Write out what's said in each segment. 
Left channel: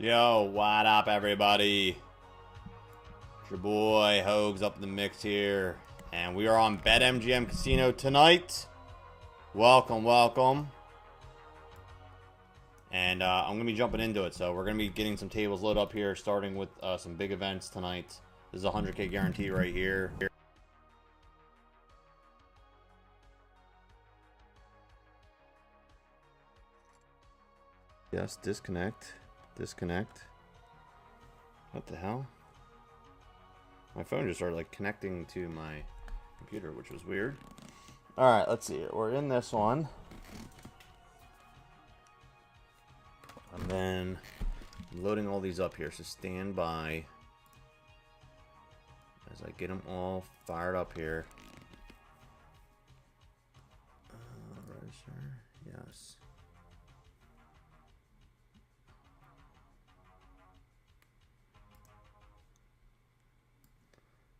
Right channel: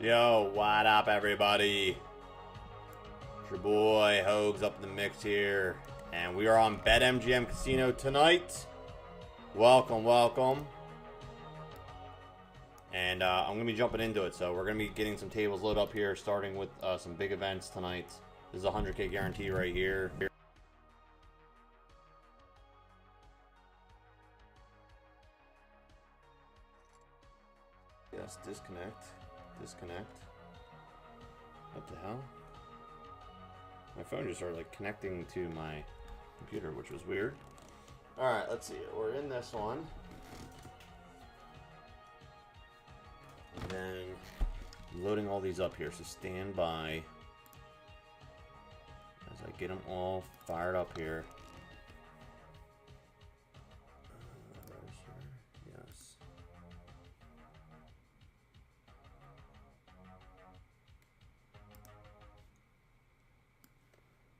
Yo, what up, everybody? It's your boy Hoagie up in the mix here, and we are on Betmgm Casino tonight. Welcome, welcome. And I'm gonna be jumping into it, so we're gonna be getting some tables loaded up here, starting with some big events tonight. This is a 100K guarantee right here. Yes, disconnect. Disconnect. What the hell? My phone just started like connecting to my computer, which was weird. Alright, let's see. We're in this one. And then I'm loading all these up here, so stand by as I get them all fired up here. Yes.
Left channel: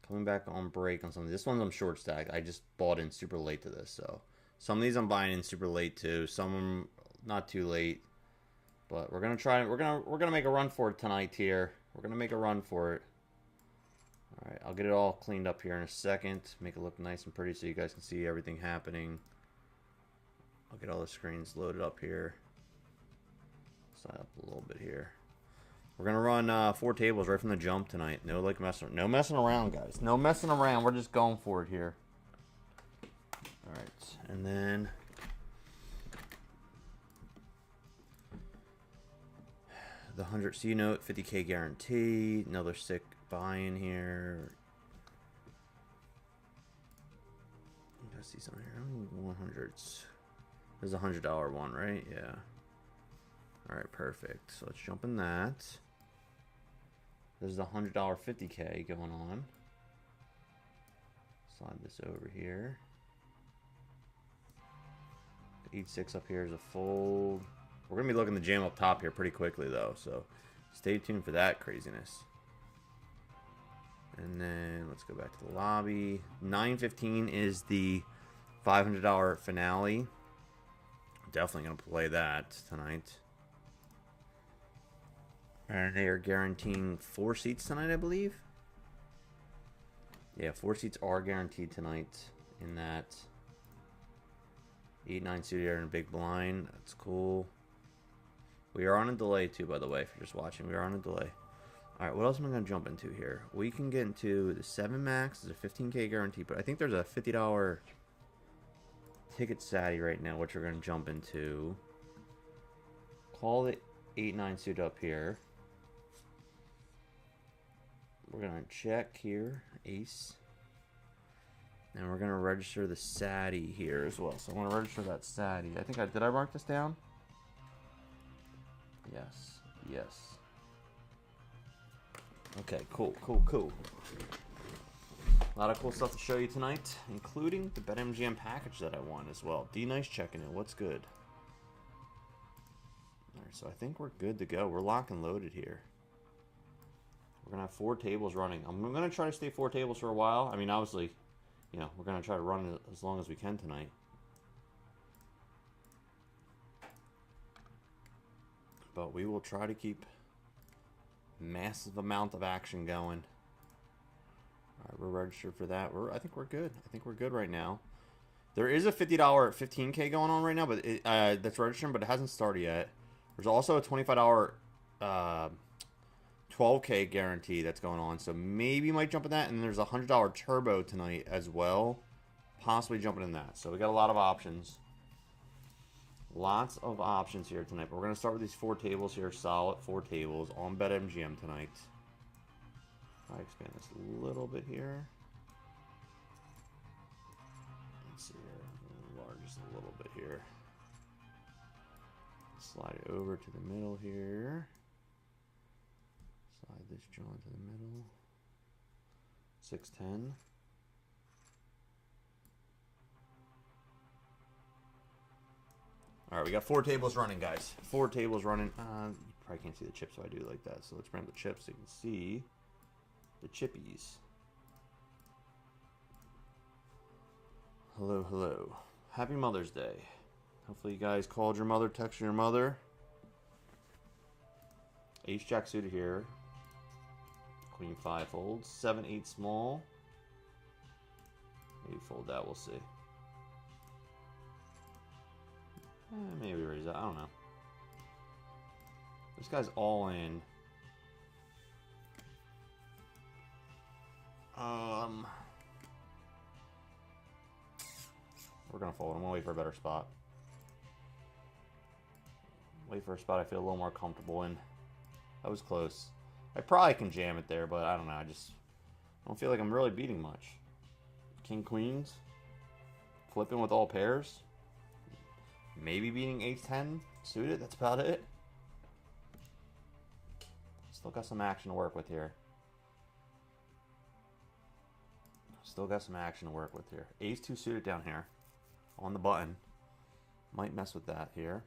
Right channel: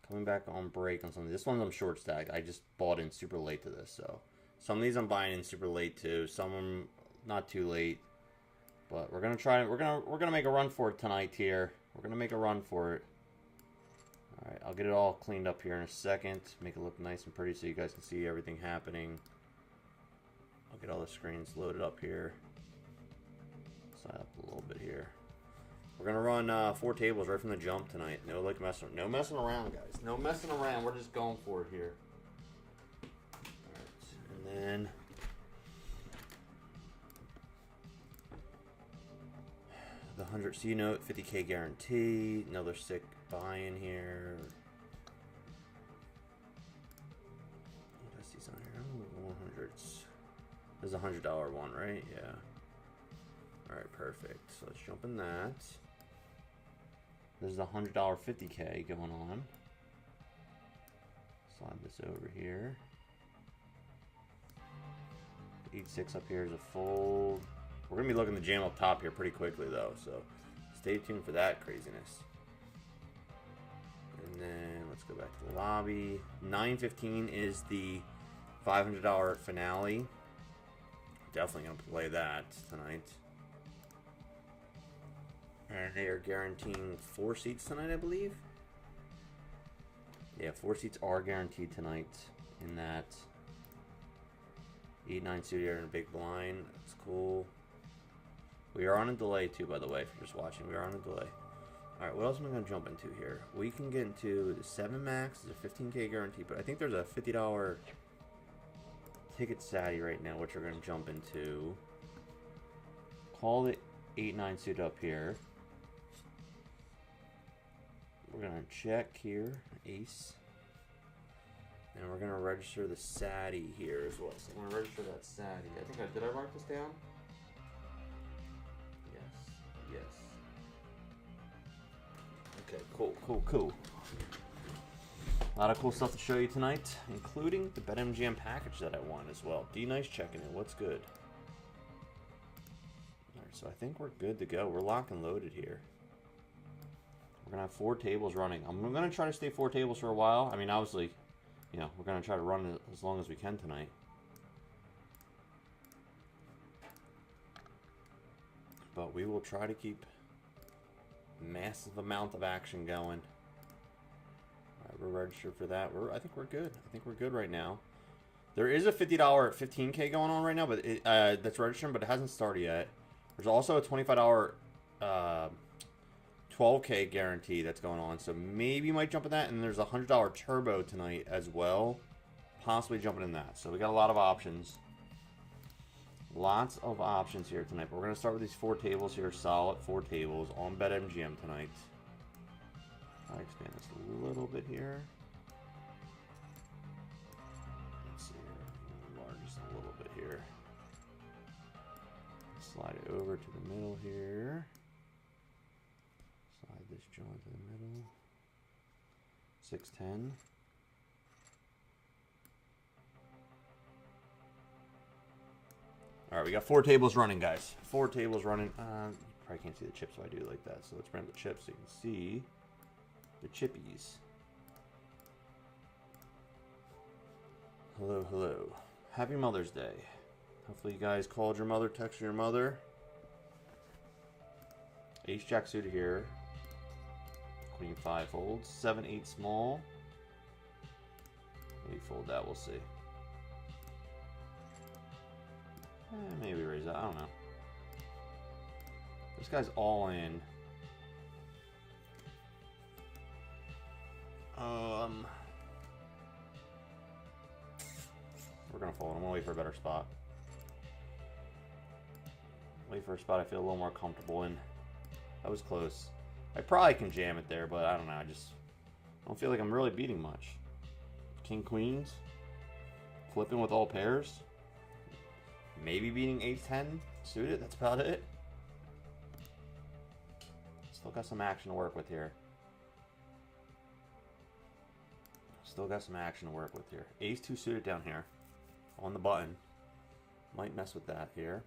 Coming back on break on some of these. This one's I'm short stacked. I just bought in super late to this, so some of these I'm buying in super late too. Some of them not too late, but we're gonna try. We're gonna make a run for it tonight here. We're gonna make a run for it. All right, I'll get it all cleaned up here in a second. Make it look nice and pretty so you guys can see everything happening. I'll get all the screens loaded up here. Slide up a little bit here. We're gonna run 4 tables right from the jump tonight. No like no messing around, guys. No messing around. We're just going for it here. All right, and then the 100 C note, 50K guarantee. Another sick buy-in here. You guys see something here? 100s. This is a $100 one, right? Yeah. All right, perfect. So let's jump in that. This is a $100 50K going on. Slide this over here. 8-6 up here is a fold. We're gonna be looking to jam up top here pretty quickly though, so stay tuned for that craziness. And then let's go back to the lobby. 915 is the $500 finale. Definitely gonna play that tonight. And they are guaranteeing 4 seats tonight, I believe. Yeah, 4 seats are guaranteed tonight in that 8-9 suited here in a big blind. That's cool. We are on a delay too, by the way, if you're just watching. We are on a delay. Alright, what else am I going to jump into here? We can get into the 7 max. There's a 15K guarantee, but I think there's a $50 ticket satty right now, which we're going to jump into. Call it 8-9 suit up here. We're going to check here, ace. And we're going to register the Satty here as well. So I want to register that Satty. I think did I mark this down? Yes. Yes. Okay, cool, cool, cool. A lot of cool stuff to show you tonight, including the Betmgm package that I won as well. D-Nice checking in. What's good? Alright, so I think we're good to go. We're locked and loaded here. We're going to have 4 tables running. I'm going to try to stay 4 tables for a while. I mean, obviously, you know, we're going to try to run it as long as we can tonight. But we will try to keep massive amount of action going. Alright, we're registered for that. I think we're good. I think we're good right now. There is a $50 15K going on right now, but that's registering, but it hasn't started yet. There's also a $25 12K guarantee that's going on, so maybe you might jump in that. And there's a $100 turbo tonight as well, possibly jumping in that. So we got a lot of options. Lots of options here tonight. But we're going to start with these 4 tables here, solid 4 tables on BetMGM tonight. I'll expand this a little bit here. Let's see here. Enlarge this a little bit here. Slide it over to the middle here. Slide this joint to the middle. 610. All right, we got 4 tables running, guys. 4 tables running. You probably can't see the chips if I do like that. So let's bring up the chips so you can see the chippies. Hello, hello. Happy Mother's Day. Hopefully you guys called your mother, texted your mother. Ace Jack suited here. Queen 5 folds. 7, 8 small. Maybe fold that, we'll see. Maybe raise that, I don't know. This guy's all in. We're gonna fold. I'm gonna wait for a better spot. Wait for a spot I feel a little more comfortable in. That was close. I probably can jam it there, but I don't know. I just don't feel like I'm really beating much. King Queens. Flipping with all pairs. Maybe beating 8-10 suited. That's about it. Still got some action to work with here. Still got some action to work with here. Ace-2 suited down here. On the button. Might mess with that here.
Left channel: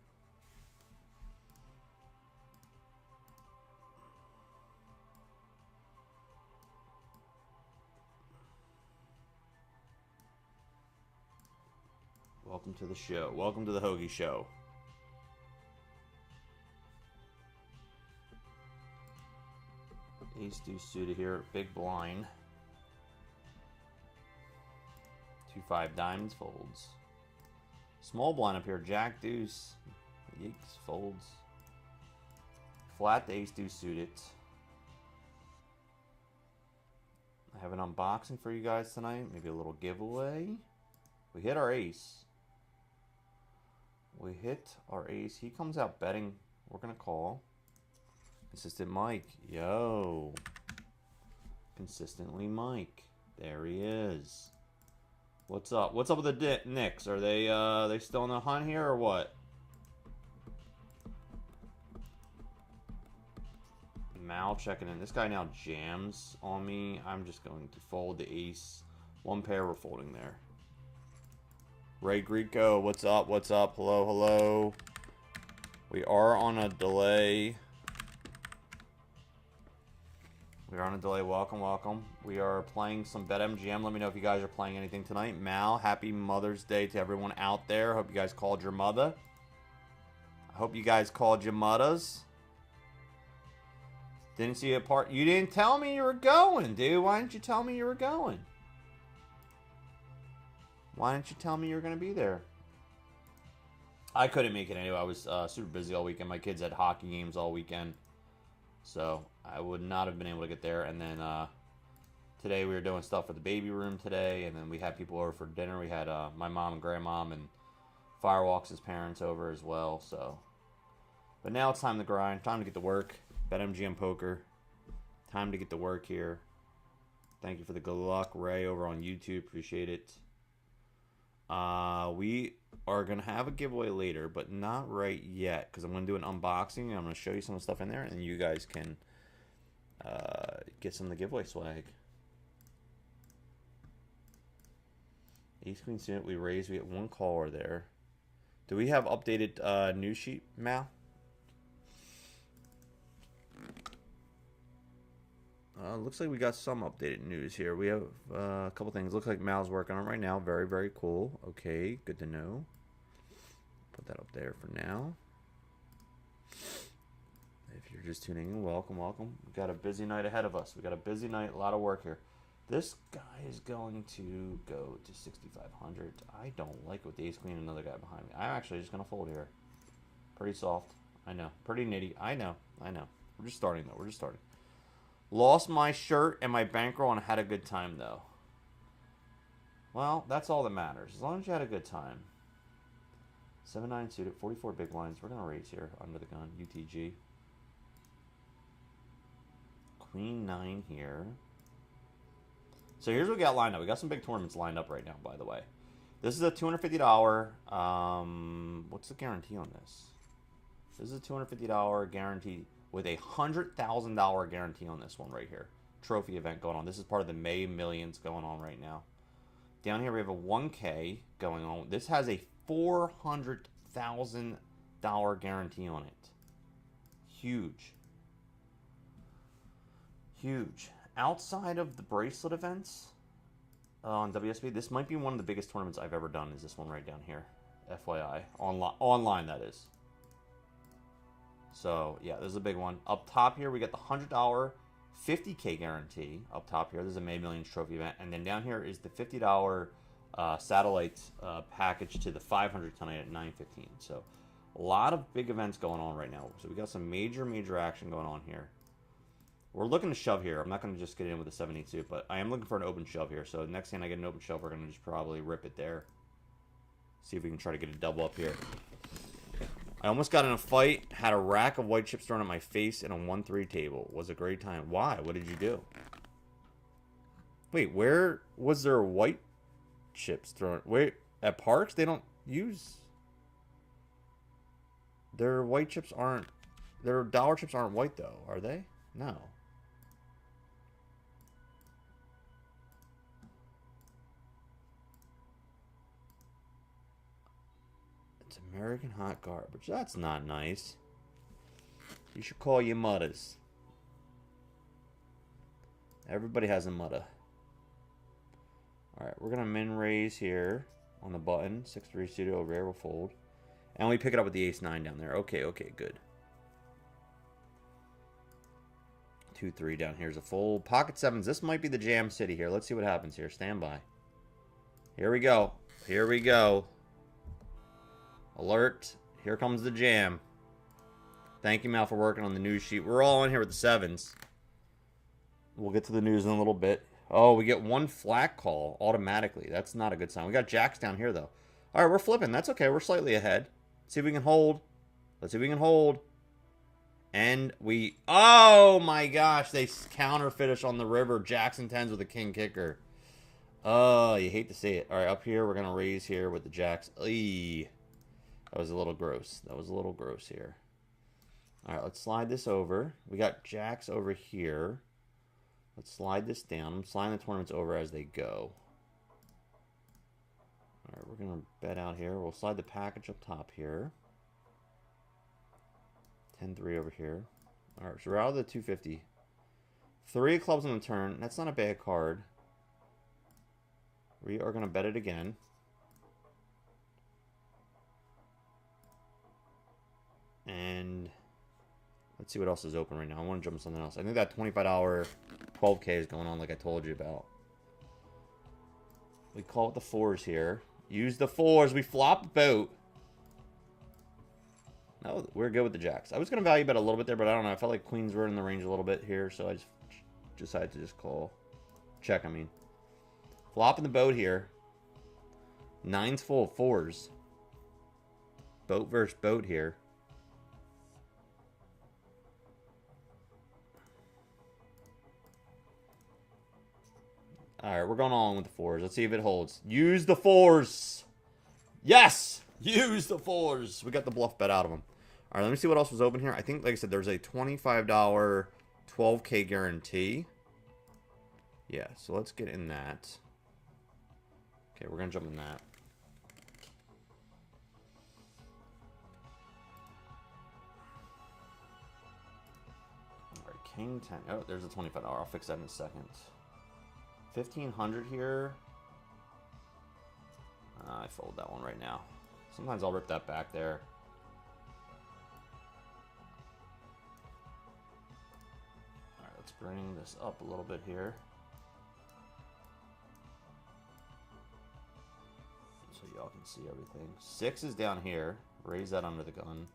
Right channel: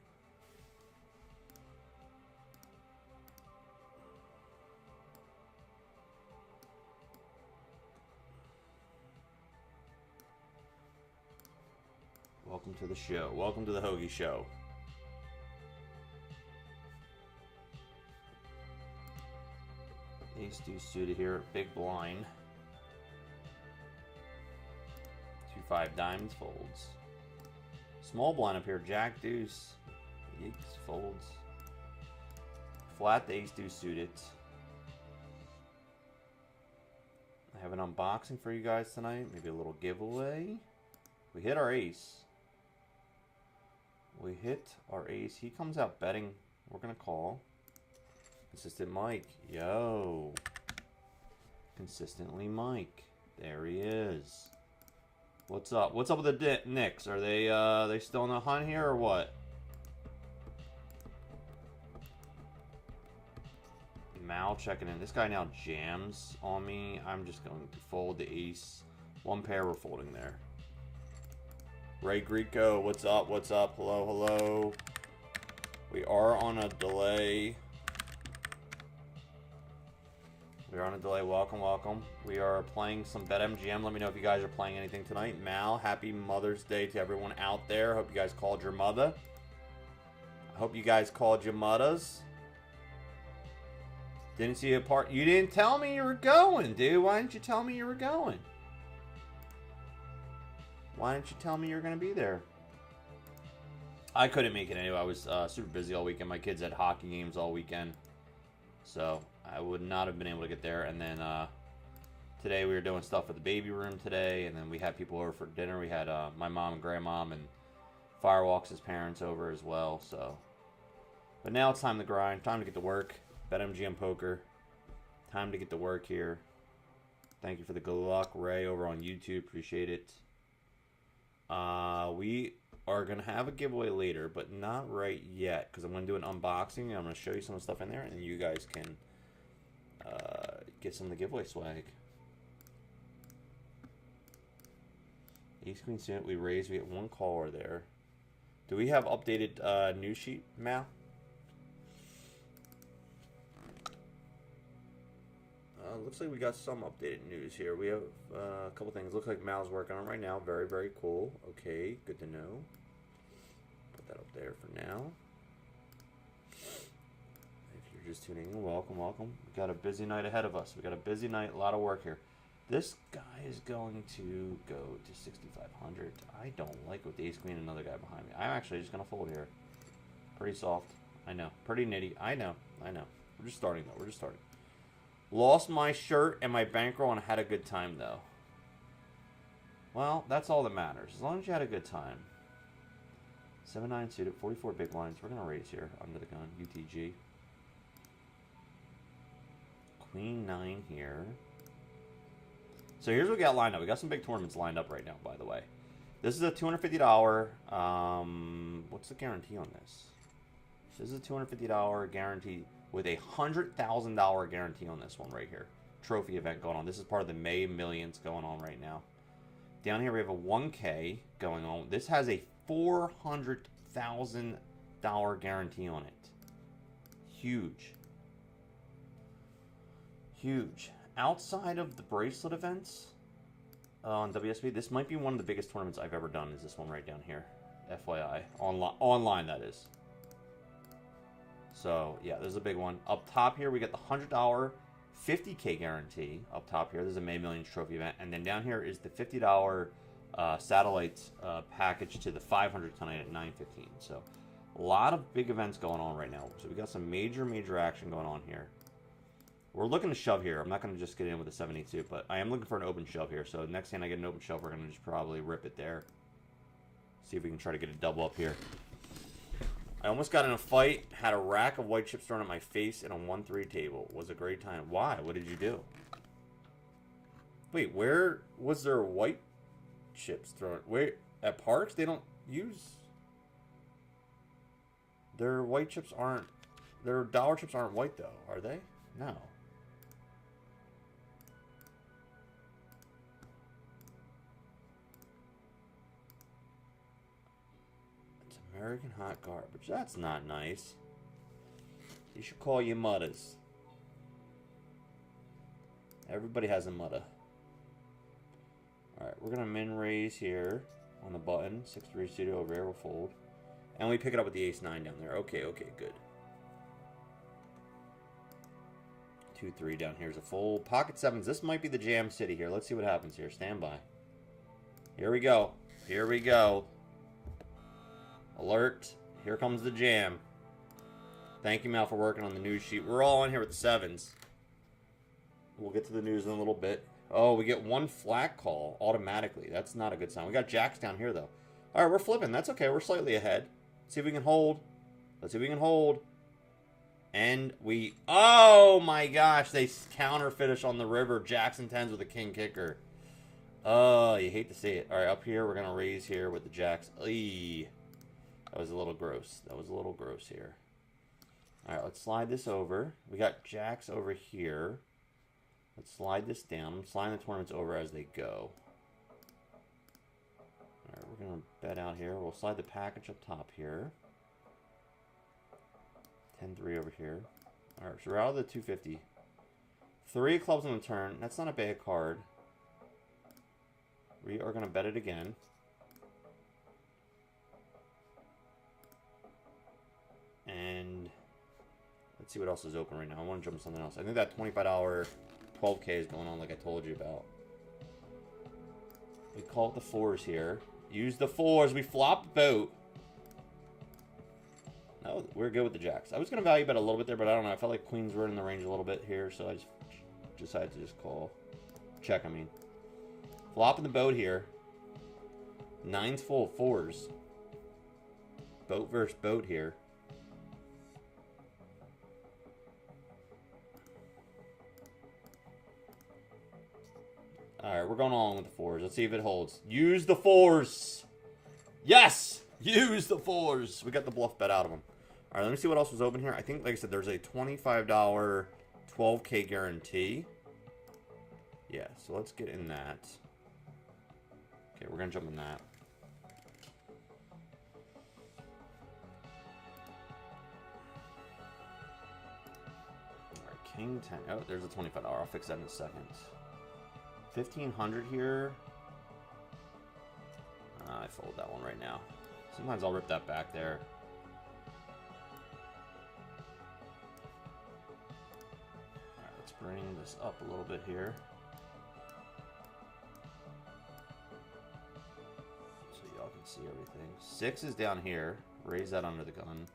Welcome to the show. Welcome to the Hoagie show. Ace-2 suited here. Big blind. 2-5 diamonds folds. Small blind up here. Jack deuce. Yeeks folds. Flat the ace-2 suited. I have an unboxing for you guys tonight. Maybe a little giveaway. We hit our ace. We hit our ace. He comes out betting. We're going to call. Consistent Mike. Yo. Consistently Mike. There he is. What's up? What's up with the Knicks? Are they still in the hunt here or what? Mal checking in. This guy now jams on me. I'm just going to fold the ace. One pair we're folding there. Ray Greco, what's up? What's up? Hello, hello. We are on a delay. We are on a delay. Welcome, welcome. We are playing some Betmgm. Let me know if you guys are playing anything tonight. Mal, happy Mother's Day to everyone out there. Hope you guys called your mother. I hope you guys called your mothers. Didn't see a part. You didn't tell me you were going, dude. Why didn't you tell me you were going? Why didn't you tell me you were going to be there? I couldn't make it anyway. I was super busy all weekend. My kids had hockey games all weekend. So I would not have been able to get there. And then today we were doing stuff at the baby room today. And then we had people over for dinner. We had my mom and grandmom and Firewalks' parents over as well. So, but now it's time to grind. Time to get to work. BetMGM Poker. Time to get to work here. Thank you for the good luck, Ray, over on YouTube. Appreciate it. We are going to have a giveaway later, but not right yet, because I'm going to do an unboxing, and I'm going to show you some of the stuff in there, and you guys can get some of the giveaway swag. Ace Queen suited, we raised, we get one caller there. Do we have updated news sheet, Mal? Looks like we got some updated news here. We have a couple things. Looks like Mal's working on it right now. Very, very cool. Okay, good to know. Put that up there for now. If you're just tuning in, welcome, welcome. We got a busy night ahead of us. We got a busy night, a lot of work here. This guy is going to go to 6,500. I don't like it with the ace queen and another guy behind me. I'm actually just going to fold here. Pretty soft. I know. Pretty nitty. I know. I know. We're just starting, though. We're just starting. Lost my shirt and my bankroll and had a good time, though. Well, that's all that matters. As long as you had a good time. 7-9 suited, 44 big blinds. We're going to raise here under the gun. UTG. Queen 9 here. So here's what we got lined up. We got some big tournaments lined up right now, by the way. This is a $250. What's the guarantee on this? This is a $250 guarantee with a $100,000 guarantee on this one right here. Trophy event going on. This is part of the May Millions going on right now. Down here we have a 1K going on. This has a $400,000 guarantee on it. Huge. Huge. Outside of the bracelet events on WSB, this might be one of the biggest tournaments I've ever done, is this one right down here. FYI. Online, that is. So, yeah, this is a big one. Up top here, we got the $100 $50K guarantee. Up top here, there's a May Millions trophy event. And then down here is the $50 satellite package to the 500 tonight at 9:15. So, a lot of big events going on right now. So, we got some major action going on here. We're looking to shove here. I'm not going to just get in with a 72, but I am looking for an open shove here. So, next time I get an open shove, we're going to just probably rip it there. See if we can try to get a double up here. I almost got in a fight, had a rack of white chips thrown at my face in a 1-3 table. It was a great time. Why? What did you do? Wait, where was there white chips thrown? Wait, at Parks, they don't use... Their white chips aren't... Their dollar chips aren't white, though, are they? No. American hot garbage. That's not nice. You should call your mothers. Everybody has a mother. Alright, we're going to min raise here on the button. 6-3 studio, rare will fold. And we pick it up with the ace-9 down there. Okay, good. 2-3 down here is a fold. Pocket sevens. This might be the jam city here. Let's see what happens here. Stand by. Here we go. Alert. Here comes the jam. Thank you, Mal, for working on the news sheet. We're all on here with the sevens. We'll get to the news in a little bit. Oh, we get one flat call automatically. That's not a good sign. We got jacks down here, though. All right, we're flipping. That's okay. We're slightly ahead. Let's see if we can hold. And we... Oh, my gosh. They counter finish on the river. Jackson 10s with a king kicker. Oh, you hate to see it. All right, up here, we're going to raise here with the jacks. Eee. That was a little gross. Here. All right, let's slide this over. We got jacks over here. Let's slide this down. I'm sliding the tournaments over as they go. All right, we're going to bet out here. We'll slide the package up top here. 10-3 over here. All right, so we're out of the 250. 3 clubs on the turn. That's not a bad card. We are going to bet it again. And let's see what else is open right now. I want to jump to something else. I think that $25 12K is going on like I told you about. We call it the 4s here. Use the 4s. We flop boat. No, we're good with the jacks. I was going to value bet a little bit there, but I don't know. I felt like queens were in the range a little bit here, so I just decided to just call. Check, I mean. Flopping the boat here. 9's full of 4s. Boat versus boat here. Alright, we're going on with the 4s. Let's see if it holds. Use the 4s! Yes! Use the 4s! We got the bluff bet out of them. Alright, let me see what else was open here. I think, like I said, there's a $25 12K guarantee. Yeah, so let's get in that. Okay, we're going to jump in that. Alright, King 10. Oh, there's a $25. I'll fix that in a second. 1,500 here. I fold that one right now. Sometimes I'll rip that back there. Alright, let's bring this up a little bit here. So y'all can see everything. 6 is down here. Raise that under the gun.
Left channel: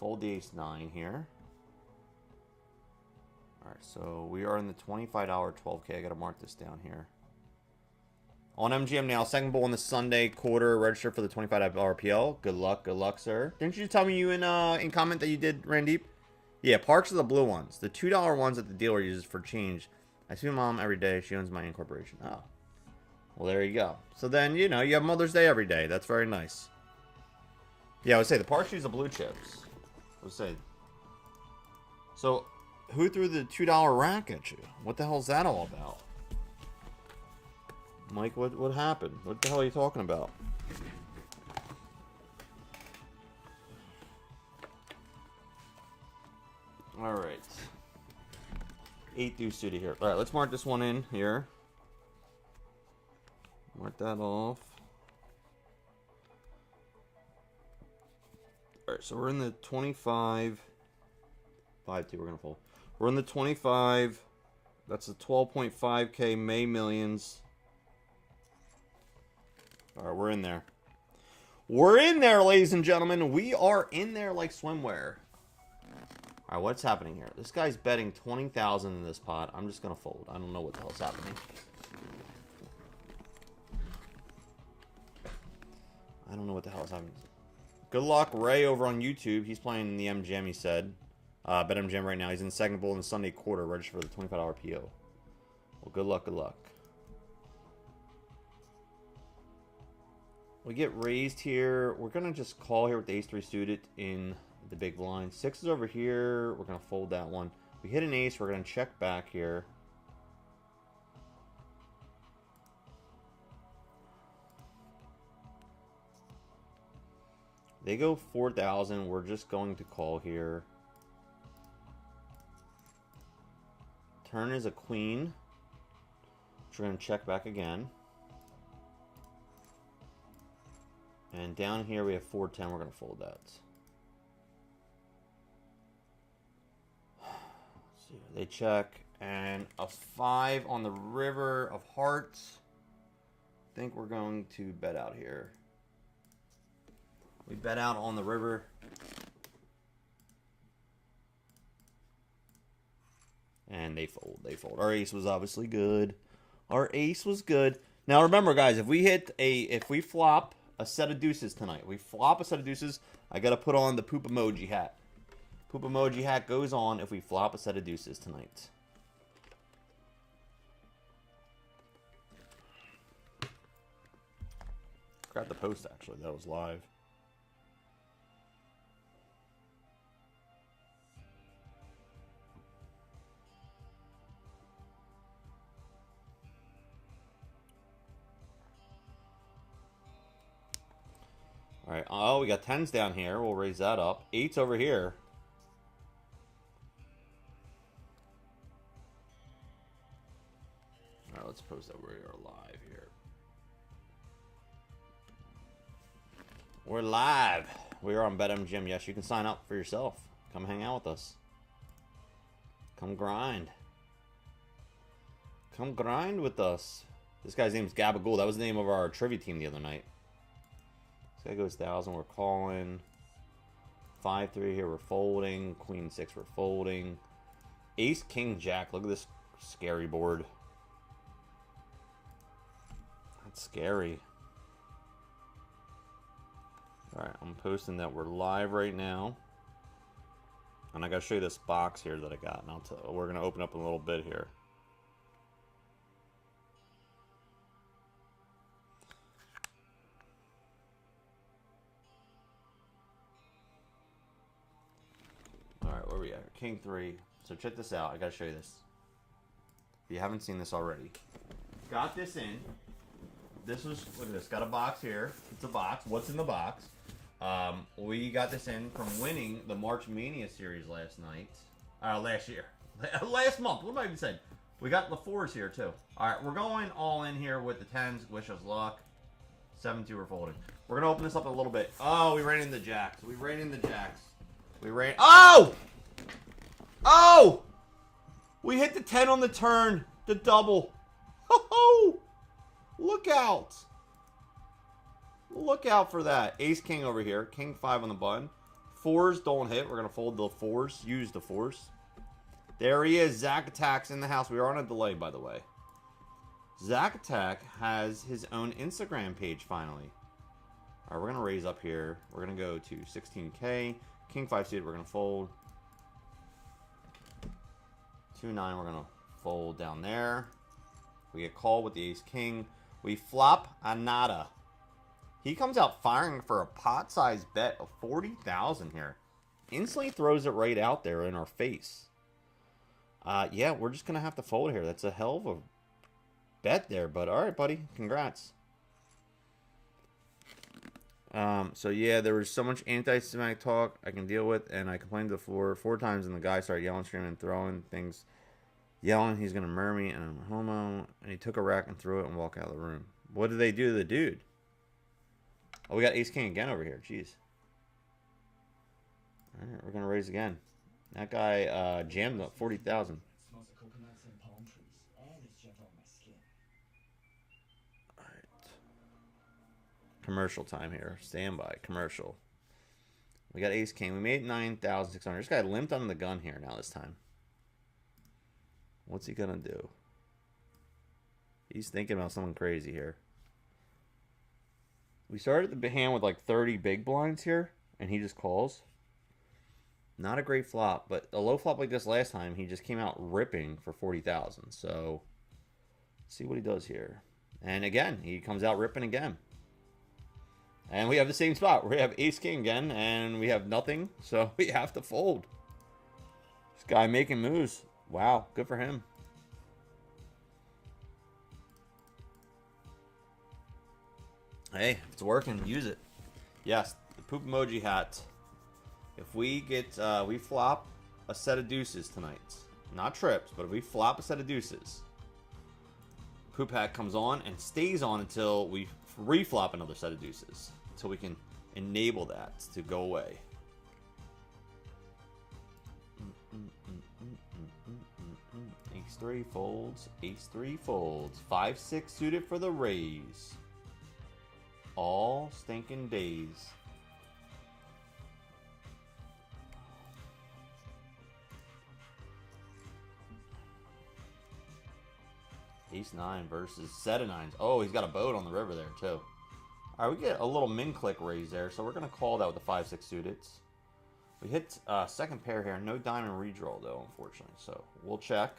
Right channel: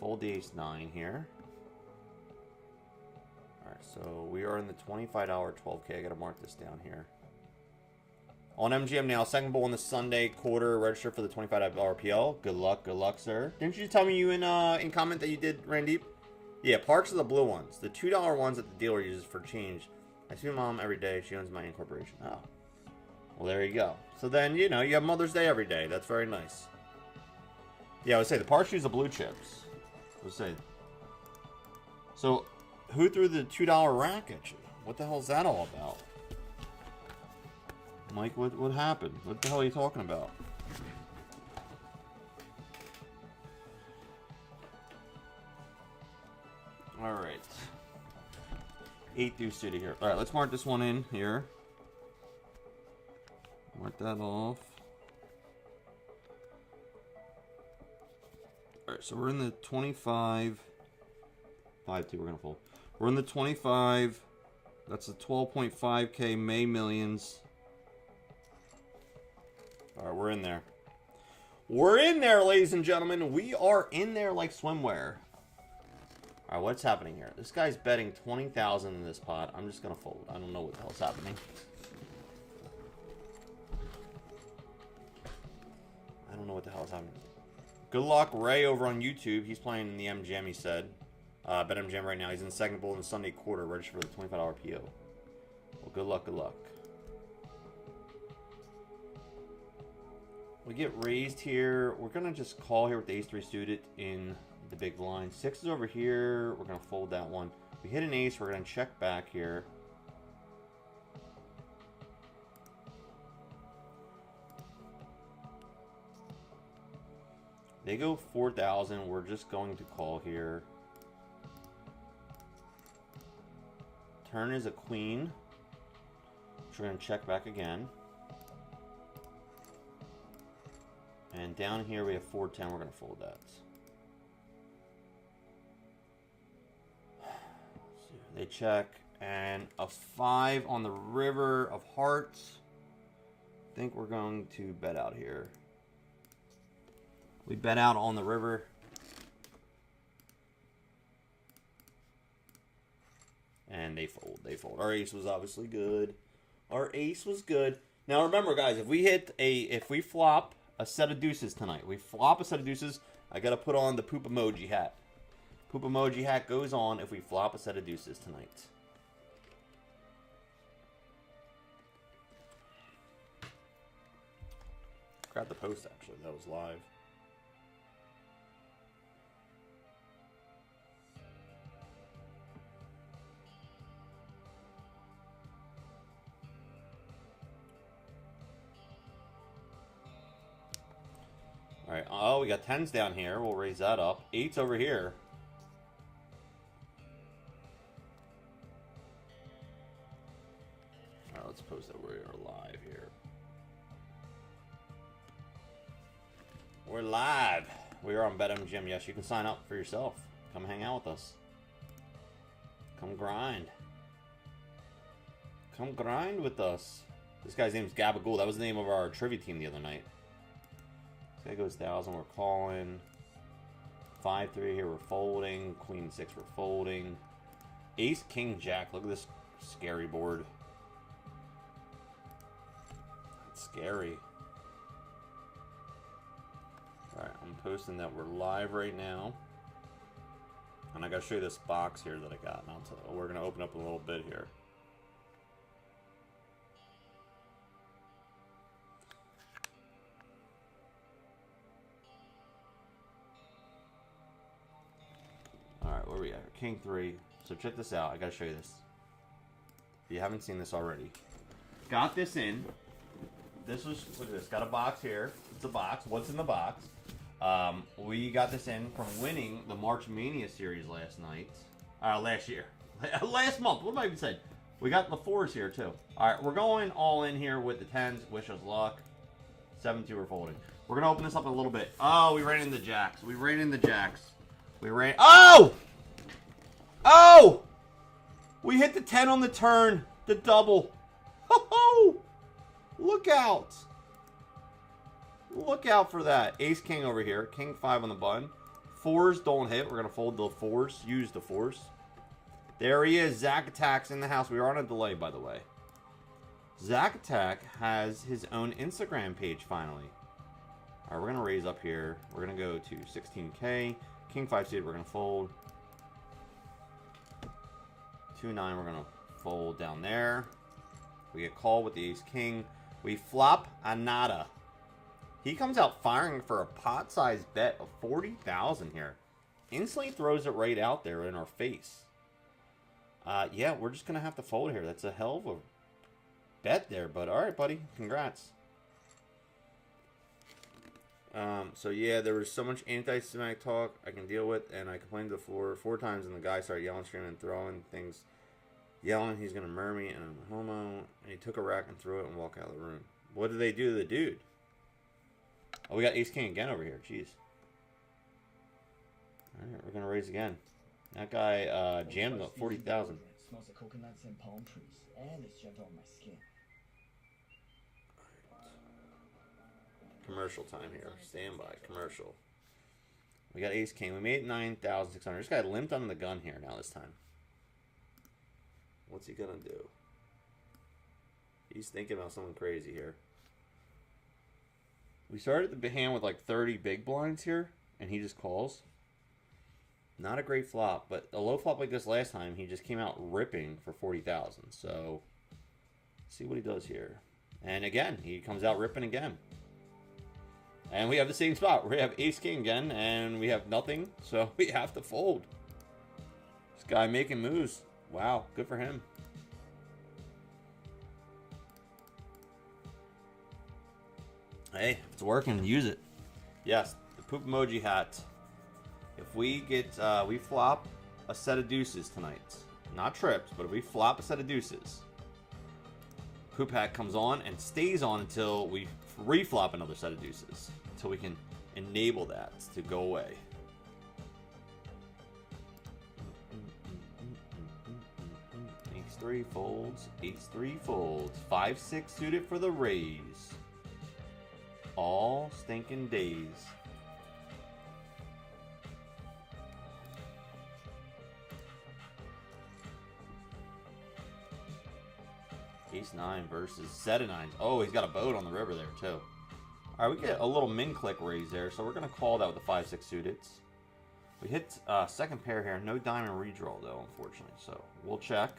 Fold the ace-9 here. Alright, so we are in the $25 12K. I gotta mark this down here. On MGM now, second bowl in the Sunday quarter. Register for the $25 RPL. Good luck, sir. Didn't you tell me you in comment that you did, Randeep? Yeah, Parks are the blue ones. The $2 ones that the dealer uses for change. I see my mom every day. She owns my incorporation. Oh. Well, there you go. So then, you know, you have Mother's Day every day. That's very nice. Yeah, I would say the Parks use the blue chips. I would say. So... who threw the $2 rack at you? What the hell is that all about? Mike, what happened? What the hell are you talking about? Alright. 8 deuce suited here. Alright, let's mark this one in here. Mark that off. Alright, so we're in the 25... 5-2, we're going to fold. We're in the 25. That's the 12.5K May Millions. All right, we're in there. We're in there, ladies and gentlemen. We are in there like swimwear. All right, what's happening here? This guy's betting 20,000 in this pot. I'm just going to fold. I don't know what the hell's happening. I don't know what the hell's happening. Good luck, Ray, over on YouTube. He's playing in the MGM, he said. Betmgm right now. He's in the second bowl in the Sunday quarter. Register for the $25 PO. Well, good luck, good luck. We get raised here. We're going to just call here with the ace-3 suited in the big blind. 6 is over here. We're going to fold that one. We hit an ace. We're going to check back here. They go 4,000. We're just going to call here. Turn is a queen. We're going to check back again. And down here we have 410. We're going to fold that. Let's see. They check. And a 5 on the river of hearts. I think we're going to bet out here. We bet out on the river. And they fold. They fold. Our ace was obviously good. Our ace was good. Now remember, guys, if we flop a set of deuces tonight, we flop a set of deuces, I got to put on the poop emoji hat. Poop emoji hat goes on if we flop a set of deuces tonight. Forgot the post, actually. That was live. All right. Oh, we got 10s down here. We'll raise that up. 8's over here. All right, let's post that we are live here. We're live. We are on Betmgm. Yes, you can sign up for yourself. Come hang out with us. Come grind. Come grind with us. This guy's name is Gabagool. That was the name of our trivia team the other night. This guy goes 1,000. We're calling. 5-3 here. We're folding. Queen 6. We're folding. Ace, King, Jack. Look at this scary board. That's scary. Alright, I'm posting that we're live right now. And I gotta show you this box here that I got. And we're gonna open up in a little bit here. Alright, where we at? King 3. So check this out. I gotta show you this. If you haven't seen this already. Got this in. This was, look at this. Got a box here. It's a box. What's in the box? We got this in from winning the March Mania series last night. Last year. Last month. What am I even saying? We got the 4s here too. Alright, we're going all in here with the 10s. Wish us luck. 7-2 we're folding. We're gonna open this up a little bit. Oh, we ran in the jacks. We ran in the jacks. We ran. Oh! Oh! We hit the 10 on the turn. The double. Ho-ho! Look out. Look out for that. Ace King over here. King 5 on the button. 4s don't hit. We're going to fold the 4s. Use the 4s. There he is. Zach Attack's in the house. We are on a delay, by the way. Zach Attack has his own Instagram page finally. Alright, we're going to raise up here. We're going to go to 16K. King 5 seed. We're going to fold. 2-9. We're going to fold down there. We get called with the Ace King. We flop a nada. He comes out firing for a pot-sized bet of 40,000 here. Instantly throws it right out there in our face. Yeah, we're just going to have to fold here. That's a hell of a bet there, but all right, buddy. Congrats. So yeah, there was so much anti-Semitic talk I can deal with, and I complained to the floor 4 times, and the guy started yelling, screaming, and throwing things. Yelling he's going to murder me, and I'm a homo. And he took a rack and threw it and walked out of the room. What did they do to the dude? Oh, we got Ace King again over here. Jeez. Alright, we're going to raise again. That guy jammed up 40,000. Smells like coconuts and palm trees, and it's shoved on my skin. Alright. Commercial time here. Standby. Commercial. We got Ace King. We made 9,600. This guy limped on the gun here now this time. What's he gonna do? He's thinking about something crazy here. We started the hand with like 30 big blinds here, and he just calls. Not a great flop, but a low flop like this last time, he just came out ripping for 40,000. So, see what he does here. And again, he comes out ripping again. And we have the same spot. We have Ace King again, and we have nothing, so we have to fold. This guy making moves. Wow, good for him. Hey, if it's working, use it. Yes, the poop emoji hat. If we get, we flop a set of deuces tonight. Not trips, but if we flop a set of deuces, poop hat comes on and stays on until we reflop another set of deuces. Until we can enable that to go away. Ace 3 folds. Ace 3 folds. 5-6 suited for the raise. All stinking days. Ace 9 versus set of 9s. Oh, he's got a boat on the river there, too. All right, we get a little min click raise there, so we're going to call that with the 5-6 suited. We hit second pair here. No diamond redraw, though, unfortunately. So we'll check.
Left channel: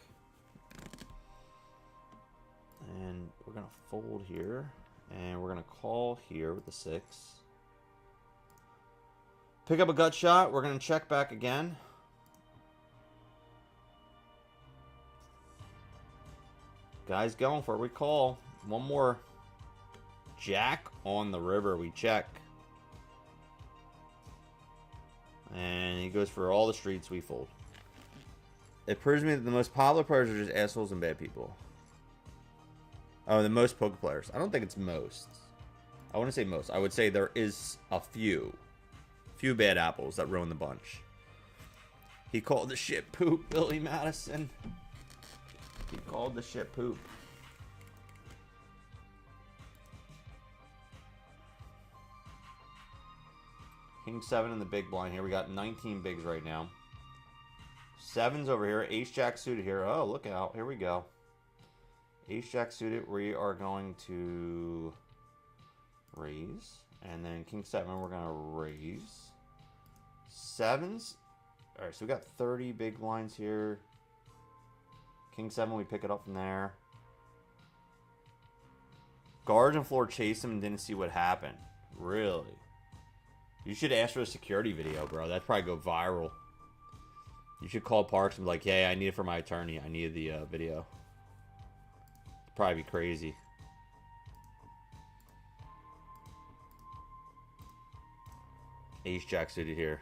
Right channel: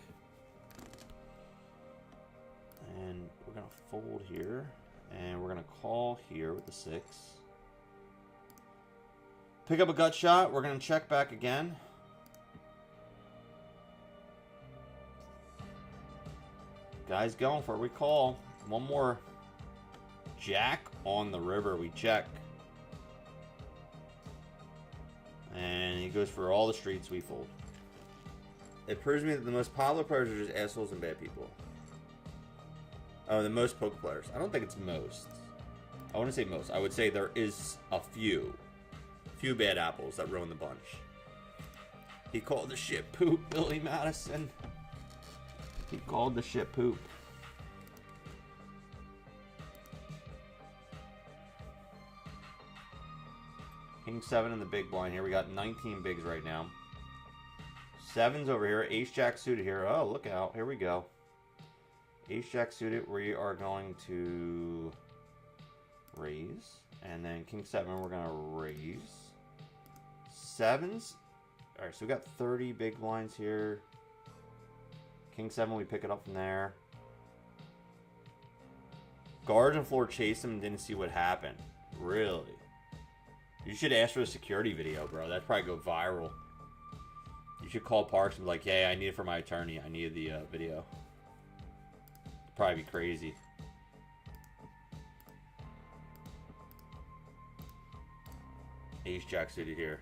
And we're going to fold here. And we're going to call here with the 6. Pick up a gut shot. We're going to check back again. Guys going for it. We call. One more. Jack on the river. We check. And he goes for all the streets. We fold. It proves me that the most popular players are just assholes and bad people. Oh, the most poker players. I don't think it's most. I wouldn't say most. I would say there is a few. Few bad apples that ruin the bunch. He called the shit poop, Billy Madison. He called the shit poop. King 7 in the big blind here. We got 19 bigs right now. 7's over here. Ace Jack suited here. Oh, look out. Here we go. Ace Jack suited, we are going to raise. And then King 7, we're going to raise. 7s. Alright, so we got 30 big blinds here. King 7, we pick it up from there. Guards and floor chased him and didn't see what happened. Really? You should ask for a security video, bro. That'd probably go viral. You should call Parks and be like, hey, I need it for my attorney. I need the video. Probably be crazy. Ace Jack suited here.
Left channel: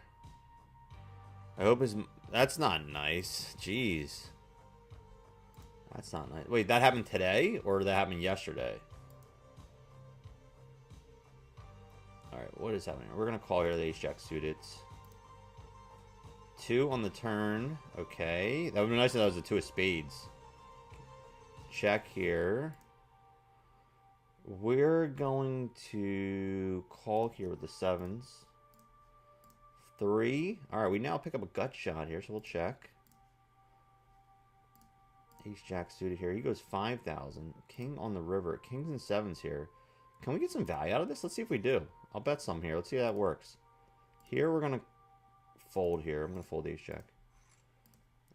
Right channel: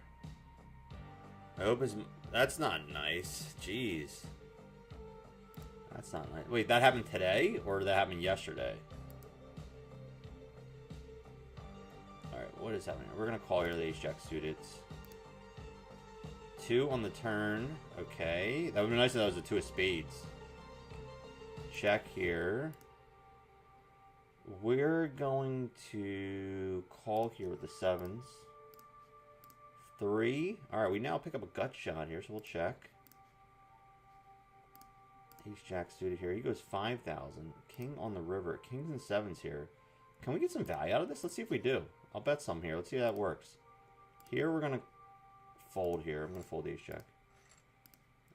I hope his... That's not nice. Jeez. That's not nice. Wait, that happened today? Or did that happen yesterday? Alright, what is happening? We're going to call here the Ace Jack suited. 2 on the turn. Okay. That would be nice if that was a 2 of spades. Check here. We're going to call here with the 7s. 3. Alright, we now pick up a gut shot here, so we'll check. Ace Jack suited here. He goes 5,000. King on the river. Kings and 7s here. Can we get some value out of this? Let's see if we do. I'll bet some here. Let's see how that works. Here, we're going to fold here. I'm going to fold Ace Jack.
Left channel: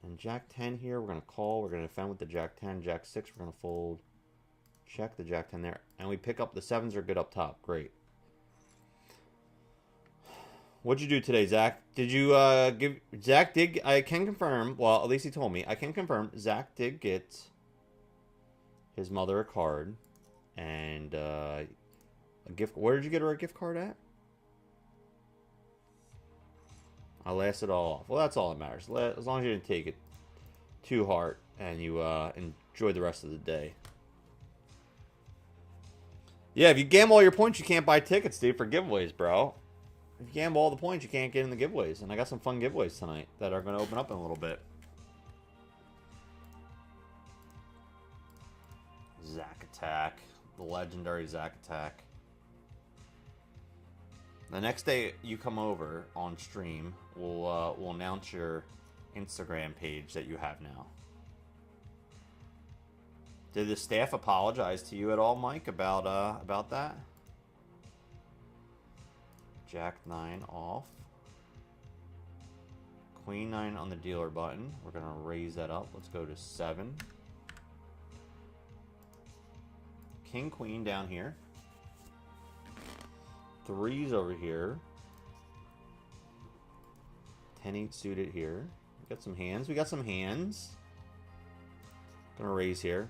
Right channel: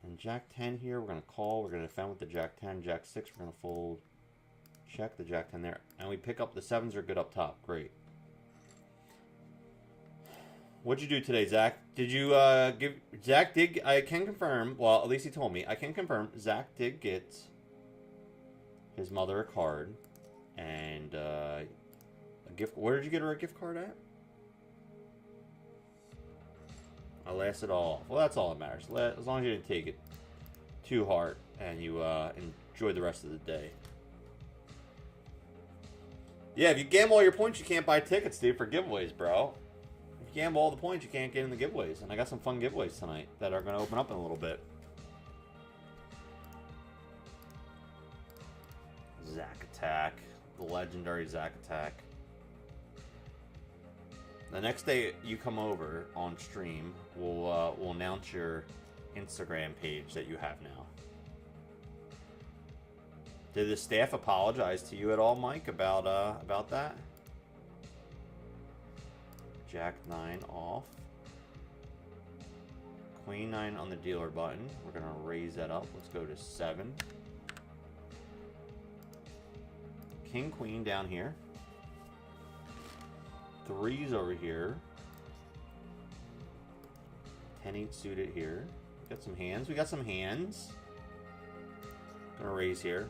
And Jack 10 here, we're going to call. We're going to defend with the Jack 10. Jack 6, we're going to fold. Check the Jack 10 there. And we pick up the 7s are good up top. Great. What'd you do today, Zach? Did you give... Zach did... I can confirm... Well, at least he told me. I can confirm Zach did get his mother a card. And a gift... Where did you get her a gift card at? I laughed it all off. Well, that's all that matters. As long as you didn't take it too hard and you enjoy the rest of the day. Yeah, if you gamble all your points, you can't buy tickets, dude, for giveaways, bro. If you gamble all the points, you can't get in the giveaways. And I got some fun giveaways tonight that are going to open up in a little bit. Zack Attack. The legendary Zack Attack. The next day you come over on stream, we'll announce your Instagram page that you have now. Did the staff apologize to you at all, Mike, about that? Jack 9 off. Queen 9 on the dealer button. We're going to raise that up. Let's go to 7. King Queen down here. 3s over here. 10-8 suited here. We got some hands. We got some hands. Gonna raise here.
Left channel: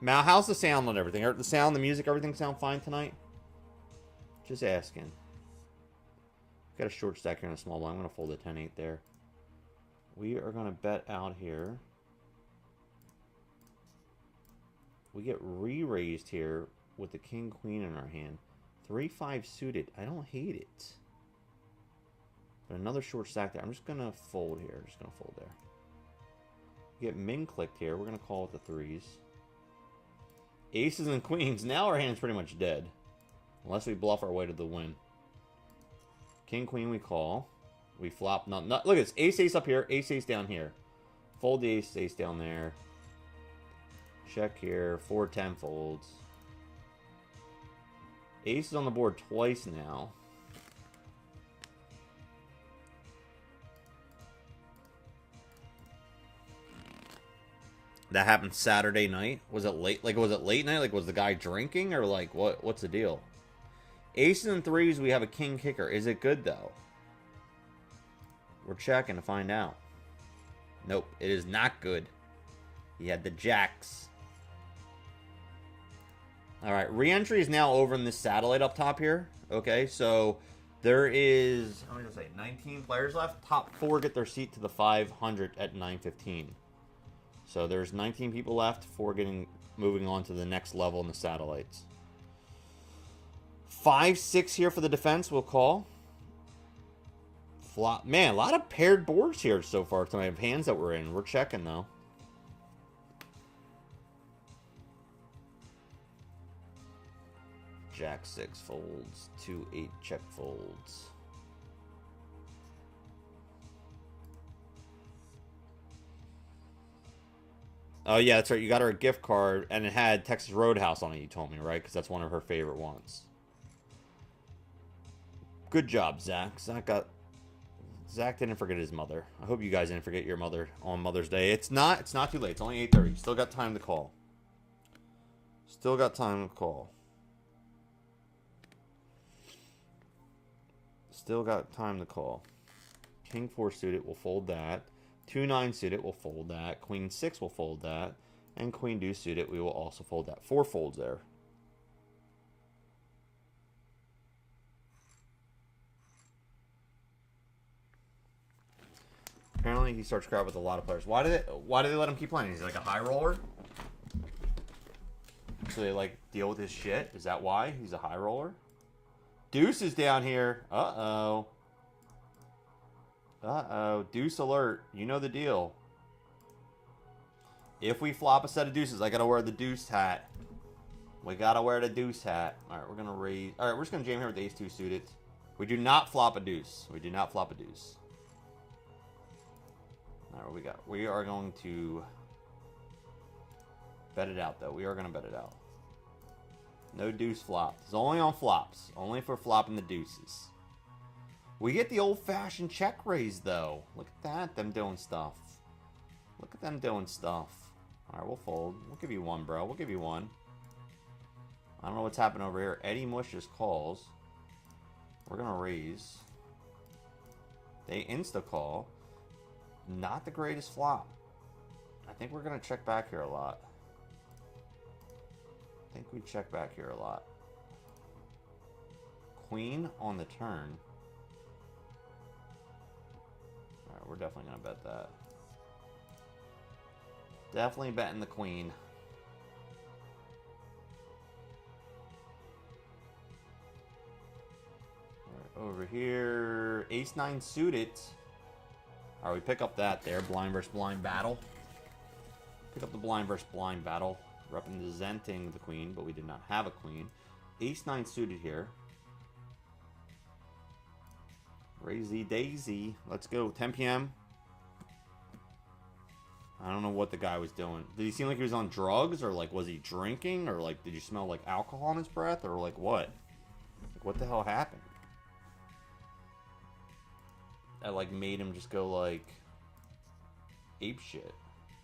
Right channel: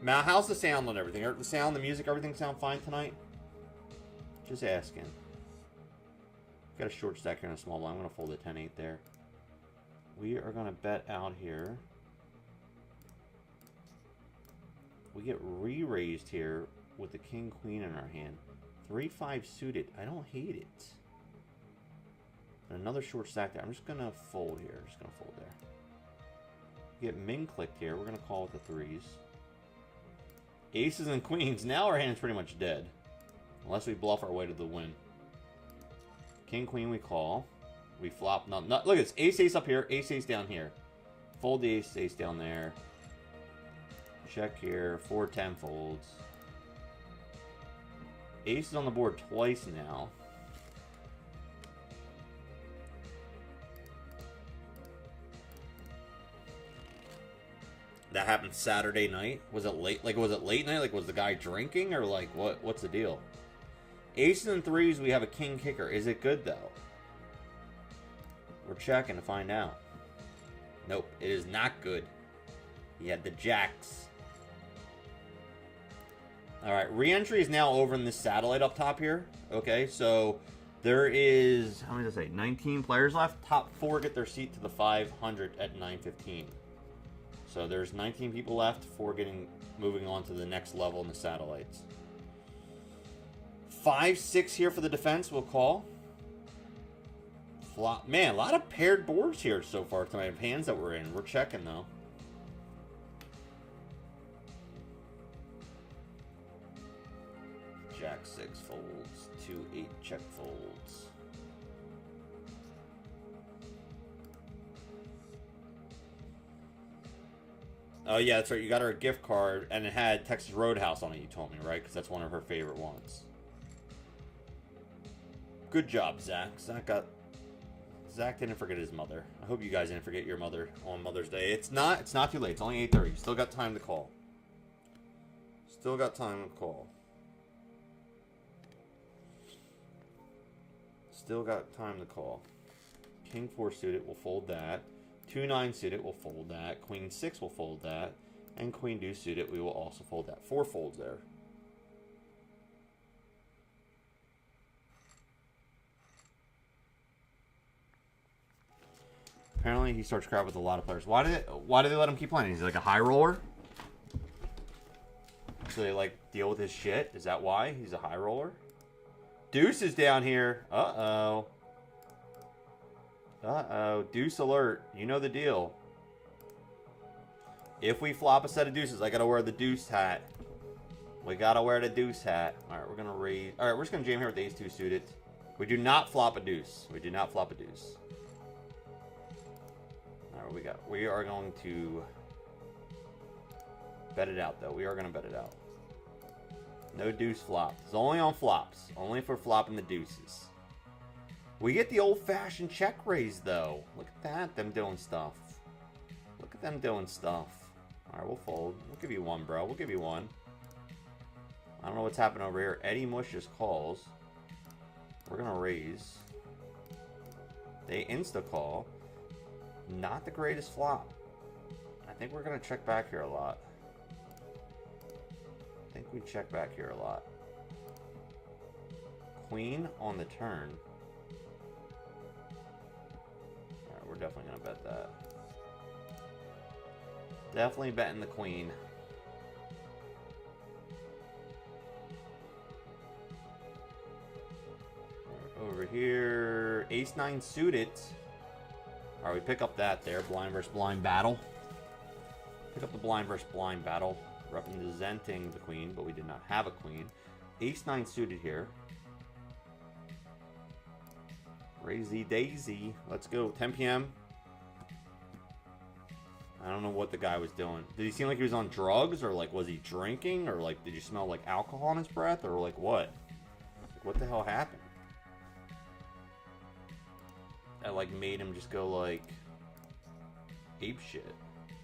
Mal, how's the sound and everything? The sound, the music, everything sound fine tonight? Just asking. Got a short stack here and a small blind. I'm gonna fold a 10-8 there. We are gonna bet out here. We get re-raised here with the King Queen in our hand. 3-5 suited. I don't hate it. But another short stack there. I'm just going to fold here. Just going to fold there. We get min clicked here. We're going to call with the 3s. Aces and queens. Now our hand's pretty much dead. Unless we bluff our way to the win. King, queen, we call. We flop. Not, look, it's ace, ace up here. Ace, ace down here. Fold the ace, ace down there. Check here. 4-10 folds. Ace is on the board twice now. That happened Saturday night. Was it late? Like, was it late night? Like, was the guy drinking or like what? What's the deal? Aces and 3s. We have a king kicker. Is it good though? We're checking to find out. Nope, it is not good. He had the jacks. Alright, re-entry is now over in this satellite up top here. Okay, so there is, how many did I say? 19 players left. Top 4 get their seat to the 500 at 9:15. So there's 19 people left, 4 moving on to the next level in the satellites. 5-6 here for the defense, we'll call. Flop. Man, a lot of paired boards here so far tonight of hands that we're in. We're checking though. Jack 6 folds, 2-8 check folds. Oh yeah, that's right. You got her a gift card, and it had Texas Roadhouse on it. You told me, right? Because that's one of her favorite ones. Good job, Zach. Zach didn't forget his mother. I hope you guys didn't forget your mother on Mother's Day. It's not too late. It's only 8:30. Still got time to call. Still got time to call. Still got time to call. King 4 suited, we'll fold that. 2-9 suited, we'll fold that. Queen 6 will fold that. And Queen deuce suited, we will also fold that. 4 folds there. Apparently he starts crap with a lot of players. Why do they let him keep playing? He's like a high roller? So they like deal with his shit? Is that why? He's a high roller? Deuce is down here. Uh-oh. Uh-oh. Deuce alert. You know the deal. If we flop a set of deuces, I gotta wear the deuce hat. We gotta wear the deuce hat. Alright, we're gonna raise. Alright, we're just gonna jam here with ace 2 suited. We do not flop a deuce. We do not flop a deuce. Alright, what we got? We are going to bet it out, though. We are gonna bet it out. No deuce flops. It's only on flops. Only for flopping the deuces. We get the old-fashioned check raise, though. Look at that. Them doing stuff. Look at them doing stuff. Alright, we'll fold. We'll give you one, bro. We'll give you one. I don't know what's happening over here. Eddie Mush just calls. We're going to raise. They insta-call. Not the greatest flop. I think we're going to check back here a lot. I think we check back here a lot. Queen on the turn. Alright, we're definitely going to bet that. Definitely betting the queen. Right, over over here. Ace-9 suited. All right, we pick up that there. Blind versus blind battle. Pick up the blind versus blind battle. Representing the queen, but we did not have a queen. Ace-9 suited here. Crazy Daisy. Let's go. 10 p.m. I don't know what the guy was doing. Did he seem like he was on drugs? Or, like, was he drinking? Or, like, did you smell, like, alcohol in his breath? Or, like, what? Like, what the hell happened? That, like, made him just go, like, ape shit.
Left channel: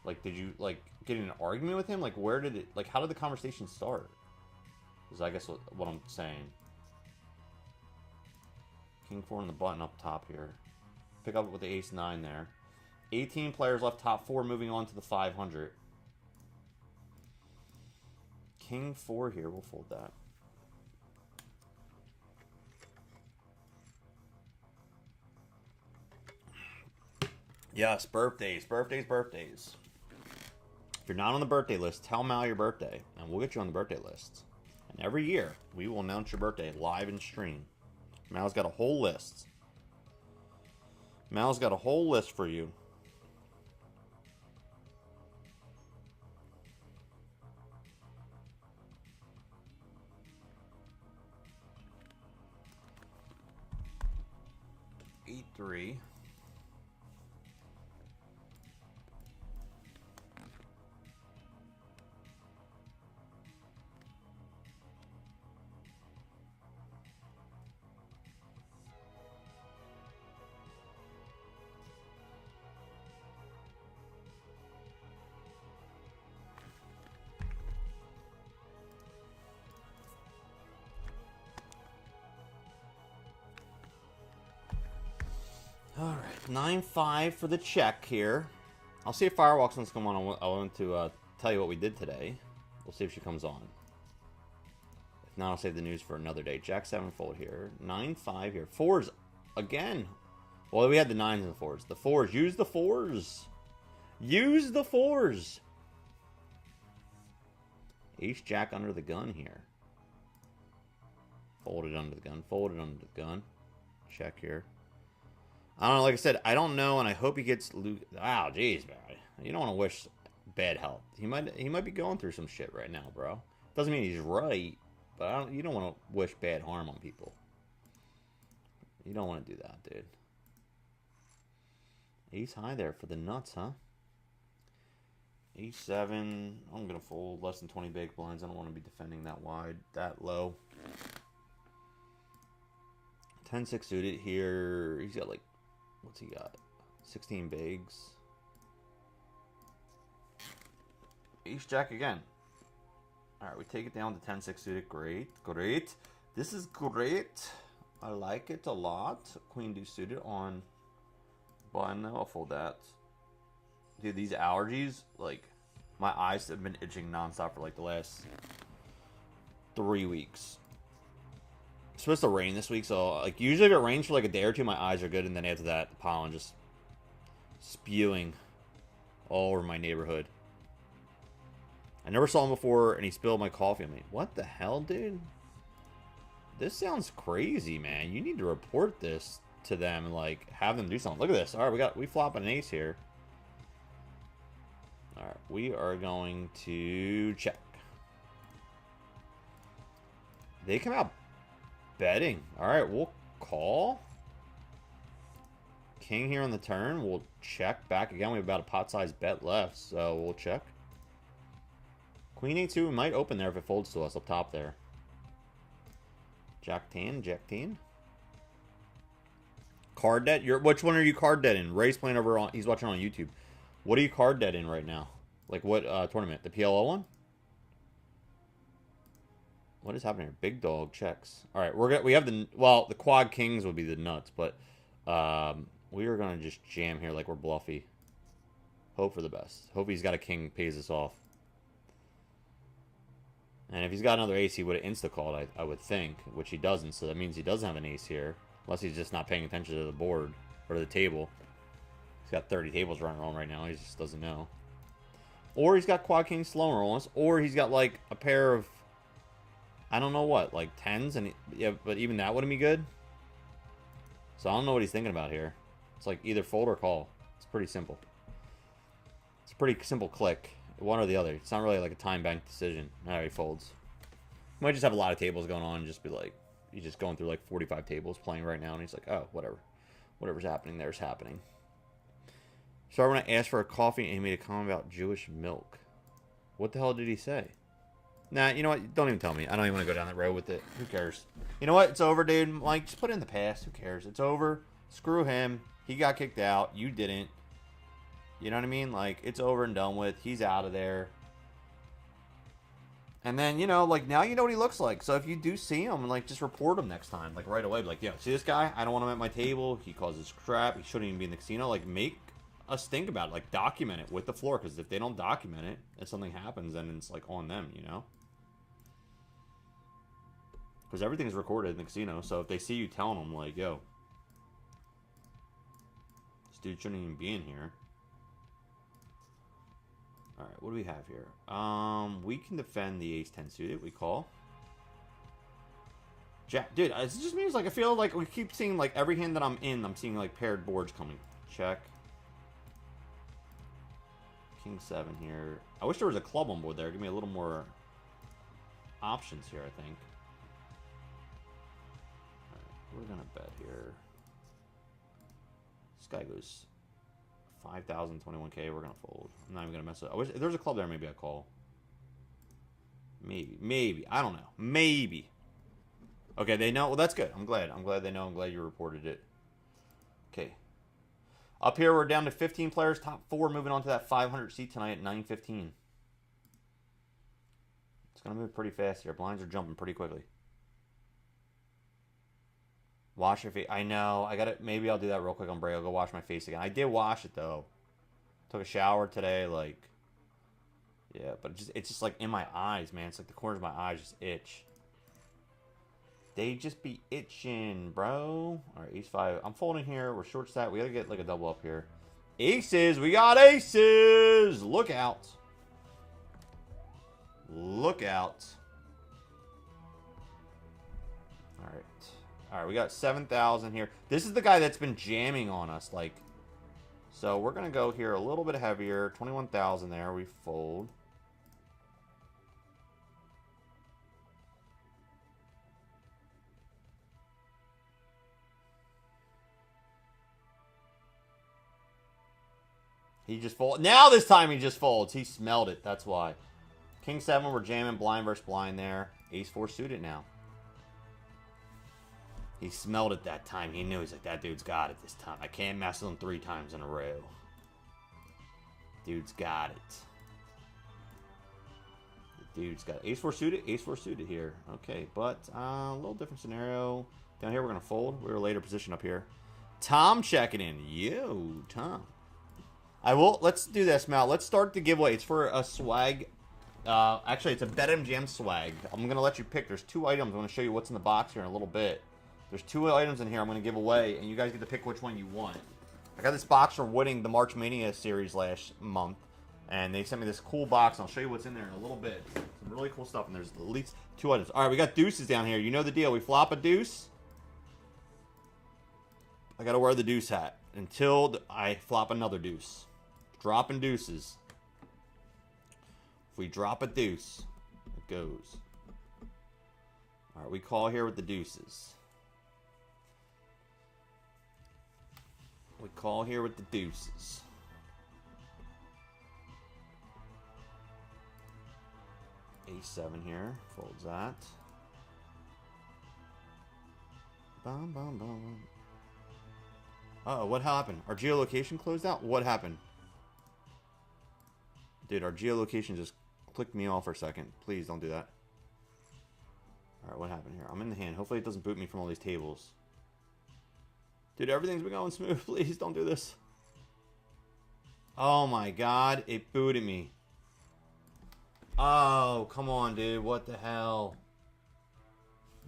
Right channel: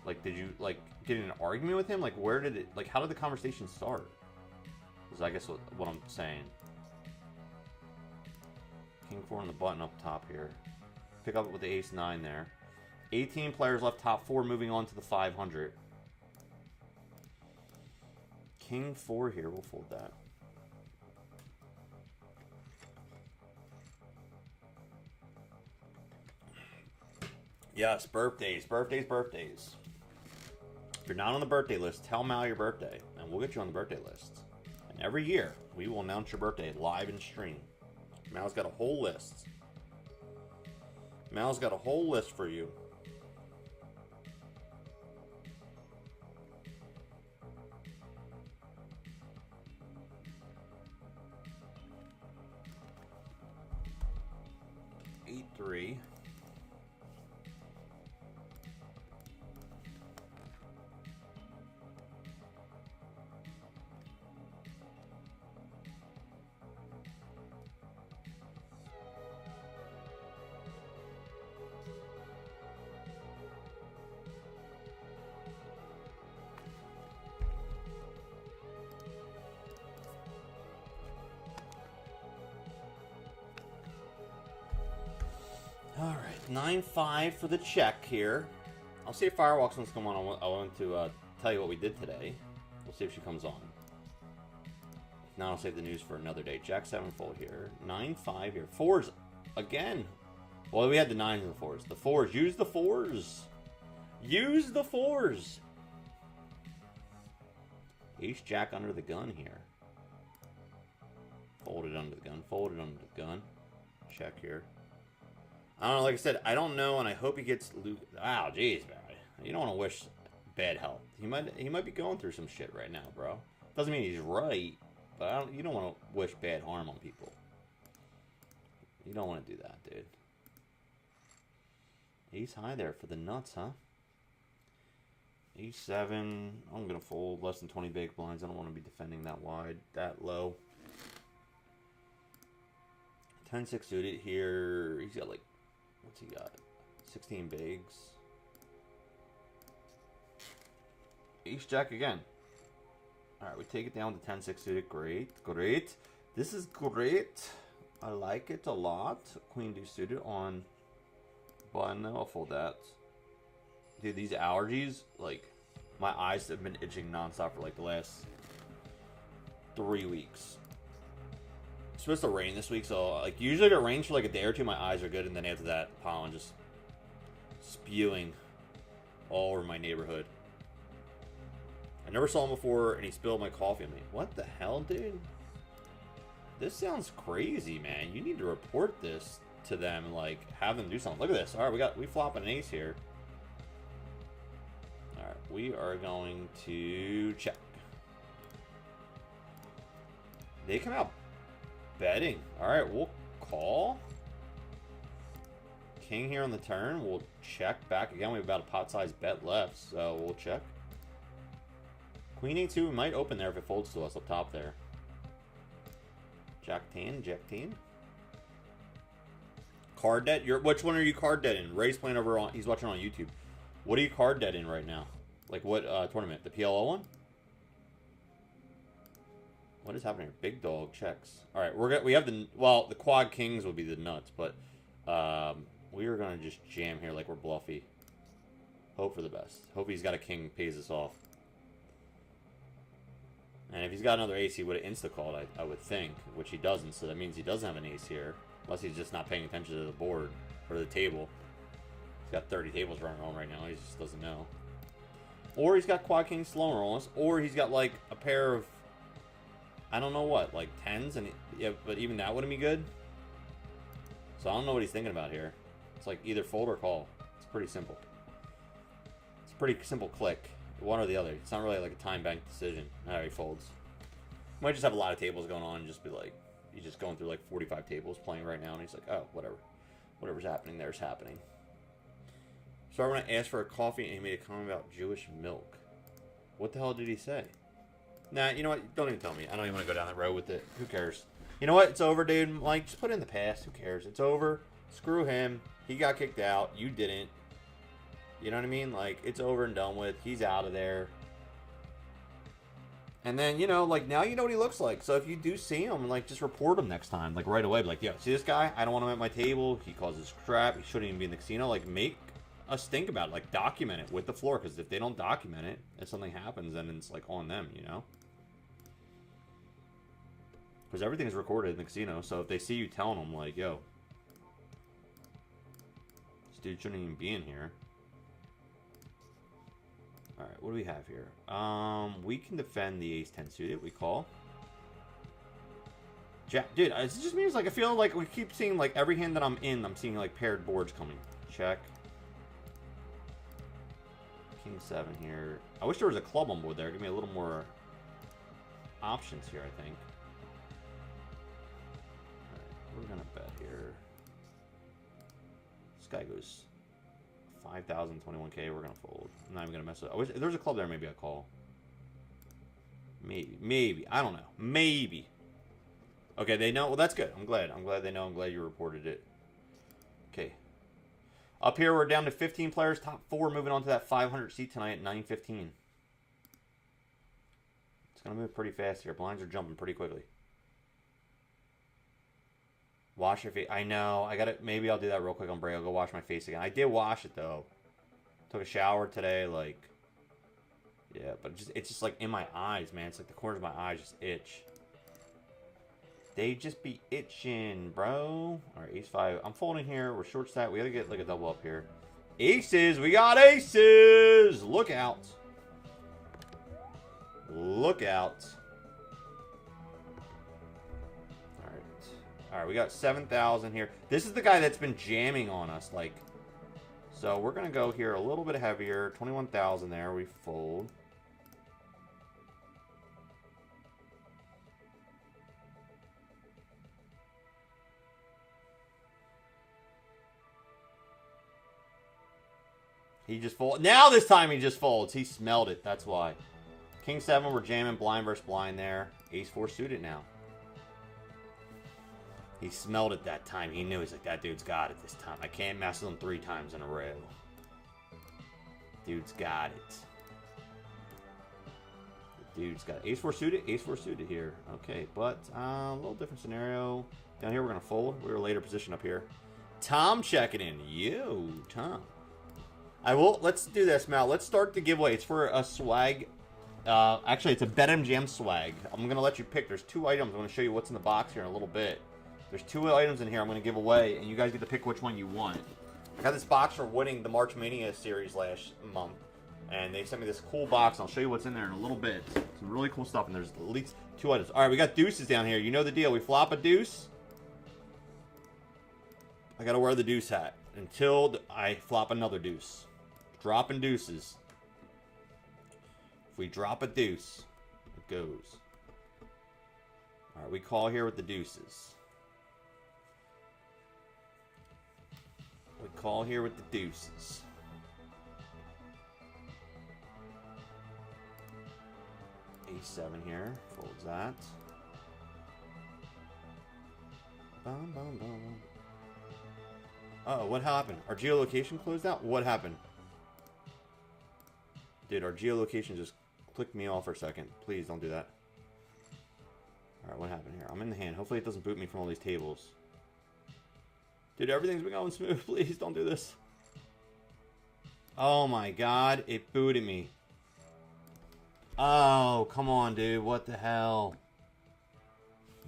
Like, did you, like, get in an argument with him? Like, where did it, like, how did the conversation start? Is, I guess, what I'm saying. King 4 on the button up top here. Pick up with the ace-9 there. 18 players left, top 4 moving on to the 500. King 4 here, we'll fold that. Yes, birthdays, birthdays, birthdays. If you're not on the birthday list, tell Mal your birthday, and we'll get you on the birthday list. And every year, we will announce your birthday live in stream. Mal's got a whole list. Mal's got a whole list for you. Eight, 3. All right, 9-5 for the check here. I'll see if Firewalks wants to come on. I want to tell you what we did today. We'll see if she comes on. If not, I'll save the news for another day. Jack 7 fold here. 9-5 here. 4s again. Well, we had the 9s and the 4s. The 4s. Use the 4s. Use the 4s. Ace Jack under the gun here. Folded under the gun. Folded under the gun. Check here. I don't know, like I said, I don't know, and I hope he gets wow, jeez, man. You don't want to wish bad health. He might be going through some shit right now, bro. Doesn't mean he's right, but you don't want to wish bad harm on people. You don't want to do that, dude. Ace high there for the nuts, huh? Ace 7. I'm gonna fold less than 20 big blinds. I don't want to be defending that wide, that low. 10-6 suited here. He's got like, what's he got? 16 bigs. Ace Jack again. Alright, we take it down to 10-6 suited. Great, great. This is great. I like it a lot. Queen deuce suited on button. I'll fold that. Dude, these allergies, like, my eyes have been itching nonstop for like the last 3 weeks. It's supposed to rain this week, so like usually if it rains for like a day or two, my eyes are good, and then after that, the pollen just spewing all over my neighborhood. I never saw him before, and he spilled my coffee. I'm like, what the hell, dude? This sounds crazy, man. You need to report this to them and like have them do something. Look at this. All right, we flop an ace here. All right, we are going to check. They come out betting. All right, we'll call. King here on the turn. We'll check back again. We have about a pot-sized bet left, so we'll check. Queen A2 might open there if it folds to us up top there. Jack 10, Jack 10. Card debt? Which one are you card debt in? Ray's playing over on. He's watching on YouTube. What are you card debt in right now? Like what tournament? The PLO one? What is happening here? Big dog checks. All right, we have the quad kings would be the nuts, but we are gonna just jam here like we're bluffy. Hope for the best. Hope he's got a king pays us off. And if he's got another ace, he would have insta-called, I would think, which he doesn't, so that means he doesn't have an ace here. Unless he's just not paying attention to the board, or the table. He's got 30 tables running around right now, he just doesn't know. Or he's got quad king slow on us, or he's got like a pair of, I don't know what, like 10s, and yeah, but even that wouldn't be good. So I don't know what he's thinking about here. It's like either fold or call. It's pretty simple. It's a pretty simple click. One or the other. It's not really like a time bank decision. Alright, he folds. Might just have a lot of tables going on and just be like, he's just going through like 45 tables playing right now, and he's like, oh, whatever. Whatever's happening there's happening. So when I asked for a coffee and he made a comment about Jewish milk. What the hell did he say? Nah, you know what? Don't even tell me. I don't even want to go down that road with it. Who cares? You know what? It's over, dude. Like, just put it in the past. Who cares? It's over. Screw him. He got kicked out. You didn't. You know what I mean? Like, it's over and done with. He's out of there. And then, you know, like, now you know what he looks like. So if you do see him, like, just report him next time. Like, right away. Be like, yo, see this guy? I don't want him at my table. He causes crap. He shouldn't even be in the casino. Like, make us think about it. Like, document it with the floor. Because if they don't document it, if something happens, then it's, like, on them, you know? Because everything's recorded in the casino. So if they see you telling them, like, yo, this dude shouldn't even be in here. Alright, what do we have here? We can defend the ace-10 suited. We call. Jack, dude, it just means, like, I feel like we keep seeing, like, every hand that I'm in, I'm seeing, like, paired boards coming. Check. King 7 here. I wish there was a club on board there. Give me a little more options here, I think. Alright, we're gonna bet here. This guy goes 5,000, 21K. We're gonna fold. I'm not even gonna mess up. I wish if there's a club there. Maybe I call. Maybe. I don't know. Maybe. Okay, they know. Well, that's good. I'm glad. I'm glad they know. I'm glad you reported it. Okay. Up here, we're down to 15 players. Top 4 moving on to that 500 seat tonight at 9:15. It's gonna move pretty fast here. Blinds are jumping pretty quickly. Wash your face. I know. I gotta. Maybe I'll do that real quick on break. I'll go wash my face again. I did wash it though. Took a shower today. Like, yeah, but it's just like in my eyes, man. It's like the corners of my eyes just itch. They just be itching, bro. All right, ace-5. I'm folding here. We're short stack. We gotta get like a double up here. Aces. We got aces. Look out. Look out. All right, we got 7,000 here. This is the guy that's been jamming on us, like. So we're gonna go here a little bit heavier. 21,000 there. We fold. He just folds. Now this time he just folds. He smelled it. That's why. King 7, we're jamming blind versus blind there. Ace-4 suited now. He smelled it that time. He knew. He's like, that dude's got it this time. I can't mess with him 3 times in a row. Dude's got it. The dude's got it. Ace-4 suited. Ace-4 suited here. Okay, but a little different scenario. Down here, we're going to fold. We're a later position up here. Tom checking in. Yo, Tom. Let's do this, Mal. Let's start the giveaway. It's for a swag. Actually, it's a Betmgm swag. I'm going to let you pick. There's 2 items. I'm going to show you what's in the box here in a little bit. There's 2 items in here I'm going to give away, and you guys get to pick which one you want. I got this box from winning the March Mania series last month, and they sent me this cool box. I'll show you what's in there in a little bit. Some really cool stuff, and there's at least 2 items. All right, we got deuces down here. You know the deal. We flop a deuce. I got to wear the deuce hat until I flop another deuce. Dropping deuces. If we drop a deuce, it goes. All right, we call here with the deuces. We call here with the deuces. A7 here. Folds that. Bum, bum, bum. Uh-oh, what happened? Our geolocation closed out? What happened? Dude, our geolocation just clicked me off for a second. Please don't do that. Alright, what happened here? I'm in the hand. Hopefully it doesn't boot me from all these tables. Dude, everything's been going smooth. Please don't do this. Oh my god, it booted me. Oh, come on, dude. What the hell?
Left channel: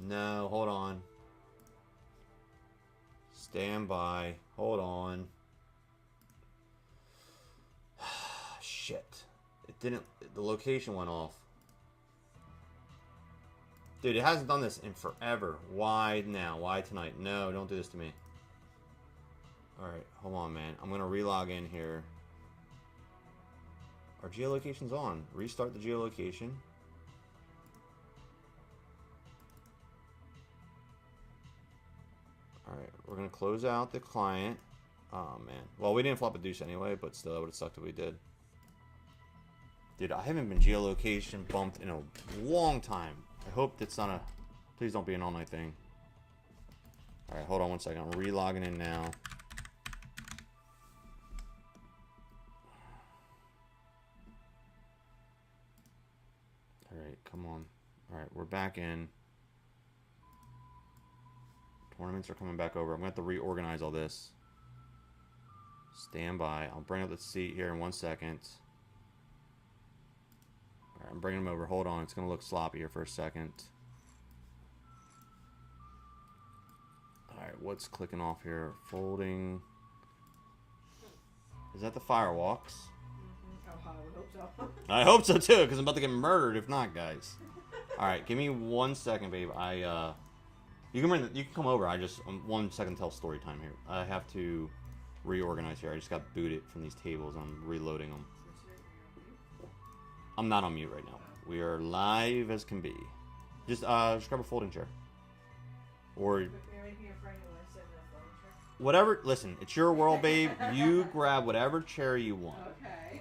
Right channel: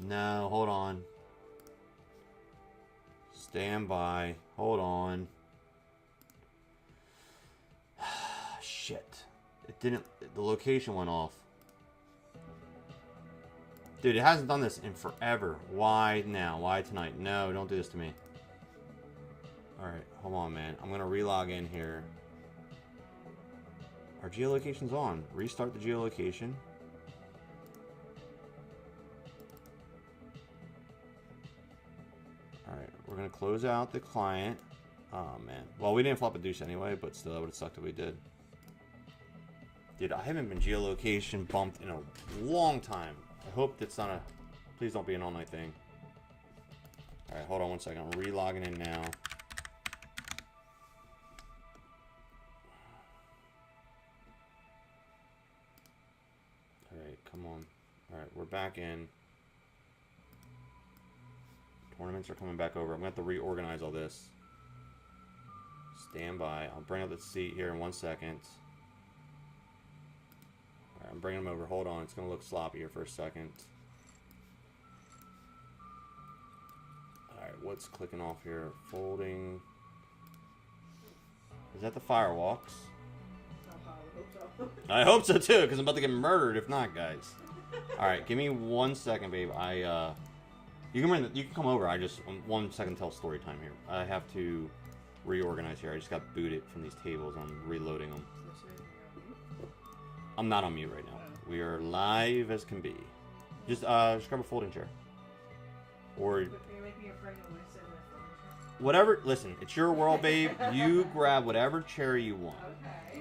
No, hold on. Stand by. Hold on. Shit. It didn't... The location went off. Dude, it hasn't done this in forever. Why now? Why tonight? No, don't do this to me. Alright, hold on, man. I'm gonna relog in here. Our geolocation's on. Restart the geolocation. Alright, we're gonna close out the client. Oh, man. Well, we didn't flop a deuce anyway, but still, it would have sucked if we did. Dude, I haven't been geolocation bumped in a long time. I hope it's not a... Please don't be an all-night thing. Alright, hold on one second. I'm re-logging in now. Alright, come on. Alright, we're back in. Tournaments are coming back over. I'm going to have to reorganize all this. Stand by. I'll bring up the seat here in 1 second. Alright, I'm bringing them over. Hold on. It's going to look sloppy here for a second. Alright, what's clicking off here? Folding. Is that the firewalks? I hope so too, because I'm about to get murdered if not, guys. Alright, give me 1 second, babe. You can come over. I just 1 second tell story time here. I have to reorganize here. I just got booted from these tables. I'm reloading them. I'm not on mute right now. We are live as can be. Just grab a folding chair. Or whatever. Listen, it's your world, babe. You grab whatever chair you want. Okay.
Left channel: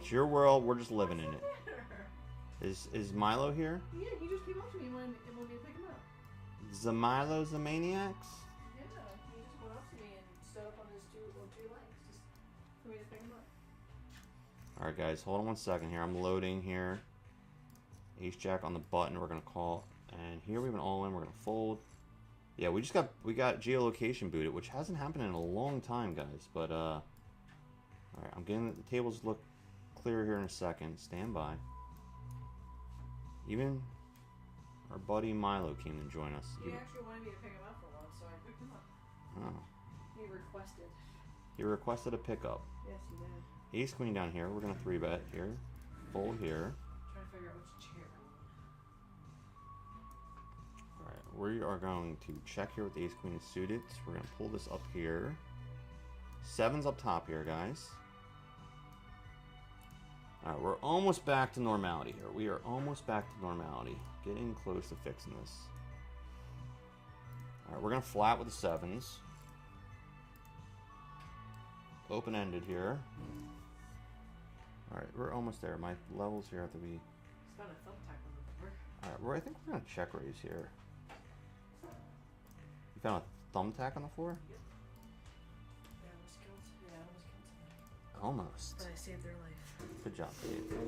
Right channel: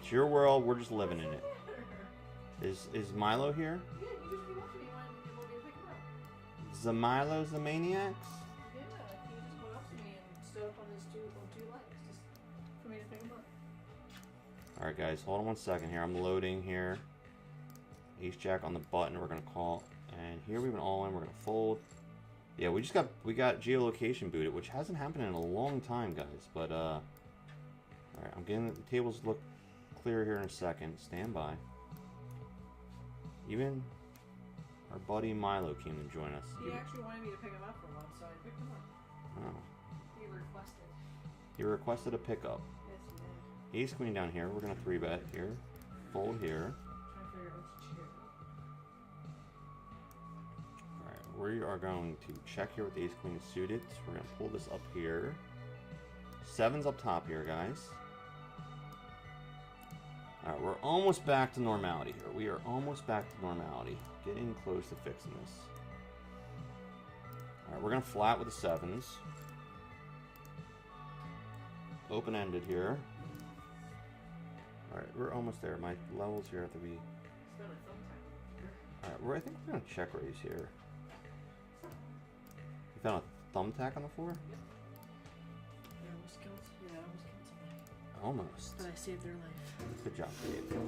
It's your world. We're just living in it. Is Milo here? Yeah, you just came up to me when we'll get pick him up. The Milo's the maniacs? Yeah, he just went up to me and stood up on his two legs just for me to pick him up. Alright guys, hold on 1 second here. I'm loading here. Ace Jack on the button, we're gonna call. And here we've been all in, we're gonna fold. Yeah, we got geolocation booted, which hasn't happened in a long time, guys. But alright, I'm getting the tables look clear here in a second. Stand by. Even our buddy Milo came to join us. He actually wanted me to pick him up for once, so I picked him up. Oh. He requested. He requested a pickup. Yes, he did. Ace Queen down here. We're going to 3-bet here. Fold here. Trying to figure out which chair. Alright, we are going to check here with the Ace Queen is suited. We're going to pull this up here. 7's up top here, guys. Alright, we're almost back to normality here. We are almost back to normality. Getting close to fixing this. Alright, we're going to flat with the 7's. Open-ended here. Alright, we're almost there. My levels here have to be... Spent a thumbtack on the floor. Alright, I think we're going to check raise here. You found a thumbtack on the floor? Yep. I almost killed somebody. Almost. But I saved their life. Good job, Dave.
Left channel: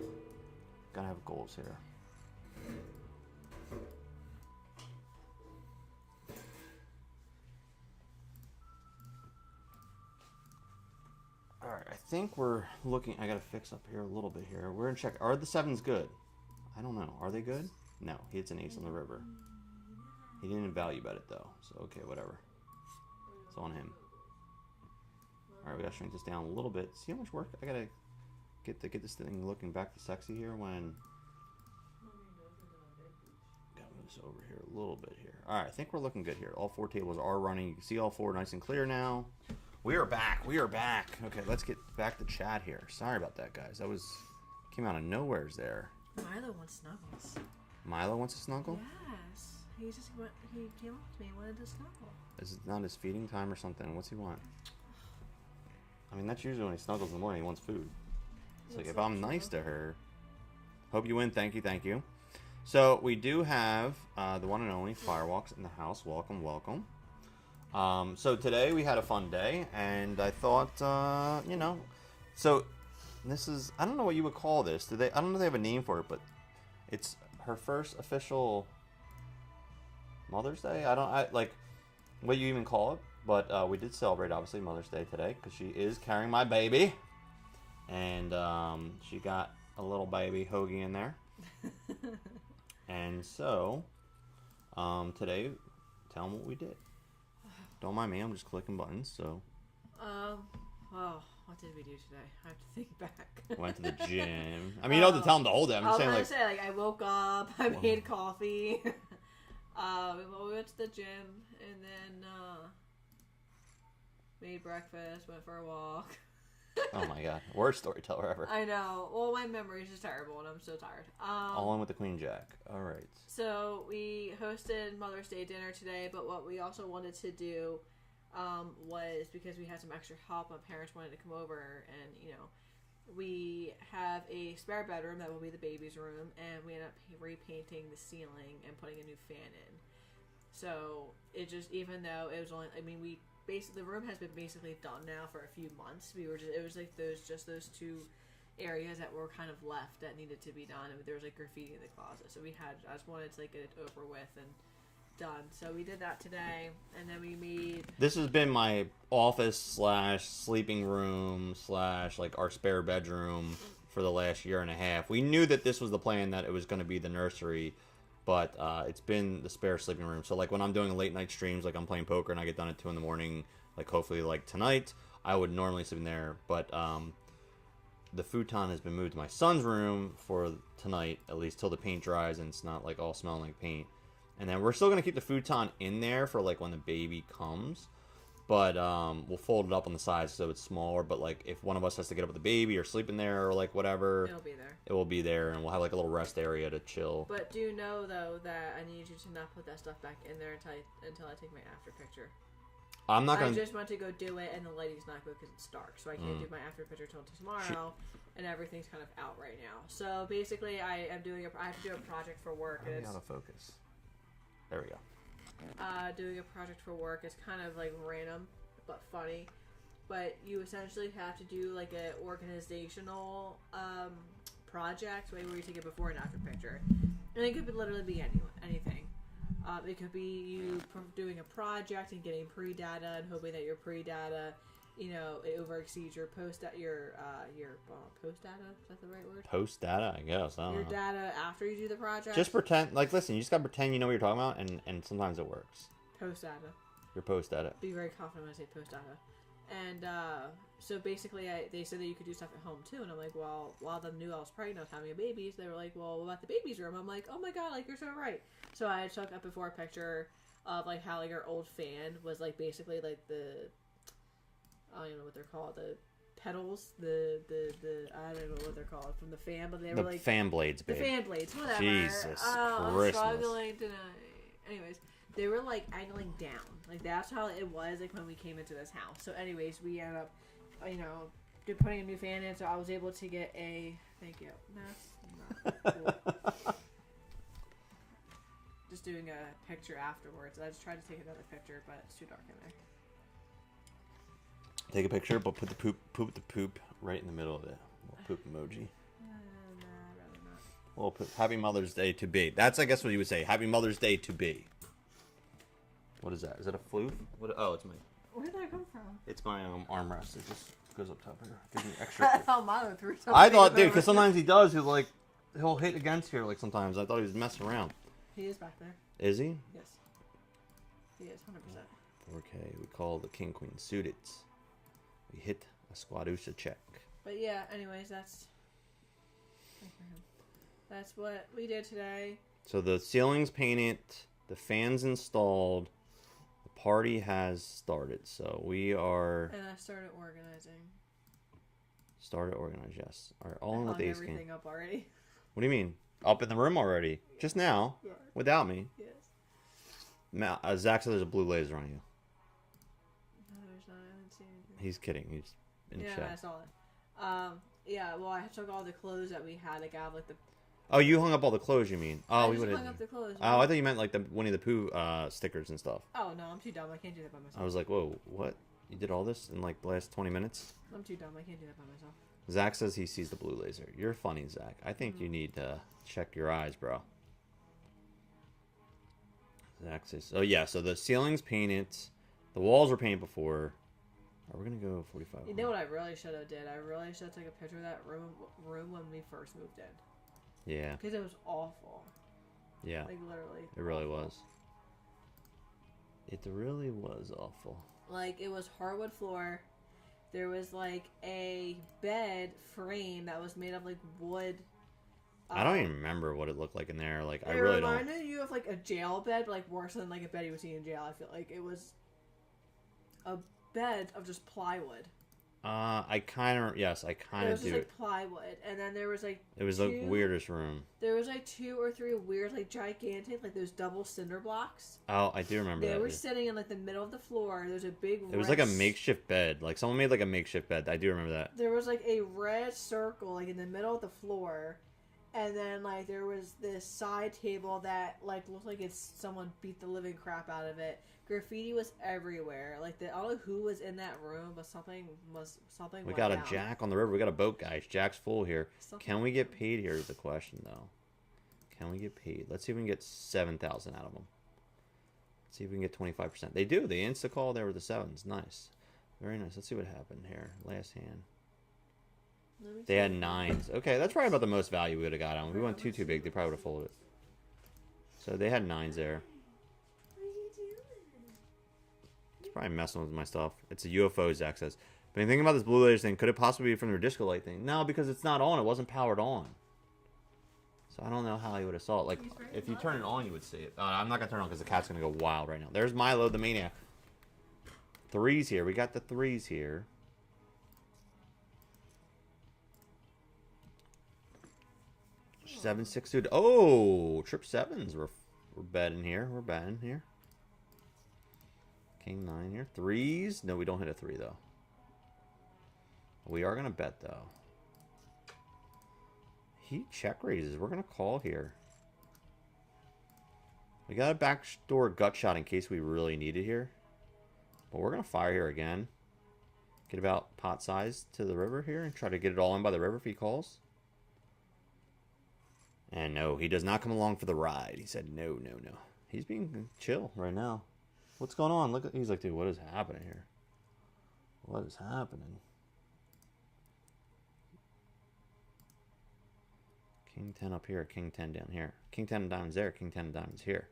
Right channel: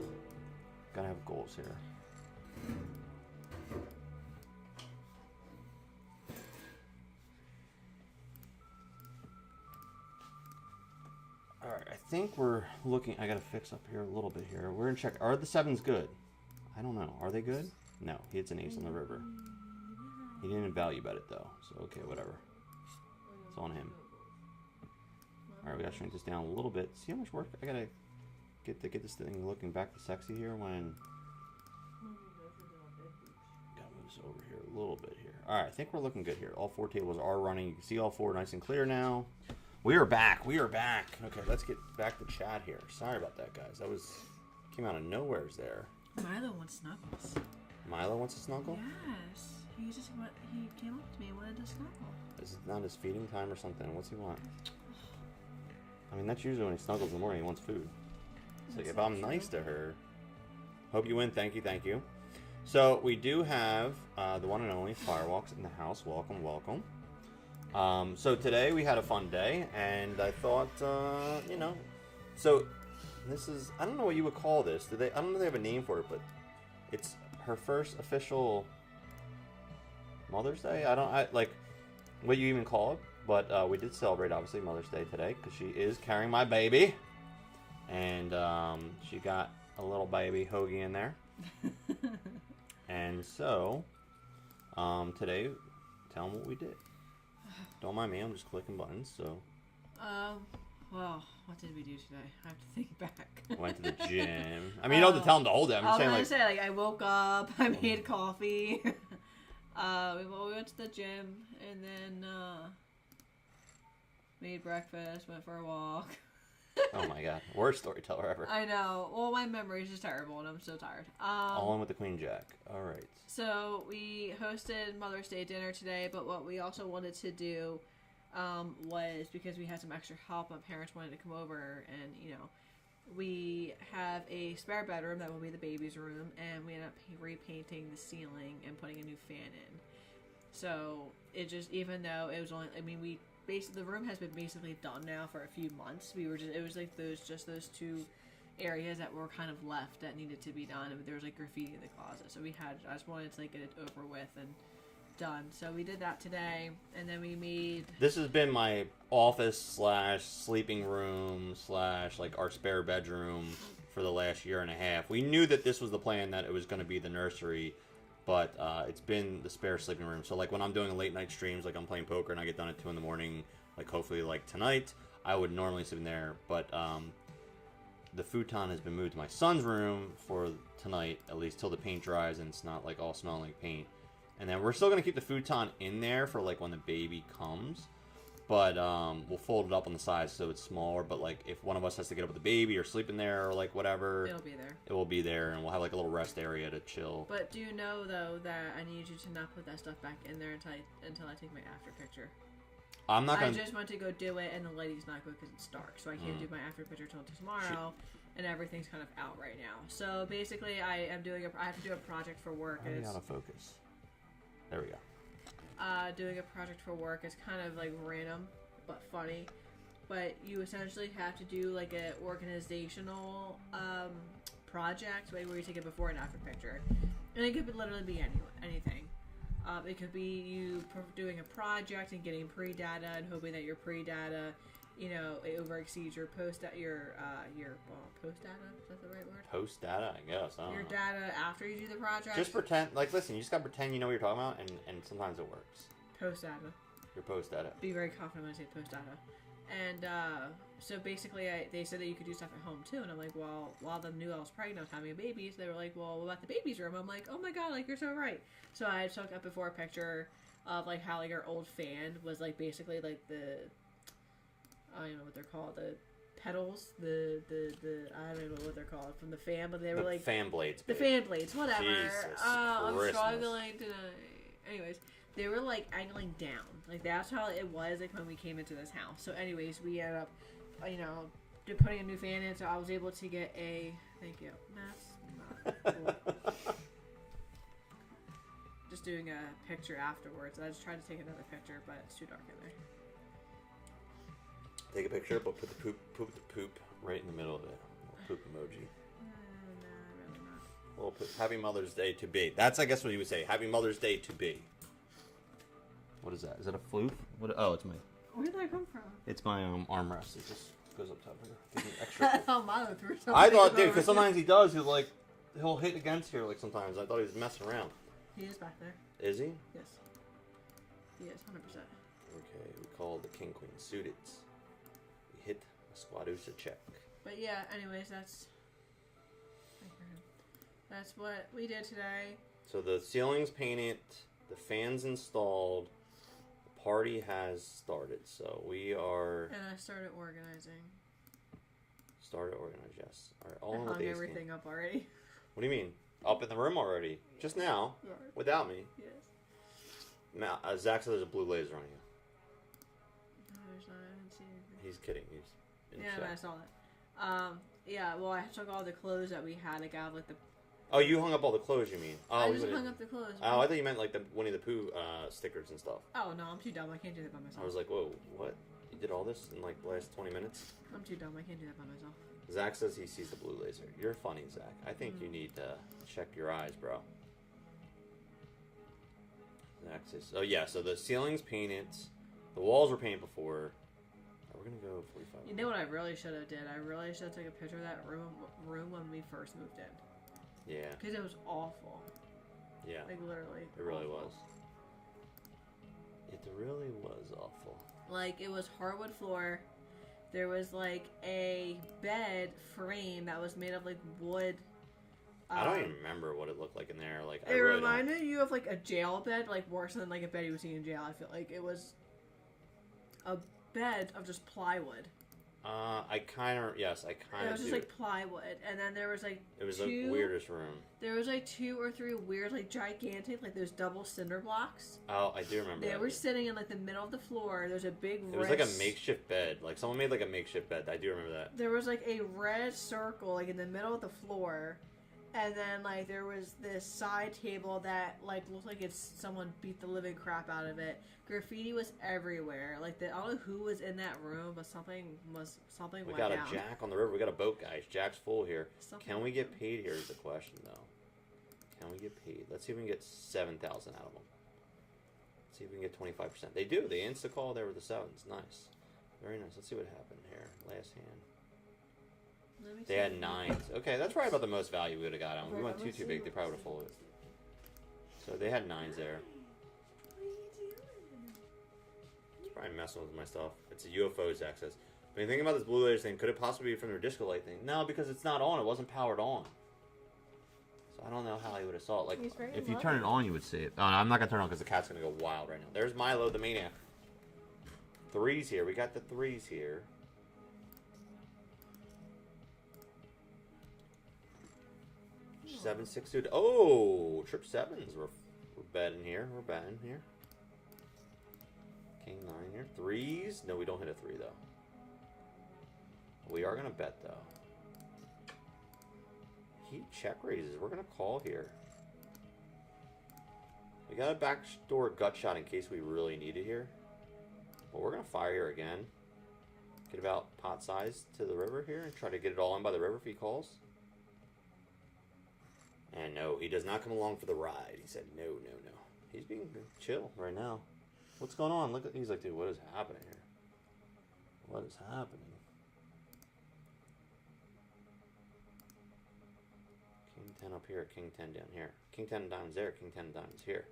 Gotta have goals here. Alright, I think we're looking... I gotta fix up here a little bit here. We're gonna check... Are the 7's good? I don't know. Are they good? No, he hits an ace on the river. He didn't value bet it, though. So, okay, whatever. It's on him. Alright, we gotta shrink this down a little bit. See how much work I gotta get this thing looking back to sexy here when... Gotta move this over here a little bit here. Alright, I think we're looking good here. All 4 tables are running. You can see all 4 nice and clear now. We are back. We are back. Okay, let's get back to chat here. Sorry about that, guys. That came out of nowheres there. Milo wants snuggles. Milo wants to snuggle? Yes. He came up to me and wanted to snuggle. Is it not his feeding time or something? What's he want? I mean, that's usually when he snuggles in the morning. He wants food. It's like, if I'm nice to her... Hope you win. Thank you, thank you. So, we do have the one and only Firewalks in the house. Welcome, welcome. So, today we had a fun day, and I thought, you know... So, this is... I don't know what you would call this. I don't know if they have a name for it, but it's her first official Mother's Day? Like, what you even call it. But we did celebrate, obviously, Mother's Day today, because she is carrying my baby. And she got a little baby Hoagie in there. And so, today, tell them what we did. Don't mind me, I'm just clicking buttons, so. Well, what did we do today? I have to think back. Went to the gym. I mean, you don't have to tell them the whole day. I'm just saying, like, I woke up, I made coffee. We went to the gym, and then, made breakfast, went for a walk. Oh my god, worst storyteller ever. I know. Well, my memory is just terrible, and I'm so tired. All in with the Queen Jack. All right. So we hosted Mother's Day dinner today, but what we also wanted to do was, because we had some extra help, my parents wanted to come over, and we have a spare bedroom that will be the baby's room, and we ended up repainting the ceiling and putting a new fan in. So it just, even though it was only, the room has been basically done now for a few months. It was like those two areas that were kind of left that needed to be done. And there was like graffiti in the closet, so I just wanted to like get it over with and done. So we did that today, and then we made. This has been my office / sleeping room / like our spare bedroom for the last year and a half. We knew that this was the plan, that it was going to be the nursery. But it's been the spare sleeping room. So, like, when I'm doing late night streams, like I'm playing poker and I get done at 2 in the morning, like, hopefully, like, tonight, I would normally sleep in there. But the futon has been moved to my son's room for tonight, at least till the paint dries and it's not, like, all smelling like paint. And then we're still going to keep the futon in there for, like, when the baby comes. But we'll fold it up on the sides so it's smaller. But, like, if one of us has to get up with the baby or sleep in there or, like, whatever, It'll be there. It will be there, and we'll have, like, a little rest area to chill. But do know, though, that I need you to not put that stuff back in there until I take my after picture. I'm not going I just want to go do it, and the lighting's not good because it's dark. So I can't do my after picture till tomorrow, and everything's kind of out right now. So, basically, I have to do a project for work. Are we out of focus? There we go. Doing a project for work is kind of like random but funny, but you essentially have to do like an organizational project where you take a before and after picture, and it could literally be anything. It could be you doing a project and getting pre-data and hoping that your pre-data, it over exceeds your post data. Post data, is that the right word? Post data, I guess. I don't Your know. data after you do the project. Just pretend, like, listen, you just gotta pretend you know what you're talking about, and sometimes it works. Post data. Your post data. Be very confident when I say post data. And so basically, they said that you could do stuff at home too. And I'm like, well, a lot of them knew I was pregnant, I was having a baby. So they were like, well, what about the baby's room? I'm like, oh my god, like, you're so right. So I took up before a picture of like how like our old fan was like basically like I don't know what they're called, the pedals, the I don't know what they're called from the fan, but they were like fan blades. The fan blades, whatever. Jesus I'm Christmas. struggling to. Anyways, they were like angling down, like that's how it was like when we came into this house. So, anyways, we ended up, putting a new fan in, so I was able to get a. Thank you. That's not cool. Just doing a picture afterwards. I just tried to take another picture, but it's too dark in there. Take a picture, but put the poop right in the middle of it. Little poop emoji. Nah, really not. Well, put Happy Mother's Day to be. That's, I guess, what you would say. Happy Mother's Day to be. What is that? Is that a floof? What? Oh, it's my. Where did that come from? It's my armrest. It just goes up top here. Gives me extra. Oh, Milo threw something. I thought, dude, because sometimes he does. He'll hit against here. Like sometimes I thought he was messing around. He is back there. Is he? Yes. He is 100%. Okay, we call the King Queen suited. We hit a Squadusa check. But yeah, anyways, that's what we did today. So the ceiling's painted, the fan's installed, the party has started. So we are. And I started organizing. Yes. All right, all I in with hung the everything up already. What do you mean? Up in the room already? Just now? Yes. Without me? Yes. Zach said there's a blue laser on you. No, there's not. I haven't seen anything. He's kidding. He's in Yeah, chat. I saw it. Yeah, well, I took all the clothes that we had. Like, I have, like, the... Oh, you hung up all the clothes, you mean? Oh, I we just would've- hung up the clothes. Oh, I thought you meant like the Winnie the Pooh stickers and stuff. Oh, no, I'm too dumb. I can't do that by myself. I was like, whoa, what? You did all this in like the last 20 minutes? I'm too dumb. I can't do that by myself. Zach says he sees the blue laser. You're funny, Zach. I think you need to check your eyes, bro. Zach says, oh yeah, so the ceiling's painted. The walls were painted before. Are we going to go 45? You know what I really should have did? I really should have taken a picture of that room when we first moved in. Yeah. Because it was awful. Yeah. Like, literally. It really awful. was. It really was awful. Like, it was hardwood floor. There was, like, a bed frame that was made of, like, wood. I don't even remember what it looked like in there. Like, I It really don't. reminded you of, like, a jail bed, like, worse than, like, a bed you would see in jail. I feel like it was a beds of just plywood. I kind of It was just like plywood, and then there was like It was the weirdest room. There was like 2 or 3 weird, like gigantic, like those double cinder blocks. Oh, I do remember They that. were sitting in like the middle of the floor. There's a big. It was like a makeshift bed. Like someone made like a makeshift bed. I do remember that. There was like a red circle like in the middle of the floor, and then like there was this side table that like looked like someone beat the living crap out of it. Graffiti was everywhere. Like I don't know who was in that room, but something. We went got down. a jack on the river. We got a boat, guys. Jack's full here. Something Can we went get down. paid here is the question, though. Can we get paid? Let's see if we can get 7,000 out of them. Let's see if we can get 25%. They do. They insta-call there with the 7s. Nice. Very nice. Let's see what happened here. Last hand. Let me They see. had 9s. Okay, that's probably about the most value we would have got on. We Right, went let's too see, big. They probably would have folded it. So they had 9s there. What are you doing? It's probably messing with my stuff. It's a UFO, Zach says. But thinking about this Blue Layers thing, could it possibly be from their disco light thing? No, because it's not on. It wasn't powered on. So I don't know how he would have saw it. Like, He's very if you turn it on, you would see it. I'm not going to turn it on because the cat's going to go wild right now. There's Milo the Maniac. 3s here. We got the 3s here. Seven, 6 suited. Oh, trip 7s. We're betting here. We're betting here. King 9 here. 3s. No, we don't hit a 3 though. We are gonna bet though. He check raises. We're gonna call here. We got a backdoor gut shot in case we really need it here. But we're gonna fire here again. Get about pot size to the river here and try to get it all in by the river if he calls. And no, he does not come along for the ride. He said no, no, no. He's being chill right now. What's going on? Look at, he's like, dude, what is happening here? What is happening? King 10 up here, King 10 down here. King 10 of diamonds there, King 10 of diamonds here.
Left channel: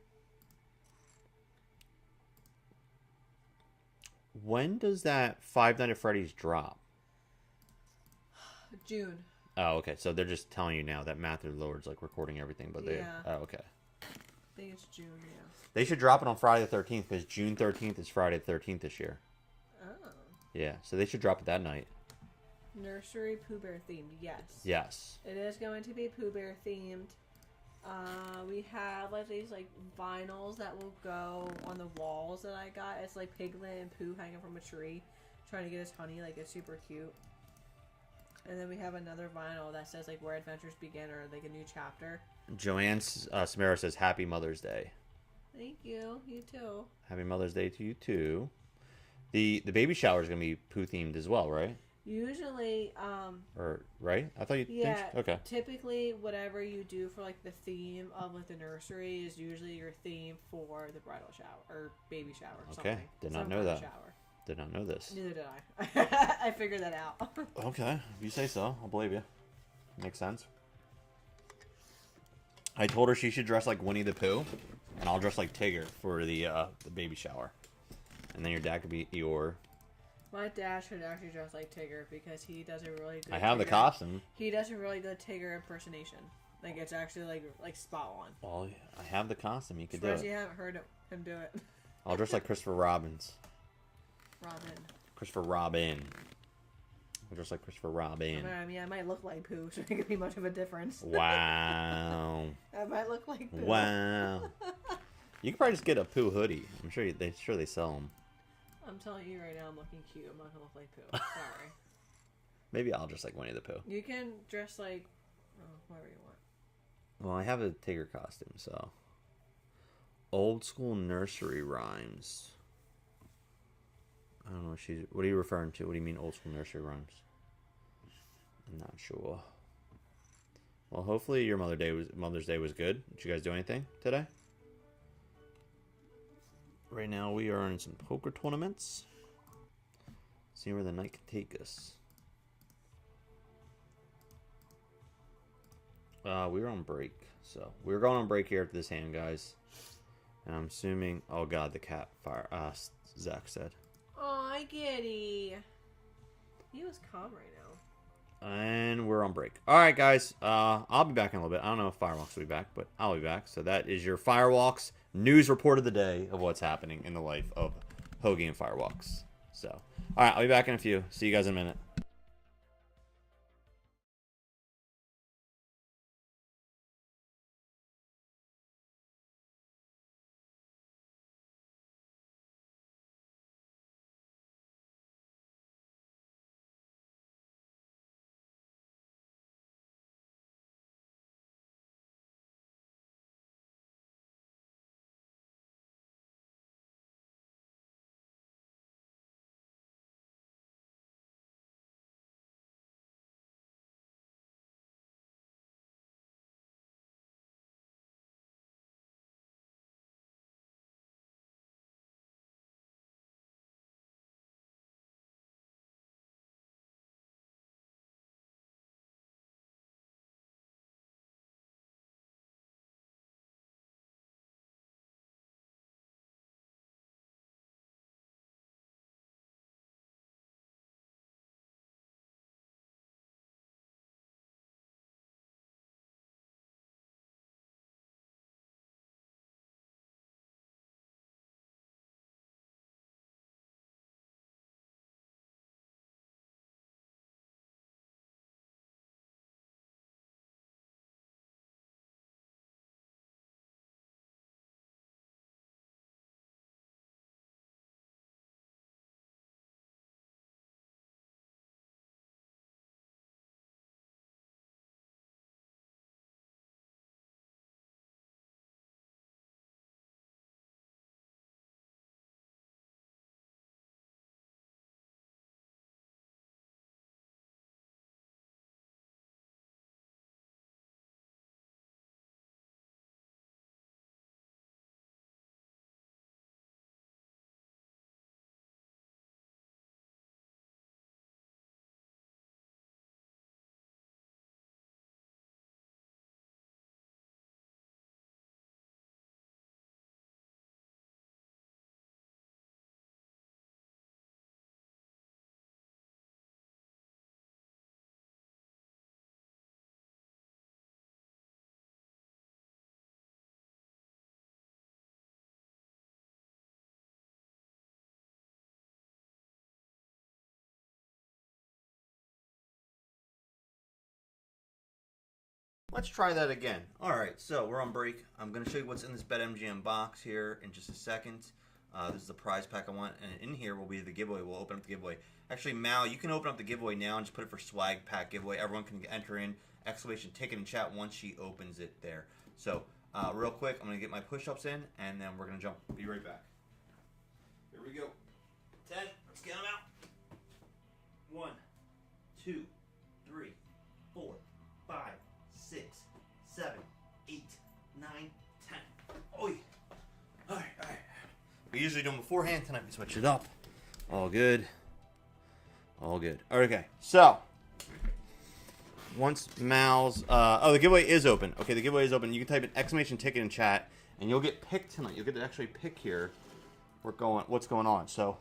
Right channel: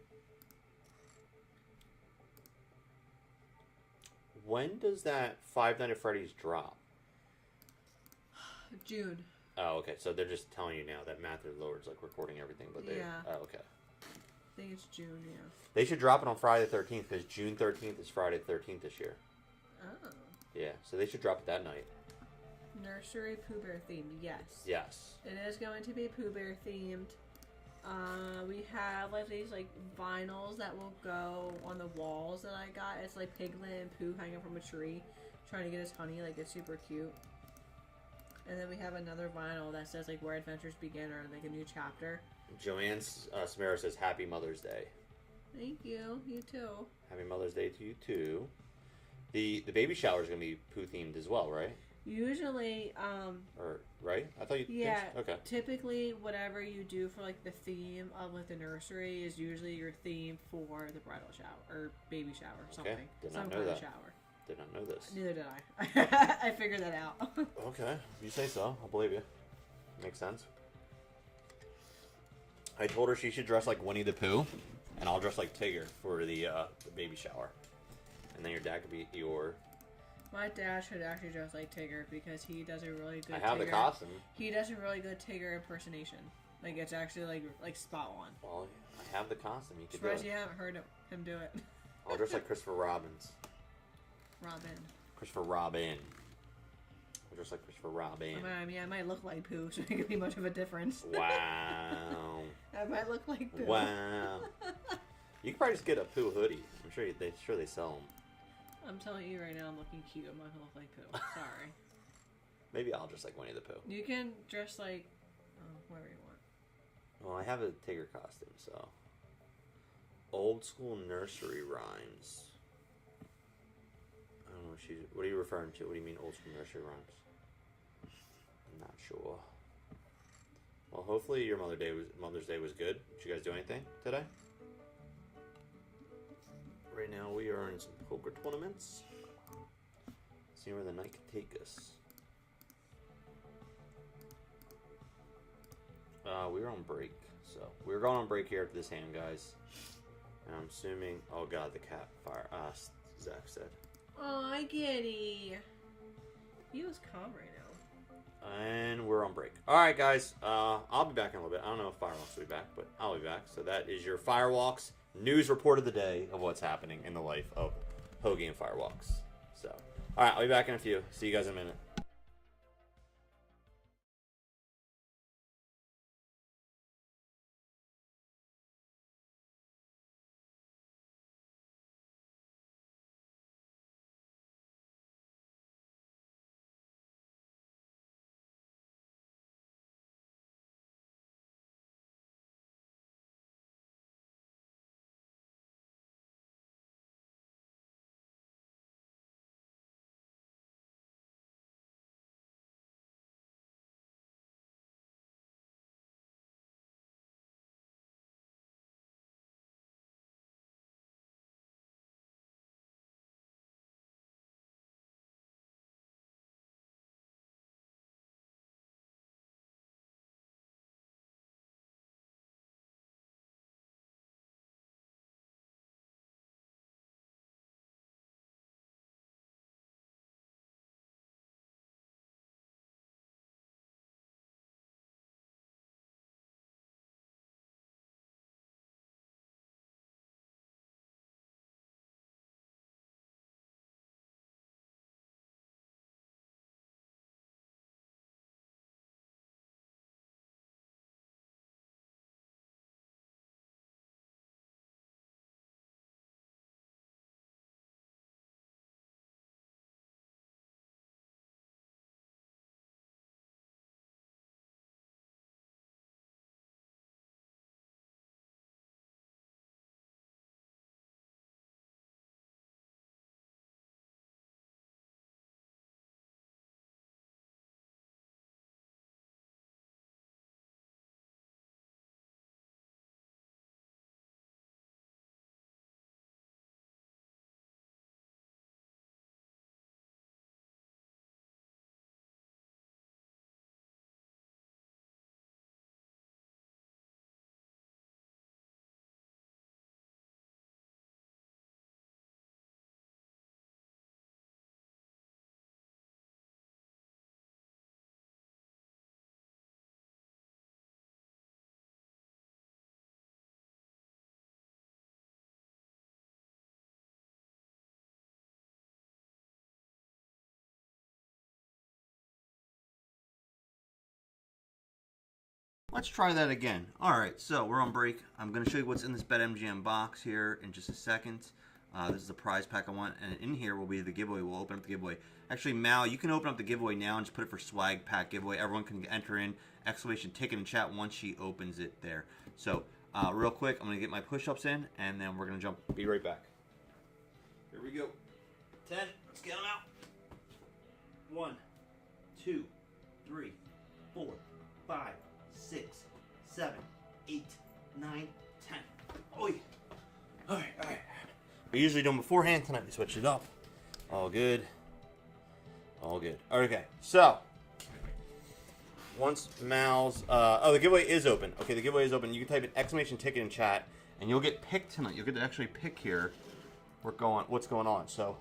When does that Five Nights at Freddy's drop? June. Oh, okay. So they're just telling you now that Matthew Lord's like recording everything, but they. Yeah. Oh, okay. I think it's June, yeah. They should drop it on Friday the 13th because June 13th is Friday the 13th this year. Oh. Yeah, so they should drop it that night. Nursery Pooh Bear themed, yes. Yes. It is going to be Pooh Bear themed. We have like these like vinyls that will go on the walls that I got. It's like Piglet and Pooh hanging from a tree, trying to get his honey. Like it's super cute. And then we have another vinyl that says like where adventures begin or like a new chapter. Joanne Samara says Happy Mother's Day. Thank you. You too. Happy Mother's Day to you too. The baby shower is gonna be Pooh themed as well, right? Usually, Or right? I thought you. yeah. Okay. Typically, whatever you do for like the theme of like the nursery is usually your theme for the bridal shower or baby shower. Or Okay. Something. Did not Some know kind of that. Shower. Did not know this. Neither did I. I figured that out. Okay, if you say so, I'll believe you. Makes sense. I told her she should dress like Winnie the Pooh, and I'll dress like Tigger for the baby shower. And then your dad could be Eeyore. My dad should actually dress like Tigger because he does a really good. I have the Tigger- costume. He does a really good Tigger impersonation. Like it's actually like spot on. Well, I have the costume. You could do Surprised it. you haven't heard him do it. I'll dress like Christopher Robbins. Robin. Christopher Robin. I'll dress like Christopher Robin. I mean, I might look like Pooh, so it could be much of a difference. Wow. I might look like Pooh. Wow. You could probably just get a Pooh hoodie. I'm sure they sell them. I'm telling you right now, I'm looking cute. I'm not gonna look like Pooh. Sorry. Maybe I'll dress like Winnie the Pooh. You can dress like, whatever you want. Well, I have a Tigger costume, so. Old school nursery rhymes. I don't know what are you referring to? What do you mean old school nursery rhymes? I'm not sure. Well, hopefully your Mother's Day was good. Did you guys do anything today? Right now we are in some poker tournaments. See where the night can take us. We were on break, so we were going on break here at this hand, guys. And I'm assuming, oh god, the cat fire. Zach said. Aw, Giddy. He was calm right now. And we're on break. All right, guys. I'll be back in a little bit. I don't know if Firewalks will be back, but I'll be back. So that is your Firewalks news report of the day of what's happening in the life of Hoagie and Firewalks. So, all right, I'll be back in a few. See you guys in a minute. Let's try that again. All right, so we're on break. I'm going to show you what's in this Betmgm box here in just a second. This is the prize pack I want, and in here will be the giveaway. We'll open up the giveaway. Actually, Mal, you can open up the giveaway now and just put it for swag pack giveaway. Everyone can enter in exclamation ticket in chat once she opens it there. So, real quick, I'm going to get my push-ups in, and then we're going to jump. Be right back. Here we go. 10. Let's get them out. 1, 2, 3, 4, 5, 6, 7, 8, 9, 10. Oh yeah. Alright. We usually do them beforehand. Tonight we switch it up. All good. Okay, so once Mal's the giveaway is open. Okay, the giveaway is open. You can type an exclamation ticket in chat and you'll get picked tonight. You'll get to actually pick here what's going on. So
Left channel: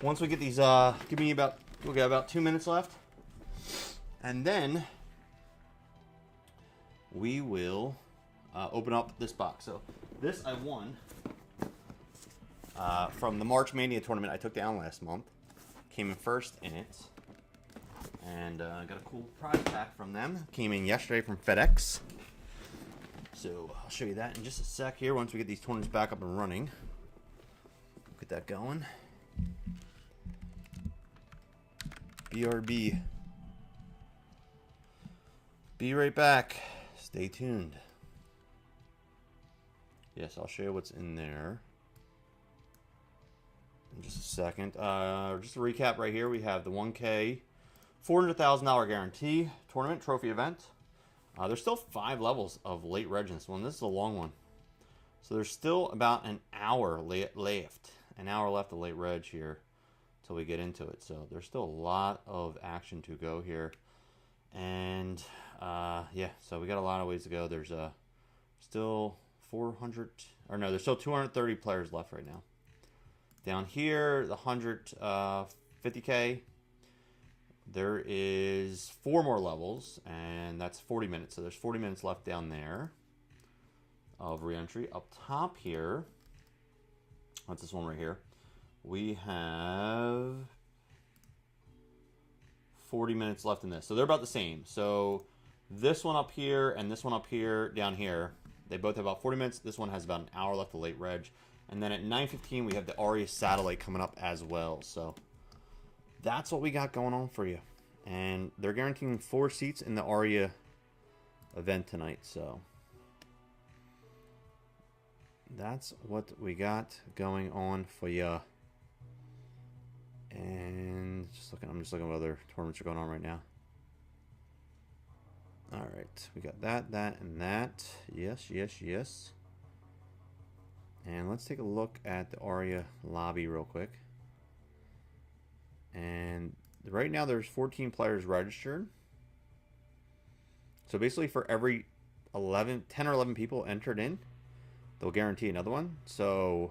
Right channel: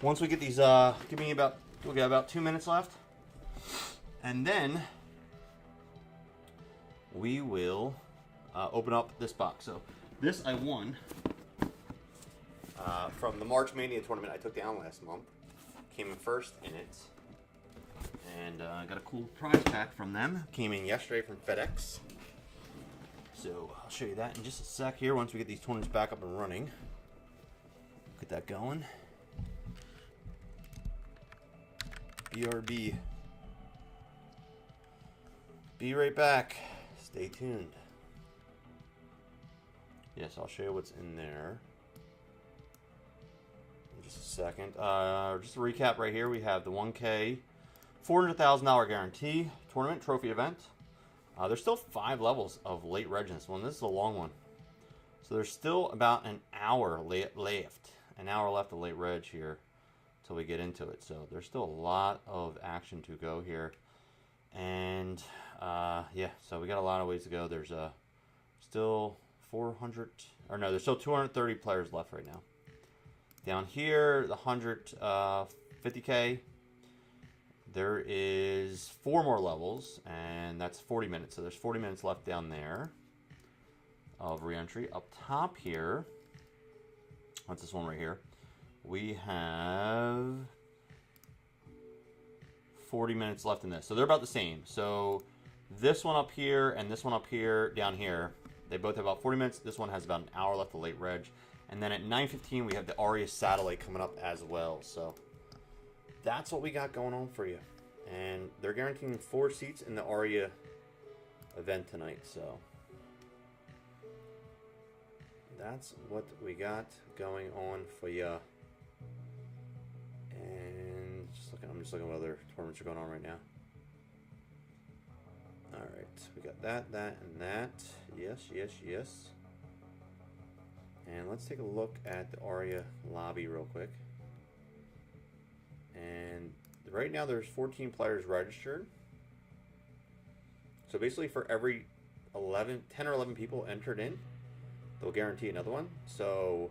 once we get these we'll get about 2 minutes left. And then we will open up this box. So this I won from the March Mania tournament I took down last month. Came in first in it. And got a cool prize pack from them. Came in yesterday from FedEx. So I'll show you that in just a sec here once we get these tournaments back up and running. Get that going. BRB. Be right back. Stay tuned. Yes, I'll show you what's in there in just a second. Just a recap right here. We have the 1K $400,000 guarantee tournament trophy event. There's still 5 levels of late reg in this one. This is a long one. So there's still about an hour left. An hour left of late reg here till we get into it. So there's still a lot of action to go here. And yeah, so we got a lot of ways to go. There's still 230 players left right now. Down here, the 150K, there is 4 more levels, and that's 40 minutes. So there's 40 minutes left down there of re-entry. Up top here, that's this one right here. We have 40 minutes left in this. So they're about the same. So this one up here and this one up here, down here, they both have about 40 minutes. This one has about an hour left of late reg. And then at 9:15, we have the Aria Satellite coming up as well. So that's what we got going on for you. And they're guaranteeing 4 seats in the Aria event tonight. So that's what we got going on for you. And I'm just looking at what other tournaments are going on right now. All right, we got that, and that. Yes, yes, yes. And let's take a look at the Aria lobby real quick. And right now there's 14 players registered. So basically for every 10 or 11 people entered in, they'll guarantee another one. So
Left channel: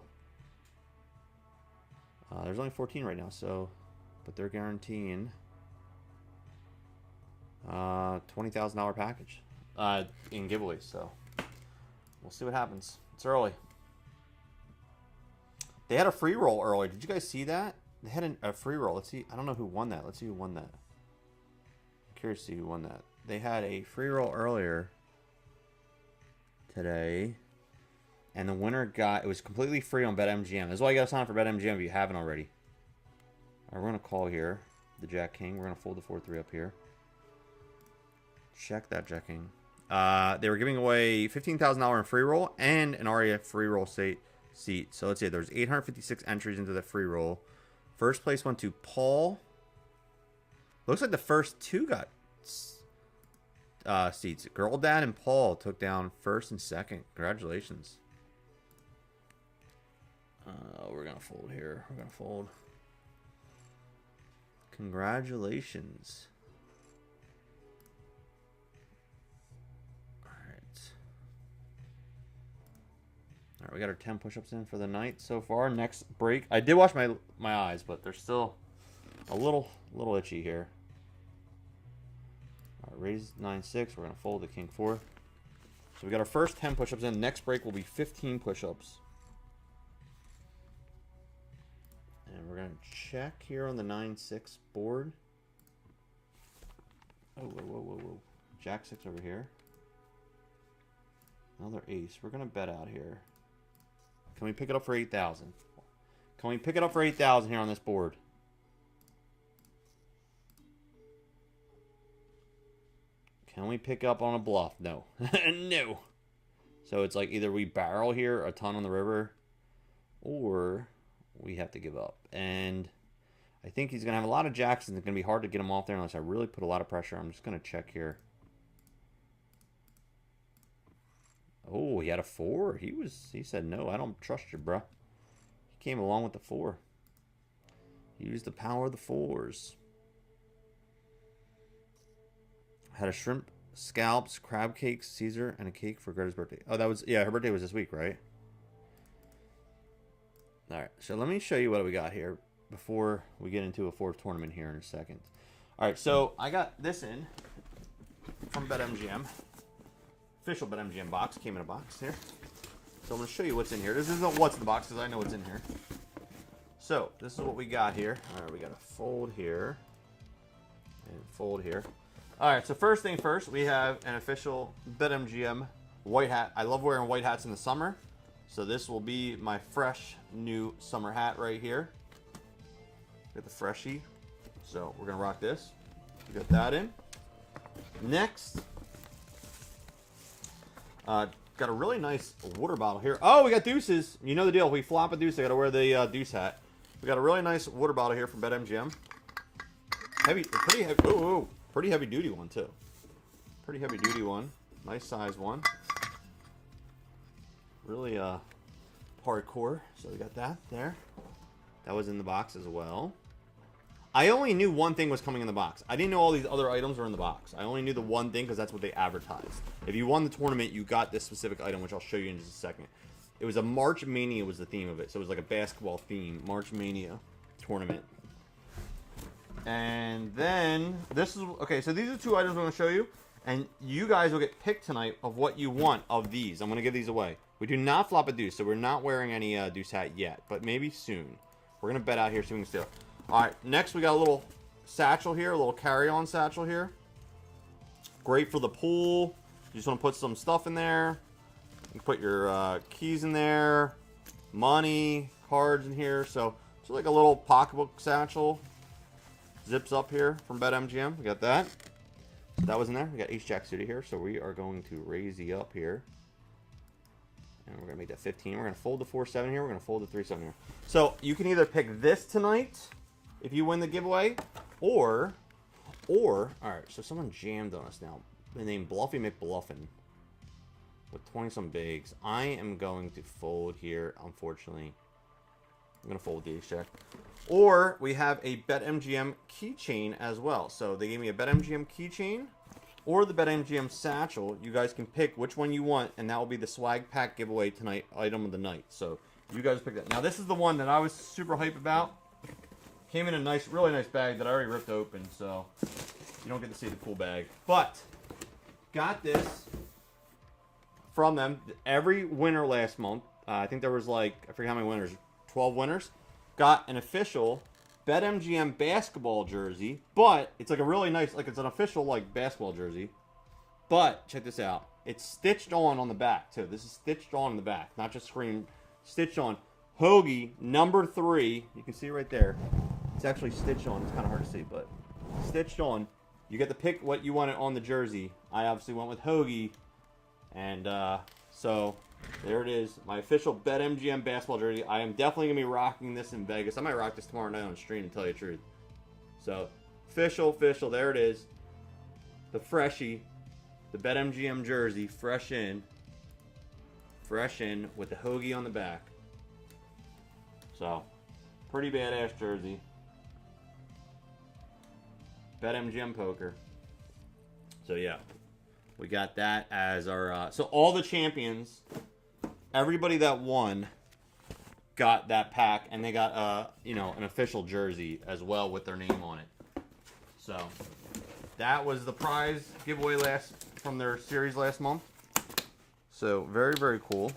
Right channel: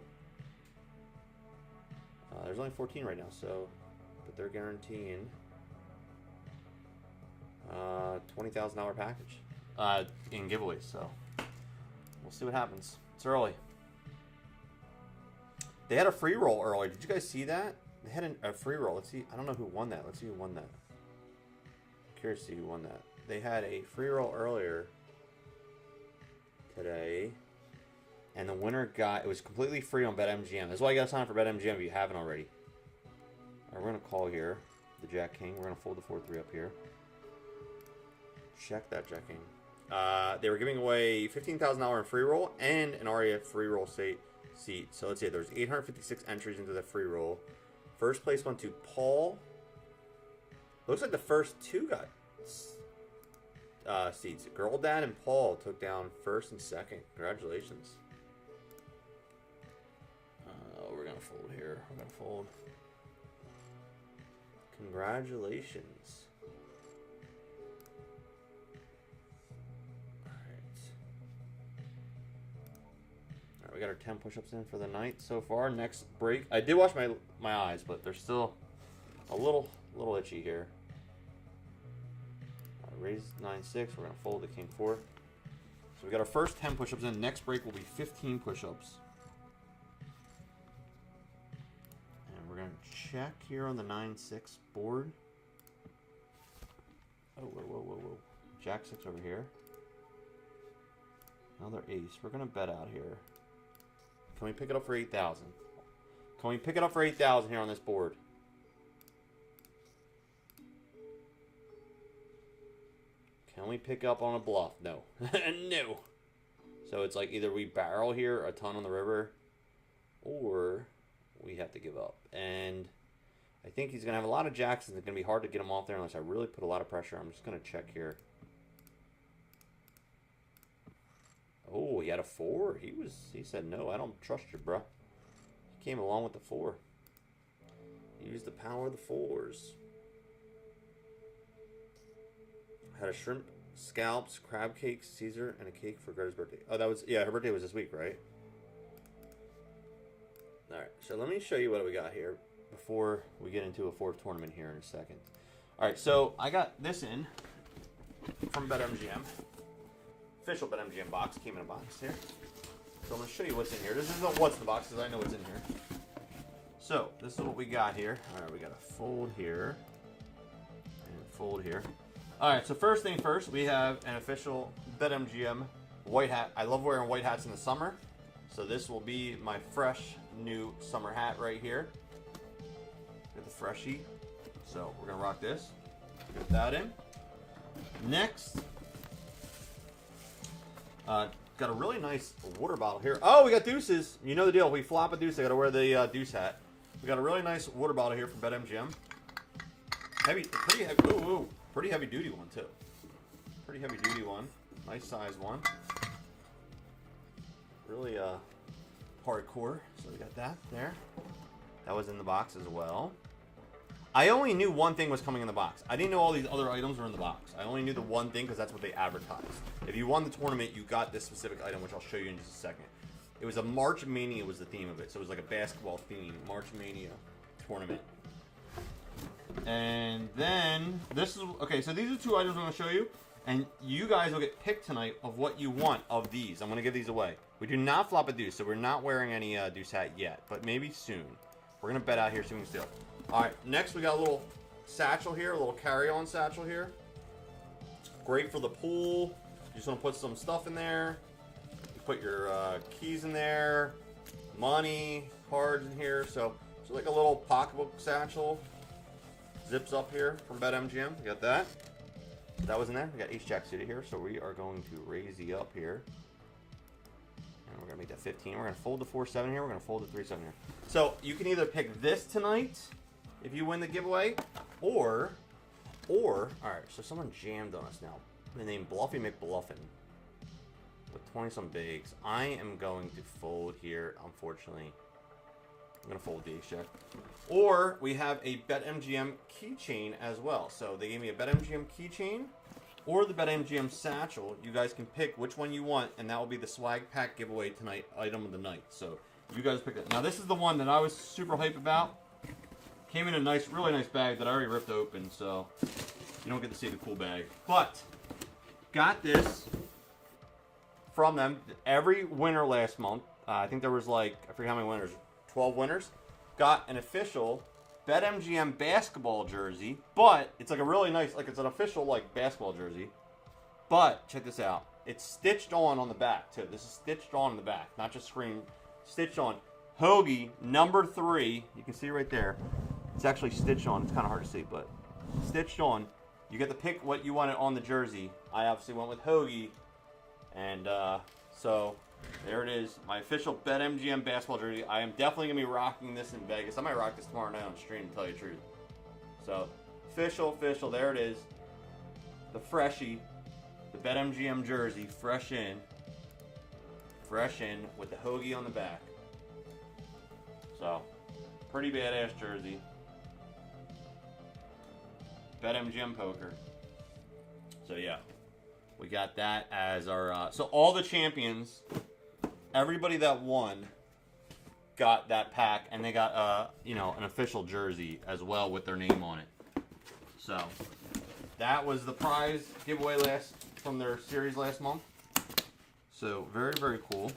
there's only 14 right now, but they're guaranteeing $20,000 package in giveaways. So we'll see what happens. It's early. They had a free roll earlier. Did you guys see that? They had a free roll. Let's see. I don't know who won that. Let's see who won that. I'm curious to see who won that. They had a free roll earlier today. And the winner it was completely free on Betmgm. That's why you got to sign up for Betmgm if you haven't already. All right, we're going to call here the Jack King. We're going to fold the 4-3 up here. Check that Jack King. They were giving away $15,000 in free roll and an Aria free roll seat. So let's see. There's 856 entries into the free roll. First place went to Paul. Looks like the first 2 got seats. Girl Dad and Paul took down first and second. Congratulations. We're going to fold here. We're going to fold. Congratulations. Alright, we got our 10 push-ups in for the night so far. Next break. I did wash my eyes, but they're still a little itchy here. Alright, raise 9-6. We're going to fold the King 4. So we got our first 10 push-ups in. Next break will be 15 push-ups. And we're going to check here on the 9-6 board. Oh, whoa. Jack 6 over here. Another ace. We're going to bet out here. Can we pick it up for 8,000? Can we pick it up for 8,000 here on this board? Can we pick up on a bluff? No. No. So it's like either we barrel here a ton on the river, or we have to give up. And I think he's going to have a lot of jacks, and it's going to be hard to get him off there unless I really put a lot of pressure. I'm just going to check here. Oh, he had a 4. He said, no, I don't trust you, bruh. He came along with the 4. He used the power of the 4s. Had a shrimp, scallops, crab cakes, Caesar, and a cake for Greta's birthday. Oh, her birthday was this week, right? Alright, so let me show you what we got here before we get into a 4th tournament here in a second. Alright, so I got this in from Betmgm. Official Betmgm box. Came in a box here. So I'm going to show you what's in here. This isn't what's in the box because I know what's in here. So this is what we got here. Alright, we got a fold here. And fold here. Alright, so first thing first, we have an official Betmgm white hat. I love wearing white hats in the summer. So this will be my fresh new summer hat right here. Get the freshie. So we're going to rock this. Get that in. Next, got a really nice water bottle here. Oh, we got deuces. You know the deal. We flop a deuce. I got to wear the deuce hat. We got a really nice water bottle here from Betmgm. Pretty heavy. Oh, pretty heavy duty one too. Pretty heavy duty one. Nice size one. Really hardcore. So we got that there. That was in the box as well. I only knew one thing was coming in the box. I didn't know all these other items were in the box. I only knew the one thing because that's what they advertised. If you won the tournament, you got this specific item, which I'll show you in just a second. It was a March Mania was the theme of it. So it was like a basketball theme. March Mania tournament. And then this is... Okay, so these are 2 items I'm going to show you. And you guys will get picked tonight of what you want of these. I'm going to give these away. We do not flop a deuce, so we're not wearing any deuce hat yet. But maybe soon. We're going to bet out here, see if we can steal. All right, next we got a little satchel here, a little carry-on satchel here. Great for the pool. You just want to put some stuff in there. You put your keys in there, money, cards in here. So it's like a little pocketbook satchel. Zips up here from Betmgm. We got that. That was in there. We got ace-jack suited here. So we are going to raise the up here. And we're going to make that 15. We're going to fold the 4-7 here. We're going to fold the 3-7 here. So you can either pick this tonight if you win the giveaway, or, all right, so someone jammed on us now. The name Bluffy McBluffin with 20-some bigs. I am going to fold here, unfortunately. I'm going to fold the ace-jack. Or we have a BetMGM keychain as well. So they gave me a BetMGM keychain or the BetMGM satchel. You guys can pick which one you want, and that will be the swag pack giveaway tonight, item of the night. So you guys pick that. Now this is the one that I was super hype about. Came in a nice, really nice bag that I already ripped open, so you don't get to see the cool bag. But got this from them. Every winner last month, I think there was like, I forget how many winners, 12 winners, got an official BetMGM basketball jersey. But it's like a really nice, like it's an official like basketball jersey. But check this out. It's stitched on the back too. This is stitched on the back, not just screen, stitched on. Hoagie number 3. You can see right there. It's actually stitched on. It's kind of hard to see, but stitched on. You get to pick what you want on the jersey. I obviously went with Hoagie. And so there it is. My official BetMGM basketball jersey. I am definitely going to be rocking this in Vegas. I might rock this tomorrow night on stream, to tell you the truth. So official. There it is. The freshie. The BetMGM jersey. Fresh in. With the Hoagie on the back. So, pretty badass jersey. BetMGM poker. So yeah, we got that as our. So all the champions, everybody that won, got that pack, and they got an official jersey as well with their name on it. So that was the prize giveaway from their series last month. So very, very cool.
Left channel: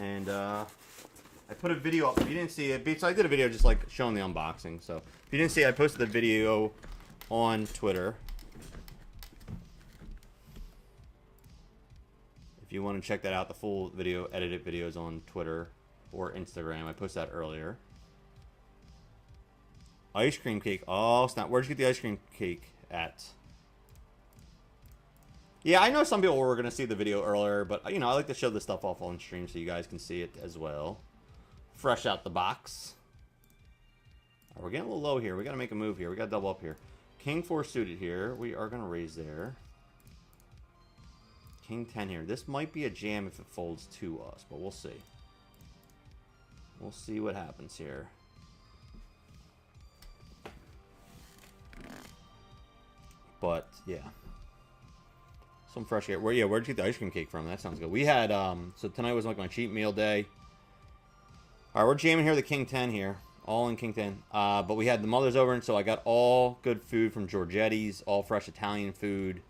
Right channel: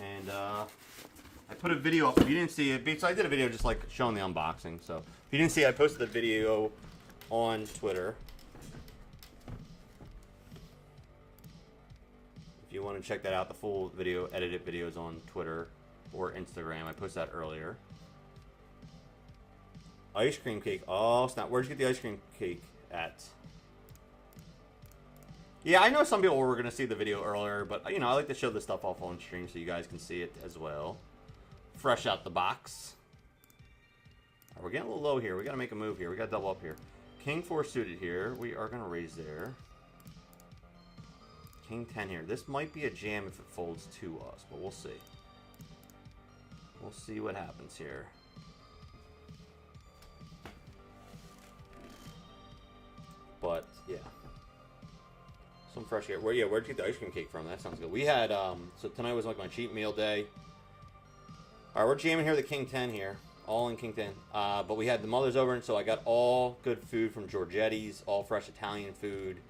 And I put a video up. If you didn't see it, so I did a video just like showing the unboxing. So if you didn't see it, I posted the video on Twitter. If you want to check that out, the full video, edited videos on Twitter or Instagram. I posted that earlier. Ice cream cake. Oh, snap. Where'd you get the ice cream cake at? Yeah, I know some people were going to see the video earlier, but, I like to show this stuff off on stream so you guys can see it as well. Fresh out the box. All right, we're getting a little low here. We got to make a move here. We got to double up here. King 4 suited here. We are going to raise there. King 10 here. This might be a jam if it folds to us, but we'll see. We'll see what happens here. But, yeah. Some fresh air. Where'd you get the ice cream cake from? That sounds good. We had, so tonight was like my cheat meal day. All right, we're jamming here the King 10 here. All in King 10. But we had the mothers over, and so I got all good food from Giorgetti's, all fresh Italian food.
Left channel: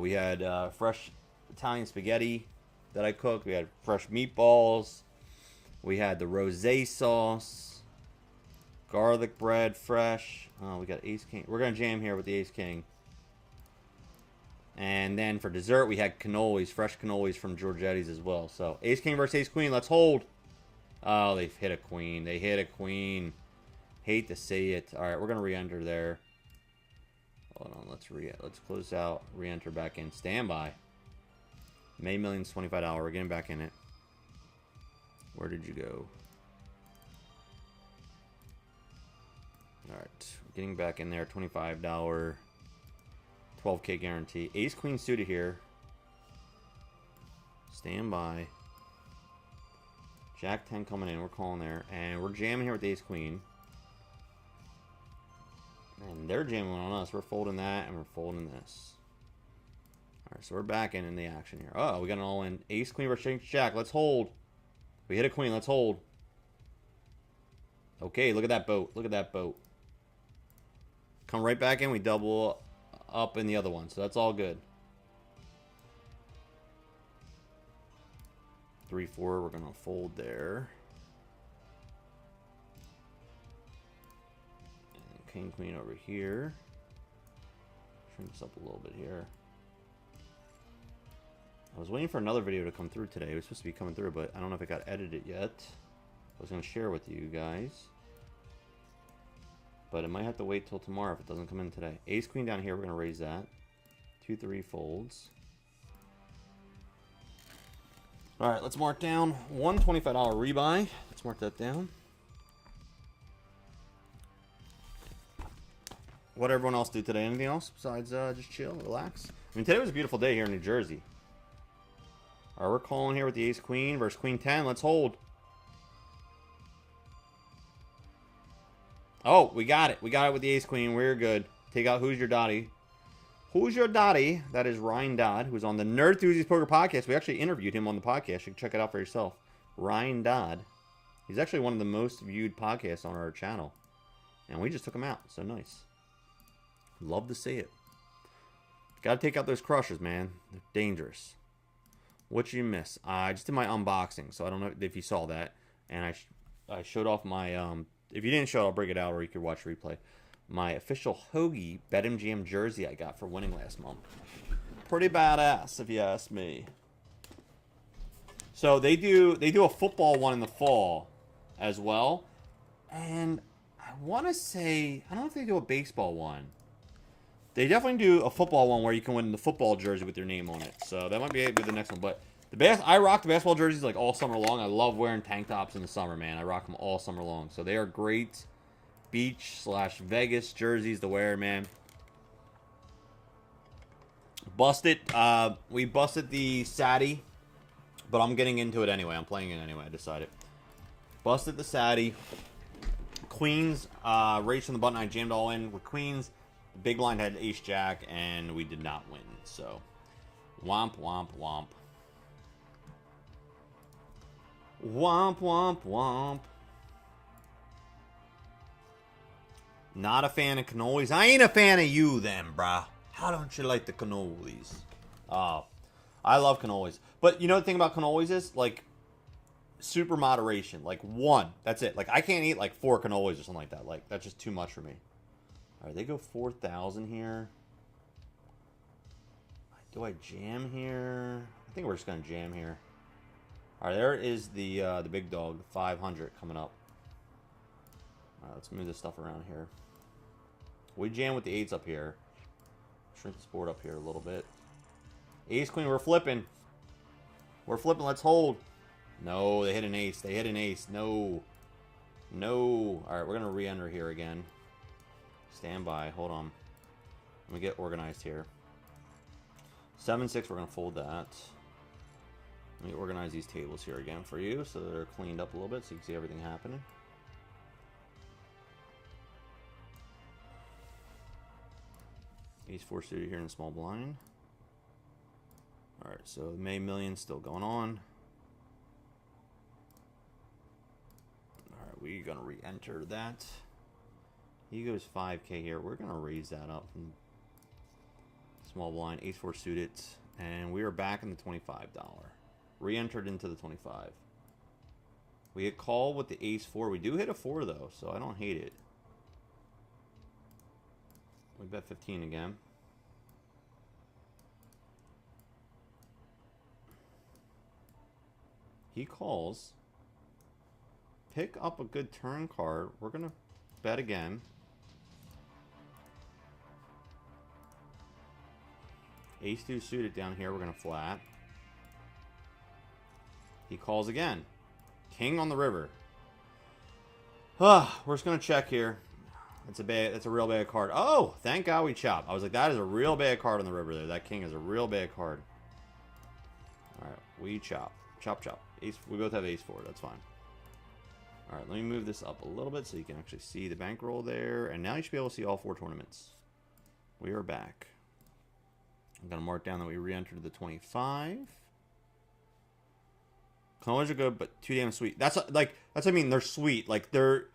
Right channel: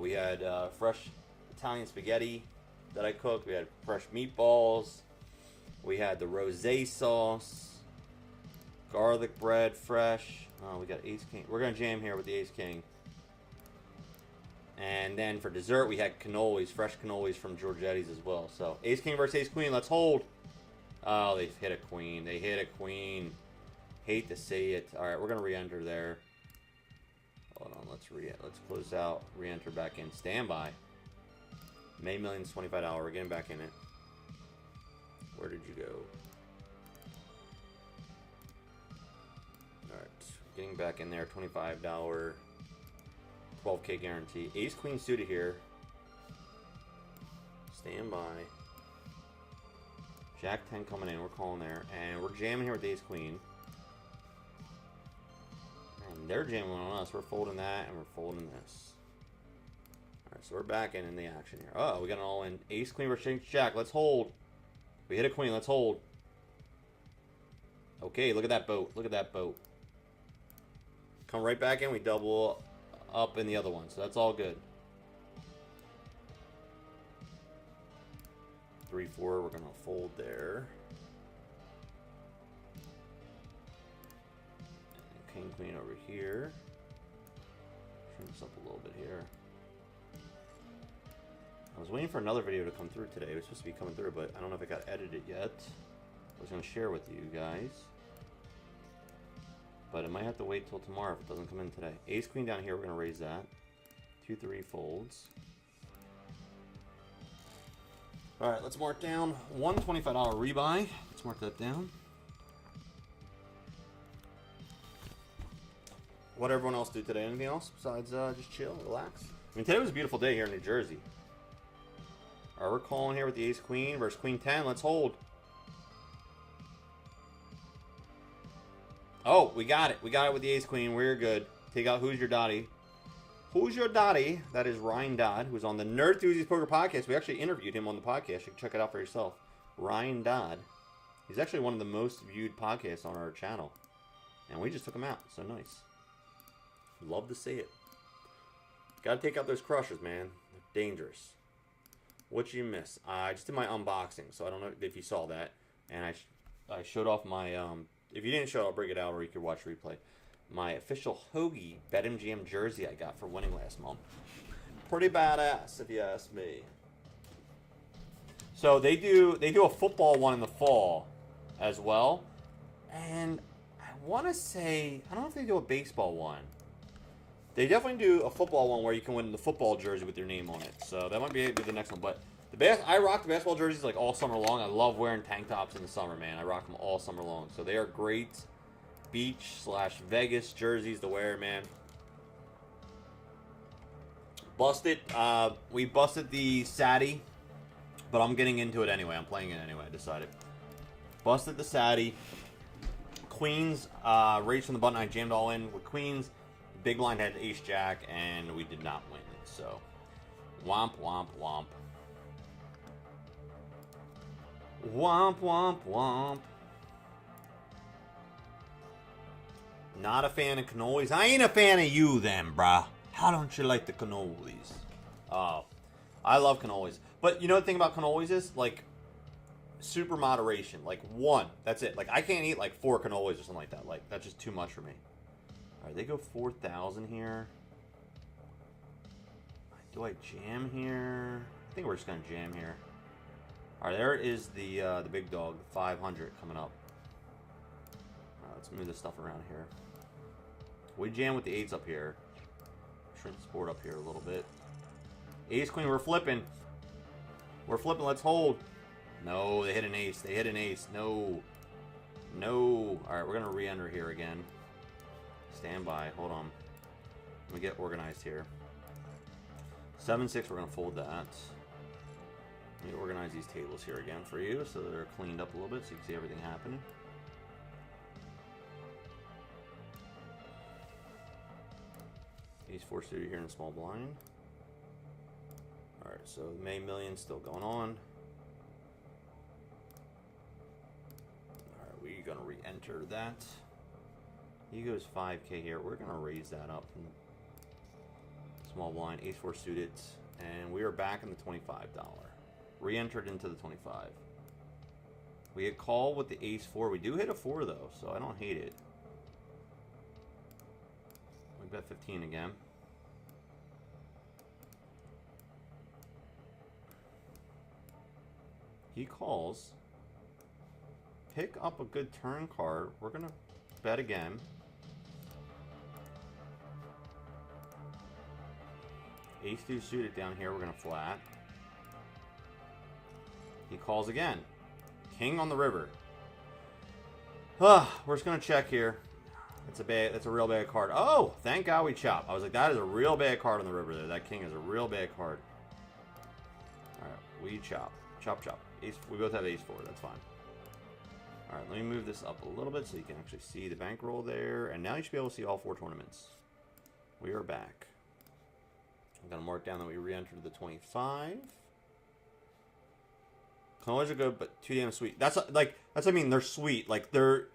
We had fresh Italian spaghetti that I cooked. We had fresh meatballs. We had the rosé sauce. Garlic bread, fresh. We got Ace King. We're going to jam here with the Ace King. And then for dessert, we had cannolis, fresh cannolis from Giorgetti's as well. So, Ace King versus Ace Queen, let's hold. Oh, they hit a queen. They hit a queen. Hate to say it. All right, we're going to re-enter there. Hold on, let's close out, re-enter back in. Standby. May Millions, $25. We're getting back in it. Where did you go? All right, getting back in there, $25. 12K guarantee. Ace Queen suited here. Stand by. Jack 10 coming in. We're calling there. And we're jamming here with Ace Queen. And they're jamming on us. We're folding that and we're folding this. Alright, so we're back in the action here. Oh, we got an all-in. Ace Queen versus Jack. Let's hold. We hit a queen. Let's hold. Okay, look at that boat. Look at that boat. Come right back in. We double up in the other one, so that's all good. 3-4, we're gonna fold there. king, queen over here. Trim this up a little bit here. I was waiting for another video to come through today. It was supposed to be coming through, but I don't know if it got edited yet. I was going to share with you guys. But it might have to wait till tomorrow if it doesn't come in today. Ace, queen down here. We're going to raise that. 2, 3 folds. Alright, let's mark down one $25 rebuy. Let's mark that down. What everyone else do today? Anything else besides just chill, relax? I mean, today was a beautiful day here in New Jersey. Alright, we're calling here with the ace queen versus queen 10. Let's hold. Oh, we got it. We got it with the ace queen. We're good. Take out Who's Your Dottie. Who's Your Dottie? That is Ryan Dodd, who's on the Nerd Enthusiast Poker Podcast. We actually interviewed him on the podcast. You can check it out for yourself. Ryan Dodd. He's actually one of the most viewed podcasts on our channel. And we just took him out. So nice. Love to see it. Gotta take out those crushers, man. They're dangerous. What you miss? I just did my unboxing, so I don't know if you saw that. And I showed off my... if you didn't show it, I'll break it out, or you could watch replay. My official Hoagie Betmgm jersey I got for winning last month. Pretty badass, if you ask me. So they do a football one in the fall as well. And I want to say, I don't know if they do a baseball one. They definitely do a football one where you can win the football jersey with your name on it. So that might be the next one. But I rock the basketball jerseys like all summer long. I love wearing tank tops in the summer, man. I rock them all summer long. So they are great beach/Vegas jerseys to wear, man. Busted. We busted the Sadie, but I'm getting into it anyway. I'm playing it anyway. I decided. Busted the Sadie. Queens, raised from the button. I jammed all in with queens. The big blind had ace jack, and we did not win. So, womp, womp, womp. Womp, womp, womp. Not a fan of cannolis. I ain't a fan of you then, brah. How don't you like the cannolis? I love cannolis. But you know the thing about cannolis is, like, super moderation. Like, one. That's it. Like, I can't eat, like, 4 cannolis or something like that. Like, that's just too much for me. Alright, they go 4,000 here. Do I jam here? I think we're just going to jam here. Alright, there is the big dog, 500 coming up. Alright, let's move this stuff around here. We jam with the 8s up here. Shrink this board up here a little bit. Ace, queen, we're flipping. We're flipping, let's hold. No, they hit an ace. They hit an ace. No. No. Alright, we're going to re-enter here again. Stand by. Hold on. Let me get organized here. 7-6, we're going to fold that. Let me organize these tables here again for you so that they're cleaned up a little bit so you can see everything happening. Ace 4 suited here in small blind. Alright, so the May Million still going on. Alright, we're going to re-enter that. He goes 5K here. We're going to raise that up from small blind. Ace 4 suited. And we are back in the $25. Re-entered into the 25. We hit call with the ace 4. We do hit a 4 though, so I don't hate it. We bet 15 again. He calls. Pick up a good turn card. We're gonna bet again. Ace 2 suited down here. We're gonna flat. He calls again. King on the river. We're just gonna check here. That's a real bad card. Oh, thank God we chopped. I was like, that is a real bad card on the river there. That king is a real bad card. Alright, we chop. Chop, chop. Ace, we both have ace 4. That's fine. Alright, let me move this up a little bit so you can actually see the bankroll there. And now you should be able to see all 4 tournaments. We are back. I'm going to mark down that we re-entered the 25. Cannolis are good, but too damn sweet. That's what I mean. They're sweet. Like, they're,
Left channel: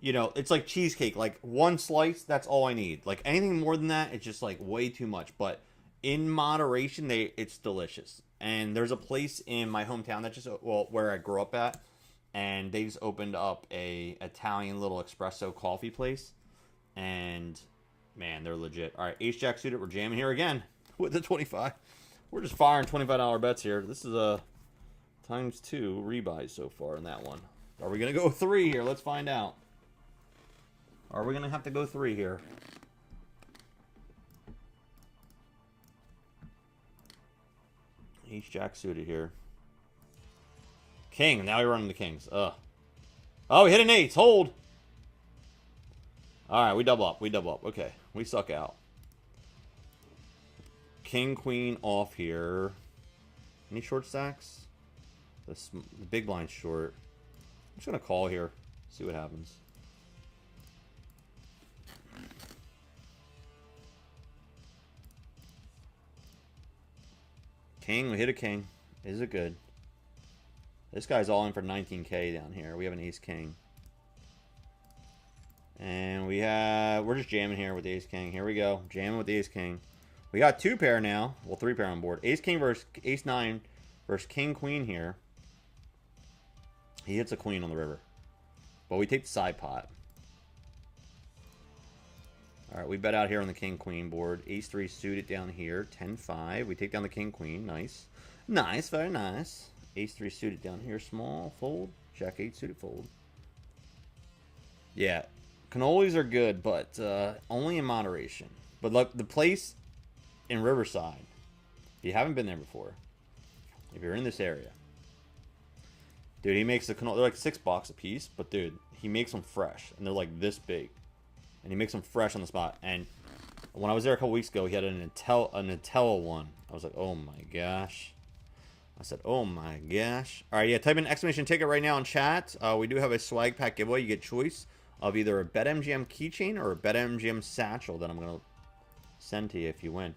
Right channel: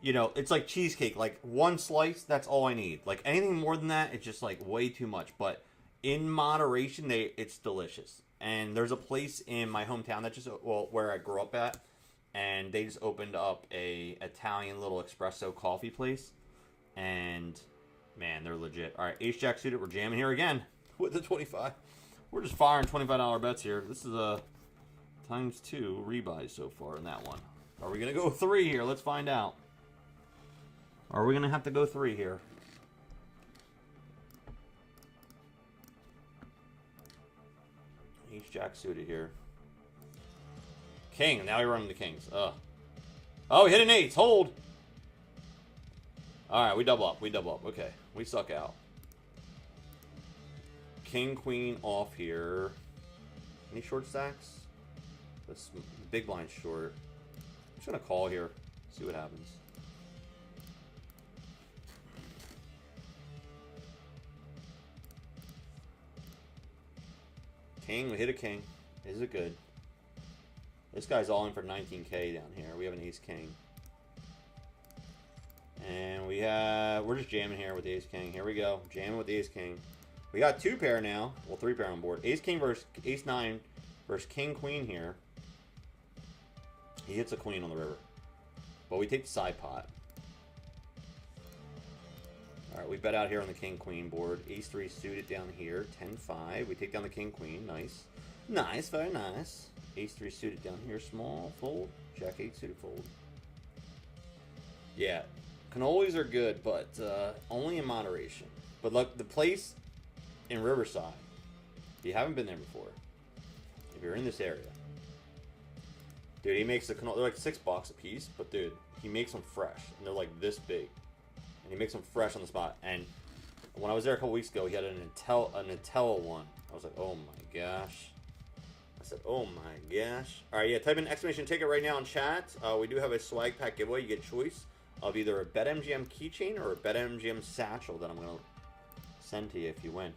you know, it's like cheesecake. Like, one slice, that's all I need. Like, anything more than that, it's just, like, way too much. But in moderation, it's delicious. And there's a place in my hometown that just, well, where I grew up at, and they just opened up a Italian little espresso coffee place. And, man, they're legit. All right, ace jack suited. We're jamming here again with the 25. We're just firing $25 bets here. This is a ×2 rebuys so far in that one. Are we going to go 3 here? Let's find out. Are we going to have to go 3 here? Ace jack suited here. King. Now we're running the kings. Ugh. Oh, we hit an ace. Hold. All right, we double up. We double up. Okay, we suck out. King, queen off here. Any short stacks? The big blind short. I'm just going to call here. See what happens. King, we hit a king. Is it good? This guy's all in for 19K down here. We have an ace king. And we're just jamming here with the ace king. Here we go. Jamming with the ace king. We got 2 pair now. Well, 3 pair on board. Ace king versus ace 9 versus king queen here. He hits a queen on the river. But we take the side pot. Alright, we bet out here on the king-queen board. Ace-3 suited down here. 10-5. We take down the king-queen. Nice. Nice. Very nice. Ace-3 suited down here. Small. Fold. Jack-8 suited. Fold. Yeah. Cannolis are good, but only in moderation. But look, the place in Riverside, if you haven't been there before, if you're in this area, dude, he makes the cannoli. They're like $6 a piece, but dude, he makes them fresh, and they're like this big. And he makes them fresh on the spot. And when I was there a couple weeks ago, he had a Nutella one. I was like, oh my gosh. I said, oh my gosh. All right, yeah, type in exclamation ticket right now in chat. We do have a swag pack giveaway. You get choice of either a Betmgm keychain or a Betmgm satchel that I'm going to send to you if you win.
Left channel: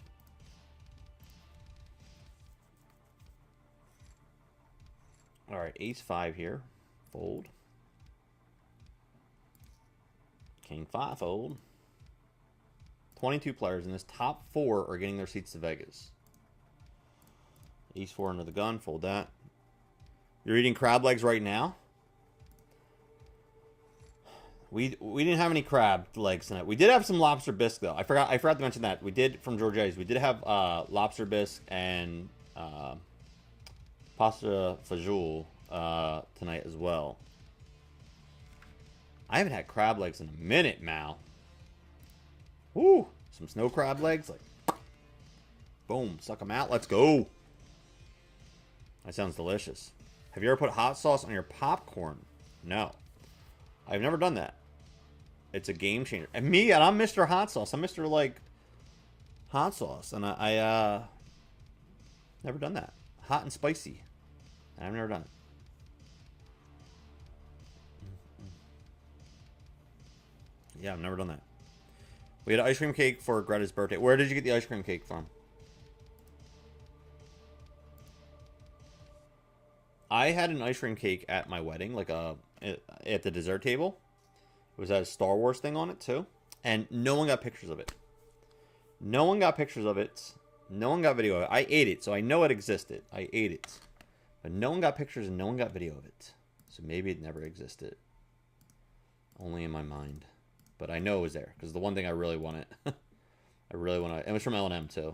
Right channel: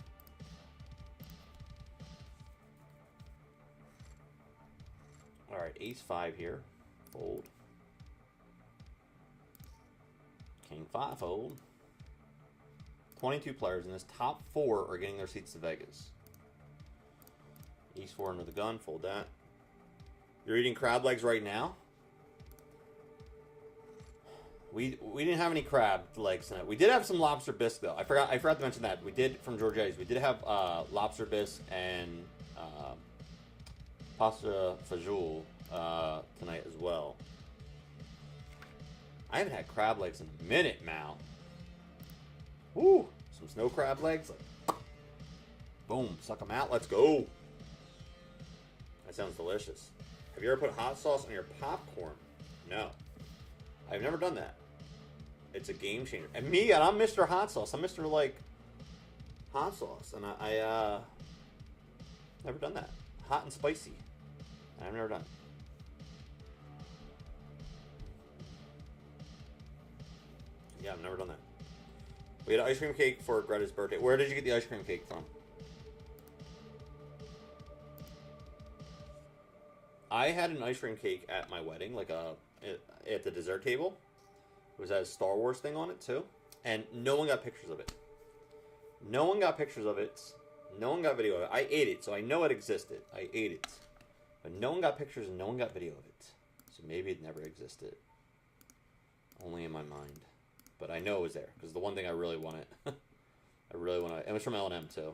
All right, ace-5 here. Fold. King-5 fold. 22 players in this. Top 4 are getting their seats to Vegas. Ace-4 under the gun. Fold that. You're eating crab legs right now? We didn't have any crab legs tonight. We did have some lobster bisque though. I forgot to mention that. We did from Georgetti's. We did have lobster bisque and pasta fajoule tonight as well. I haven't had crab legs in a minute, Mal. Woo! Some snow crab legs. Like, boom. Suck them out. Let's go. That sounds delicious. Have you ever put hot sauce on your popcorn? No. I've never done that. It's a game changer. And I'm Mr. Hot Sauce. I'm Mr. like hot sauce. And I never done that. Hot and spicy. I've never done it. Yeah, I've never done that. We had ice cream cake for Greta's birthday. Where did you get the ice cream cake from? I had an ice cream cake at my wedding, like at the dessert table. It was at a Star Wars thing on it too, and no one got pictures of it. No one got pictures of it. No one got video of it. I ate it, so I know it existed. I ate it, but no one got pictures and no one got video of it. So maybe it never existed. Only in my mind. But I know it was there, because the one thing I really wanted. I really want to. It was from L&M, too.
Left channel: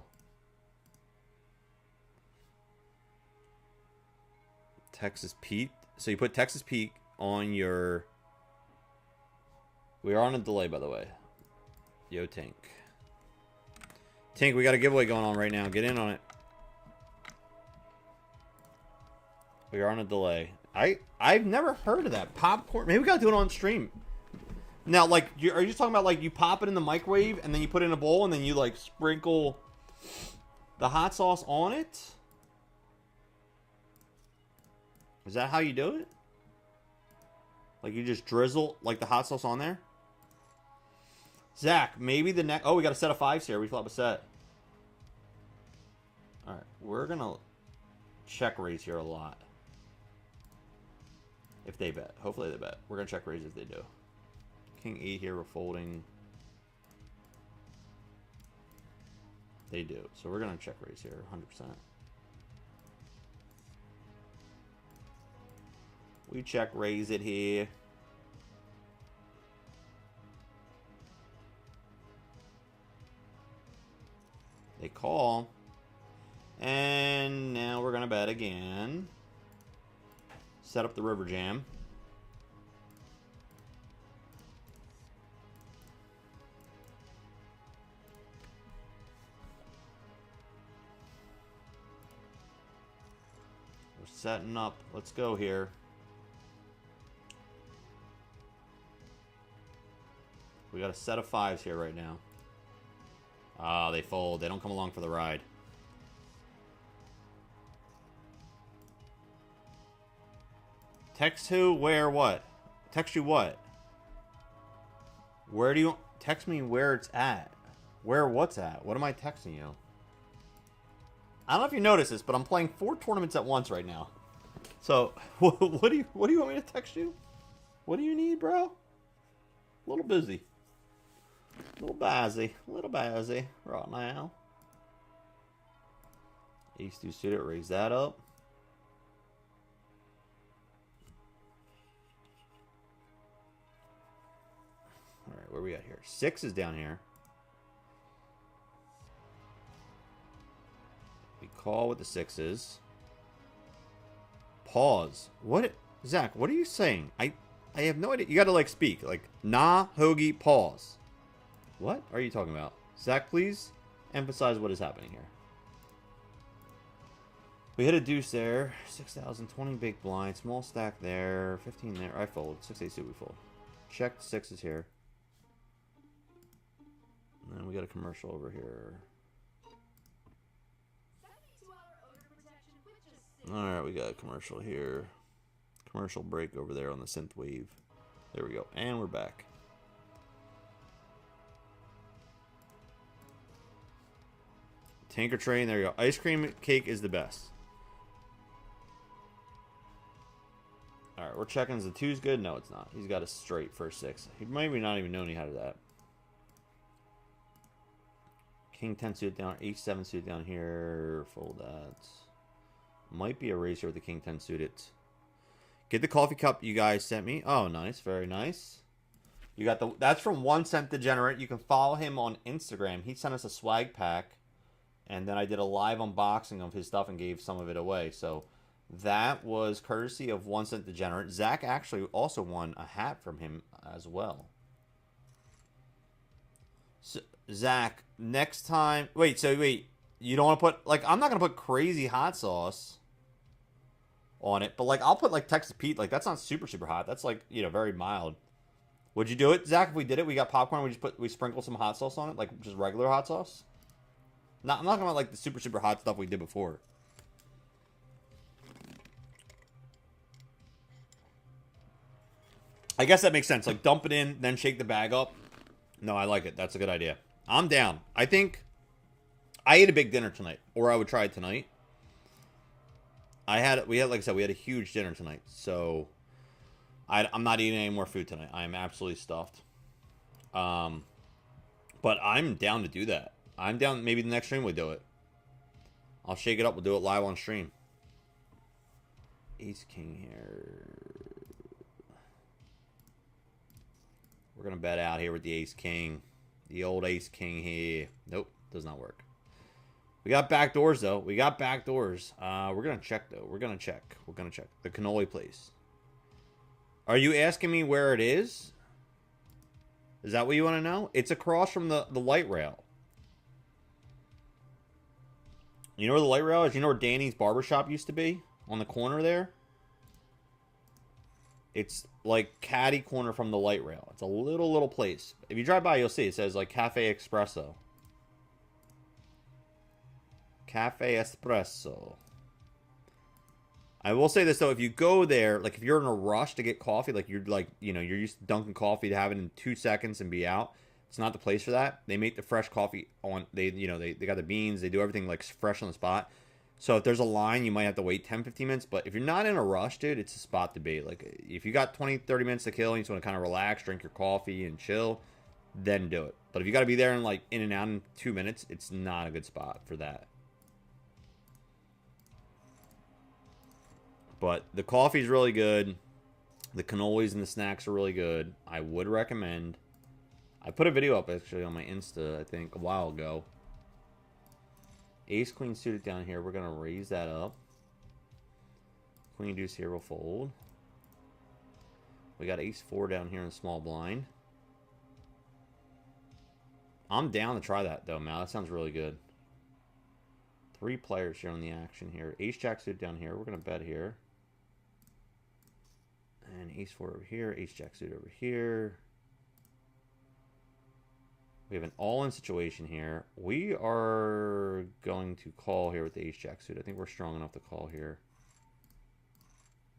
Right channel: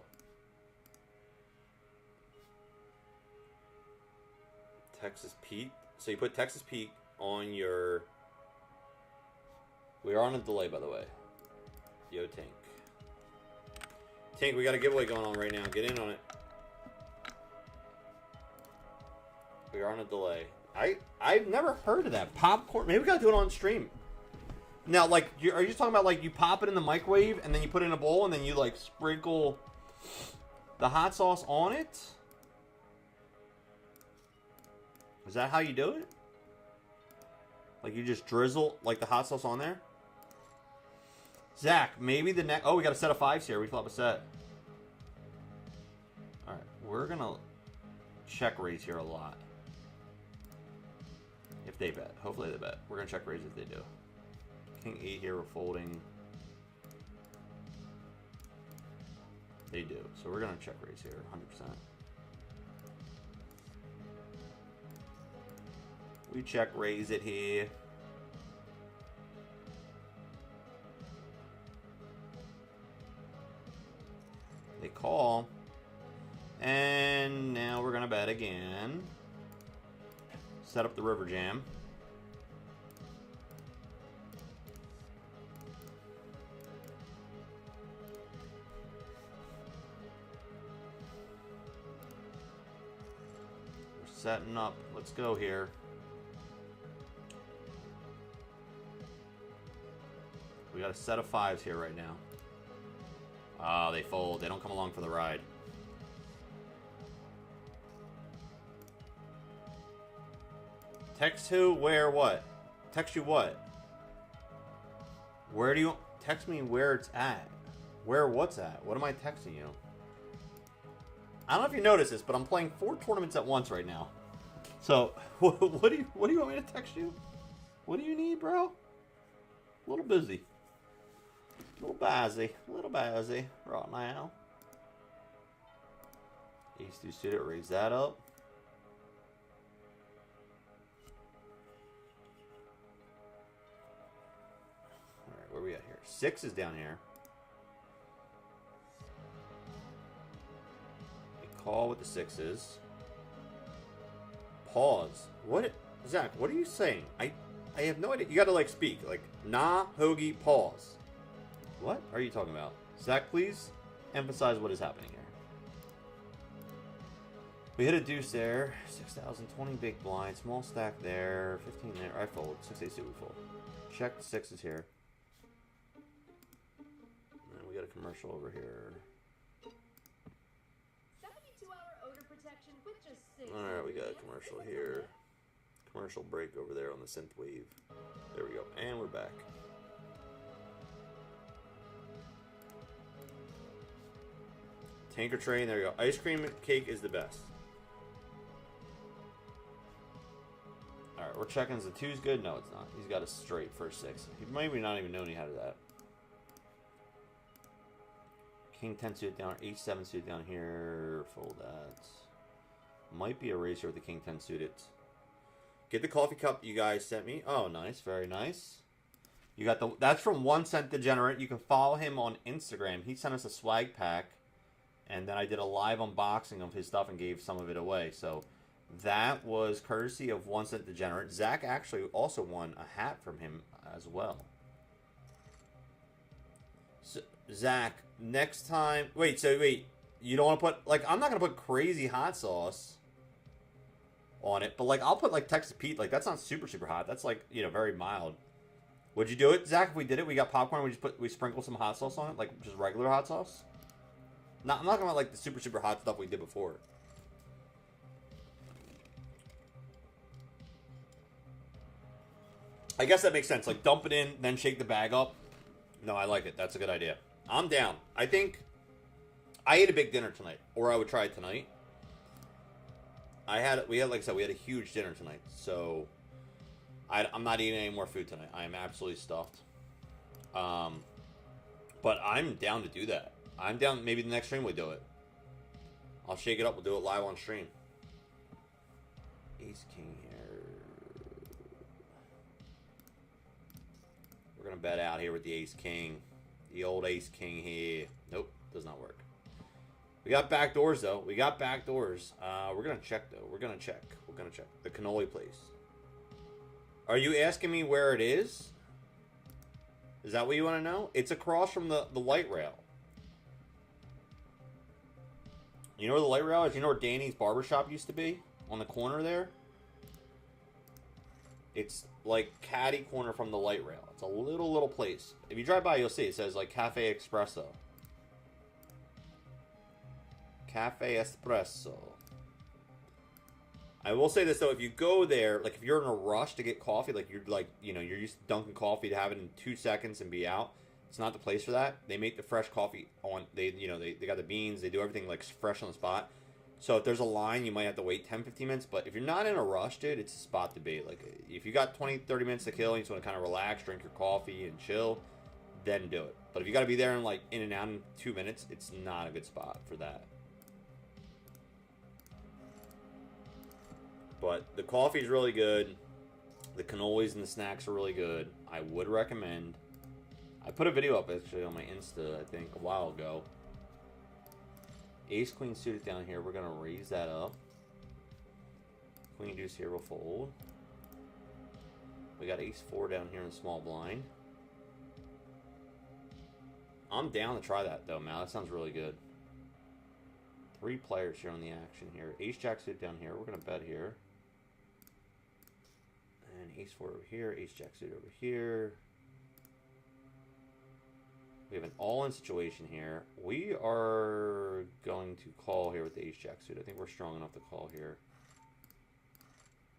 Texas Pete. So you put Texas Pete on your... We are on a delay, by the way. Yo, Tank. Tank, we got a giveaway going on right now. Get in on it. We are on a delay. I've never heard of that. Popcorn. Maybe we got to do it on stream. Now, like, are you just talking about, like, you pop it in the microwave, and then you put it in a bowl, and then you, like, sprinkle the hot sauce on it? Is that how you do it? Like, you just drizzle, like, the hot sauce on there? Zach, maybe the next... Oh, we got a set of 5s here. We flop a set. Alright, we're gonna check raise here a lot. If they bet. Hopefully they bet. We're gonna check raise if they do. King 8 here, we're folding. They do. So we're going to check raise here, 100%. We check raise it here. They call. And now we're going to bet again. Set up the river jam. We're setting up. Let's go here. We got a set of 5s here right now. Ah, they fold. They don't come along for the ride. Text who, where, what? Text you what? Where do you... Text me where it's at. Where what's at? What am I texting you? I don't know if you noticed this, but I'm playing 4 tournaments at once right now. So, what do you want me to text you? What do you need, bro? A little busy. A little busy. Right now. Ace-2 suited, raise that up. Alright, where are we at here? 6 is down here. We call with the 6s. Pause. What? Zach, what are you saying? I have no idea. You gotta, like, speak. Like, nah, Hoagie, pause. What are you talking about? Zach, please emphasize what is happening here. We hit a deuce there. 6,000, 20 big blind. Small stack there. 15 there. I fold. 6-8 suit, we fold. Check the 6s here. And then we got a commercial over here. Alright, we got a commercial here. Commercial break over there on the synth wave. There we go. And we're back. Tanker train, there you go. Ice cream cake is the best. Alright, we're checking. Is the 2's good? No, it's not. He's got a straight first 6. He might be not even known he had that. King 10 suit down, H7 suit down here. Fold that. Might be a race here with the King 10 suited. Get the coffee cup you guys sent me. Oh, nice. Very nice. You got the... That's from 1 Cent Degenerate. You can follow him on Instagram. He sent us a swag pack. And then I did a live unboxing of his stuff and gave some of it away. So that was courtesy of 1 Cent Degenerate. Zach actually also won a hat from him as well. So, Zach, next time... Wait. You don't want to put... Like, I'm not going to put crazy hot sauce on it. But, like, I'll put, like, Texas Pete. Like, that's not super, super hot. That's, like, you know, very mild. Would you do it, Zach, if we did it? We got popcorn. We sprinkle some hot sauce on it? Like, just regular hot sauce? I'm not talking about, like, the super, super hot stuff we did before. I guess that makes sense. Like, dump it in, then shake the bag up. No, I like it. That's a good idea. I'm down. I think I ate a big dinner tonight, or I would try it tonight. Like I said, we had a huge dinner tonight, so I'm not eating any more food tonight. I am absolutely stuffed. But I'm down to do that. I'm down. Maybe the next stream we do it. I'll shake it up. We'll do it live on stream. Ace King here. We're gonna bet out here with the Ace King. The old Ace King here. Nope, does not work. We got back doors though. We got back doors. We're gonna check though. We're gonna check. The cannoli place. Are you asking me where it is? Is that what you want to know? It's across from the light rail. You know where the light rail is? You know where Danny's barbershop used to be? On the corner there? It's like catty corner from the light rail. It's a little place. If you drive by, you'll see. It says like Cafe Espresso. Cafe Espresso. I will say this though, if you go there, like if you're in a rush to get coffee, like you're used to dunking coffee to have it in 2 seconds and be out. It's not the place for that. They make the fresh coffee on, they got the beans, they do everything like fresh on the spot. So if there's a line, you might have to wait 10-15 minutes, but if you're not in a rush, dude, it's a spot to be. Like if you got 20-30 minutes to kill and you just want to kind of relax, drink your coffee and chill, then do it. But if you got to be there in like in and out in 2 minutes, it's not a good spot for that. But the coffee's really good. The cannolis and the snacks are really good. I would recommend. I put a video up actually on my Insta, I think, a while ago. Ace queen suited down here. We're gonna raise that up. Queen deuce here will fold. We got ace 4 down here in the small blind. I'm down to try that though, Mal. That sounds really good. 3 players here on the action here. Ace jack suited down here. We're gonna bet here. And ace 4 over here. Ace jack suited over here. We have an all-in situation here. We are going to call here with the ace jack suited. I think we're strong enough to call here.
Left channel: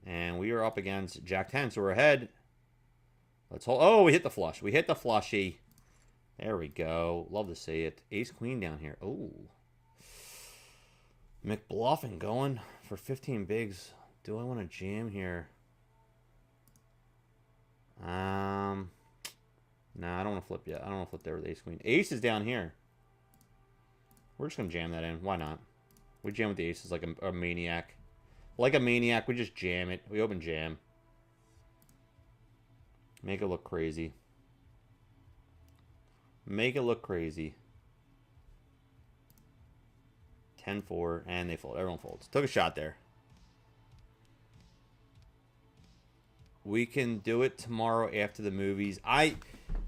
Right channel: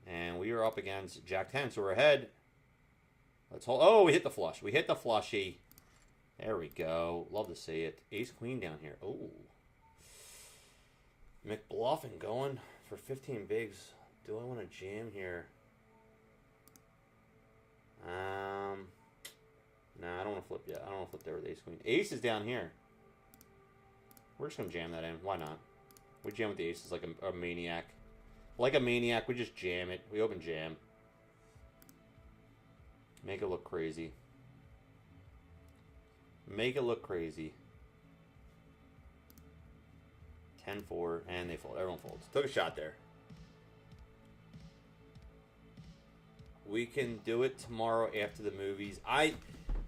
And we are up against jack 10, so we're ahead. Let's hold. Oh, we hit the flush. We hit the flushy. There we go. Love to see it. Ace queen down here. Oh. McBluffing going for 15 bigs. Do I want to jam here? No, I don't want to flip yet. I don't want to flip there with ace queen. Ace is down here. We're just going to jam that in. Why not? We jam with the aces like a maniac. Like a maniac, we just jam it. We open jam. Make it look crazy. Make it look crazy. 10-4, and they fold. Everyone folds. Took a shot there. We can do it tomorrow after the movies. I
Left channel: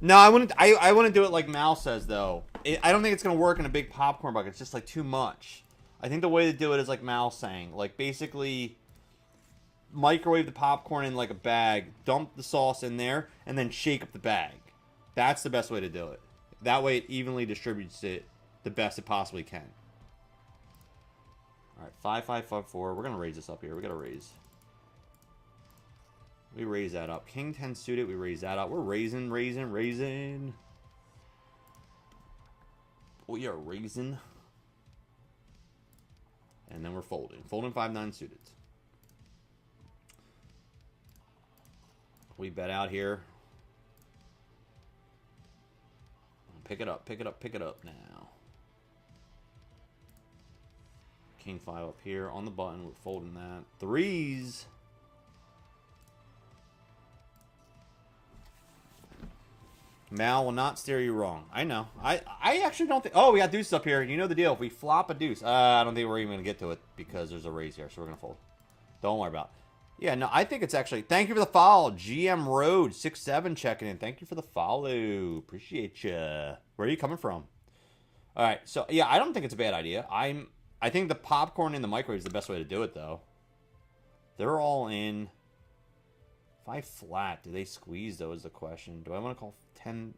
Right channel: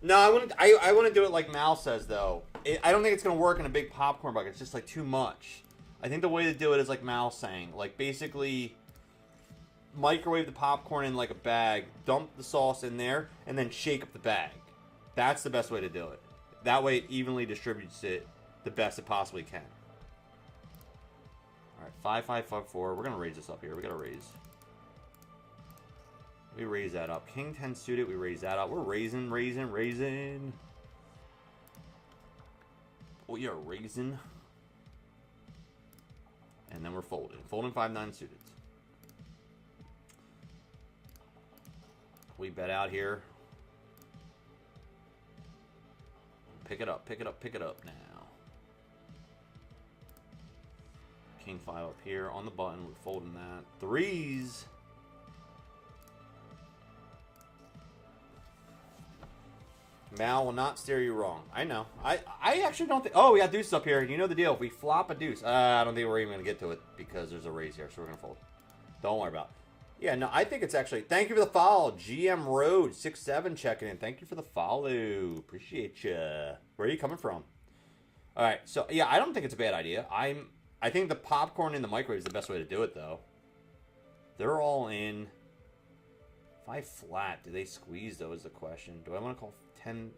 wouldn't. I wouldn't do it like Mal says though. I don't think it's gonna work in a big popcorn bucket. It's just like too much. I think the way to do it is like Mal's saying. Like basically microwave the popcorn in like a bag, dump the sauce in there, and then shake up the bag. That's the best way to do it. That way it evenly distributes it the best it possibly can. Alright, 5-5-5-4. We're gonna raise this up here. We gotta raise. We raise that up. King 10 suited, we raise that up. We're raising. We are raising. And then we're folding. Folding 5-9 suited. We bet out here. Pick it up now. King 5 up here on the button. We're folding that. Threes. Mal will not steer you wrong. I know. I actually don't think... Oh, we got deuces up here. You know the deal. If we flop a deuce... I don't think we're even going to get to it because there's a raise here. So we're going to fold. Don't worry about it. Yeah, no, I think it's actually... Thank you for the follow. GM Road 67 checking in. Thank you for the follow. Appreciate you. Where are you coming from? All right. So, yeah, I don't think it's a bad idea. I think the popcorn in the microwave is the best way to do it, though. They're all in. 5 flat. Do they squeeze, though, is the question. Do I want to call 10,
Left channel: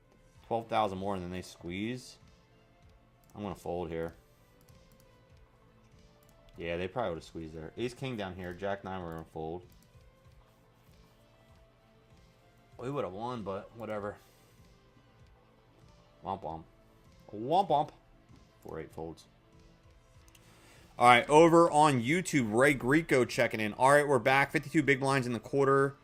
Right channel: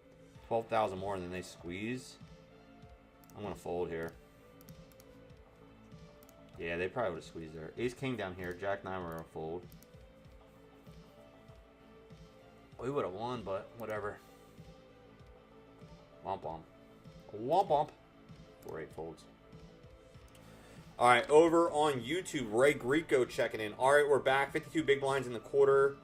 12,000 more and then they squeeze? I'm going to fold here. Yeah, they probably would have squeezed there. Ace king down here. Jack 9, we're going to fold. We would have won, but whatever. Womp womp. Womp womp. 4-8 folds. All right, over on YouTube, Ray Greco checking in. All right, we're back. 52 big blinds in the quarter.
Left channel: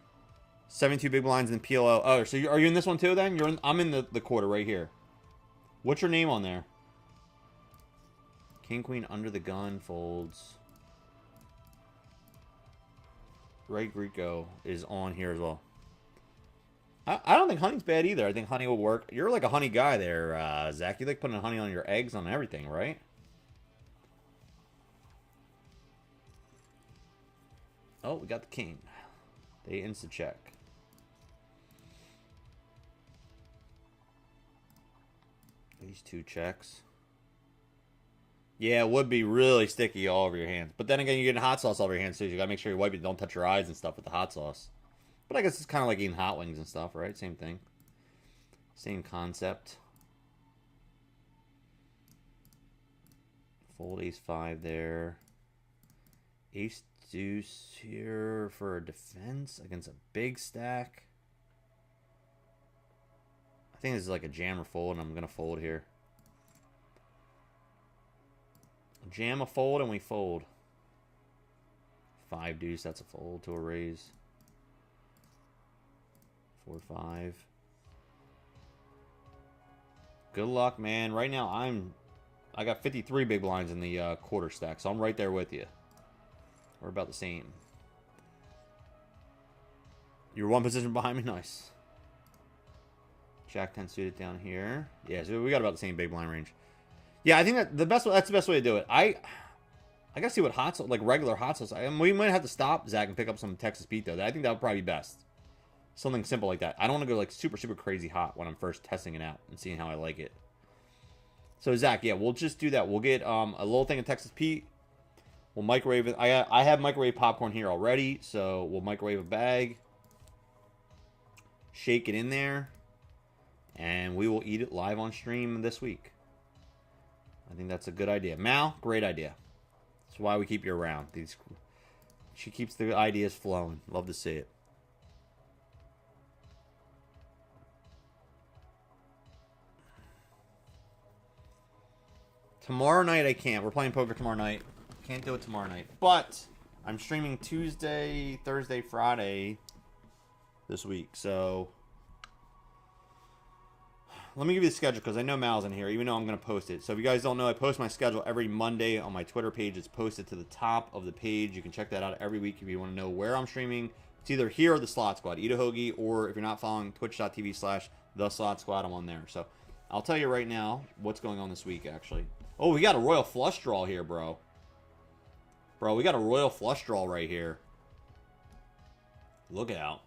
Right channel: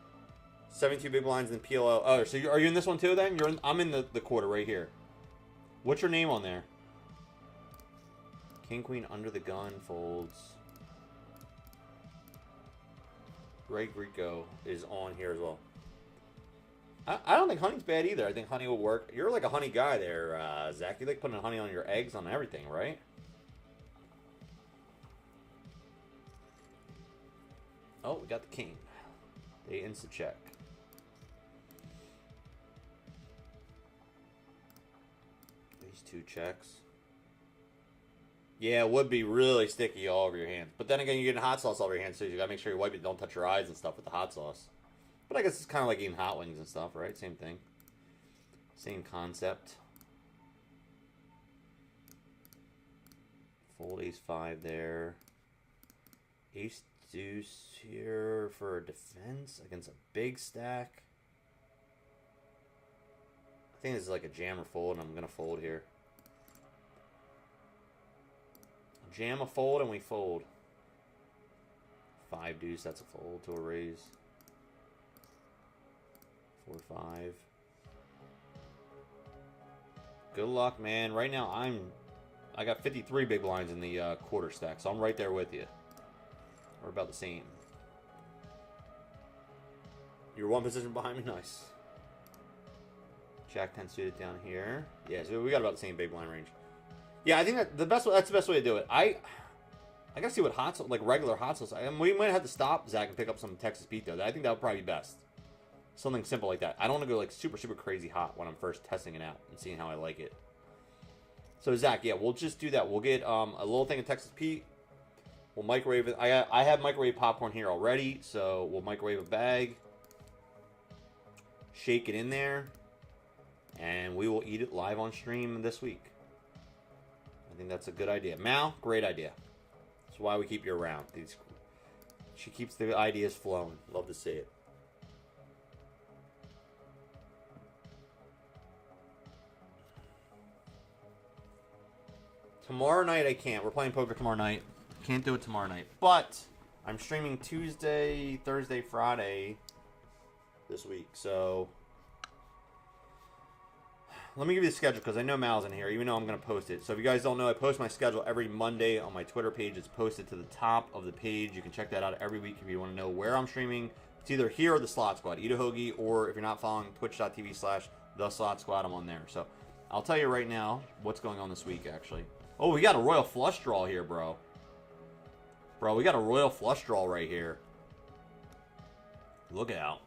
72 big blinds in PLO. Oh, so are you in this one too then? I'm in the quarter right here. What's your name on there? King, queen, under the gun, folds. Ray Greco is on here as well. I don't think honey's bad either. I think honey will work. You're like a honey guy there, Zach. You like putting honey on your eggs on everything, right? Oh, we got the king. They insta check. These 2 checks. Yeah, it would be really sticky all over your hands. But then again, you're getting hot sauce all over your hands too. You gotta make sure you wipe it. Don't touch your eyes and stuff with the hot sauce. But I guess it's kind of like eating hot wings and stuff, right? Same thing. Same concept. Fold ace 5 there. Ace deuce here for a defense against a big stack. I think this is like a jam or fold, and I'm going to fold here. Jam a fold, and we fold. 5 deuce, that's a fold to a raise. 4-5. Good luck, man. Right now, I got 53 big blinds in the quarter stack, so I'm right there with you. We're about the same. You're 1 position behind me? Nice. Jack 10 suited down here. Yeah, so we got about the same big blind range. Yeah, I think that's the best way to do it. I gotta see what hot sauce, like regular hot sauce. We might have to stop, Zach, and pick up some Texas Pete though. I think that would probably be best. Something simple like that. I don't want to go like super crazy hot when I'm first testing it out and seeing how I like it. So Zach, yeah, we'll just do that. We'll get a little thing of Texas Pete. We'll microwave it. I have microwave popcorn here already, so we'll microwave a bag. Shake it in there, and we will eat it live on stream this week. I think that's a good idea. Mal, great idea. That's why we keep you around. She keeps the ideas flowing. Love to see it. Tomorrow night I can't. We're playing poker tomorrow night. Can't do it tomorrow night. But I'm streaming Tuesday, Thursday, Friday this week. So let me give you the schedule because I know Mal's in here, even though I'm going to post it. So if you guys don't know, I post my schedule every Monday on my Twitter page. It's posted to the top of the page. You can check that out every week if you want to know where I'm streaming. It's either here or the Slot Squad. Eat a Hoagie, or if you're not following, twitch.tv/The Slot Squad, I'm on there. So I'll tell you right now what's going on this week, actually. Oh, we got a royal flush draw here, bro. Bro, we got a royal flush draw right here. Look out.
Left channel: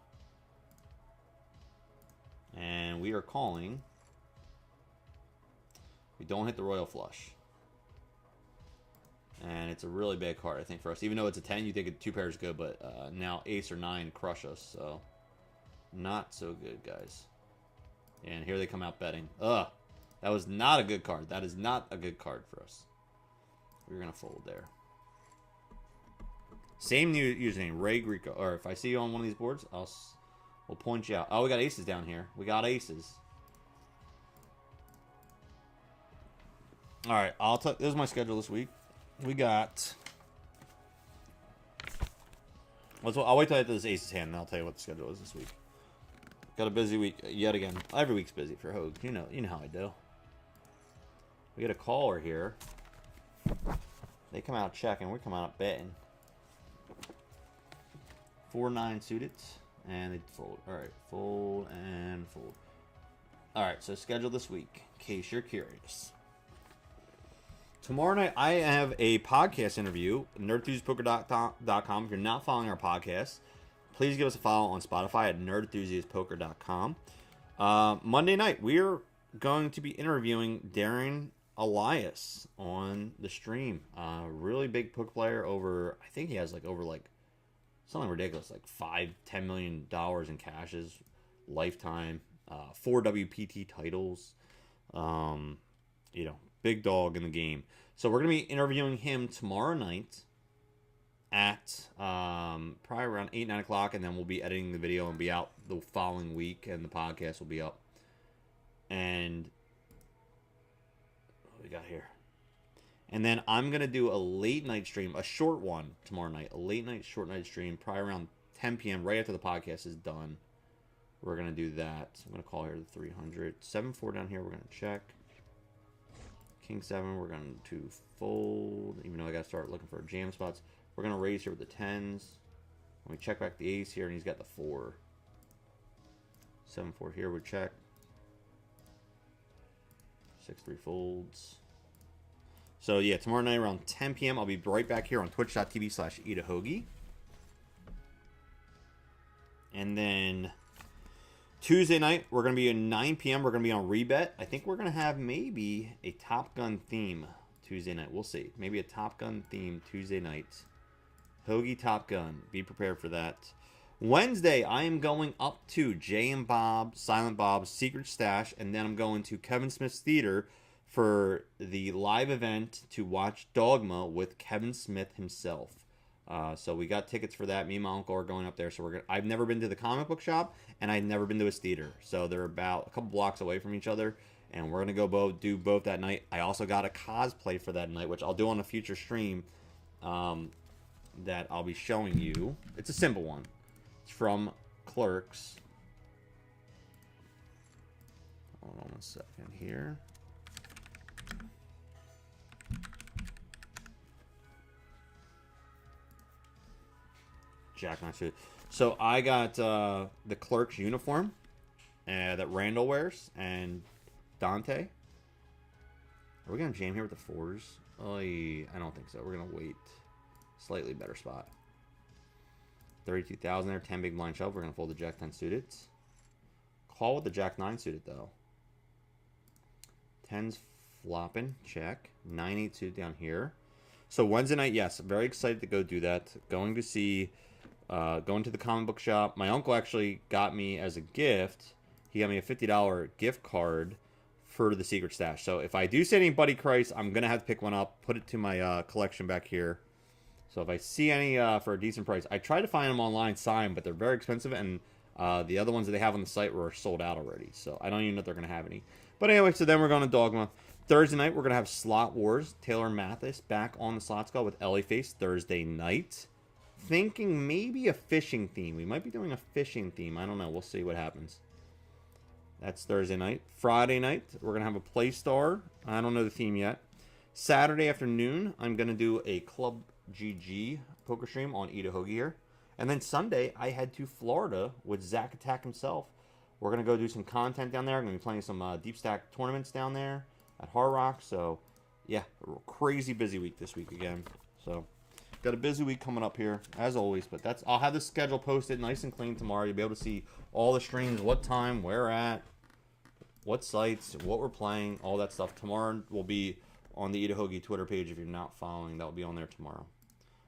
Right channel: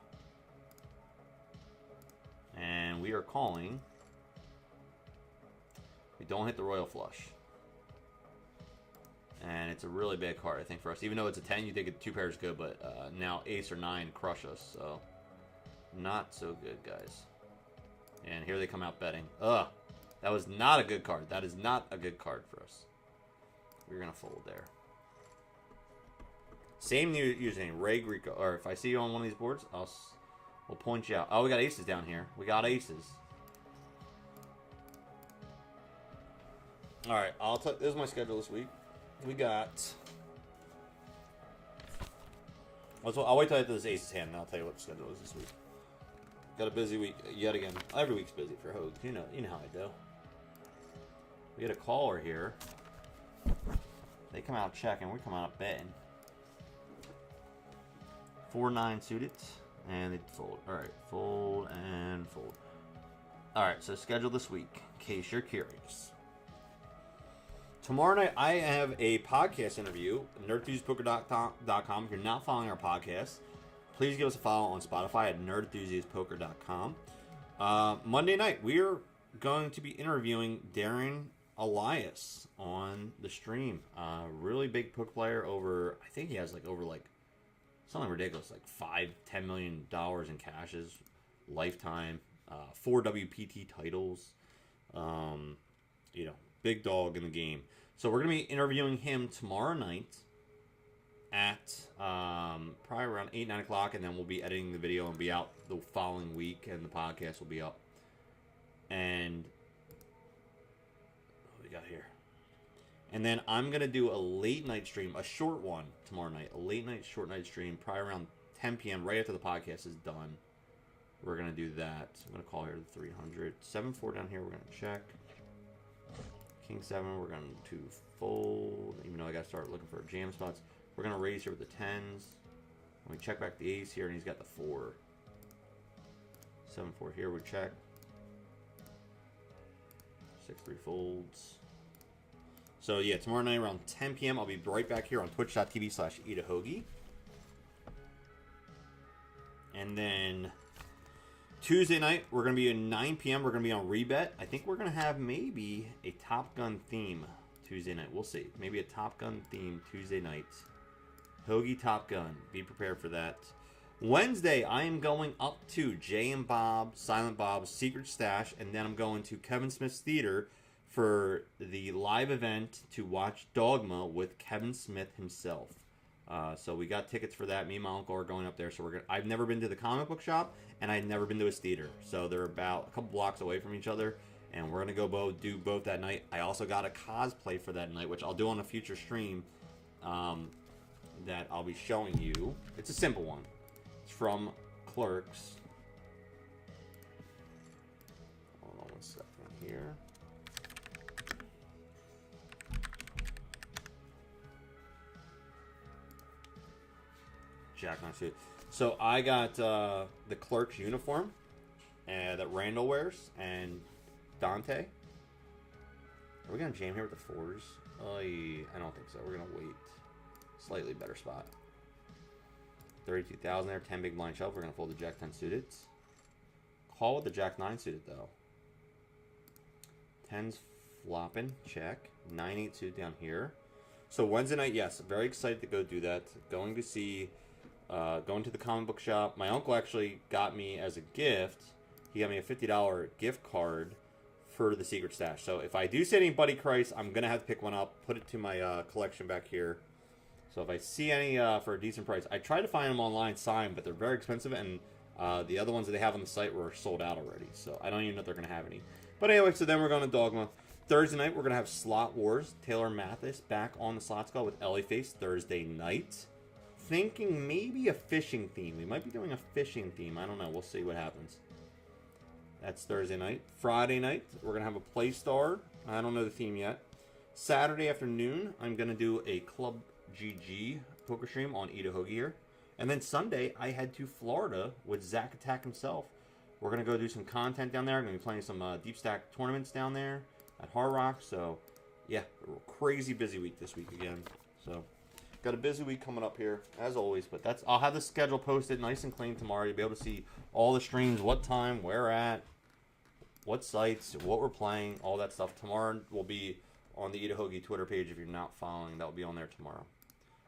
And we are calling. We don't hit the royal flush. And it's a really bad card, I think, for us. Even though it's a 10, you think a 2 pair is good, but now ace or 9 crush us, so not so good, guys. And here they come out betting. Ugh. That was not a good card. That is not a good card for us. We're going to fold there. Same new username, Ray Greco. Or if I see you on one of these boards, we'll point you out. Oh, we got aces down here. We got aces. All right, this is my schedule this week. We got. I'll wait till I get to this aces hand, and I'll tell you what the schedule is this week. Got a busy week yet again. Every week's busy for Hogue. You know how I do. We get a caller here. They come out checking. We come out betting. 4-9 suited, and they fold. All right, fold and fold. All right, so schedule this week, in case you're curious. Tomorrow night, I have a podcast interview, nerdenthusiastpoker.com. If you're not following our podcast, please give us a follow on Spotify at nerdenthusiastpoker.com. Monday night, we're going to be interviewing Darren Elias on the stream. Really big poker player over, I think he has something ridiculous, like $5-10 million in cashes, lifetime, 4 WPT titles, big dog in the game. So we're going to be interviewing him tomorrow night at probably around 8-9 o'clock, and then we'll be editing the video and be out the following week, and the podcast will be up. And what we got here? And then I'm going to do a late night stream, a short one tomorrow night, a late night, short night stream, probably around 10 p.m. right after the podcast is done. We're going to do that. So I'm going to call here the 300. 7-4 down here, we're going to check. King 7, we're going to fold, even though I got to start looking for jam spots. We're going to raise here with the 10s. We check back the ace here, and he's got the 4. 7-4 here, we check. 6-3 folds. So, yeah, tomorrow night around 10 p.m., I'll be right back here on twitch.tv/eatahoagie. And then Tuesday night, we're going to be at 9 p.m. We're going to be on Rebet. I think we're going to have maybe a Top Gun theme Tuesday night. We'll see. Maybe a Top Gun theme Tuesday night. Hoagie Top Gun. Be prepared for that. Wednesday, I am going up to Jay and Bob, Silent Bob's Secret Stash, and then I'm going to Kevin Smith's Theater for the live event to watch Dogma with Kevin Smith himself. So we got tickets for that. Me and my uncle are going up there. So I've never been to the comic book shop, and I've never been to his theater. So they're about a couple blocks away from each other, and we're gonna go do both that night. I also got a cosplay for that night, which I'll do on a future stream. That I'll be showing you. It's a simple one. It's from Clerks. Hold on 1 second here. Jack suit. So I got the Clerks uniform that Randall wears and Dante. Are we going to jam here with the 4s? I don't think so. We're going to wait. Slightly better spot. 32,000 there. 10 big blind shove. We're going to fold the Jack 10 suited. Call with the Jack 9 suited, though. 10's flopping. Check. 9-8 suited down here. So Wednesday night, yes. Very excited to go do that. Going to see... going to the comic book shop. My uncle actually got me as a gift. He got me a $50 gift card for the Secret Stash. So if I do see any Buddy Christ, I'm going to have to pick one up, put it to my collection back here. So if I see any for a decent price, I try to find them online signed, but they're very expensive, and the other ones that they have on the site were sold out already. So I don't even know if they're going to have any. But anyway, so then we're going to Dogma. Thursday night, we're going to have Slot Wars. Taylor Mathis back on the slot squad with Ellie Face Thursday night. Thinking maybe a fishing theme. We might be doing a fishing theme. I don't know. We'll see what happens. That's Thursday night. Friday night, we're going to have a Play Star. I don't know the theme yet. Saturday afternoon, I'm going to do a Club GG poker stream on Eat a Hoagie here. And then Sunday, I head to Florida with Zach Attack himself. We're going to go do some content down there. I'm going to be playing some Deep Stack tournaments down there at Hard Rock. So, yeah, crazy busy week this week again. So... got a busy week coming up here, as always, but I'll have the schedule posted nice and clean tomorrow. You'll be able to see all the streams, what time, where at, what sites, what we're playing, all that stuff. Tomorrow will be on the Eat a Hoagie Twitter page if you're not following. That'll be on there tomorrow.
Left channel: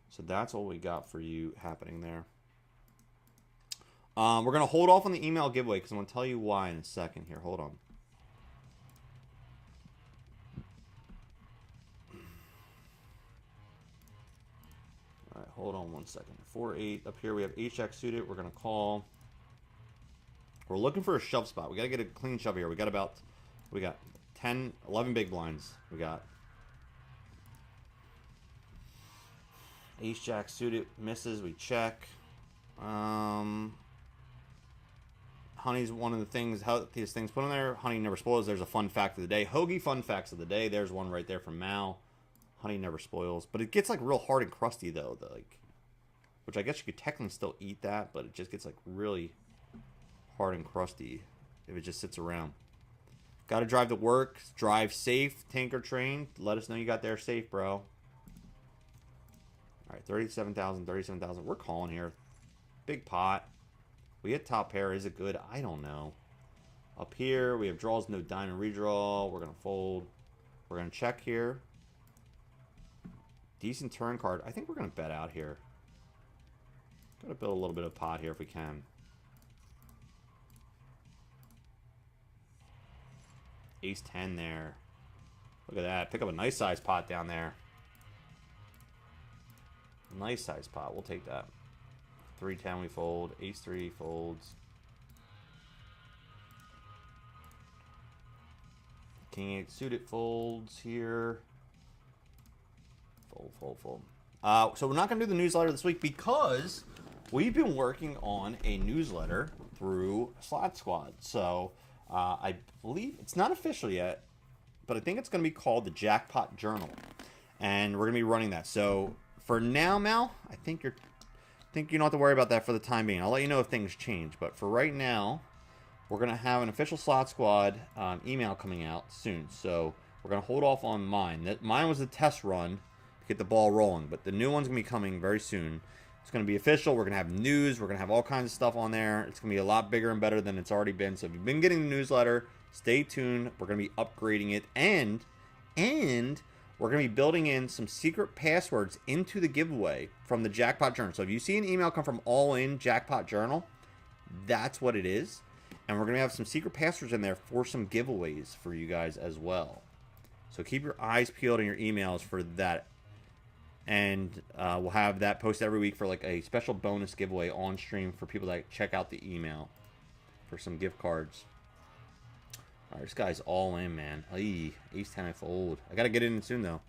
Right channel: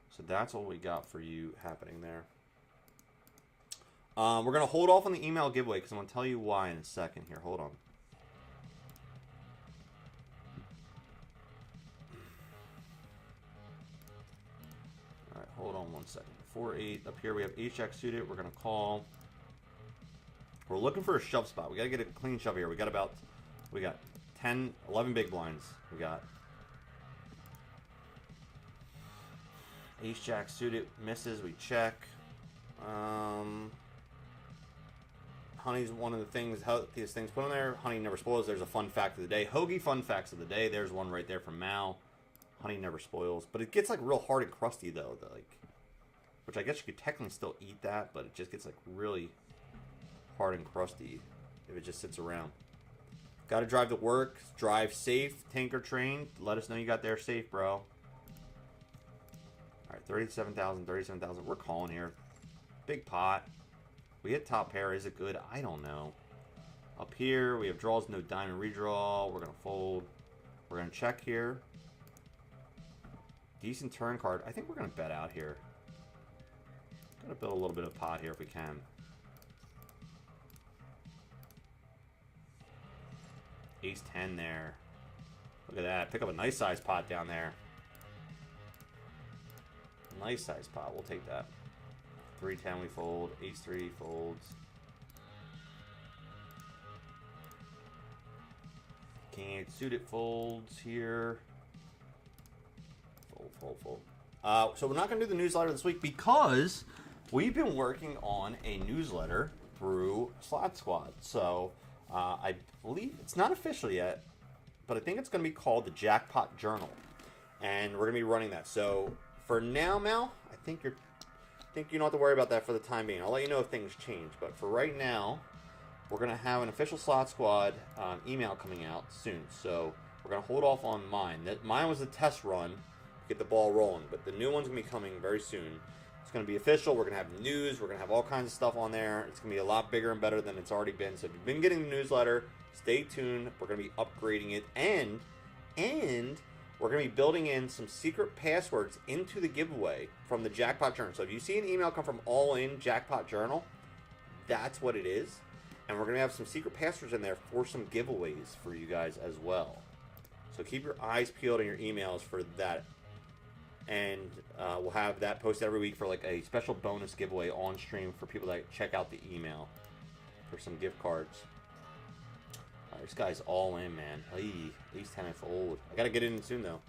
So that's all we got for you happening there. We're going to hold off on the email giveaway because I'm going to tell you why in a second here. Hold on. Hold on 1 second. 4-8. Up here we have H-Jack suited. We're going to call. We're looking for a shove spot. We got to get a clean shove here. We got 10, 11 big blinds. We got Ace-Jack suited. Misses. We check. Honey's one of the things, healthiest things put in there. Honey never spoils. There's a fun fact of the day. Hoagie fun facts of the day. There's one right there from Mal. Honey never spoils, but it gets like real hard and crusty though, which I guess you could technically still eat that, but it just gets like really hard and crusty if it just sits around. Got to drive to work, drive safe, tanker train. Let us know you got there safe, bro. All right, 37,000, 37,000. We're calling here. Big pot. We hit top pair. Is it good? I don't know. Up here, we have draws, no diamond redraw. We're going to fold. We're going to check here. Decent turn card. I think we're going to bet out here. Going to build a little bit of pot here if we can. Ace 10 there. Look at that. Pick up a nice size pot down there. Nice size pot. We'll take that. 3-10 we fold. Ace 3 folds. King 8 suited folds here. Fold. So we're not going to do the newsletter this week because we've been working on a newsletter through Slot Squad. So I believe it's not official yet, but I think it's going to be called the Jackpot Journal, and we're going to be running that. So for now, Mal, I think you don't have to worry about that for the time being. I'll let you know if things change, but for right now, we're going to have an official Slot Squad email coming out soon. So we're going to hold off on mine. Mine was a test run. Get the ball rolling, but the new one's gonna be coming very soon. It's gonna be official. We're gonna have news. We're gonna have all kinds of stuff on there. It's gonna be a lot bigger and better than it's already been. So if you've been getting the newsletter, stay tuned. We're gonna be upgrading it, and we're gonna be building in some secret passwords into the giveaway from the Jackpot Journal. So if you see an email come from All In Jackpot Journal, that's what it is, and we're gonna have some secret passwords in there for some giveaways for you guys as well. So keep your eyes peeled in your emails for that. And we'll have that posted every week for like a special bonus giveaway on stream for people that check out the email for some gift cards. All right, this guy's all in, man. Ay, Ace 10 I fold. I gotta get in soon though.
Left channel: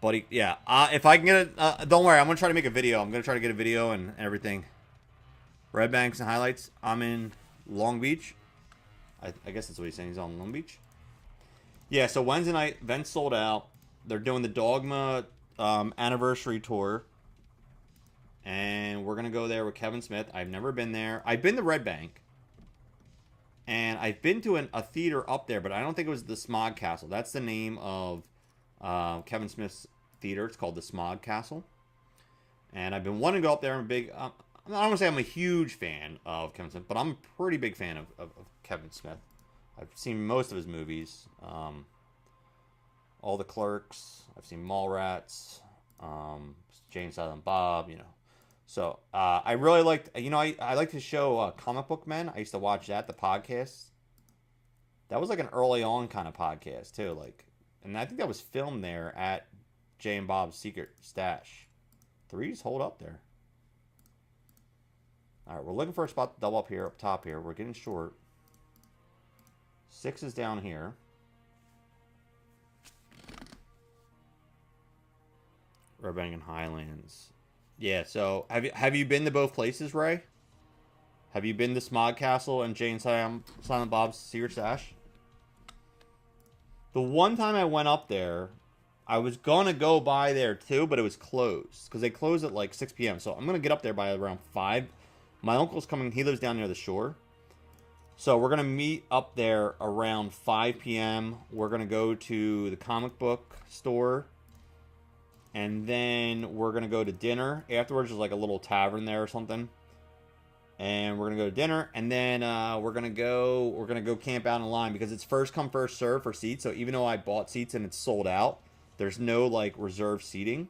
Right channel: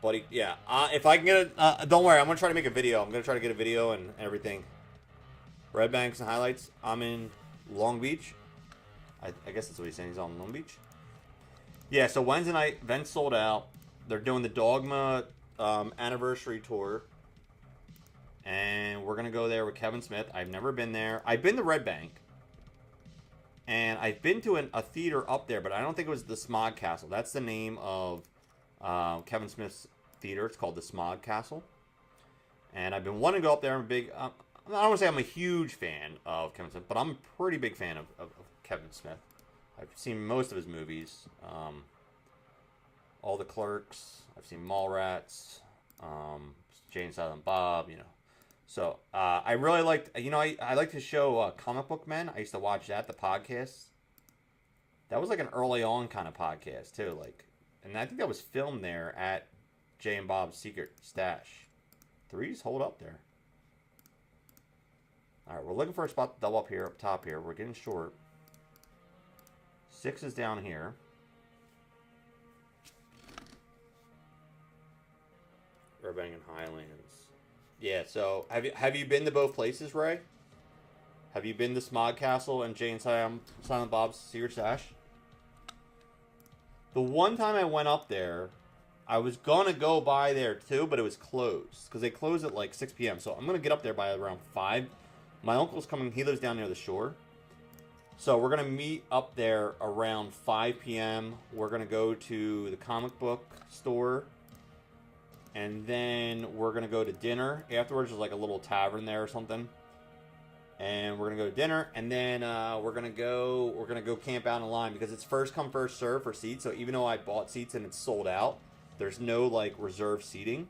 Buddy, yeah. If I can get it, don't worry. I'm gonna try to make a video. I'm gonna try to get a video and everything. Red Banks and highlights. I'm in Long Beach. I guess that's what he's saying. He's on Long Beach. Yeah. So Wednesday night, event sold out. They're doing the Dogma anniversary tour. And we're going to go there with Kevin Smith. I've never been there. I've been to Red Bank. And I've been to a theater up there, but I don't think it was the Smog Castle. That's the name of Kevin Smith's theater. It's called the Smog Castle. And I've been wanting to go up there. I'm a big... I don't want to say I'm a huge fan of Kevin Smith, but I'm a pretty big fan of Kevin Smith. I've seen most of his movies. All the Clerks. I've seen Mallrats. Jay and Silent Bob, you know. So, I really liked, you know, I like the show Comic Book Men. I used to watch that, the podcast. That was like an early on kind of podcast, too. Like, and I think that was filmed there at Jay and Bob's Secret Stash. 3s hold up there. All right, we're looking for a spot to double up here, up top here. We're getting short. 6 is down here. Burbank and Highlands. Yeah, so have you been to both places, Ray? Have you been to Smog Castle and Jay and Silent Bob's Secret Stash? The one time I went up there, I was gonna go by there too, but it was closed because they close at like 6 p.m. So I'm gonna get up there by around 5. My uncle's coming. He lives down near the shore, so we're gonna meet up there around 5 p.m. We're gonna go to the comic book store. And then we're going to go to dinner. Afterwards, there's like a little tavern there or something. And we're going to go to dinner. And then we're going to go camp out in line. Because it's first come, first serve for seats. So even though I bought seats and it's sold out, there's no like reserved seating.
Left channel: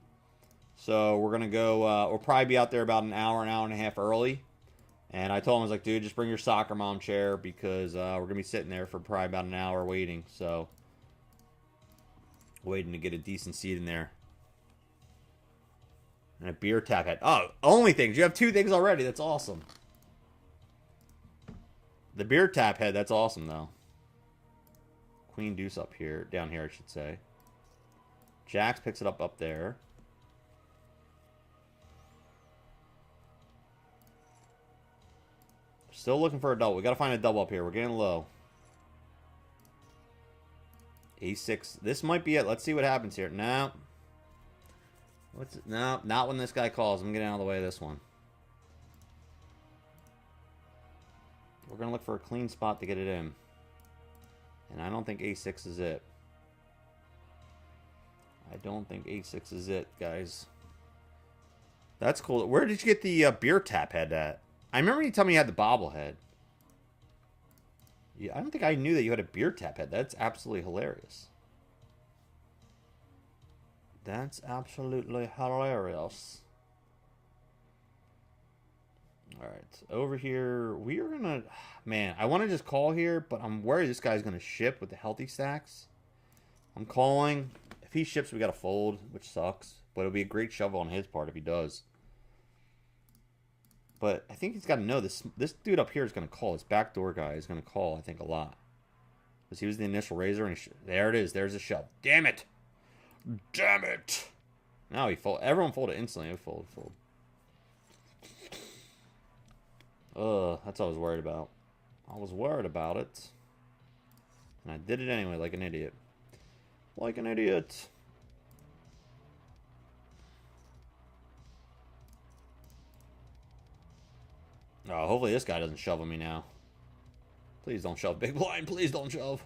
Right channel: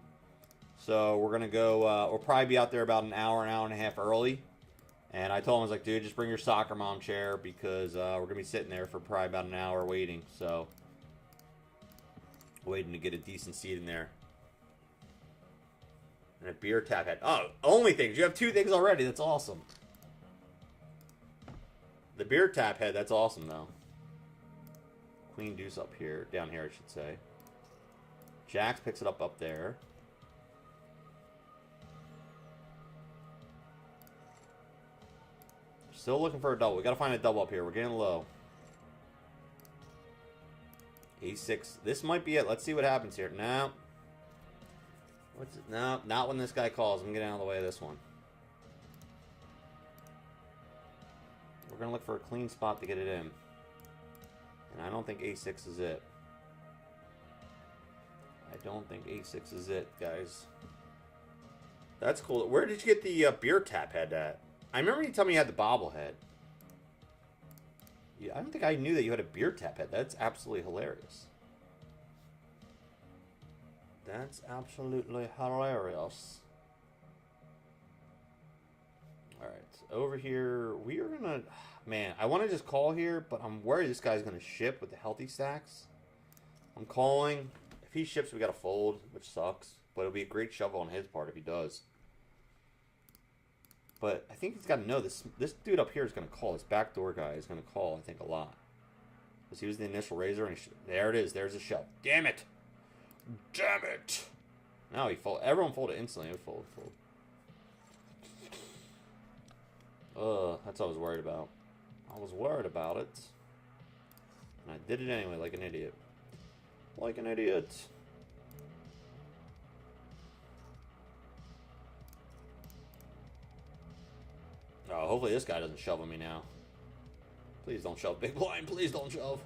So we're going to go, we'll probably be out there about an hour and a half early. And I told him, I was like, dude, just bring your soccer mom chair. Because we're going to be sitting there for probably about an hour waiting. So, waiting to get a decent seat in there. And a beer tap head. Oh, only things. You have 2 things already. That's awesome. The beer tap head. That's awesome, though. Queen deuce up here. Down here, I should say. Jacks picks it up there. Still looking for a double. We got to find a double up here. We're getting low. A6. This might be it. Let's see what happens here. No. What's it? No, not when this guy calls. I'm getting out of the way of this one. We're going to look for a clean spot to get it in. And I don't think A6 is it. I don't think A6 is it, guys. That's cool. Where did you get the beer tap head at? I remember you telling me you had the bobblehead. Yeah, I don't think I knew that you had a beer tap head. That's absolutely hilarious. That's absolutely hilarious. Alright, over here, we are gonna... Man, I want to just call here, but I'm worried this guy's gonna ship with the healthy stacks. I'm calling. If he ships, we gotta fold, which sucks. But it'll be a great shovel on his part if he does. But I think he's got to know this dude up here is going to call. This backdoor guy is going to call, I think, a lot. Because he was the initial raiser. And there it is. There's a shove. Damn it. Damn it. Now he fold. Everyone folded instantly. Fold. That's what I was worried about. I was worried about it. And I did it anyway like an idiot. Like an idiot. Oh, hopefully this guy doesn't shove on me now. Please don't shove. Big blind, please don't shove.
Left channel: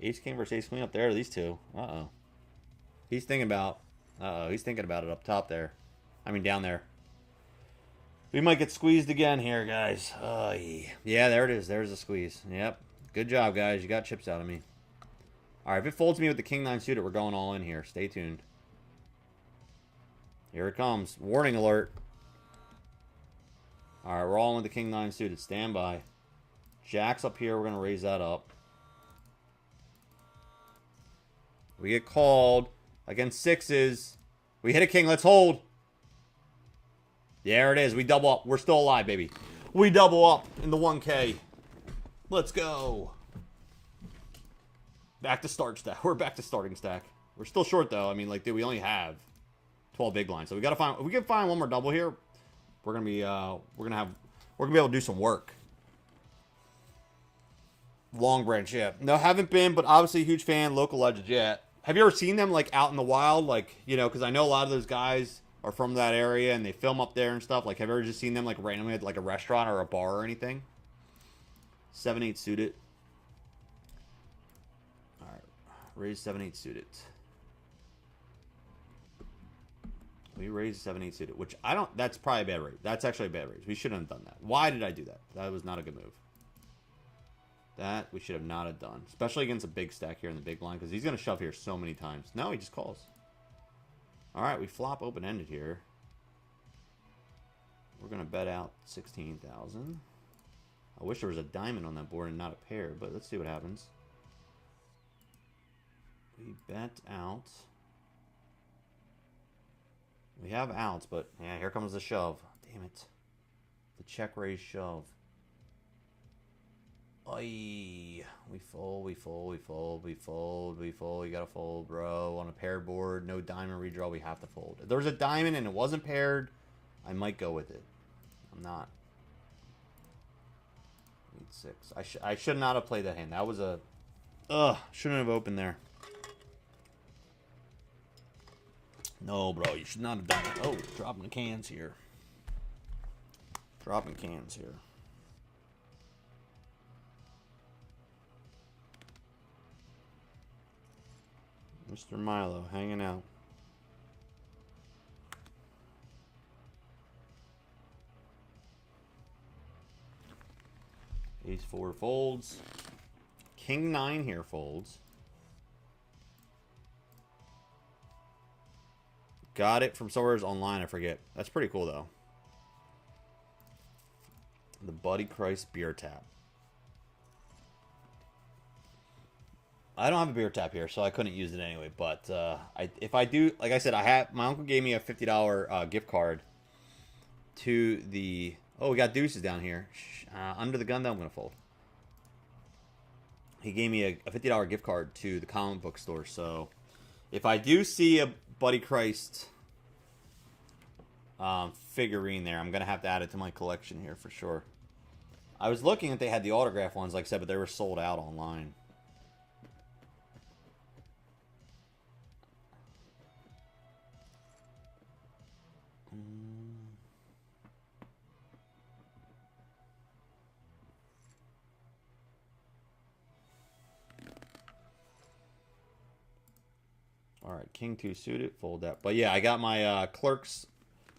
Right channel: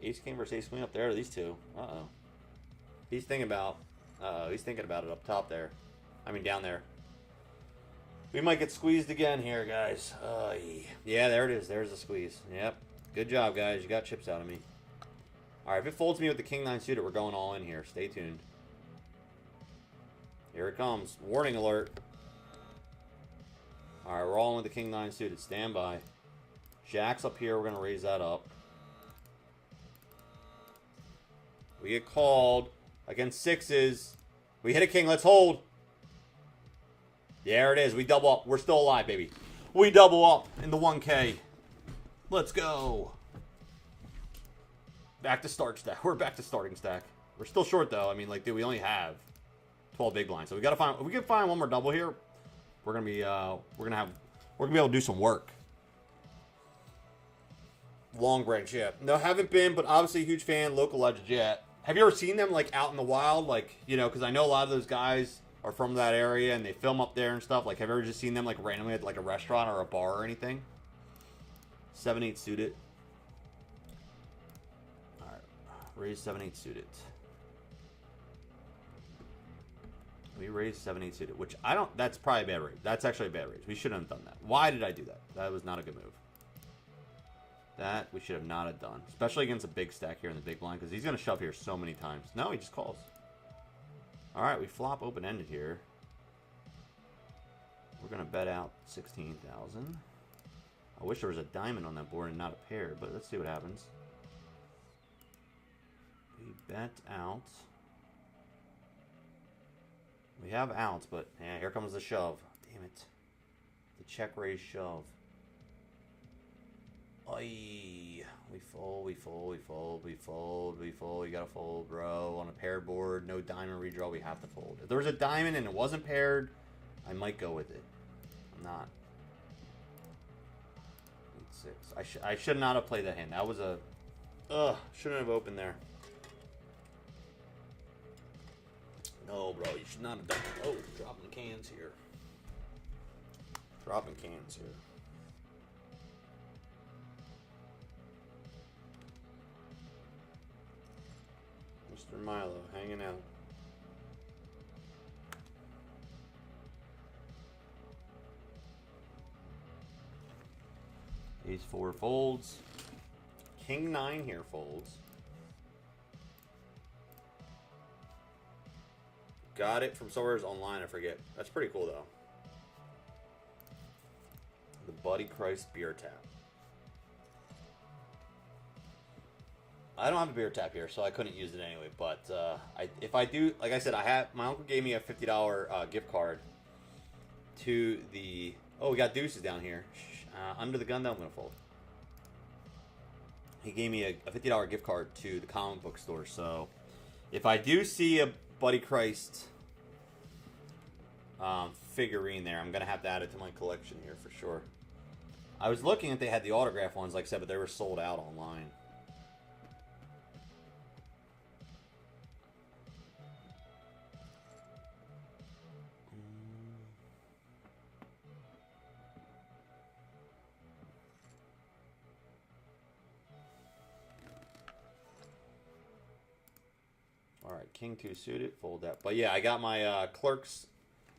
Ace king versus ace queen up there. These two. Uh-oh. He's thinking about... Uh-oh. He's thinking about it up top there. I mean, down there. We might get squeezed again here, guys. Yeah, there it is. There's a squeeze. Yep. Good job, guys. You got chips out of me. Alright, if it folds me with the king-9 suited, we're going all in here. Stay tuned. Here it comes. Warning alert. Alright, we're all in with the king-9 suited. Stand by. Jack's up here. We're going to raise that up. We get called. Against sixes. We hit a king. Let's hold. There it is. We double up. We're still alive, baby. We double up in the 1K. Let's go. Back to start stack. We're back to starting stack. We're still short, though. I mean, like, dude, we only have 12 big blinds. So we got to find... If we can find one more double here... We're gonna be be able to do some work. Long branch, yeah. No, haven't been, but obviously a huge fan. Local legends, yeah. Have you ever seen them like out in the wild, like because I know a lot of those guys are from that area and they film up there and stuff. Like, have you ever just seen them like randomly at like a restaurant or a bar or anything? 7-8 suited. All right, raise 7-8 suited. We raised 7-8 suited, which I don't. That's probably a bad raise. That's actually a bad raise. We shouldn't have done that. Why did I do that? That was not a good move. That we should have not have done, especially against a big stack here in the big blind, because he's going to shove here so many times. No, he just calls. All right, we flop open-ended here. We're going to bet out 16,000. I wish there was a diamond on that board and not a pair, but let's see what happens. We bet out. We have outs, but yeah, here comes the shove. Damn it. The check raise shove. Oy. We fold, we fold, we fold, we fold, we fold. You gotta fold, bro. On a paired board, no diamond redraw, we have to fold. If there was a diamond and it wasn't paired, I might go with it. I'm not. 8-6. I should not have played that hand. That was a... shouldn't have opened there. No, bro, you should not have done it. Oh, dropping the cans here. Dropping cans here. Mr. Milo hanging out. Ace-4 folds. King-9 here folds. Got it from somewhere online, I forget. That's pretty cool, though. The Buddy Christ beer tap. I don't have a beer tap here, so I couldn't use it anyway. But if I do, like I said, my uncle gave me a $50 gift card to the... Oh, we got deuces down here. Under the gun, though, I'm going to fold. He gave me a $50 gift card to the comic book store. So if I do see a Buddy Christ figurine there, I'm going to have to add it to my collection here for sure. I was looking if they had the autograph ones, like I said, but they were sold out online. All right, King 2 suited, fold that. But yeah, I got my Clerks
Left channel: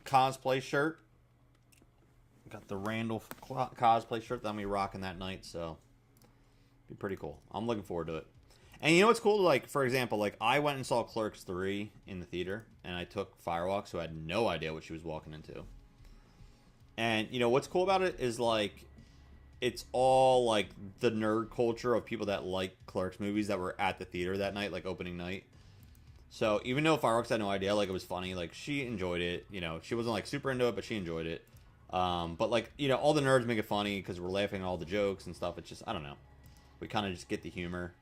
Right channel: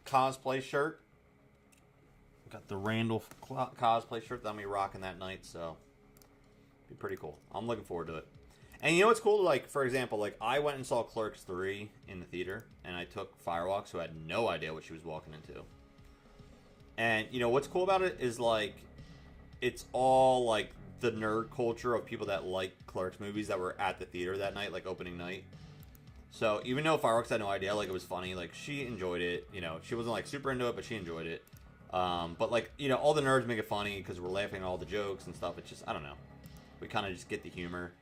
cosplay shirt. Got the Randall cosplay shirt that I'm going to be rocking that night, so be pretty cool. I'm looking forward to it. And you know what's cool? Like, for example, like I went and saw Clerks 3 in the theater, and I took Firewalk, who had no idea what she was walking into. And you know what's cool about it is like it's all like the nerd culture of people that like Clerks movies that were at the theater that night, like opening night. So even though Fireworks had no idea, like it was funny, like she enjoyed it. You know, she wasn't like super into it, but she enjoyed it. But like, you know, all the nerds make it funny because we're laughing at all the jokes and stuff. It's just, I don't know. We kind of just get the humor.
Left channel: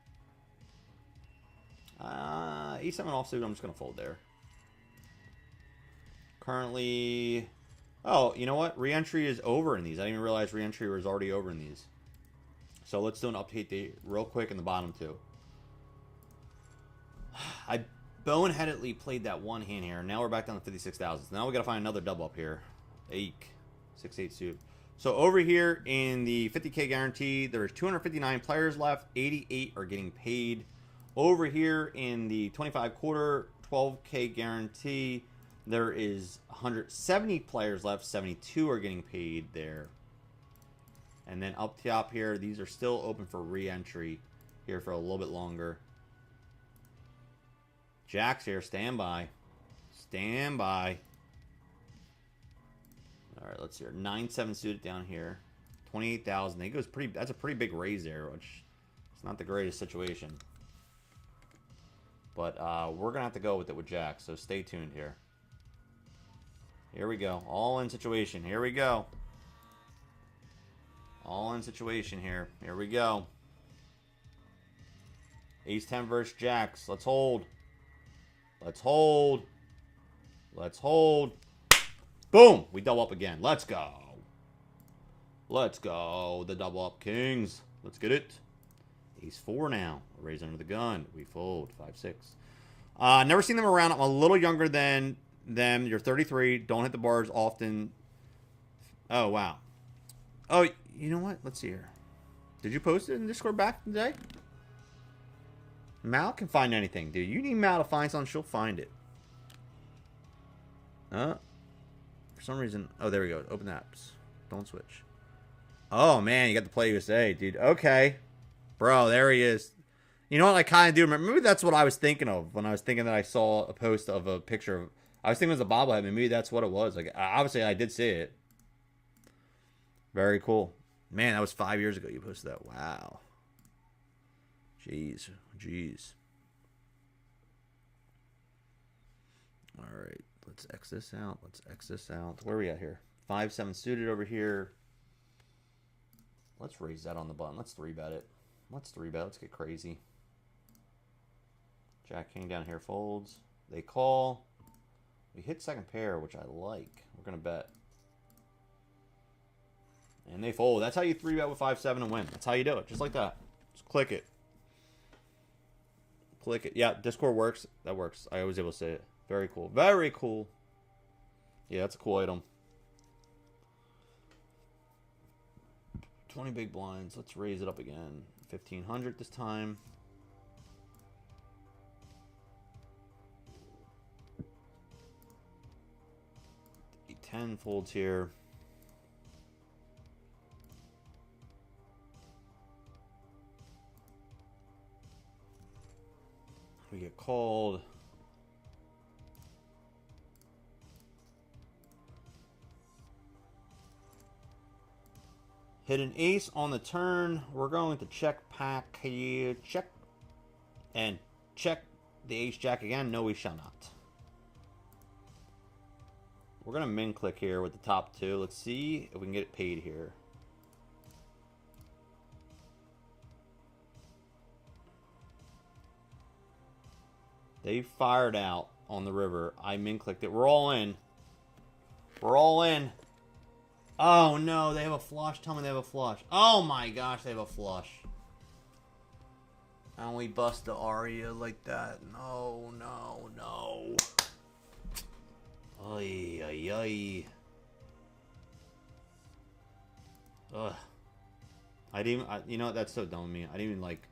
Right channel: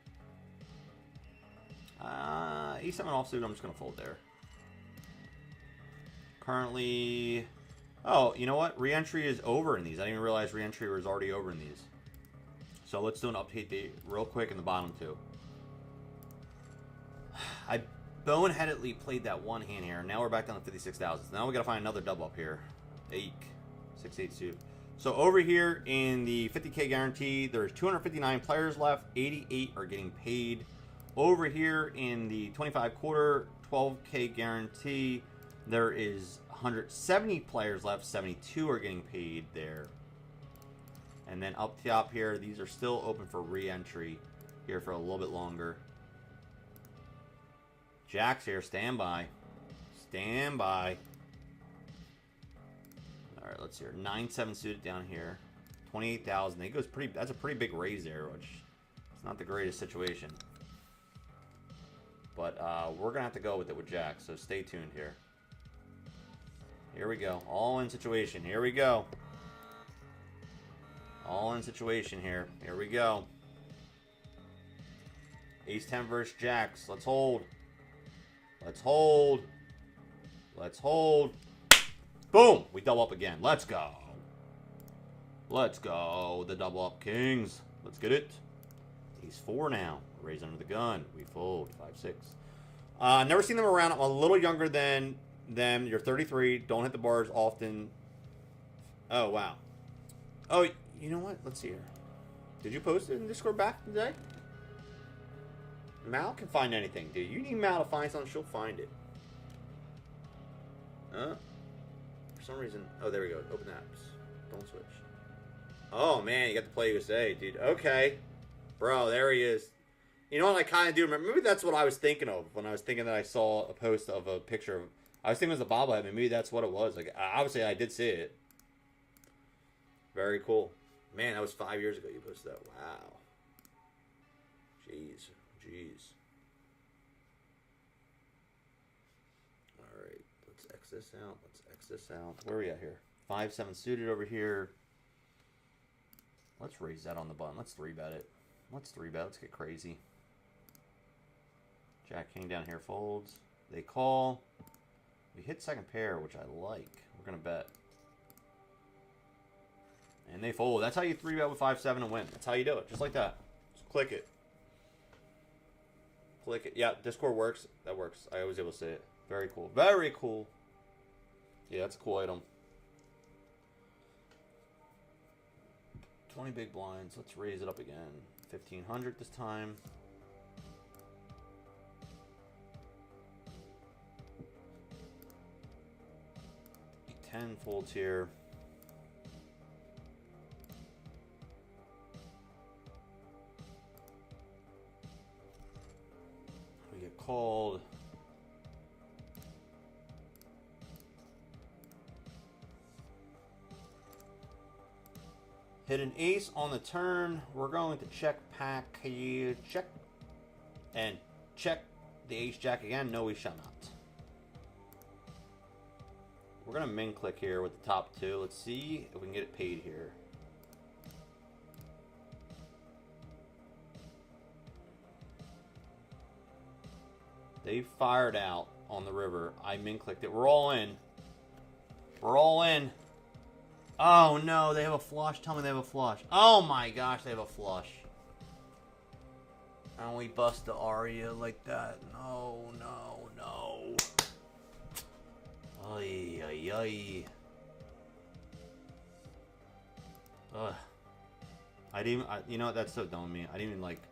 E7 offsuit, I'm just going to fold there. Currently, oh, you know what? Re-entry is over in these. I didn't even realize re-entry was already over in these. So let's do an update date real quick in the bottom two. I boneheadedly played that one hand here. Now we're back down to 56,000. Now we got to find another double up here. 6-8 suit. So over here in the 50K guarantee, there's 259 players left. 88 are getting paid. Over here in the 25 quarter, 12K guarantee, there is 170 players left. 72 are getting paid there. And then up top here, these are still open for re-entry here for a little bit longer. Jacks here, stand by. Stand by. All right, let's see here. 9-7 suited down here. 28,000. It goes pretty. That's a pretty big raise there, which is not the greatest situation. But we're gonna have to go with it with Jacks. So stay tuned here. Here we go. All in situation. Here we go. All in situation here. Here we go. Ace-10 versus Jacks. Let's hold. Let's hold. Let's hold. Boom! We double up again. Let's go. Let's go. The double up kings. Let's get it. Ace-4 now. Raise under the gun. We fold. 5-6. Never seen them around. I'm a little younger than them. You're 33. Don't hit the bars often. Oh, wow. Oh, you know what? Let's see here. Did you post it in Discord back today? Mal can find anything, dude. You need Mal to find something, she'll find it. For some reason... Oh, there we go. Open apps. Don't switch. Oh, man, you got the Play USA, dude. Okay. Bro, there he is. You know what I kind of do remember? Maybe that's what I was thinking of when I was thinking that I saw a post of a picture of... I was thinking it was a bobblehead. Maybe that's what it was. Like, obviously, I did see it. Very cool. Man, that was 5 years ago you posted that. Wow. Jeez. Jeez. Alright. Let's X this out. Let's X this out. Where are we at here? 5-7 suited over here. Let's raise that on the button. Let's 3-bet it. Let's 3-bet. Let's get crazy. Jack King down here folds. They call. We hit second pair, which I like. We're going to bet. And they fold. That's how you 3-bet with 5-7 and win. That's how you do it. Just like that. Just click it. Click it. Yeah, Discord works. That works. I was able to say it. Very cool. Very cool. Yeah, that's a cool item. 20 big blinds. Let's raise it up again. 1,500 this time. 10 folds here. We get called. Hit an ace on the turn. We're going to check pack here. Check. And check the ace jack again. No, we shall not. We're going to min click here with the top two. Let's see if we can get it paid here. They fired out on the river. I min clicked it. We're all in. We're all in. Oh no, they have a flush. Tell me they have a flush. Oh my gosh, they have a flush. And we bust the Aria like that. No, no, no. Ay, ay, ay. Ugh. You know what? That's so dumb of me. I didn't even like.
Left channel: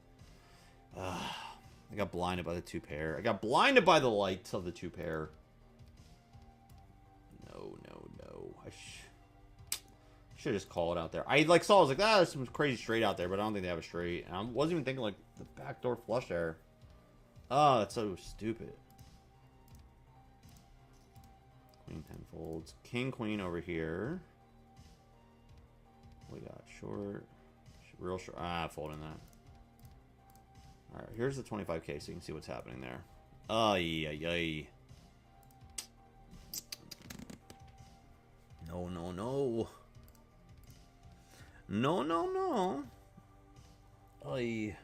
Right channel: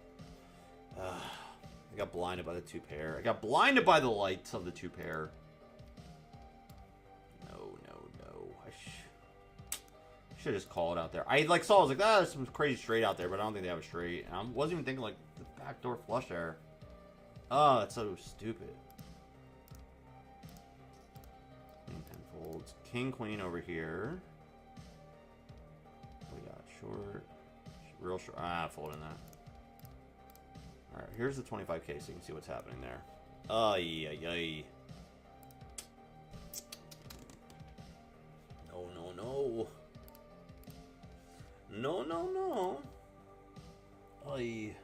I got blinded by the two pair. I got blinded by the lights of the two pair. No, no, no. I should just call it out there. I like saw. I was like, there's some crazy straight out there, but I don't think they have a straight. And I wasn't even thinking like the backdoor flush there. Oh, that's so stupid. Queen 10 folds. King Queen over here. We got short. Real short. Folding that. Alright, here's the 25k so you can see what's happening there. Ay, ay, ay. No, no, no. No, no, no. Ay.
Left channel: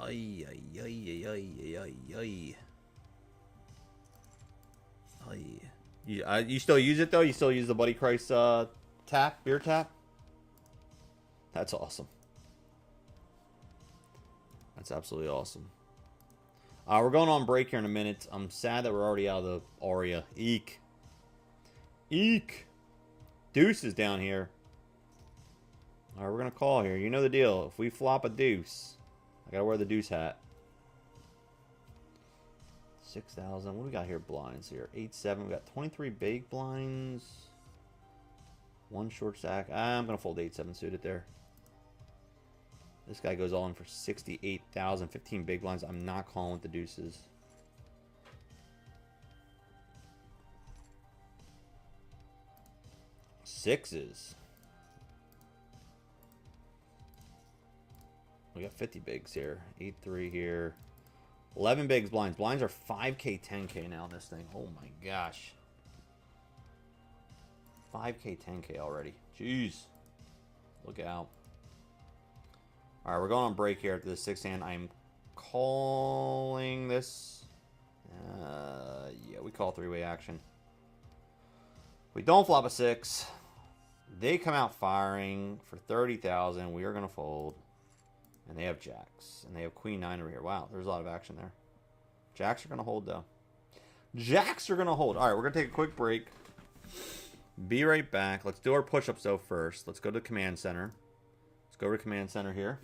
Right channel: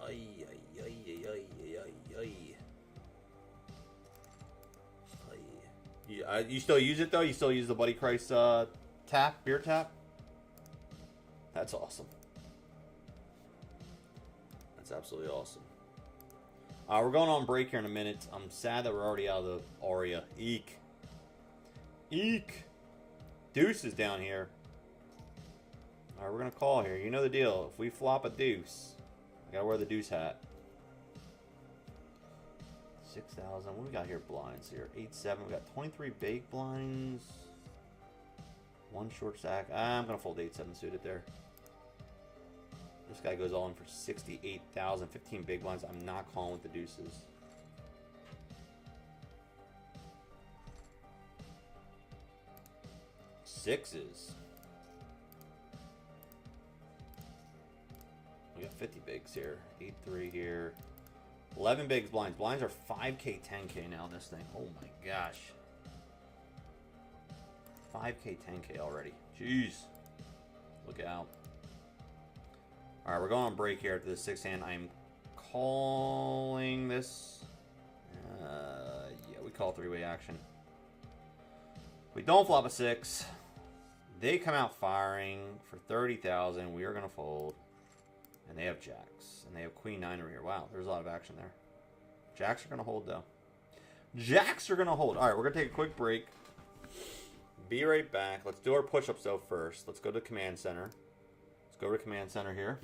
Ay, ay, ay, ay, ay, ay, ay. Ay. You still use it though? You still use the Buddy Christ tap, beer tap? That's awesome. That's absolutely awesome. We're going on break here in a minute. I'm sad that we're already out of the Aria. Eek. Eek. Deuce is down here. Alright, we're going to call here. You know the deal. If we flop a deuce, I got to wear the deuce hat. 6,000. What do we got here? Blinds here. 8-7. We got 23 big blinds. One short stack. I'm going to fold 8-7 suited there. This guy goes all in for 68,000. 15 big blinds. I'm not calling with the deuces. Sixes. We got 50 bigs here. 8-3 here. 11 bigs blinds. Blinds are 5k, 10k now this thing. Oh my gosh. 5k, 10k already. Jeez. Look out. Alright, we're going on break here after the 6th hand. I'm calling this. Yeah, we call three-way action. We don't flop a 6. They come out firing for 30,000. We are going to fold. And they have jacks. And they have queen 9 over here. Wow, there's a lot of action there. Jacks are going to hold, though. Jacks are going to hold. Alright, we're going to take a quick break. Be right back. Let's do our push-ups though first. Let's go to command center. Let's go to command center here.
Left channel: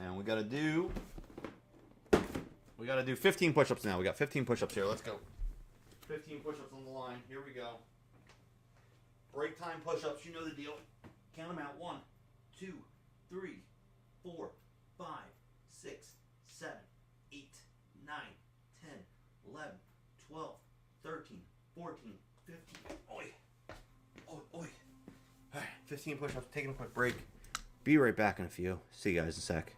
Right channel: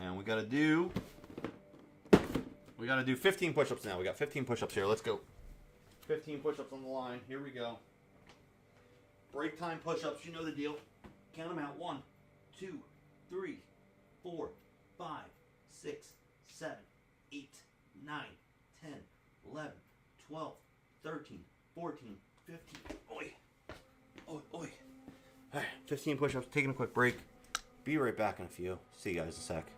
And we gotta do 15 push-ups now. We got 15 push-ups here. Let's go. 15 push-ups on the line. Here we go. Break time push-ups. You know the deal. Count them out. 1, 2, 3, 4, 5, 6, 7, 8, 9, 10, 11, 12, 13, 14, 15. Oi. Oi, oi. All right, 15 push-ups. Taking a quick break. Be right back in a few. See you guys in a sec.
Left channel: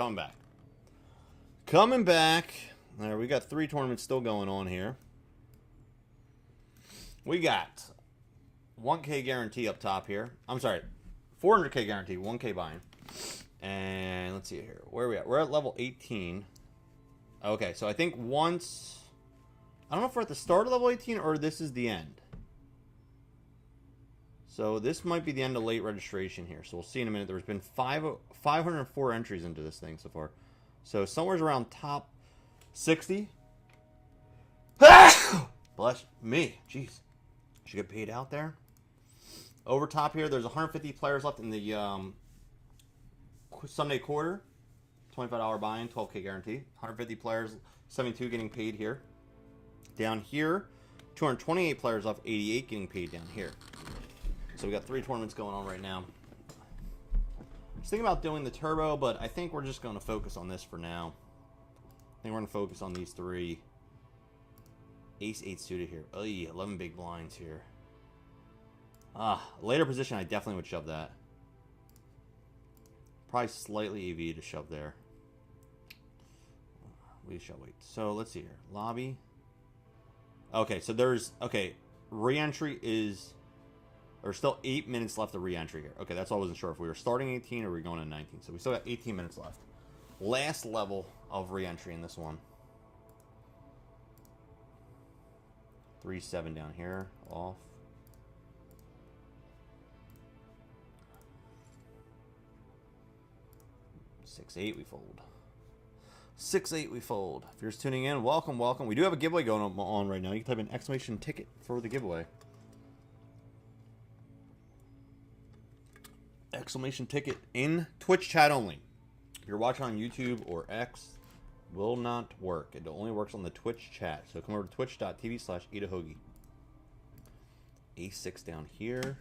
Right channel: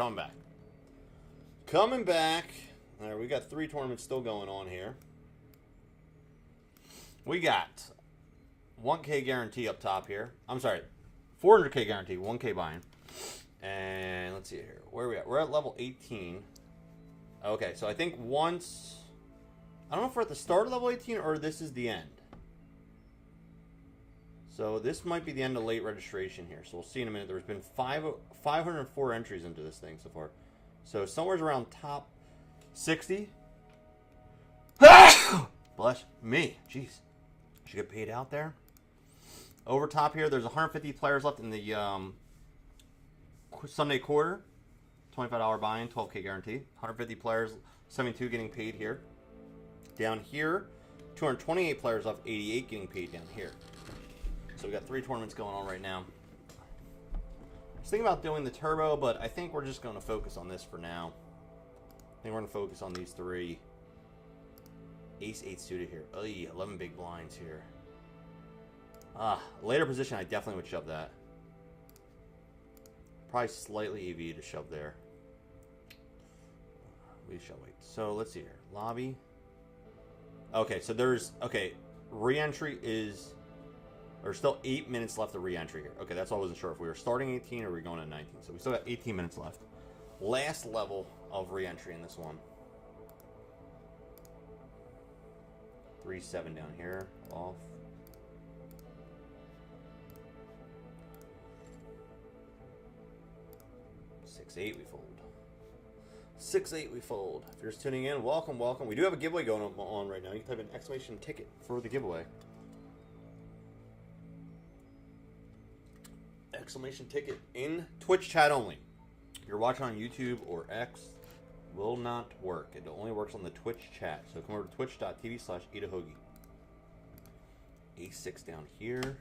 coming back. Coming back. All right, we got 3 tournaments still going on here. We got 1K guarantee up top here. I'm sorry, 400K guarantee, 1K buy-in. And let's see here. Where are we at? We're at level 18. Okay, so I think once... I don't know if we're at the start of level 18 or this is the end. So this might be the end of late registration here. So we'll see in a minute. There's been 504 entries into this thing so far. So somewhere around top 60. Bless me. Jeez. Should get paid out there. Over top here, there's 150 players left in the Sunday quarter. $25 buy-in, 12K guarantee. 150 players, 72 getting paid here. Down here, 228 players left, 88 getting paid down here. So we got 3 tournaments going on right now. I was thinking about doing the turbo, but I think we're just going to focus on this for now. I think we're going to focus on these 3. Ace 8 suited here. Oh, 11 big blinds here. Later position, I definitely would shove that. Probably slightly EV to shove there. We shall wait. So let's see here. Lobby. Okay, so there's... Okay, re-entry is... There's still 8 minutes left of re-entry here. Okay, that's all I wasn't sure if we were starting 18 or we were going to 19. So we still got 18 minutes left. Last level of re-entry in this one. 3-7 down here. Off. 6-8 we fold. 6-8 we fold. If you're just tuning in, welcome, welcome. We do have a giveaway going on right now. You can type in exclamation ticket for the giveaway. Exclamation ticket in Twitch chat only. If you're watching on YouTube or X, will not work. It only works on the Twitch chat. So come over to twitch.tv/eatahogey. A6 down here.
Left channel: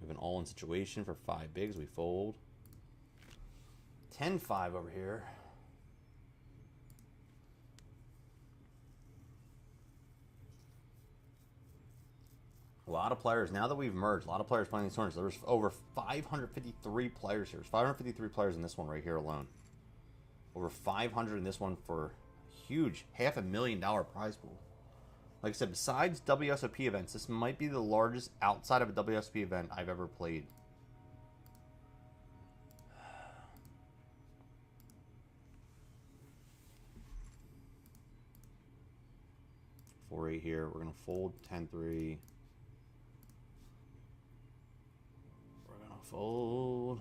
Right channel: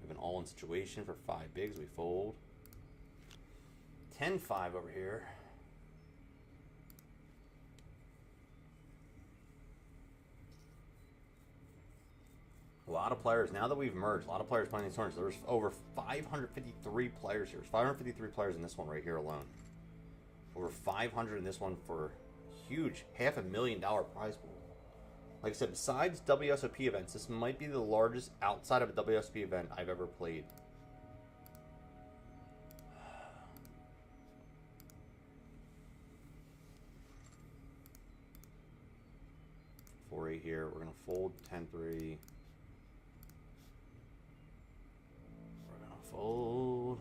We have an all-in situation for 5 bigs. We fold. 10-5 over here. A lot of players. Now that we've merged, a lot of players playing these tournaments. There's over 553 players here. There's 553 players in this one right here alone. Over 500 in this one for huge $500,000 prize pool. Like I said, besides WSOP events, this might be the largest outside of a WSOP event I've ever played. Here, we're gonna fold 10-3. We're gonna fold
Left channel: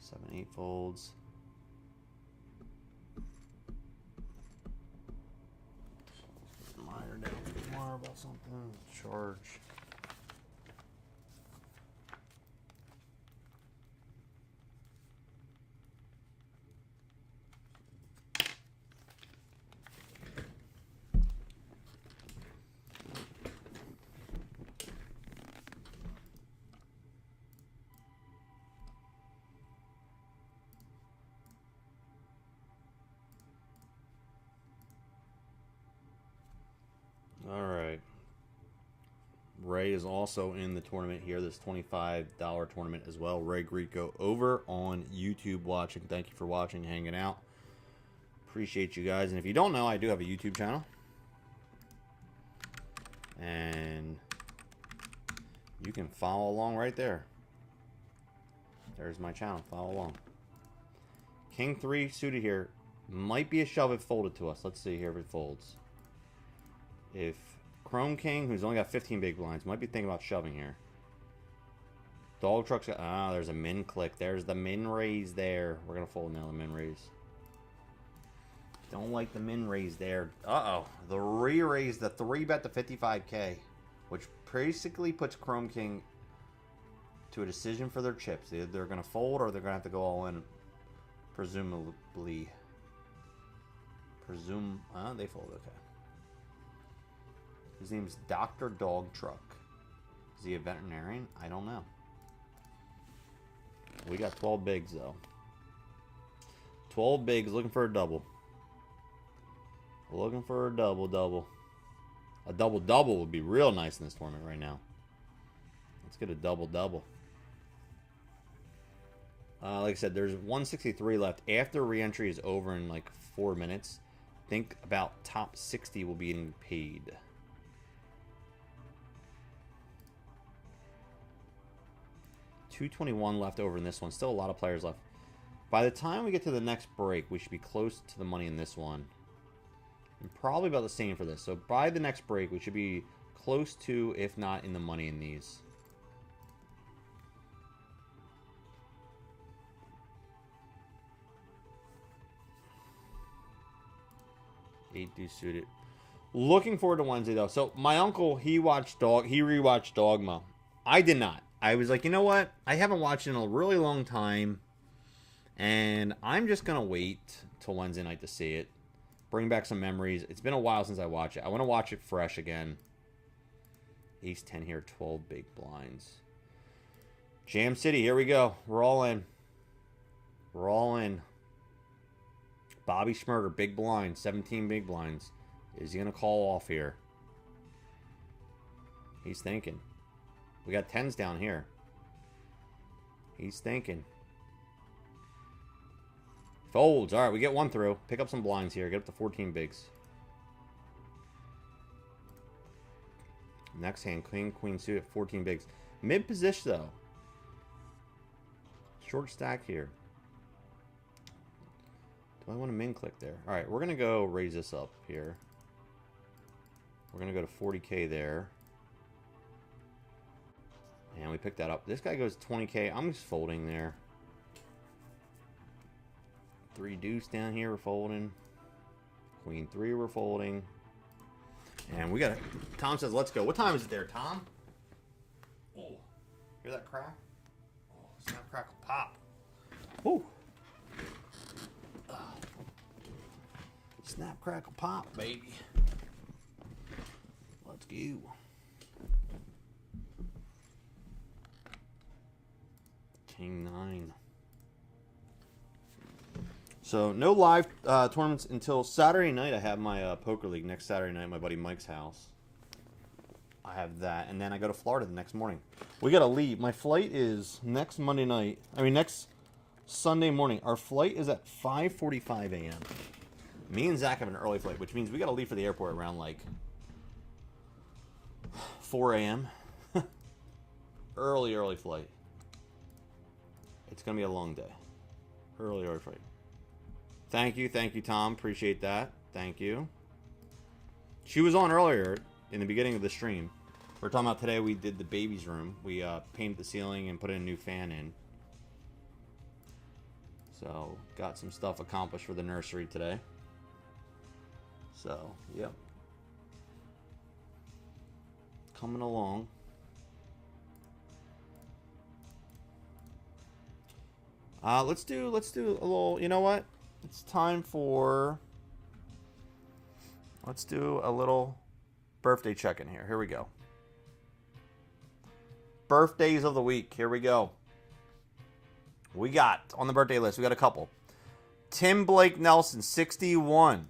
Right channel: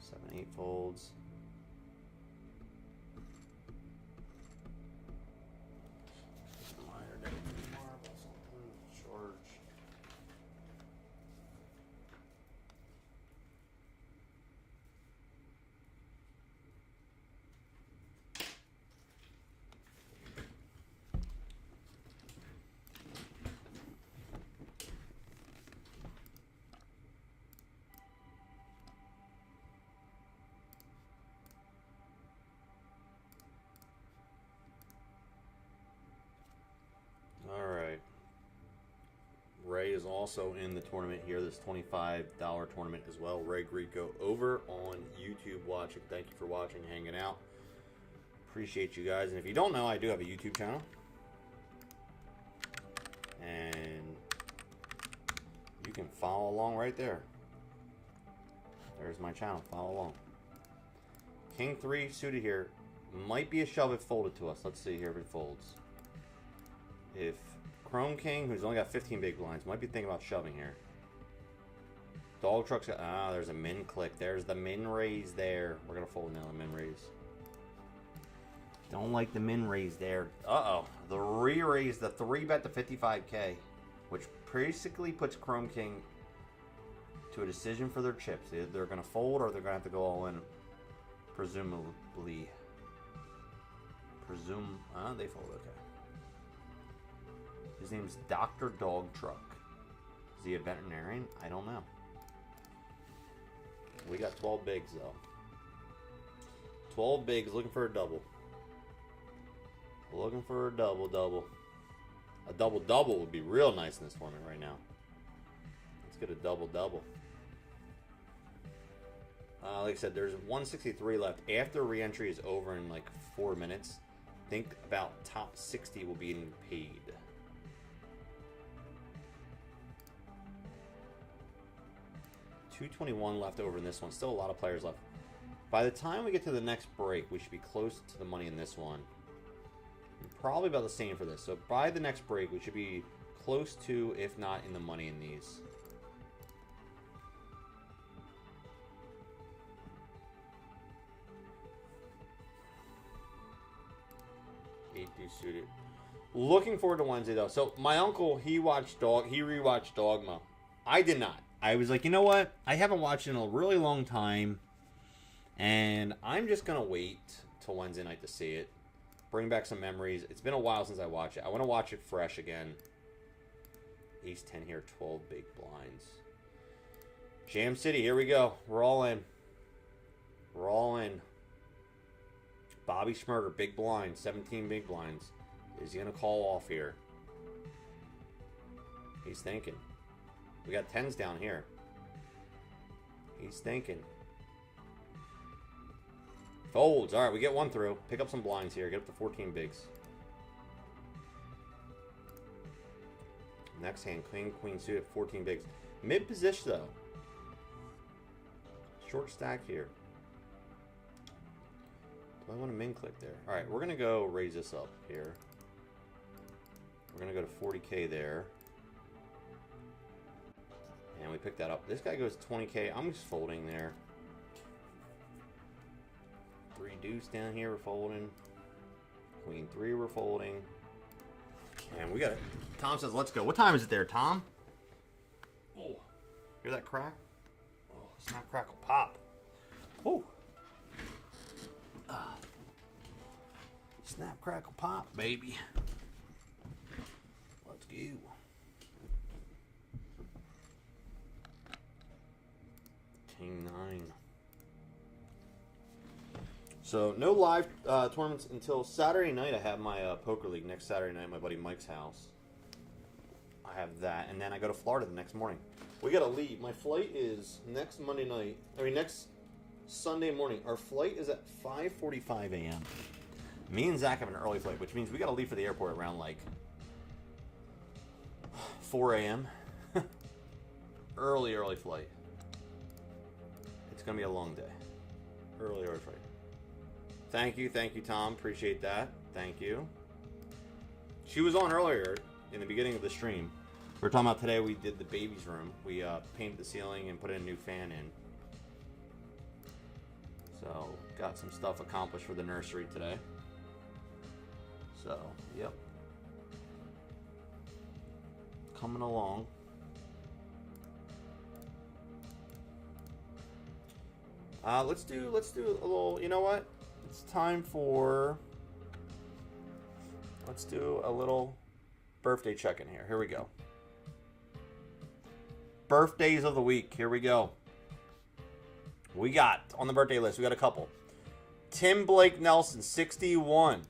7-8 folds. Minor negative marble, something charge. Alright. Ray is also in the tournament here, this $25 tournament as well. Ray Greco over on YouTube watching. Thank you for watching, hanging out. Appreciate you guys. And if you don't know, I do have a YouTube channel. And you can follow along right there. There's my channel. Follow along. King 3 suited here. Might be a shove if folded to us. Let's see here if it folds. If Chrome King, who's only got 15 big blinds, might be thinking about shoving here. Dog Truck's got... Ah, there's a min click. There's the min raise there. We're going to fold now the min raise. Don't like the min raise there. Uh-oh. The re-raise, the 3-bet to 55K, which basically puts Chrome King to a decision for their chips. Either they're going to fold or they're going to have to go all in, presumably. They fold, okay. His name is Dr. Dog Truck. Is he a veterinarian? I don't know. We got 12 bigs, though. 12 bigs, looking for a double. Looking for a double-double. A double-double would be real nice in this tournament right now. Let's get a double-double. Like I said, there's 163 left. After re-entry is over in like 4 minutes, think about top 60 will be getting paid. $221 left over in this one. Still a lot of players left. By the time we get to the next break, we should be close to the money in this one. And probably about the same for this. So by the next break, we should be close to, if not in the money in these. Eight do suited. Looking forward to Wednesday though. So my uncle, he rewatched Dogma. I did not. I was like, you know what? I haven't watched it in a really long time. And I'm just going to wait till Wednesday night to see it. Bring back some memories. It's been a while since I watched it. I want to watch it fresh again. Ace 10 here, 12 big blinds. Jam City, here we go. We're all in. We're all in. Bobby Schmurder, big blind, 17 big blinds. Is he going to call off here? He's thinking. We got 10s down here. He's thinking. Folds. All right, we get one through. Pick up some blinds here. Get up to 14 bigs. Next hand, queen suited, 14 bigs. Mid position, though. Short stack here. Do I want to min click there? All right, we're going to go raise this up here. We're going to go to 40K there. And we pick that up. This guy goes 20K. I'm just folding there. 3 deuce down here, we're folding. Queen 3, we're folding. And we got it. Tom says, let's go. What time is it there, Tom? Oh, hear that crack? Oh, snap, crackle, pop. Oh. Snap, crackle, pop, baby. Let's go. King 9. So, no live tournaments until Saturday night. I have my poker league next Saturday night at my buddy Mike's house. I have that. And then I go to Florida the next morning. We got to leave. My flight is next Monday night. Next Sunday morning. Our flight is at 5:45 a.m. Me and Zach have an early flight, which means we got to leave for the airport around like 4 a.m. early flight. It's going to be a long day. Early flight. Thank you, Tom. Appreciate that. Thank you. She was on earlier in the beginning of the stream. We were talking about today we did the baby's room. We painted the ceiling and put a new fan in. So, got some stuff accomplished for the nursery today. So, yep. Coming along. Let's do a little, you know what? It's time for, let's do a little birthday check-in here. Here we go. Birthdays of the week. Here we go. We got, on the birthday list, we got a couple. Tim Blake Nelson, 61.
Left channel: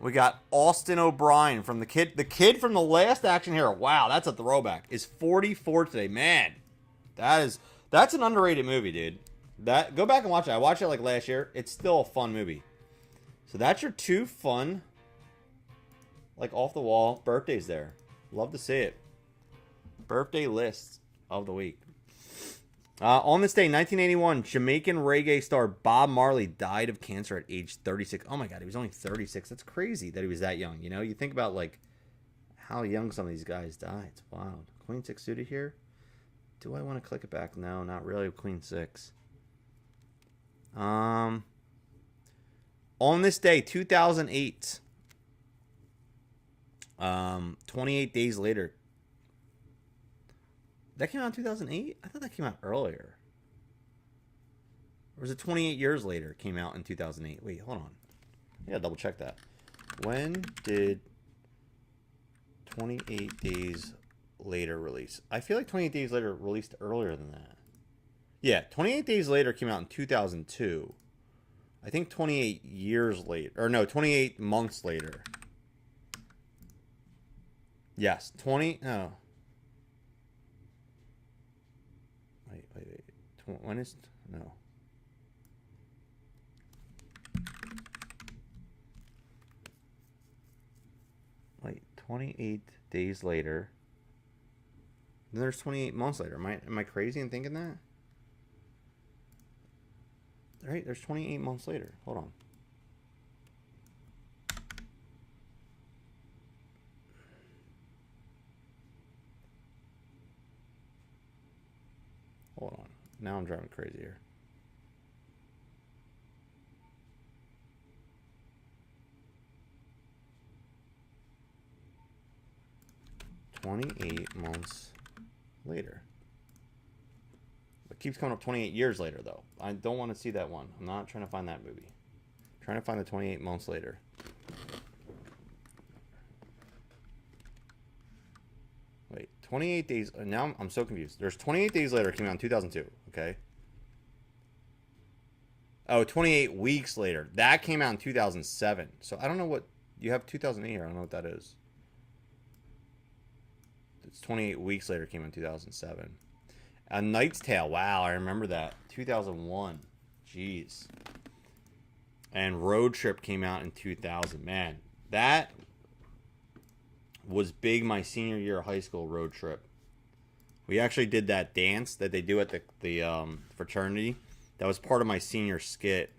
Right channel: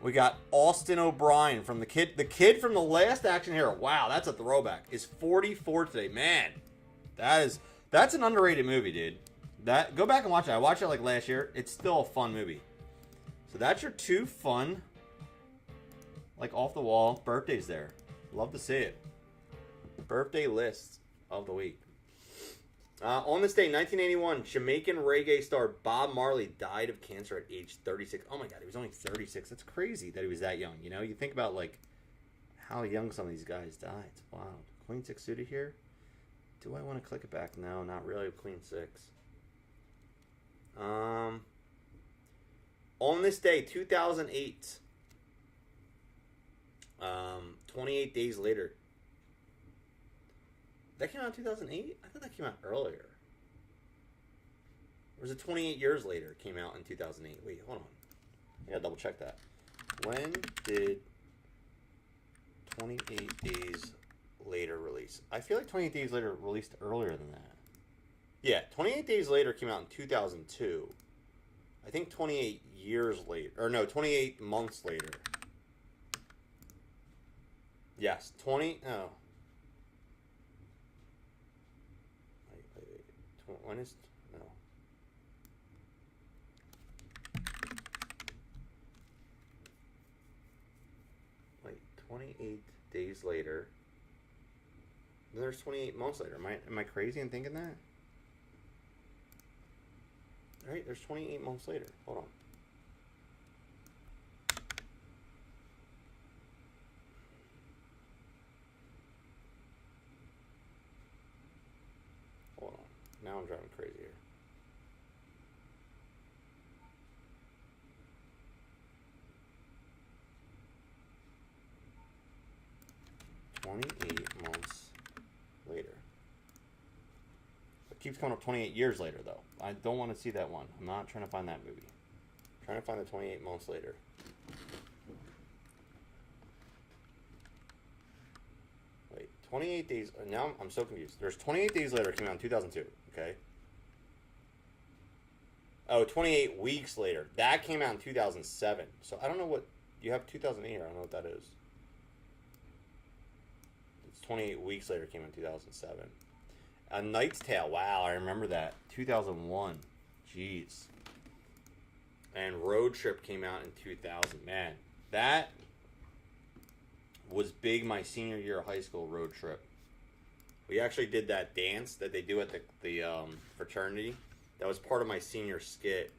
We got Austin O'Brien from the kid from the Last Action Hero. Wow, that's a throwback. Is 44 today. Man, that's an underrated movie, dude. Go back and watch it. I watched it like last year. It's still a fun movie. So that's your 2 fun, like off the wall birthdays there. Love to see it. Birthday lists of the week. On this day, 1981, Jamaican reggae star Bob Marley died of cancer at age 36. Oh my God, he was only 36. That's crazy that he was that young. You know, you think about like how young some of these guys die. It's wild. Queen 6 suited here. Do I want to click it back? No, not really. Queen 6. On this day, 2008, 28 days later. That came out in 2008? I thought that came out earlier. Or was it 28 years later it came out in 2008? Wait, hold on. I gotta double check that. When did 28 days later release? I feel like 28 days later released earlier than that. Yeah, 28 days later came out in 2002. I think 28 years later. Or no, 28 months later. Yes, 20... No. When is... No. Wait, 28 days later. Then there's 28 months later. Am I crazy in thinking that? Right, there's 28 months later. Hold on. Hold on. Now I'm driving crazy here. "28 months later." It keeps coming up 28 years later, though. I don't want to see that one. I'm not trying to find that movie. I'm trying to find the 28 months later. Wait, 28 days... Now I'm so confused. There's 28 days later. It came out in 2002, okay? Oh, 28 weeks later. That came out in 2007. So I don't know what... You have 2008 here. I don't know what that is. It's 28 weeks later. Came out in 2007. A Knight's Tale. Wow, I remember that. 2001. Jeez. And Road Trip came out in 2000. Man, that was big my senior year of high school, Road Trip. We actually did that dance that they do at the fraternity. That was part of my senior skit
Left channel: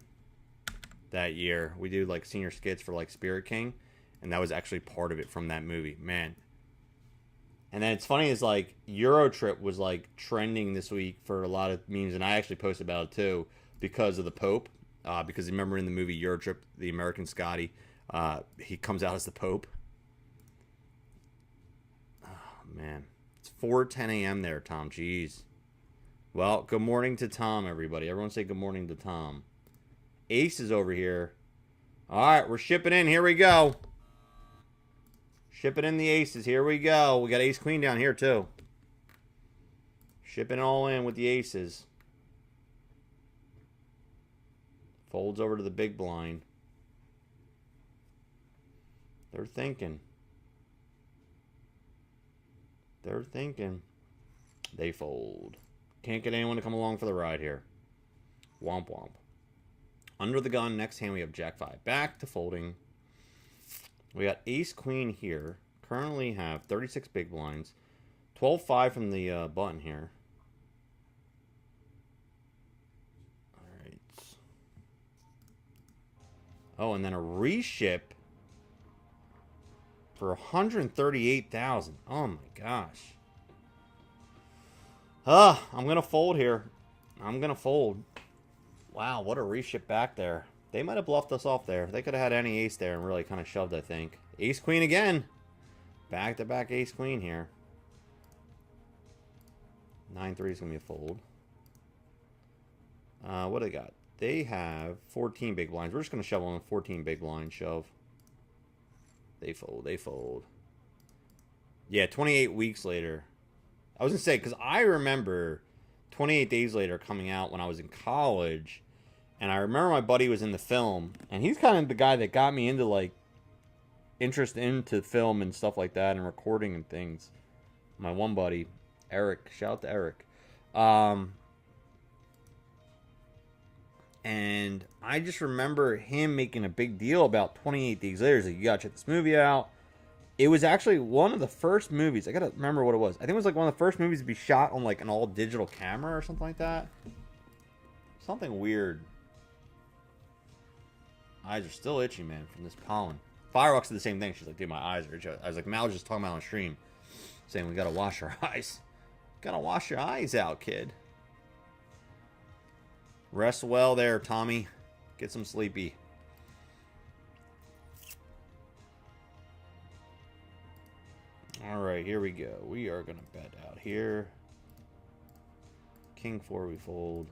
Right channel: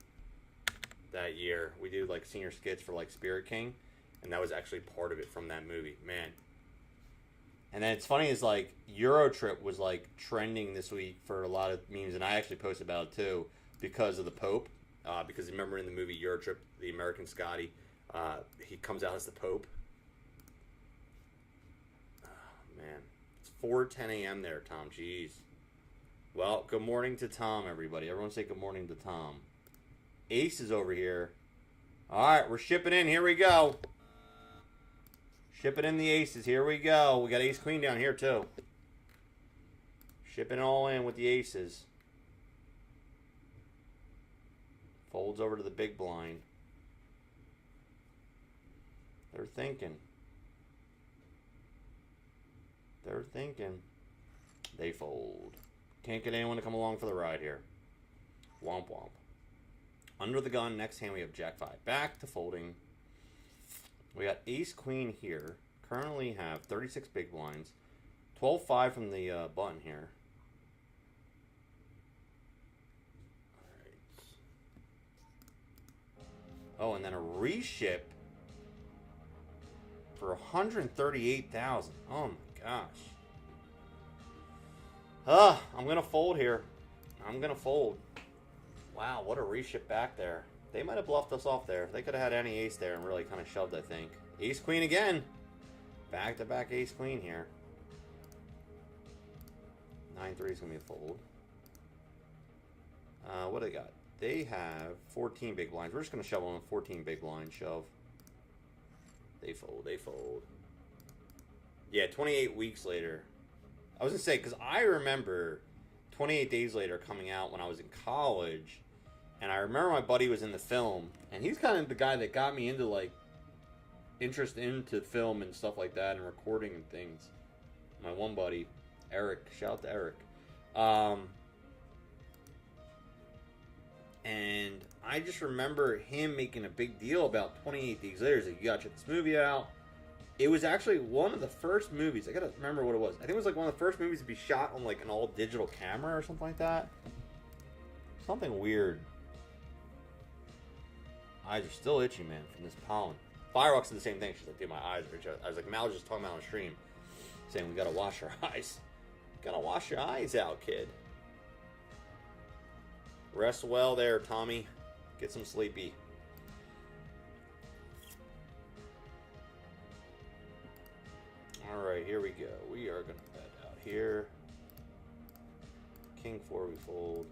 that year. We do like senior skits for like Spirit King, and that was actually part of it from that movie. Man. And then it's funny is like Euro Trip was like trending this week for a lot of memes, and I actually posted about it too because of the Pope. Because remember in the movie Euro Trip, the American Scotty, he comes out as the Pope. Oh man, it's 4:10 a.m. there, Tom. Jeez. Well, good morning to Tom, everybody. Everyone say good morning to Tom. Ace is over here. All right, we're shipping in. Here we go. Shipping in the aces. Here we go. We got ace queen down here, too. Shipping all in with the aces. Folds over to the big blind. They're thinking. They're thinking. They fold. Can't get anyone to come along for the ride here. Womp womp. Under the gun. Next hand we have jack 5. Back to folding. We got ace queen here. Currently have 36 big blinds. 12-5 from the button here. Alright. Oh, and then a reship for 138,000. Oh my gosh. I'm going to fold here. I'm going to fold. Wow, what a reship back there. They might have bluffed us off there. They could have had any ace there and really kind of shoved, I think. Ace queen again. Back-to-back ace queen here. 9-3 is going to be a fold. What do they got? They have 14 big blinds. We're just going to shove on 14 big blinds. Shove. They fold. They fold. Yeah, 28 weeks later. I was going to say, because I remember 28 days later coming out when I was in college. And I remember my buddy was in the film. And he's kind of the guy that got me into, like, interest into film and stuff like that. And recording and things. My one buddy, Eric. Shout out to Eric. And I just remember him making a big deal about 28 Days Later. He's like, you gotta check this movie out. It was actually one of the first movies. I gotta remember what it was. I think it was like one of the first movies to be shot on like an all digital camera or something like that. Something weird. Eyes are still itchy, man, from this pollen. Fireworks did the same thing. She's like, dude, my eyes are itchy. I was like, Mal was just talking about on stream, saying we gotta wash our eyes. Gotta wash your eyes out, kid. Rest well there, Tommy. Get some sleepy. Alright, here we go. We are going to bet out here. King 4 we fold.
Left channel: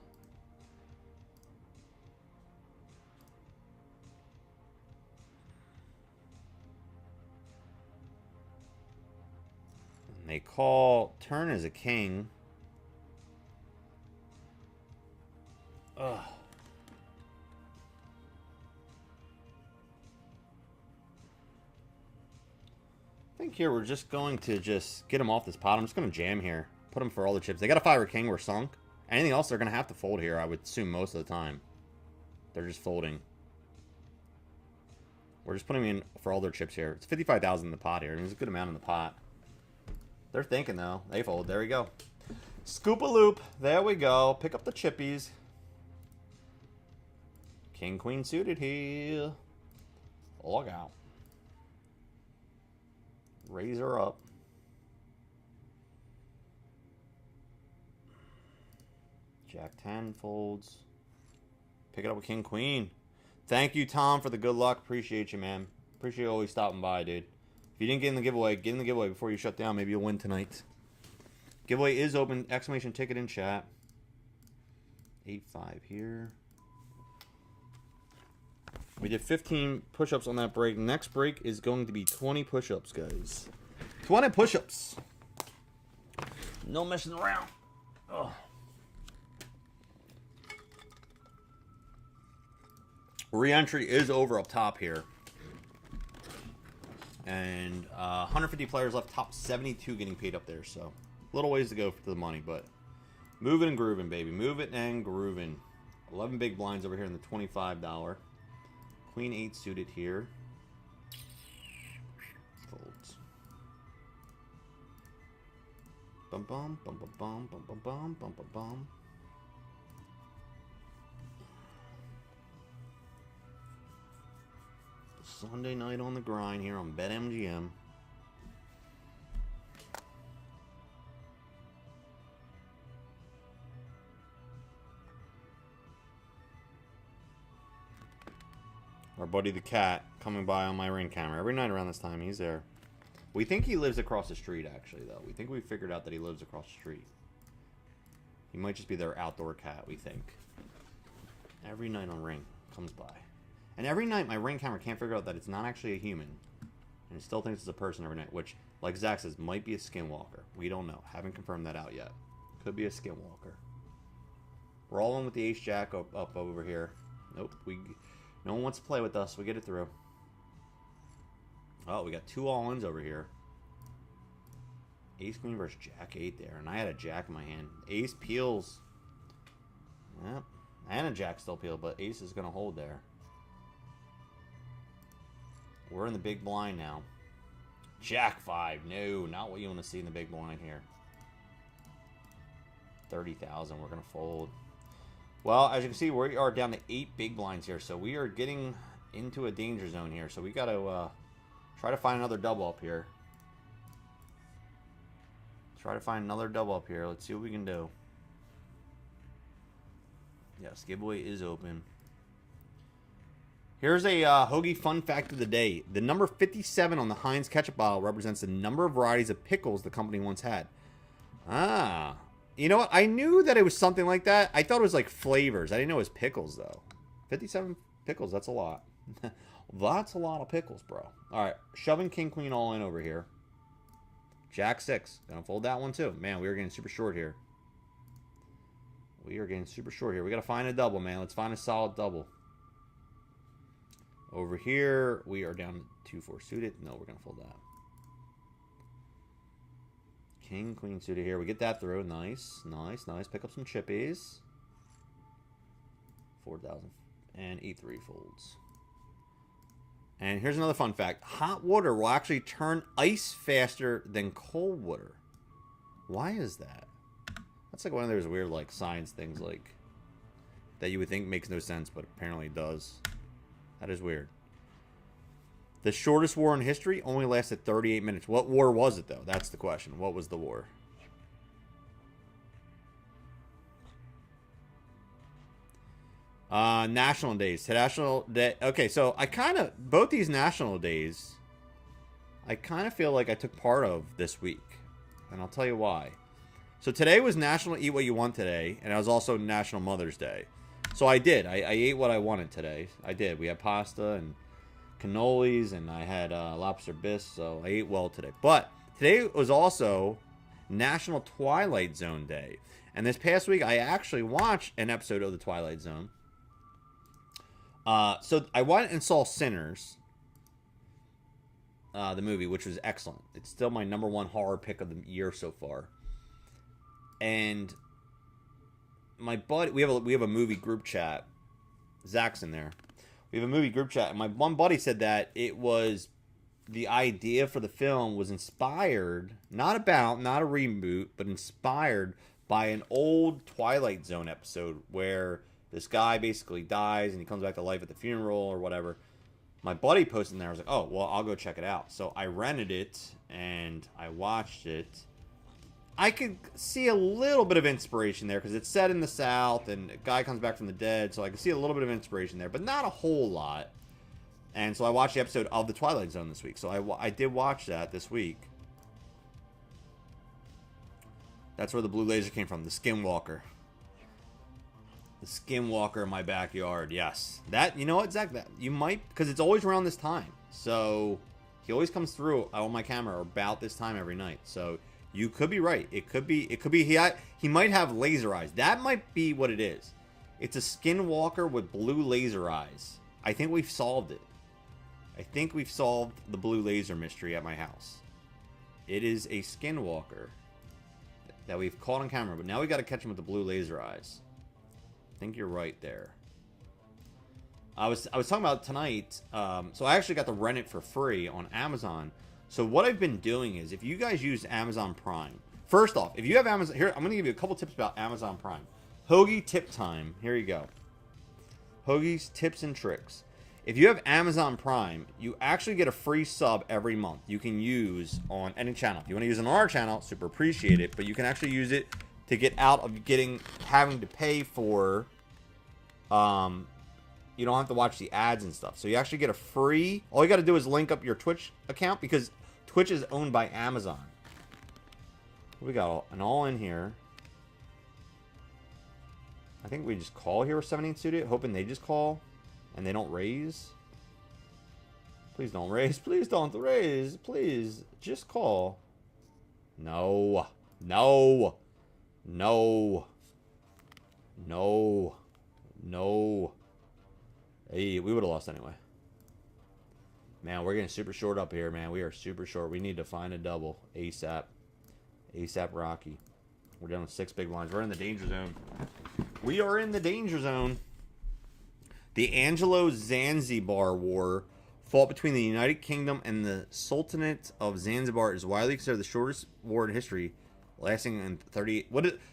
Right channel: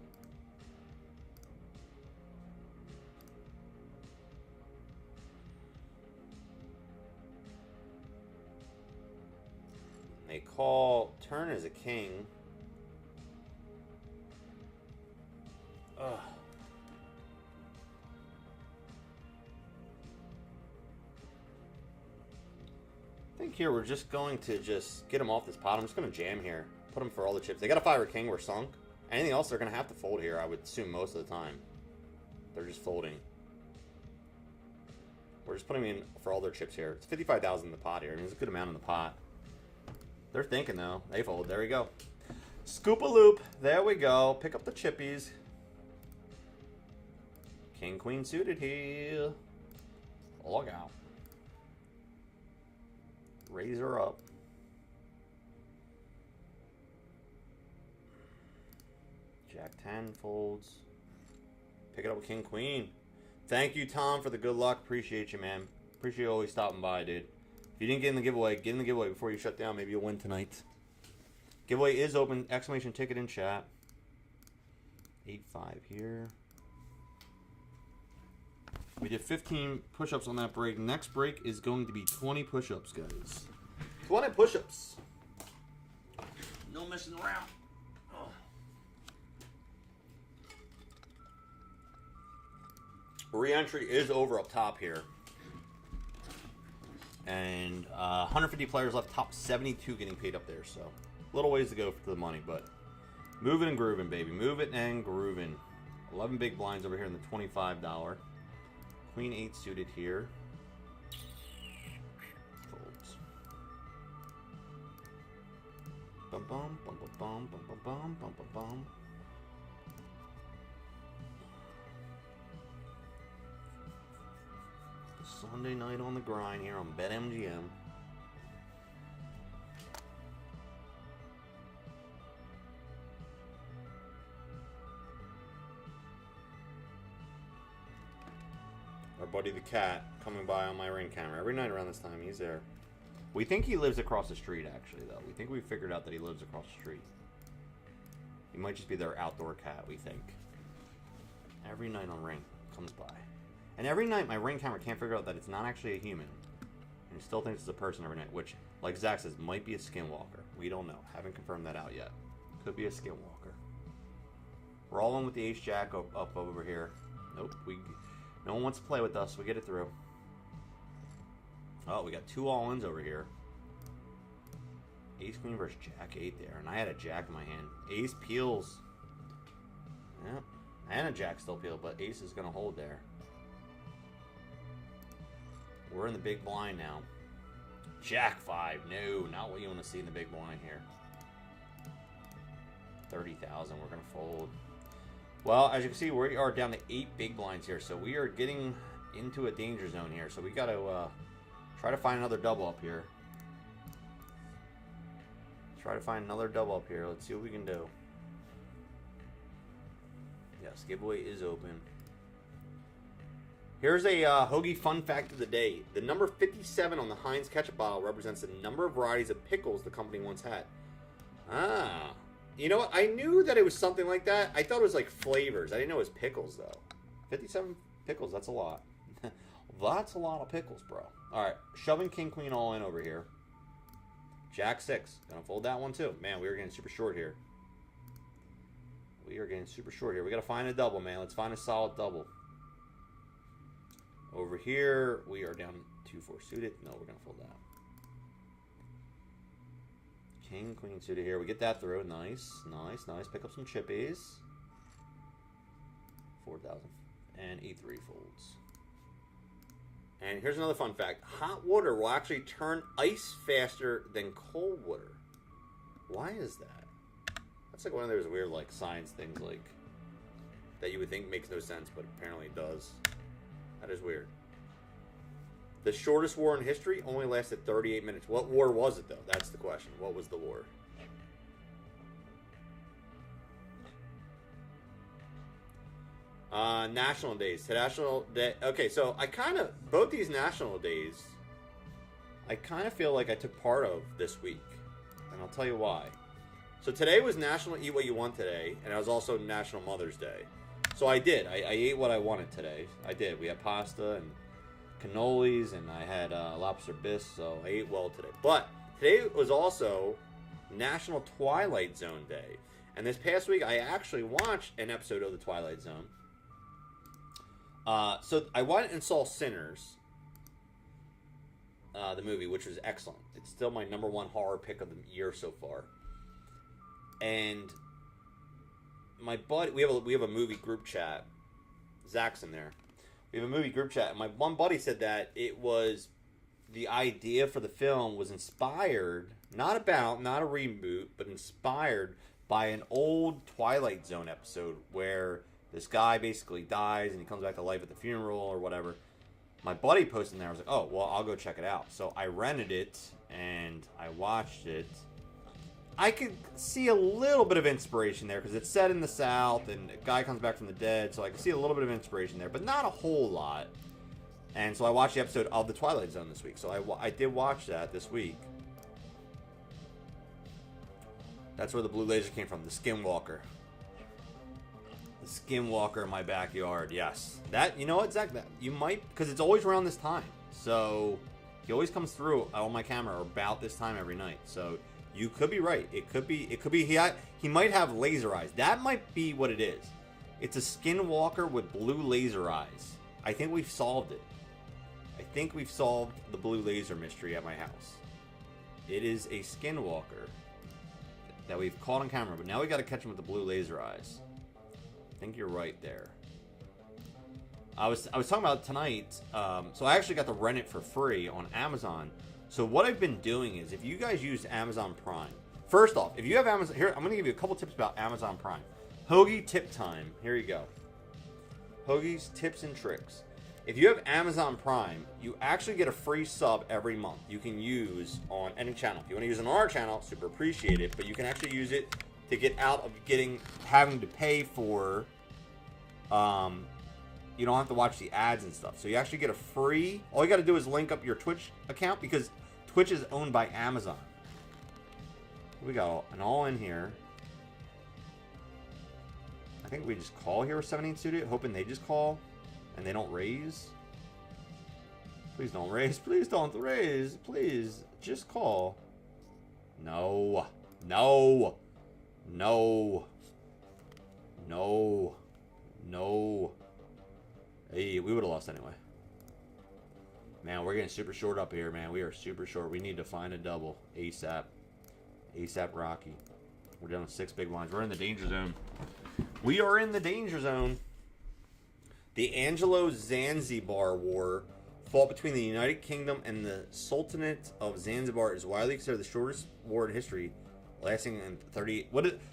And they call turn as a king. Ugh. I think here we're just going to just get him off this pot. I'm just going to jam here. Put him for all the chips. They got a 5 or king. We're sunk. Anything else, they're going to have to fold here, I would assume, most of the time. They're just folding. We're just putting in for all their chips here. It's 55,000 in the pot here. I mean, there's a good amount in the pot. They're thinking, though. They fold. There we go. Scoop-a-loop. There we go. Pick up the chippies. King, queen suited here. Log out. Raise her up. Jack 10 folds. Pick it up with king, queen. Thank you, Tom, for the good luck. Appreciate you, man. Appreciate you always stopping by, dude. If you didn't get in the giveaway, get in the giveaway before you shut down. Maybe you'll win tonight. Giveaway is open. Exclamation ticket in chat. 8-5 here. We did 15 push-ups on that break. Next break is going to be 20 push-ups, guys. 20 push-ups. No messing around. Ugh. Re-entry is over up top here. And 150 players left, top 72 getting paid up there. So, little ways to go for the money, but moving and grooving, baby. Move it and grooving. 11 big blinds over here in the $25. Queen 8 suited here. Folds. Bum bum bum bum bum bum bum bum bum bum bum. Sunday night on the grind here on BetMgm. Our buddy the cat coming by on my ring camera. Every night around this time, he's there. We think he lives across the street, actually, though. We think we figured out that he lives across the street. He might just be their outdoor cat, we think. Every night on ring, comes by. And every night, my ring camera can't figure out that it's not actually a human. And he still thinks it's a person every night, which, like Zach says, might be a skinwalker. We don't know. Haven't confirmed that out yet. Could be a skinwalker. We're all in with the ace-jack up over here. Nope, no one wants to play with us. We get it through. Oh, we got 2 all-ins over here. Ace queen versus jack 8 there. And I had a jack in my hand. Ace peels. Yep. And a jack still peeled, but ace is going to hold there. We're in the big blind now. Jack 5. No, not what you want to see in the big blind here. 30,000. We're going to fold. Well, as you can see, we are down to 8 big blinds here. So we are getting into a danger zone here. So we got to try to find another double up here. Try to find another double up here. Let's see what we can do. Yes, giveaway is open. Here's a Hoagie fun fact of the day. The number 57 on the Heinz ketchup bottle represents the number of varieties of pickles the company once had. Ah. You know what? I knew that it was something like that. I thought it was like flavors. I didn't know it was pickles, though. 57 pickles. That's a lot. That's a lot of pickles, bro. All right. Shoving king, queen all in over here. Jack 6. Gonna fold that one, too. Man, we are getting super short here. We are getting super short here. We got to find a double, man. Let's find a solid double. Over here, we are down 2-4 suited. No, we're going to fold that. King, queen suited here. We get that through. Nice, nice, nice. Pick up some chippies. 4,000. And E3 folds. And here's another fun fact. Hot water will actually turn ice faster than cold water. Why is that? That's like one of those weird like science things like that you would think makes no sense, but apparently it does. That is weird. The shortest war in history only lasted 38 minutes. What war was it, though? That's the question. What was the war? National days. National day. Okay, so I kind of... Both these national days, I kind of feel like I took part of this week. And I'll tell you why. So today was National Eat What You Want Today, and it was also National Mother's Day. So I did. I ate what I wanted today. I did. We had pasta and cannolis, and I had lobster bisque, so I ate well today. But today was also National Twilight Zone Day. And this past week, I actually watched an episode of The Twilight Zone. So I went and saw Sinners, the movie, which was excellent. It's still my #1 horror pick of the year so far. And my buddy, we have a movie group chat. Zach's in there. We have a movie group chat, and my one buddy said that it was the idea for the film was inspired, not a reboot, but inspired by an old Twilight Zone episode where this guy basically dies and he comes back to life at the funeral or whatever. My buddy posted in there. I was like, oh, well, I'll go check it out. So I rented it and I watched it. I could see a little bit of inspiration there because it's set in the South and a guy comes back from the dead. So I could see a little bit of inspiration there, but not a whole lot. And so I watched the episode of The Twilight Zone this week. So I did watch that this week. That's where the blue laser came from. The Skinwalker. The Skinwalker in my backyard. Yes. That, you know what, Zach? That, you might, because it's always around this time. So he always comes through on my camera about this time every night. So you could be right. It could be he might have laser eyes. That might be what it is. It's a Skinwalker with blue laser eyes. I think we've solved it. I think we've solved the blue laser mystery at my house. It is a Skinwalker that we've caught on camera, but now we got to catch him with the blue laser eyes. I think you're right there. I was talking about tonight. So I actually got to rent it for free on Amazon. So what I've been doing is, if you guys use Amazon Prime, first off, if you have Amazon, here I'm going to give you a couple tips about Amazon Prime. Hoagie tip time. Here you go. Hoagie's tips and tricks. If you have Amazon Prime, you actually get a free sub every month you can use on any channel. If you want to use it on our channel, super appreciate it, but you can actually use it to get out of having to pay for, you don't have to watch the ads and stuff. So you actually get a free, all you got to do is link up your Twitch account because Twitch is owned by Amazon. We got an all in here. I think we just call here with 17 Studio, hoping they just call. And they don't raise. Please don't raise. Please don't raise. Please just call. No. No. No. No. No. Hey, we would have lost anyway. Man, we're getting super short up here, man. We are super short. We need to find a double ASAP. ASAP Rocky. We're down to 6 big blinds. We're in the danger zone. We are in the danger zone. The Anglo-Zanzibar War fought between the United Kingdom and the Sultanate of Zanzibar is widely considered the shortest war in history, lasting in 30.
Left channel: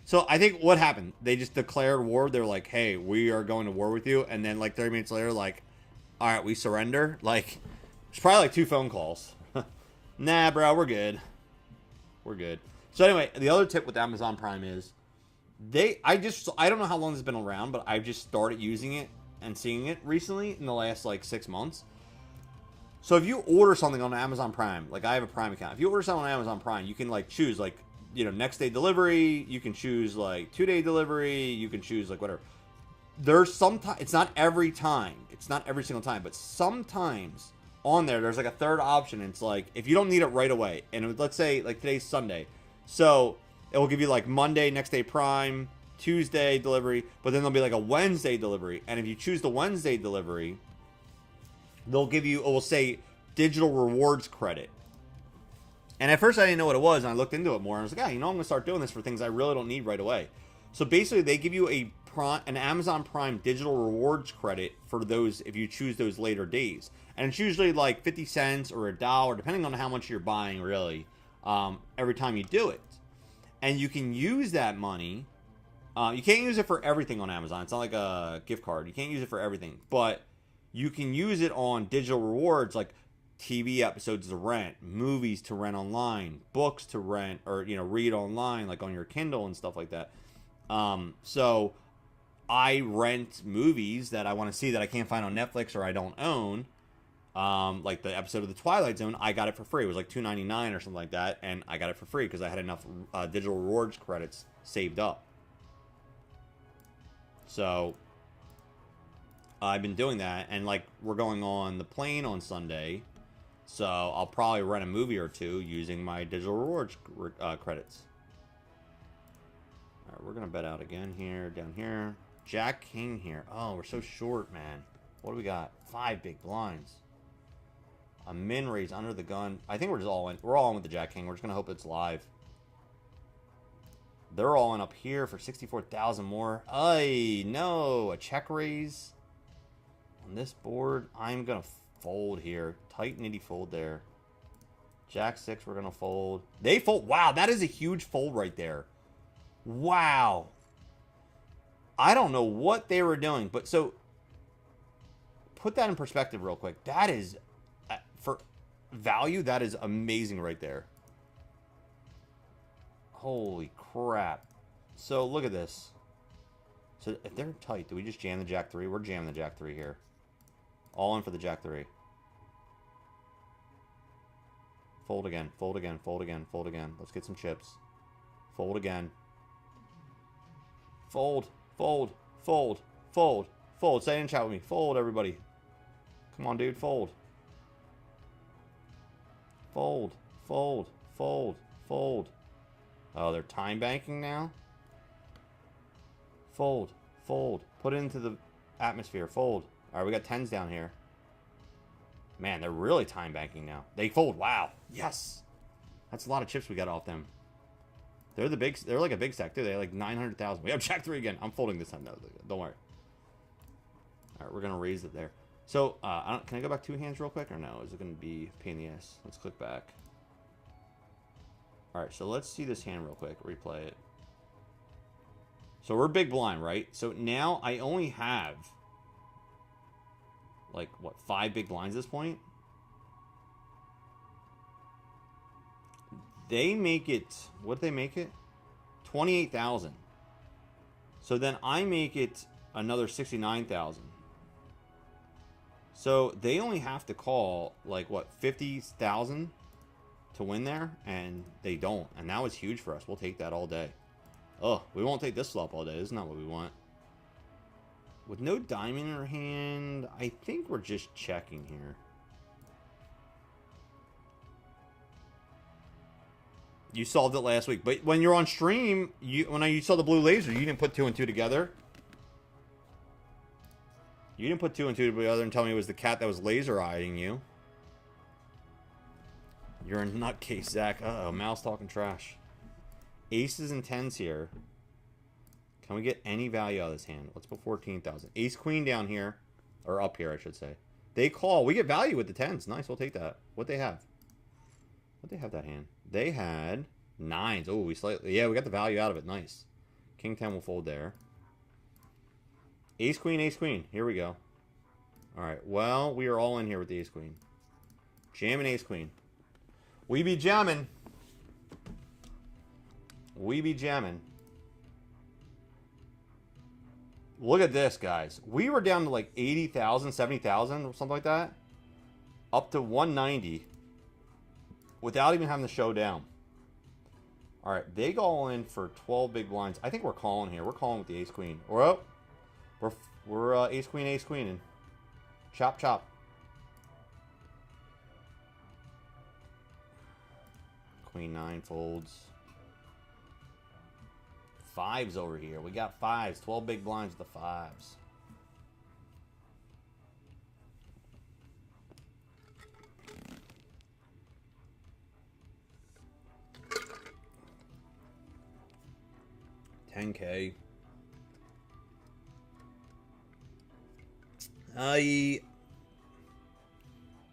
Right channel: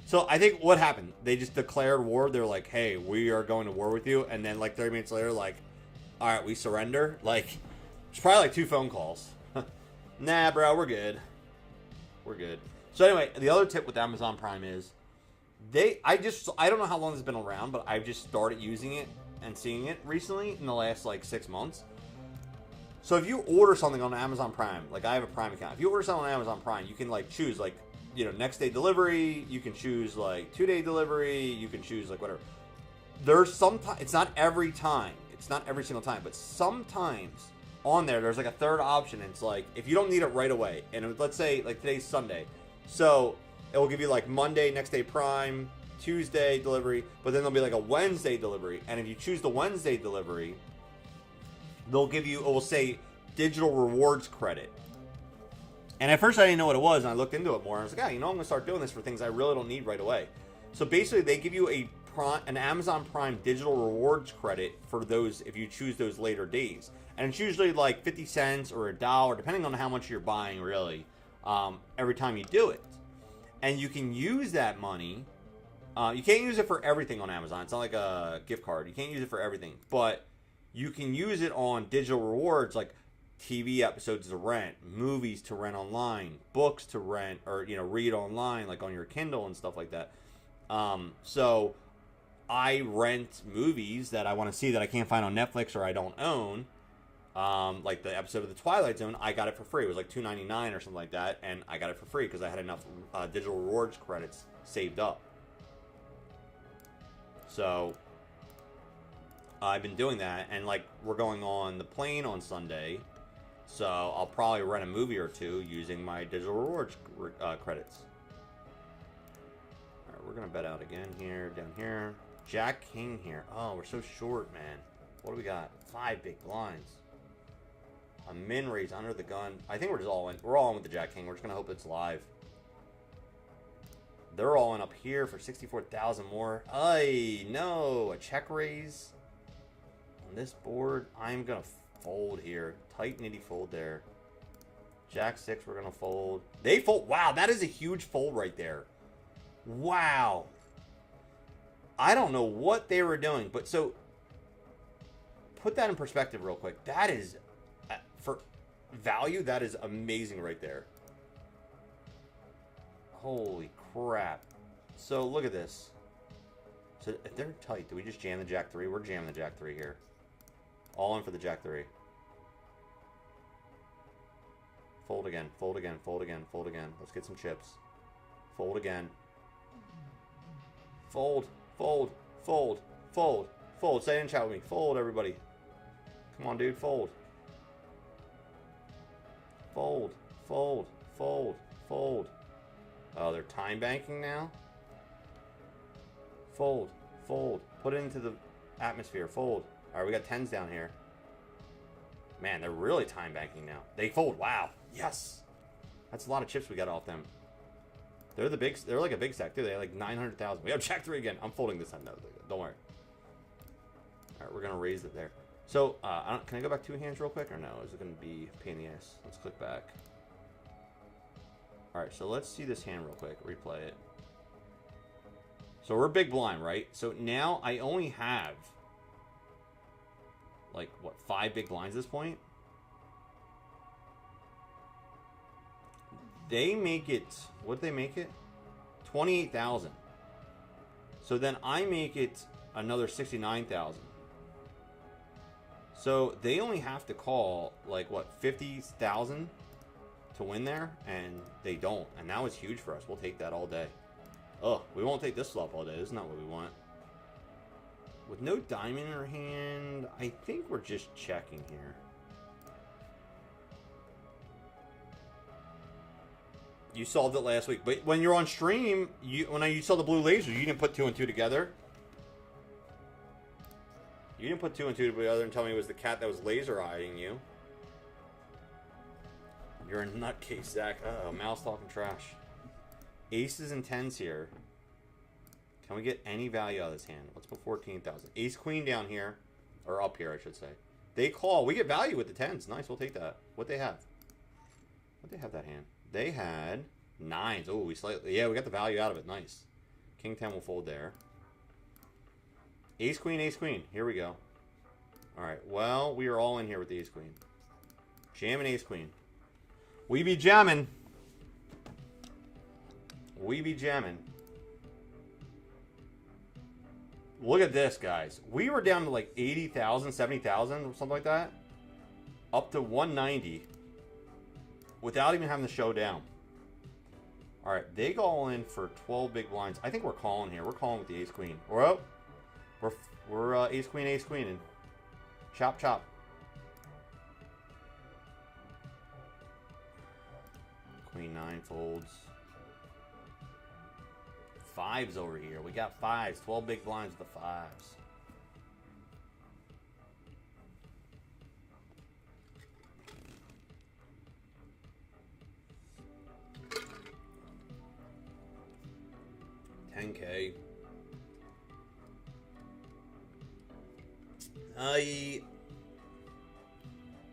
So I think what happened? They just declared war. They're like, "Hey, we are going to war with you," and then like 30 minutes later, like, "All right, we surrender." Like, it's probably like 2 phone calls. Nah, bro, we're good. We're good. So anyway, the other tip with Amazon Prime is I don't know how long it's been around, but I've just started using it and seeing it recently in the last like 6 months. So if you order something on Amazon Prime, like I have a Prime account, if you order something on Amazon Prime, you can like choose like, you know, next day delivery, you can choose like 2-day delivery, you can choose like whatever. There's sometimes, it's not every time, it's not every single time, but sometimes on there's like a third option. It's like, if you don't need it right away, and let's say like today's Sunday, so it will give you like Monday, next day Prime, Tuesday delivery, but then there'll be like a Wednesday delivery. And if you choose the Wednesday delivery, they'll give you, it will say digital rewards credit. And at first I didn't know what it was, and I looked into it more, and I was like, you know, I'm going to start doing this for things I really don't need right away. So basically they give you an Amazon Prime digital rewards credit for those, if you choose those later days. And it's usually like 50 cents or $1, depending on how much you're buying really, every time you do it. And you can use that money. You can't use it for everything on Amazon. It's not like a gift card. You can't use it for everything. But you can use it on digital rewards, like TV episodes to rent, movies to rent online, books to rent or, you know, read online, like on your Kindle and stuff like that. So I rent movies that I want to see that I can't find on Netflix or I don't own. Like the episode of The Twilight Zone, I got it for free. It was like $2.99 or something like that. And I got it for free because I had enough digital rewards credits saved up. So I've been doing that, and like we're going on the plane on Sunday, so I'll probably rent a movie or two using my digital rewards credits. All right, we're gonna bet out again here, down here. Jack King here. Oh, we're so short, man. What do we got? 5 big blinds. A min raise under the gun. I think we're just all in. We're all in with the Jack King. We're just gonna hope it's live. They're all in up here for 64,000 more. Ay, no. A check raise on this board. I'm going to fold here. Tight nitty fold there. Jack 6, we're going to fold. They fold. Wow, that is a huge fold right there. Wow. I don't know what they were doing, but so put that in perspective real quick. That is, for value, that is amazing right there. Holy crap. So look at this. So if they're tight, do we just jam the Jack 3? We're jamming the Jack 3 here. All in for the Jack 3. Fold again, fold again, fold again, fold again. Let's get some chips. Fold again. Fold, fold, fold, fold, fold. Say it in chat with me. Fold, everybody. Come on, dude. Fold. Fold, fold, fold, fold. Oh, they're time banking now? Fold, fold. Put it into the atmosphere. Fold. All right, we got 10s down here. Man, they're really time banking now. They fold. Wow. Yes. That's a lot of chips we got off them. They're like a big stack, too. They have like 900,000. We have Jack 3 again. I'm folding this time. No, don't worry. All right, we're going to raise it there. So, can I go back 2 hands real quick or no? Is it going to be a pain in the ass? Let's click back. All right, so let's see this hand real quick. Replay it. So we're big blind, right? So now I only have like, what, 5 big blinds at this point? They make it, what did they make it? 28,000. So then I make it another 69,000. So they only have to call, like, what, 50,000 to win there? And they don't. And that was huge for us. We'll take that all day. Oh, we won't take this flop all day. This is not what we want. With no diamond in our hand, I think we're just checking here. You solved it last week, but when you're on stream, when you saw the blue laser, you didn't put 2 and 2 together. You didn't put 2 and 2 together and tell me it was the cat that was laser eyeing you. You're a nutcase, Zach. Uh-oh, mouse talking trash. Aces and 10s here. Can we get any value out of this hand? Let's put 14,000. Ace queen down here, or up here, I should say. They call. We get value with the 10s. Nice, we'll take that. What they have? What they have that hand? They had 9s. Oh, we slightly, yeah, we got the value out of it. Nice. King 10 will fold there. Ace queen, ace queen. Here we go. All right. Well, we are all in here with the ace queen. Jamming ace queen. We be jamming. We be jamming. Look at this, guys. We were down to like 80,000, 70,000 or something like that. Up to 190. Without even having the show down. All right, they go all in for 12 big blinds. I think we're calling here. We're calling with the ace queen. We're ace queen, and chop chop. Queen 9 folds. 5s over here. We got 5s. 12 big blinds with the 5s. $10K.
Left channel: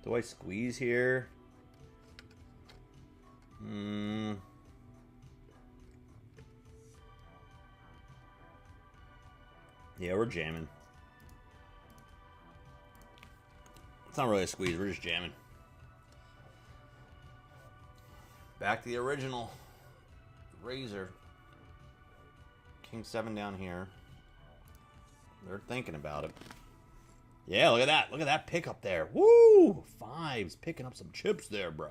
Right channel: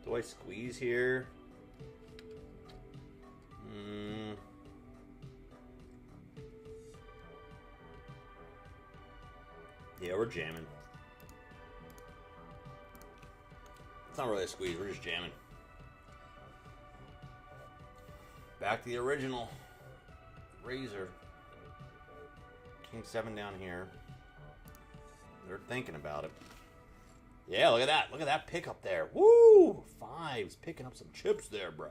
Do I squeeze here? Yeah, we're jamming. It's not really a squeeze, we're just jamming. Back to the original. Razor. King 7 down here. They're thinking about it. Yeah, look at that. Look at that pickup there. Woo! 5s. Picking up some chips there, bro.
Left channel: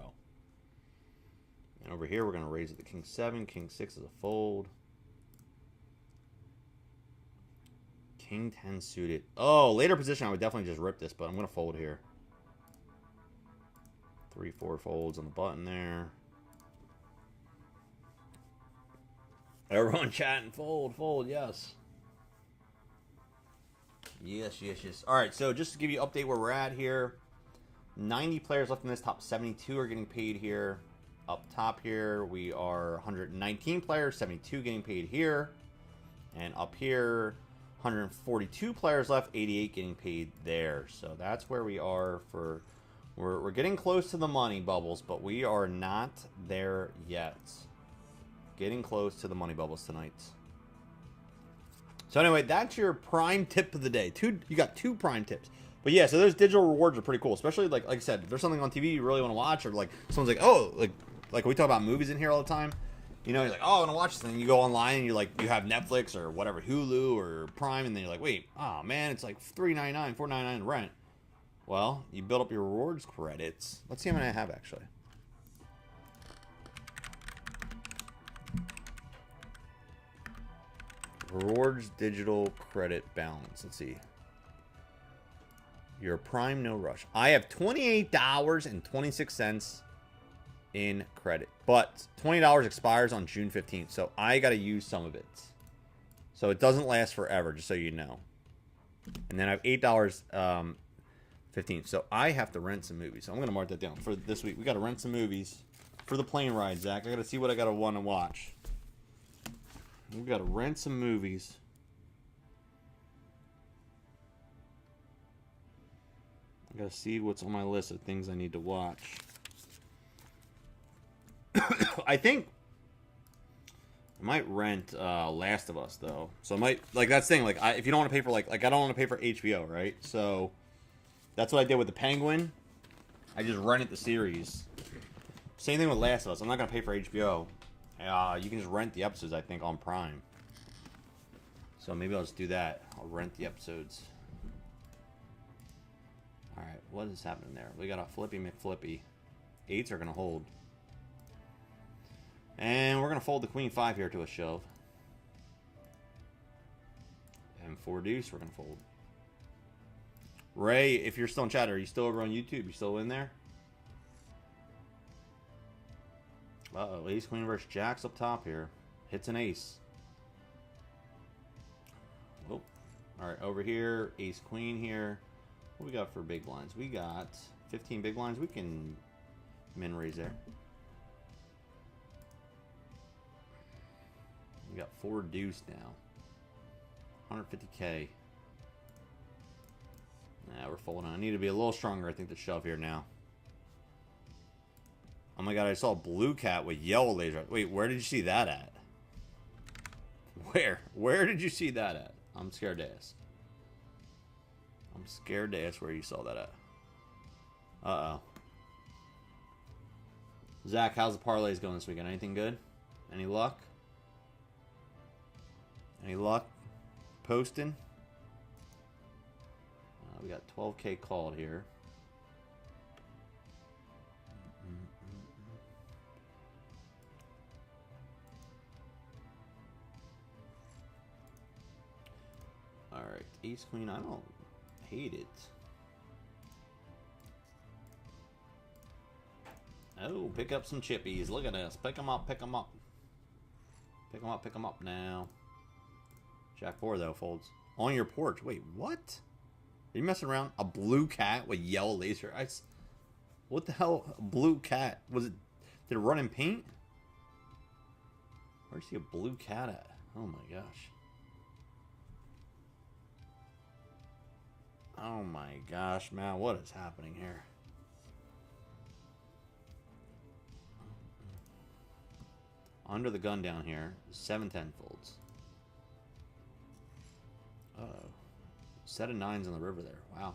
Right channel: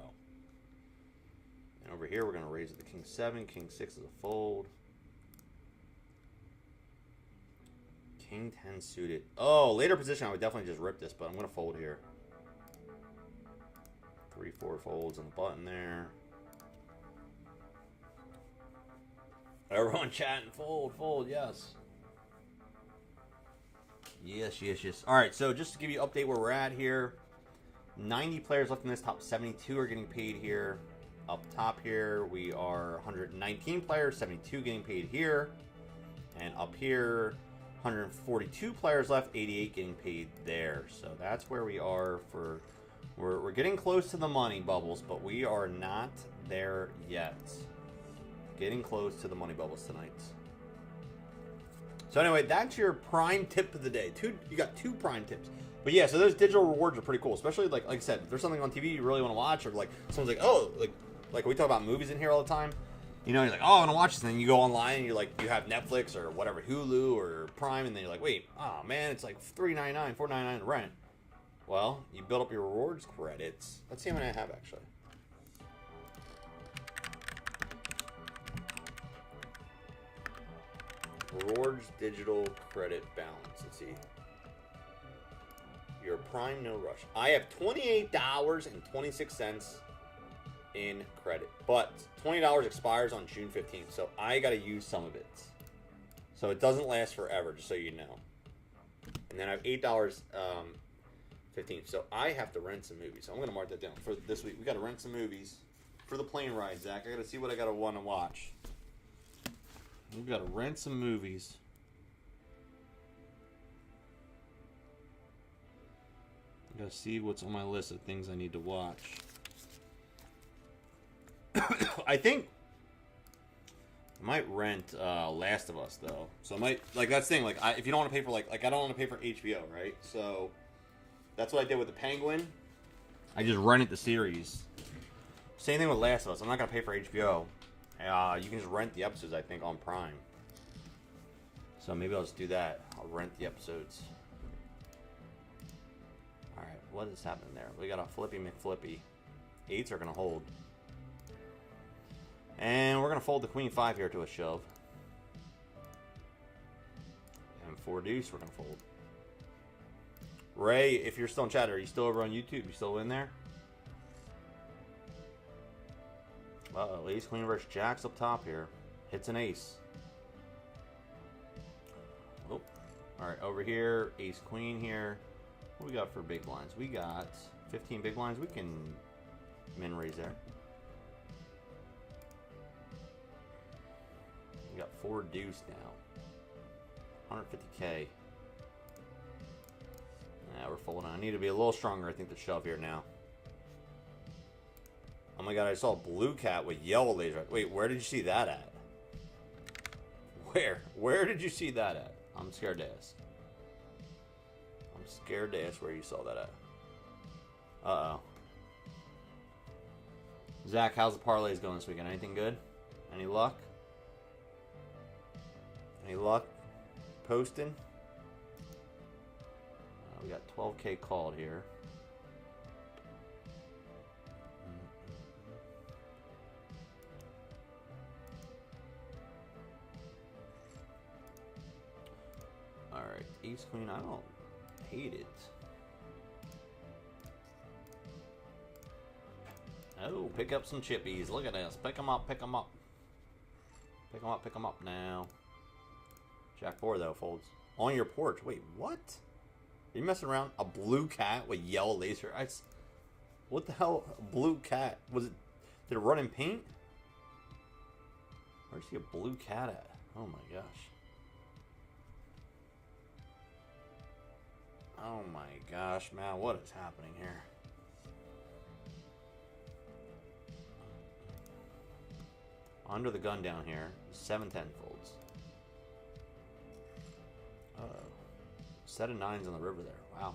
And over here, we're going to raise it to King 7. King 6 is a fold. King 10 suited. Oh, later position, I would definitely just rip this, but I'm going to fold here. 3, 4 folds on the button there. Everyone chatting, fold, fold, yes. Yes, yes, yes. All right, so just to give you an update where we're at here. 90 players left in this. Top 72 are getting paid here. up top here, we are 119 players, 72 getting paid here. And up here, 142 players left, 88 getting paid there. So that's where we are for... We're getting close to the money bubbles, but we are not there yet. Getting close to the money bubbles tonight. So anyway, that's your prime tip of the day. You got 2 prime tips. But yeah, so those digital rewards are pretty cool. Especially, like I said, if there's something on TV you really want to watch, or like someone's like, oh, like we talk about movies in here all the time. You know, you're like, oh, I want to watch this. And then you go online and you have Netflix or whatever, Hulu or Prime, and then you're like, wait, oh man, it's like $3.99, $4.99 rent. Well, you build up your rewards credits. Let's see how many I have, actually. Rewards digital credit balance. Let's see. Your Prime No Rush. I have $28.26 in credit. But $20 expires on June 15th. So I got to use some of it. So it doesn't last forever, just so you know. And then I have $8.15. So I have to rent some movies. So I'm going to mark that down for this week. We got to rent some movies for the plane ride, Zach. I got to see what I got to want to watch. We got to rent some movies. I got to see what's on my list of things I need to watch. I think I might rent Last of Us though. So I might that's the thing. If you don't want to pay for I don't want to pay for HBO, right? So that's what I did with the Penguin. I just rented the series. Same thing with Last of Us. I'm not gonna pay for HBO. You can just rent the episodes, I think, on Prime. So maybe I'll just do that. I'll rent the episodes. Alright, what is happening there? We got a Flippy McFlippy. 8s are going to hold. And we're going to fold the Queen 5 here to a shove. And 4 deuce we're going to fold. Ray, if you're still in chat, are you still over on YouTube? You still in there? Uh-oh, ace, queen versus jacks up top here. Hits an ace. Oh, alright, over here, ace, queen here. What we got for big blinds? We got 15 big blinds. We can min raise there. We got 4 deuce now. 150k. Nah, we're folding. I need to be a little stronger, I think, to shove here now. Oh my god, I saw a blue cat with yellow laser. Wait, where did you see that at? Where? Where did you see that at? I'm scared to ask. I'm scared to ask where you saw that at. Uh-oh. Zach, how's the parlays going this weekend? Anything good? Any luck? Any luck posting? We got 12k called here. Alright, ace queen, I don't hate it. Oh, pick up some chippies. Look at this. Pick them up, pick them up. Pick them up, pick them up now. Jack 4 though folds. On your porch. Wait, what? Are you messing around? A blue cat with yellow laser? What the hell? A blue cat? Was it? Did it run in paint? Where'd you see a blue cat at? Oh my gosh. Oh my gosh, man, what is happening here? Under the gun down here, 7-10 folds. Uh-oh. Set of 9s on the river there. Wow.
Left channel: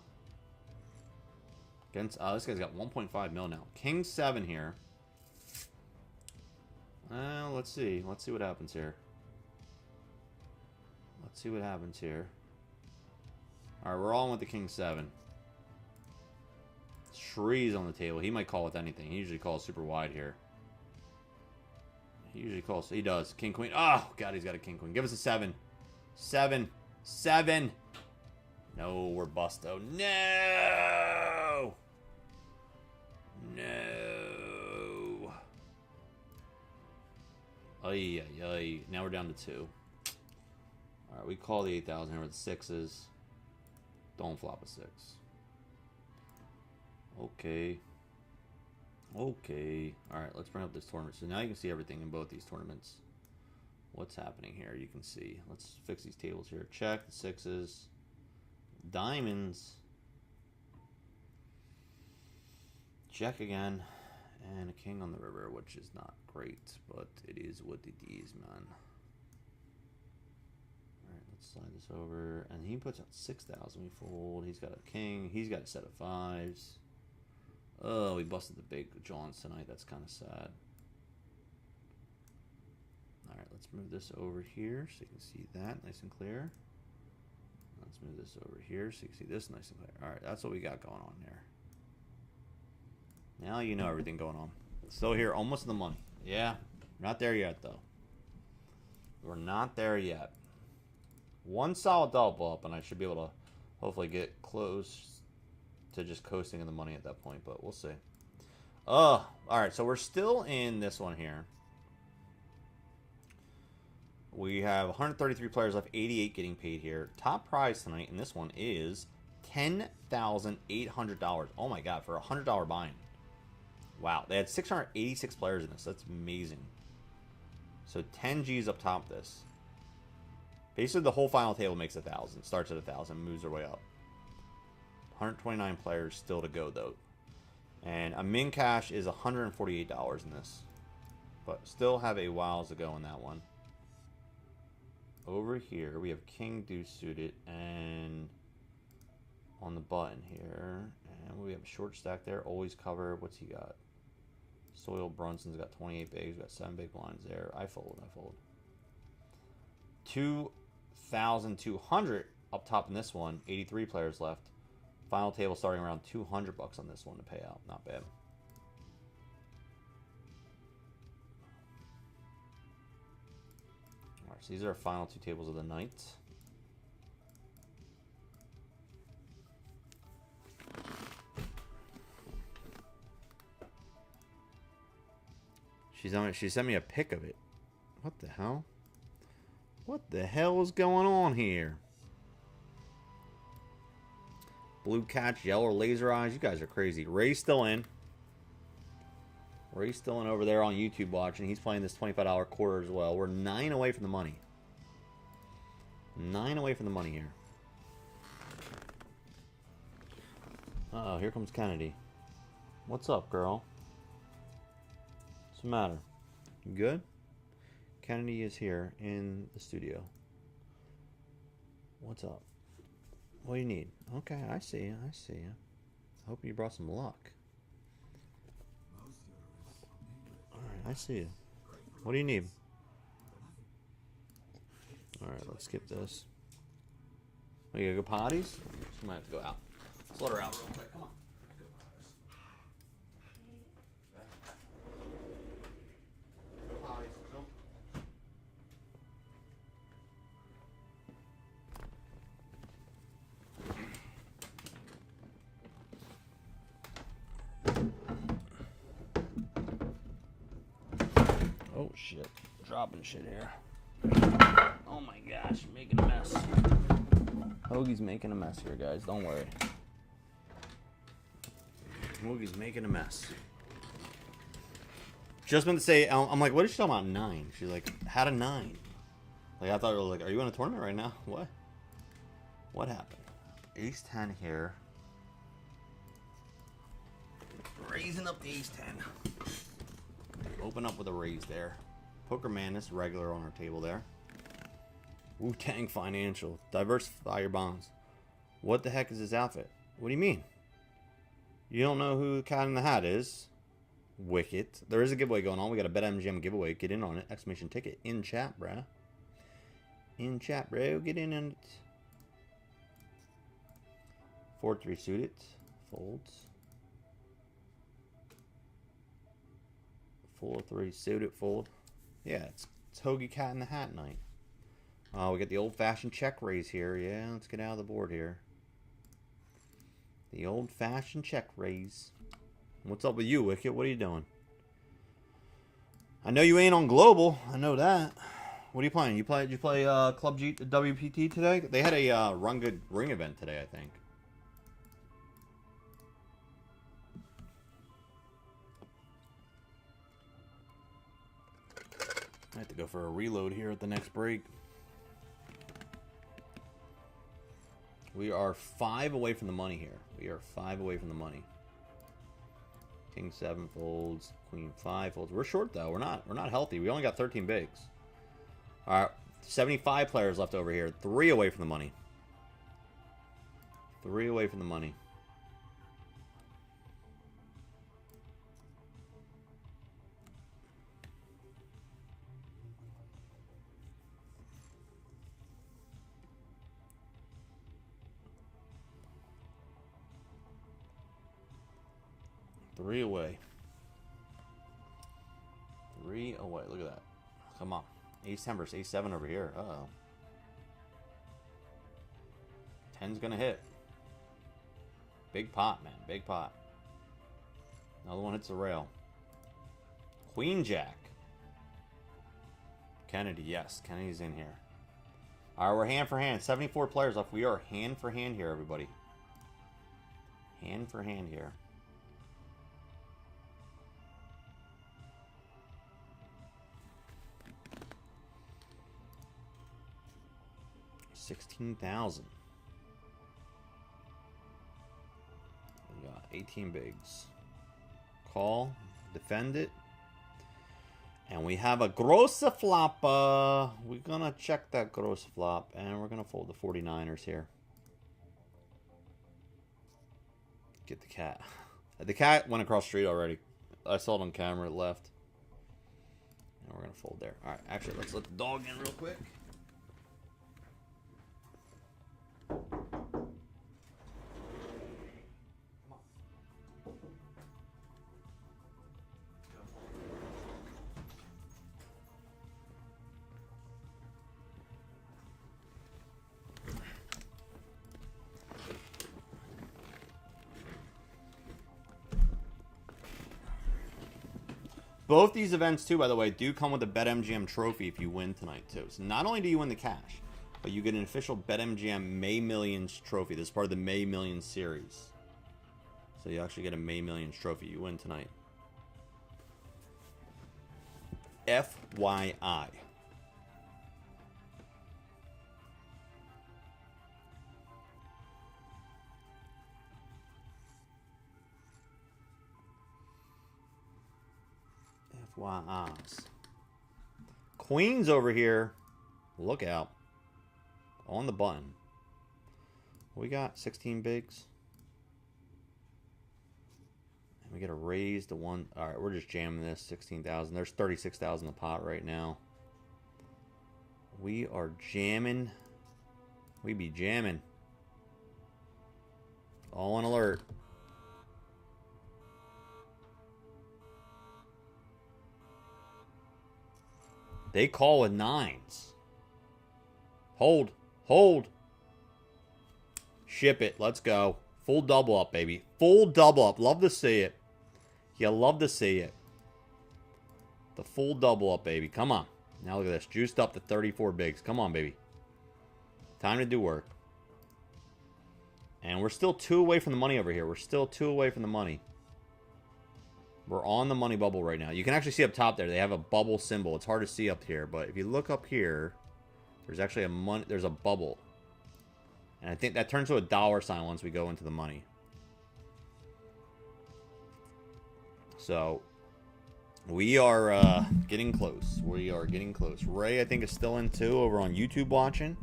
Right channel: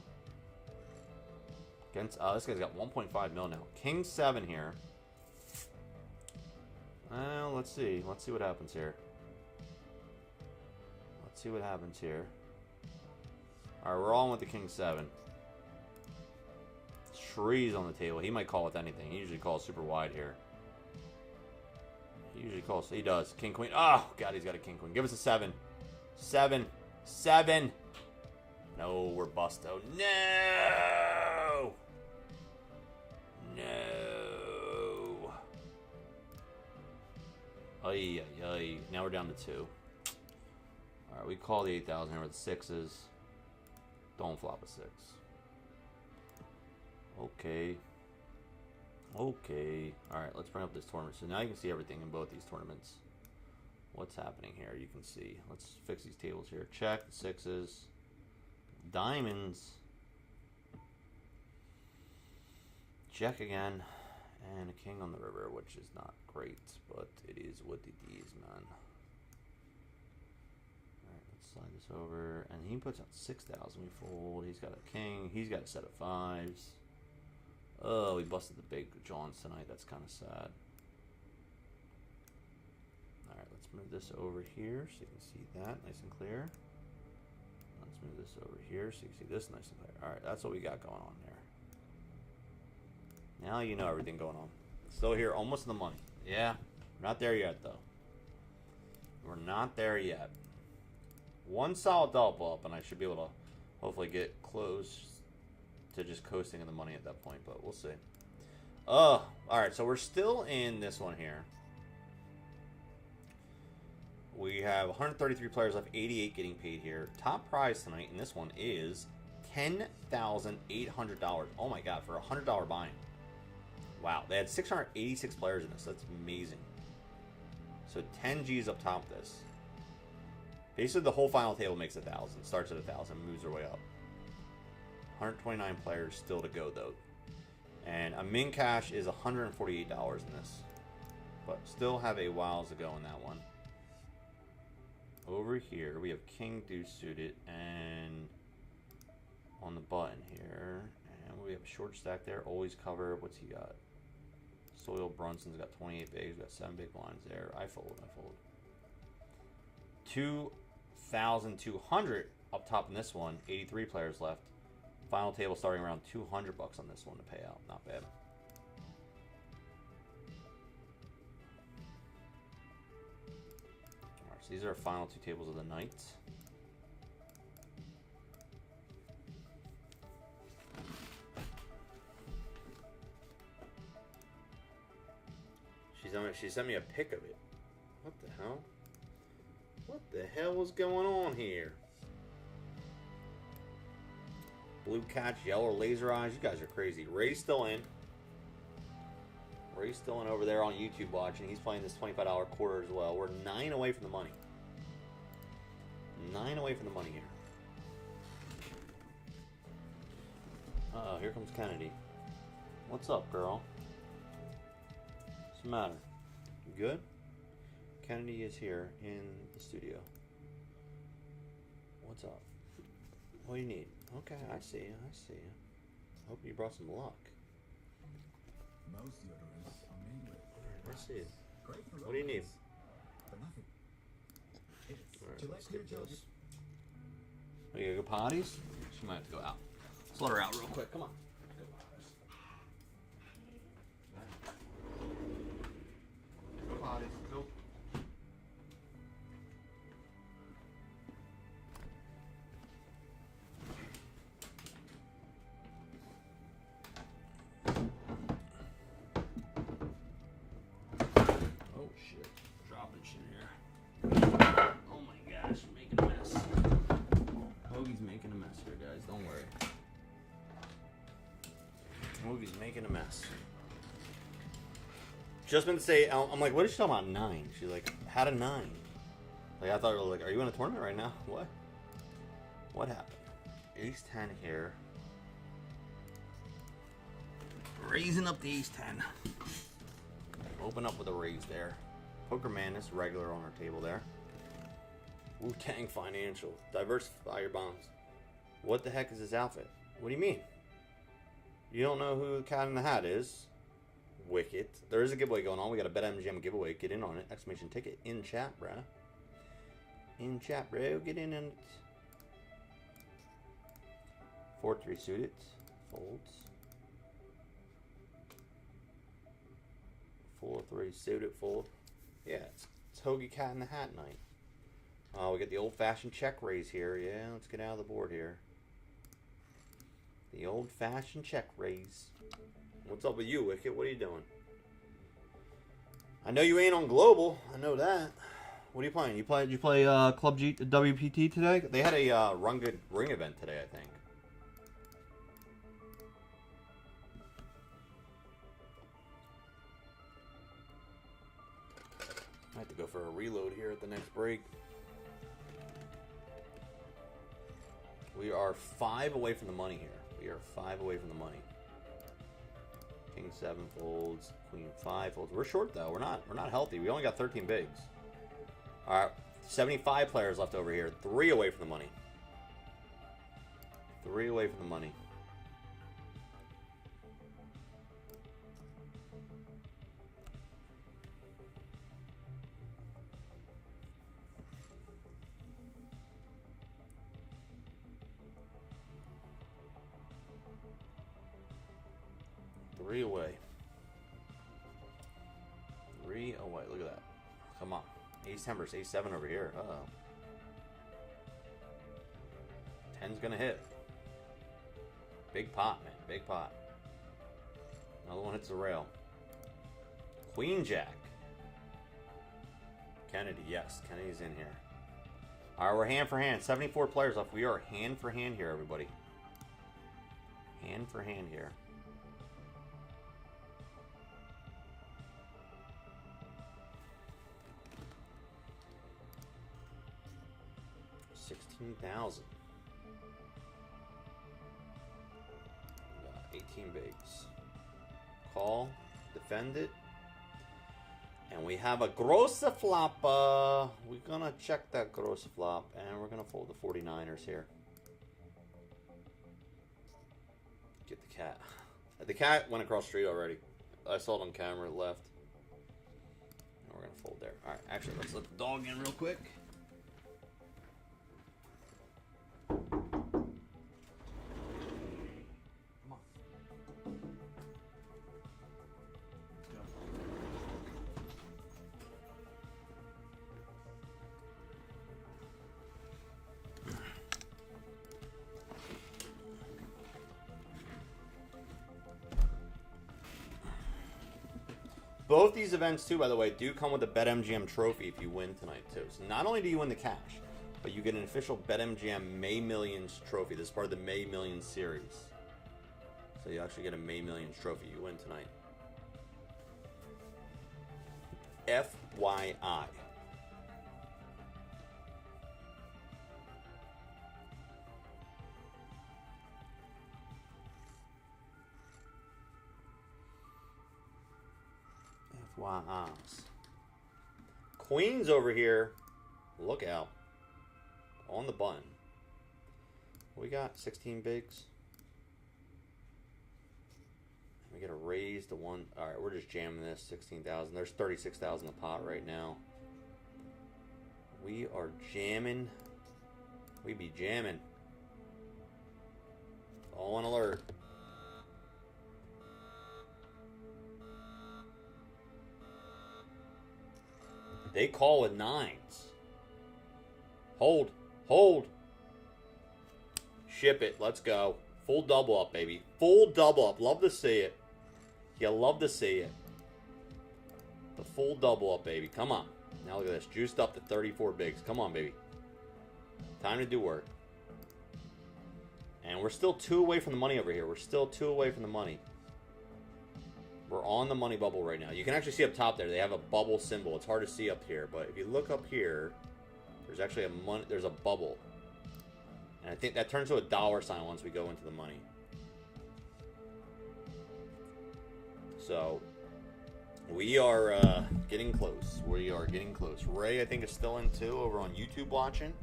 Against, this guy's got 1.5 mil now. King 7 here. Well, let's see. Let's see what happens here. Let's see what happens here. Alright, we're all in with the King 7. Trees on the table. He might call with anything. He usually calls super wide here. He usually calls. He does. King, Queen. Oh, God, he's got a King, Queen. Give us a 7. 7. 7. No, we're busto. No! No! Ay, ay, ay. Now we're down to 2. Alright, we call the 8,000 here with the 6s. Don't flop a 6. Okay. Okay. Alright, let's bring up this tournament. So now you can see everything in both these tournaments. What's happening here? You can see. Let's fix these tables here. Check the sixes. Diamonds. Check again. And a king on the river, which is not great, but it is what it is, man. Alright, let's slide this over. And he puts out 6,000. We fold. He's got a king. He's got a set of fives. Oh, we busted the big Johns tonight. That's kind of sad. Alright, let's move this over here so you can see that nice and clear. Let's move this over here so you can see this nice and clear. Alright, that's what we got going on there. Now you know everything going on. Still here, almost in the money. Yeah, we're not there yet, though. We're not there yet. One solid double up, and I should be able to hopefully get close to just coasting in the money at that point, but we'll see. Alright, so we're still in this one here. We have 133 players left, 88 getting paid here. Top prize tonight in this one is $10,800. Oh my god, for a $100 buy-in. Wow, they had 686 players in this. That's amazing. So 10 G's up top of this. Basically, the whole final table makes 1,000. Starts at 1,000, moves their way up. 129 players still to go, though. And a min cash is $148 in this. But still have a while to go in that one. Over here, we have King Deuce suited, and on the button here, and we have a short stack there, always cover. What's he got? Soil Brunson's got 28 bigs, got 7 big blinds there. I fold. 2,200 up top in this one, 83 players left. Final table starting around $200 on this one to pay out. Not bad. Alright, so these are our final two tables of the night. She sent me a pic of it. What the hell? What the hell is going on here? Blue catch, yellow laser eyes. You guys are crazy. Ray's still in. Ray's still in over there on YouTube watching. He's playing this $25 quarter as well. We're 9 away from the money. 9 away from the money here. Uh-oh, here comes Kennedy. What's up, girl? What's the matter? You good? Kennedy is here in the studio. What's up? What do you need? Okay, I see you. I see you. Hope you brought some luck. Alright, I see you. What do you need? Alright, let's skip this. Oh, you gotta go potties? She might have to go out. Let's let her out real quick. Come on. Oh shit. Dropping shit here. Oh my gosh, you're making a mess. Hoagie's making a mess here, guys. Don't worry. Hoagie's making a mess. Just meant to say, I'm like, what is she talking about 9? She's like, had a 9. Like, I thought, like, are you in a tournament right now? What? What happened? Ace 10 here. Raising up the ace 10. Open up with a raise there. Poker Madness, regular on our table there. Wu-Tang Financial. Diversify your bonds. What the heck is this outfit? What do you mean? You don't know who the cat in the hat is? Wicked. There is a giveaway going on. We got a Betmgm giveaway. Get in on it. Exclamation ticket. In chat, bruh. In chat, bro. Get in on it. 4-3 suited. Folds. 4-3 suited. Fold. Yeah, it's Hoagie Cat in the Hat night. We got the old-fashioned check raise here. Yeah, let's get out of the board here. The old-fashioned check raise. What's up with you, Wicket? What are you doing? I know you ain't on Global. I know that. What are you playing? You play Club G WPT today? They had a Run Good Ring event today, I think. I have to go for a reload here at the next break. We are 5 away from the money here. We are 5 away from the money. King 7 folds, Queen 5 folds. We're short though. We're not healthy. We only got 13 bigs. All right, 75 players left over here. 3 away from the money. 3 away from the money. Three away. 3 away. Look at that. Come on. Ace 10 versus Ace 7 over here. Uh-oh. 10's gonna hit. Big pot, man. Big pot. Another one hits the rail. Queen Jack. Kennedy, yes. Kennedy's in here. Alright, we're hand for hand. 74 players left. We are hand for hand here, everybody. Hand for hand here. $16,000. We got 18 bigs. Call, defend it, and we have a grosse flop. We're gonna check that grosse flop, and we're gonna fold the 49ers here. Get the cat. The cat went across the street already. I saw it on camera. It left. And we're gonna fold there. All right. Actually, let's let the dog in real quick. Both these events, too, by the way, do come with a Betmgm trophy if you win tonight, too. So not only do you win the cash, but you get an official Betmgm May Millions trophy. This is part of the May Millions series. So you actually get a May Millions trophy. You win tonight. FYI. FYIs. Queens over here. Look out. On the button. We got 16 bigs. And we got to raise the one. Alright, we're just jamming this. 16,000. There's 36,000 a pot right now. We are jamming. We be jamming. All on alert. They call with 9s. Hold. Hold. Ship it. Let's go. Full double up, baby. Full double up. Love to see it. You love to see it. The full double up, baby. Come on. Now look at this. Juiced up to 34 bigs. Come on, baby. Time to do work. And we're still 2 away from the money over here. We're still 2 away from the money. We're on the money bubble right now. You can actually see up top there. They have a bubble symbol. It's hard to see up here, but if you look up here, there's actually there's a bubble. And I think that turns to a dollar sign once we go into the money. So we are getting close. We are getting close. Ray, I think, is still in too over on YouTube watching.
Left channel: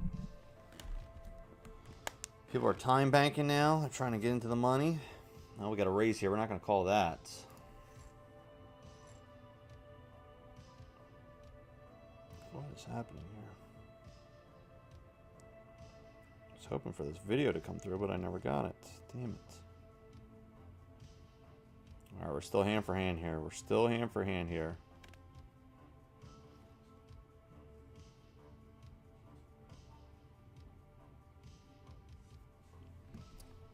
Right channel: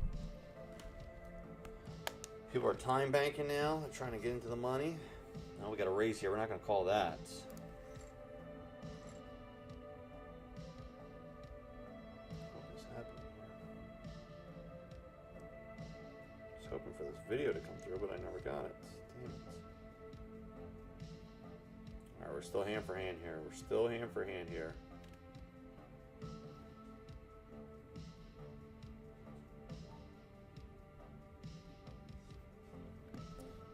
People are time banking now. They're trying to get into the money. Now we got a raise here. We're not going to call that. What is happening here? I was hoping for this video to come through, but I never got it. Damn it. Alright, we're still hand for hand here. We're still hand for hand here.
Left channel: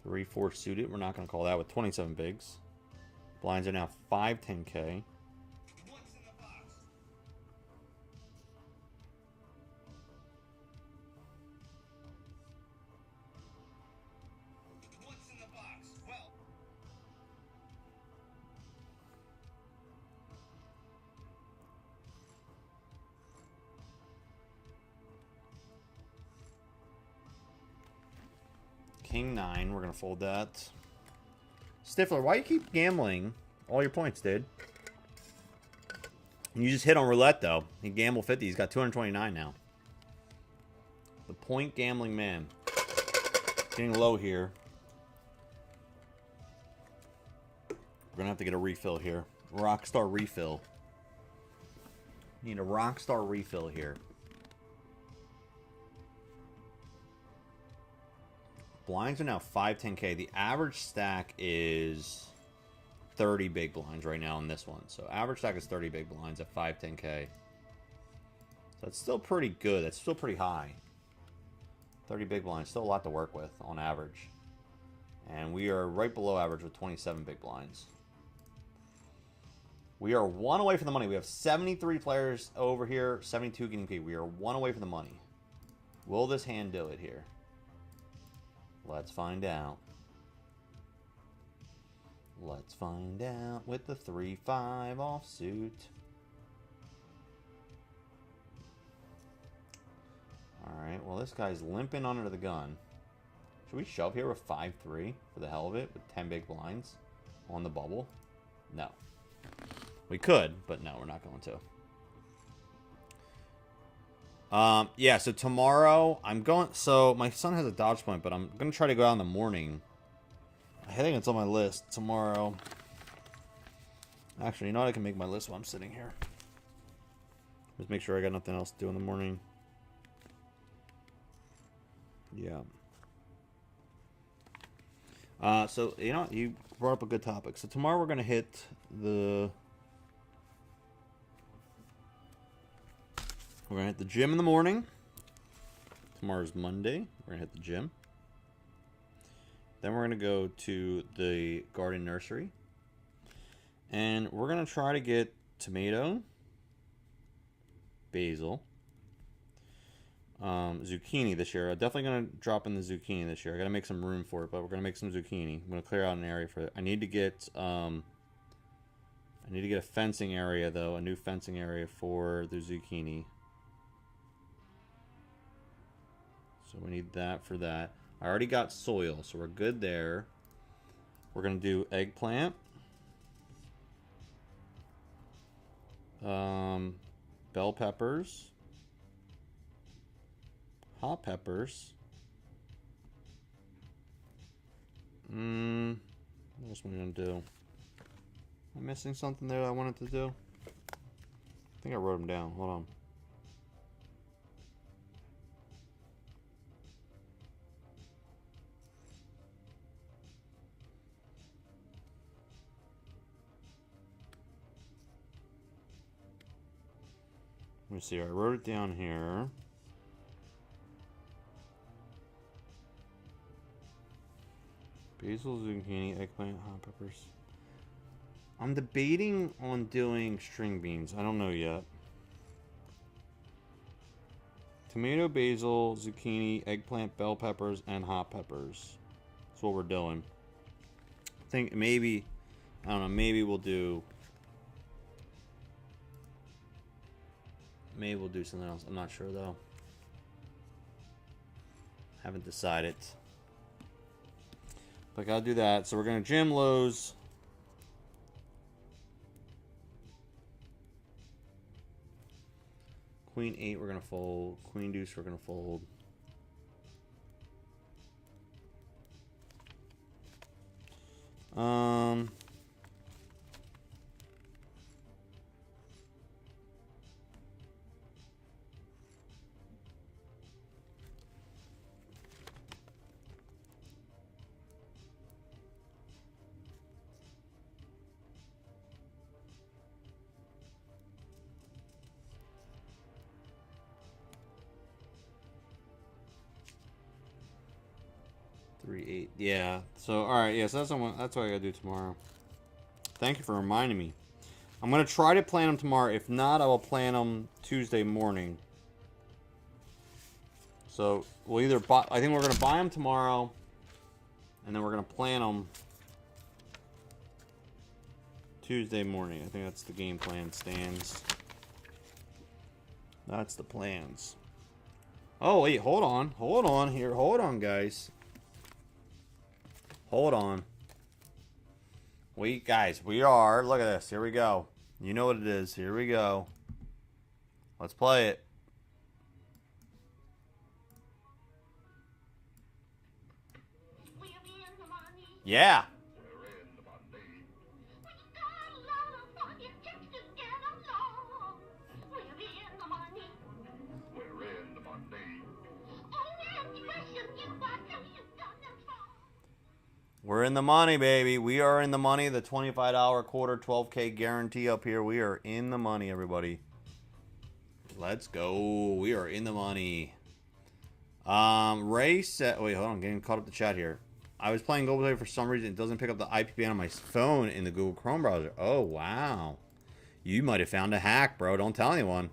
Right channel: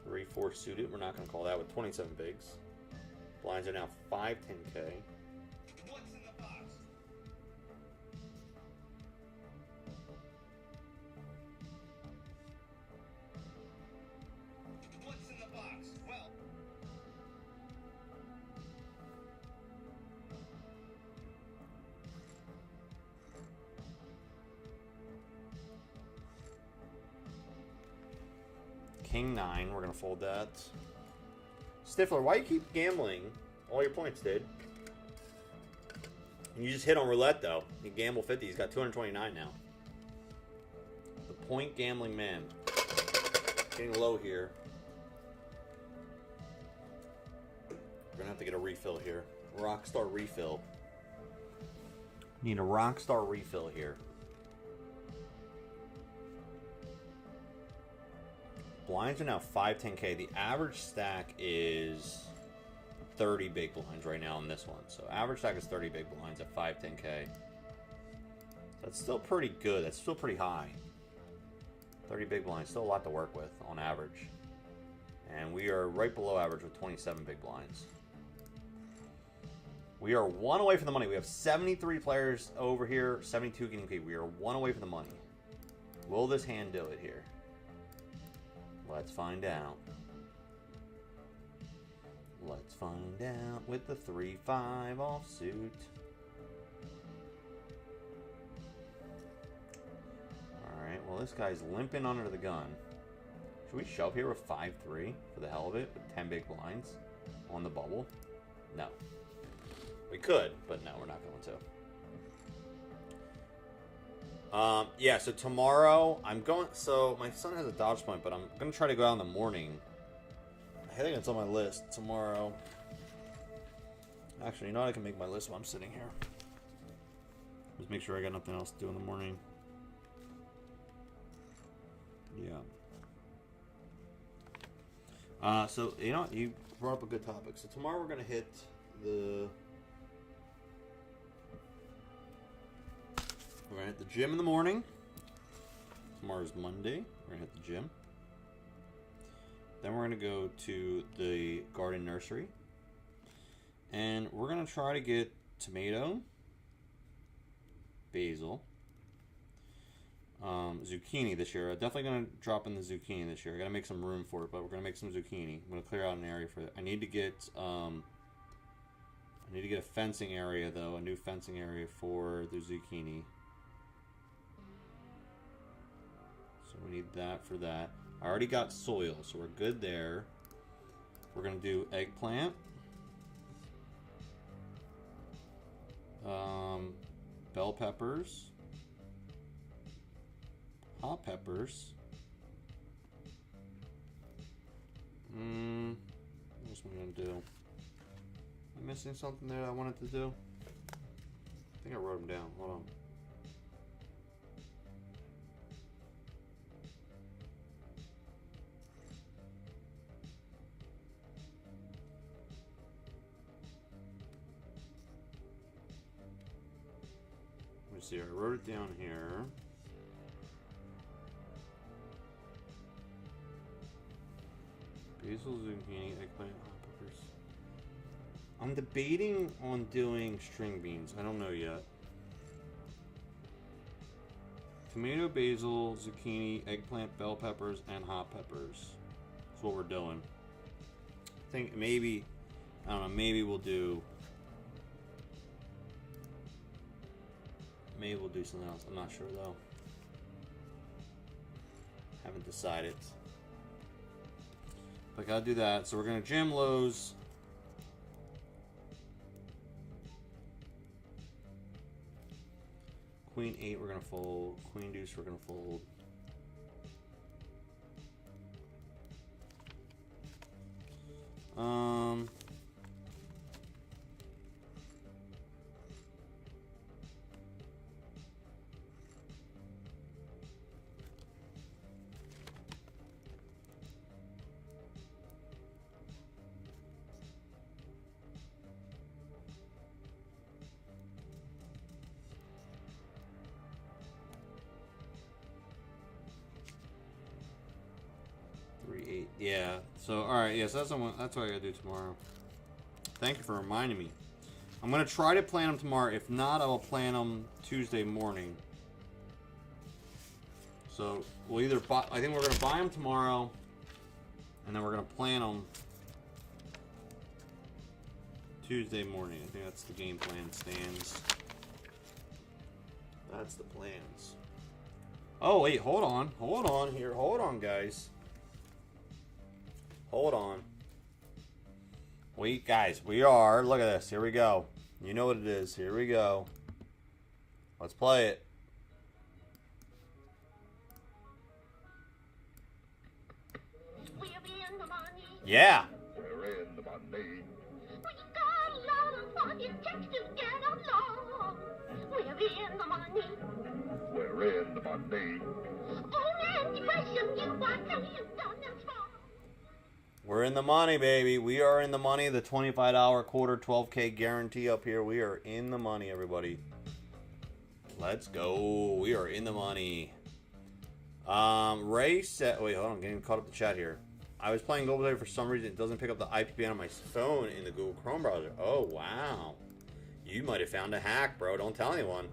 Three, 4 suited. We're not going to call that with 27 bigs. Blinds are now 5, 10K. What's in the box? What's in the box? Well, King 9. We're going to fold that. Stifler, why you keep gambling all your points, dude? You just hit on roulette, though. He gambled 50. He's got 229 now. The point gambling man. Getting low here. We're going to have to get a refill here. Rockstar refill. Need a Rockstar refill here. Blinds are now 510K. The average stack is 30 big blinds right now in this one. So average stack is 30 big blinds at 510K. So that's still pretty good. That's still pretty high. 30 big blinds. Still a lot to work with on average. And we are right below average with 27 big blinds. We are 1 away from the money. We have 73 players over here. 72 getting paid. We are 1 away from the money. Will this hand do it here? Let's find out. Let's find out with the 3-5 offsuit. Alright, well this guy's limping under the gun. Should we shove here with 5-3 for the hell of it with 10 big blinds on the bubble? No. We could, but no, we're not going to. Yeah, so tomorrow I'm going. So my son has a dodge point, but I'm going to try to go out in the morning. I think it's on my list tomorrow. Actually, you know what? I can make my list while I'm sitting here. Just make sure I got nothing else to do in the morning. Yeah. So, you know, you brought up a good topic. So tomorrow we're going to hit the... We're going to hit the gym in the morning. Tomorrow's Monday. We're going to hit the gym. Then we're going to go to the garden nursery. And we're going to try to get tomato, basil, zucchini this year. I'm definitely going to drop in the zucchini this year. I got to make some room for it, but we're going to make some zucchini. I'm going to clear out an area for it. I need to get a fencing area, though. A new fencing area for the zucchini. So we need that for that. I already got soil, so we're good there. We're going to do eggplant. Bell peppers. Hot peppers. What else am I going to do? Am I missing something there I wanted to do? I think I wrote them down. Hold on. Let me see. I wrote it down here. Basil, zucchini, eggplant, hot peppers. I'm debating on doing string beans. I don't know yet. Tomato, basil, zucchini, eggplant, bell peppers, and hot peppers. That's what we're doing. I think maybe, I don't know, maybe we'll do something else. I'm not sure though. Haven't decided. But I gotta do that. So we're gonna jam lows. Queen 8 we're gonna fold. Queen deuce we're gonna fold. Yeah. So all right. Yeah. So that's what I gotta do tomorrow. Thank you for reminding me. I'm gonna try to plan them tomorrow. If not, I will plan them Tuesday morning. So we'll either buy. I think we're gonna buy them tomorrow, and then we're gonna plan them Tuesday morning. I think that's the game plan. Stands. That's the plans. Oh wait, hold on here. Hold on, guys. Hold on. Guys, we are. Look at this. Here we go. You know what it is. Here we go. Let's play it. Yeah. We're in the money. We got a lot of money just to get along. We're in the money. We're in the money. Only question you what have you done it for? We're in the money, baby. We are in the money. The $25 quarter 12K guarantee up here. We are in the money, everybody. Let's go. We are in the money. Ray said... Wait, hold on. I'm getting caught up the chat here. I was playing Google Play for some reason. It doesn't pick up the IP ban on my phone in the Google Chrome browser. Oh, wow. You might have found a hack, bro. Don't tell anyone.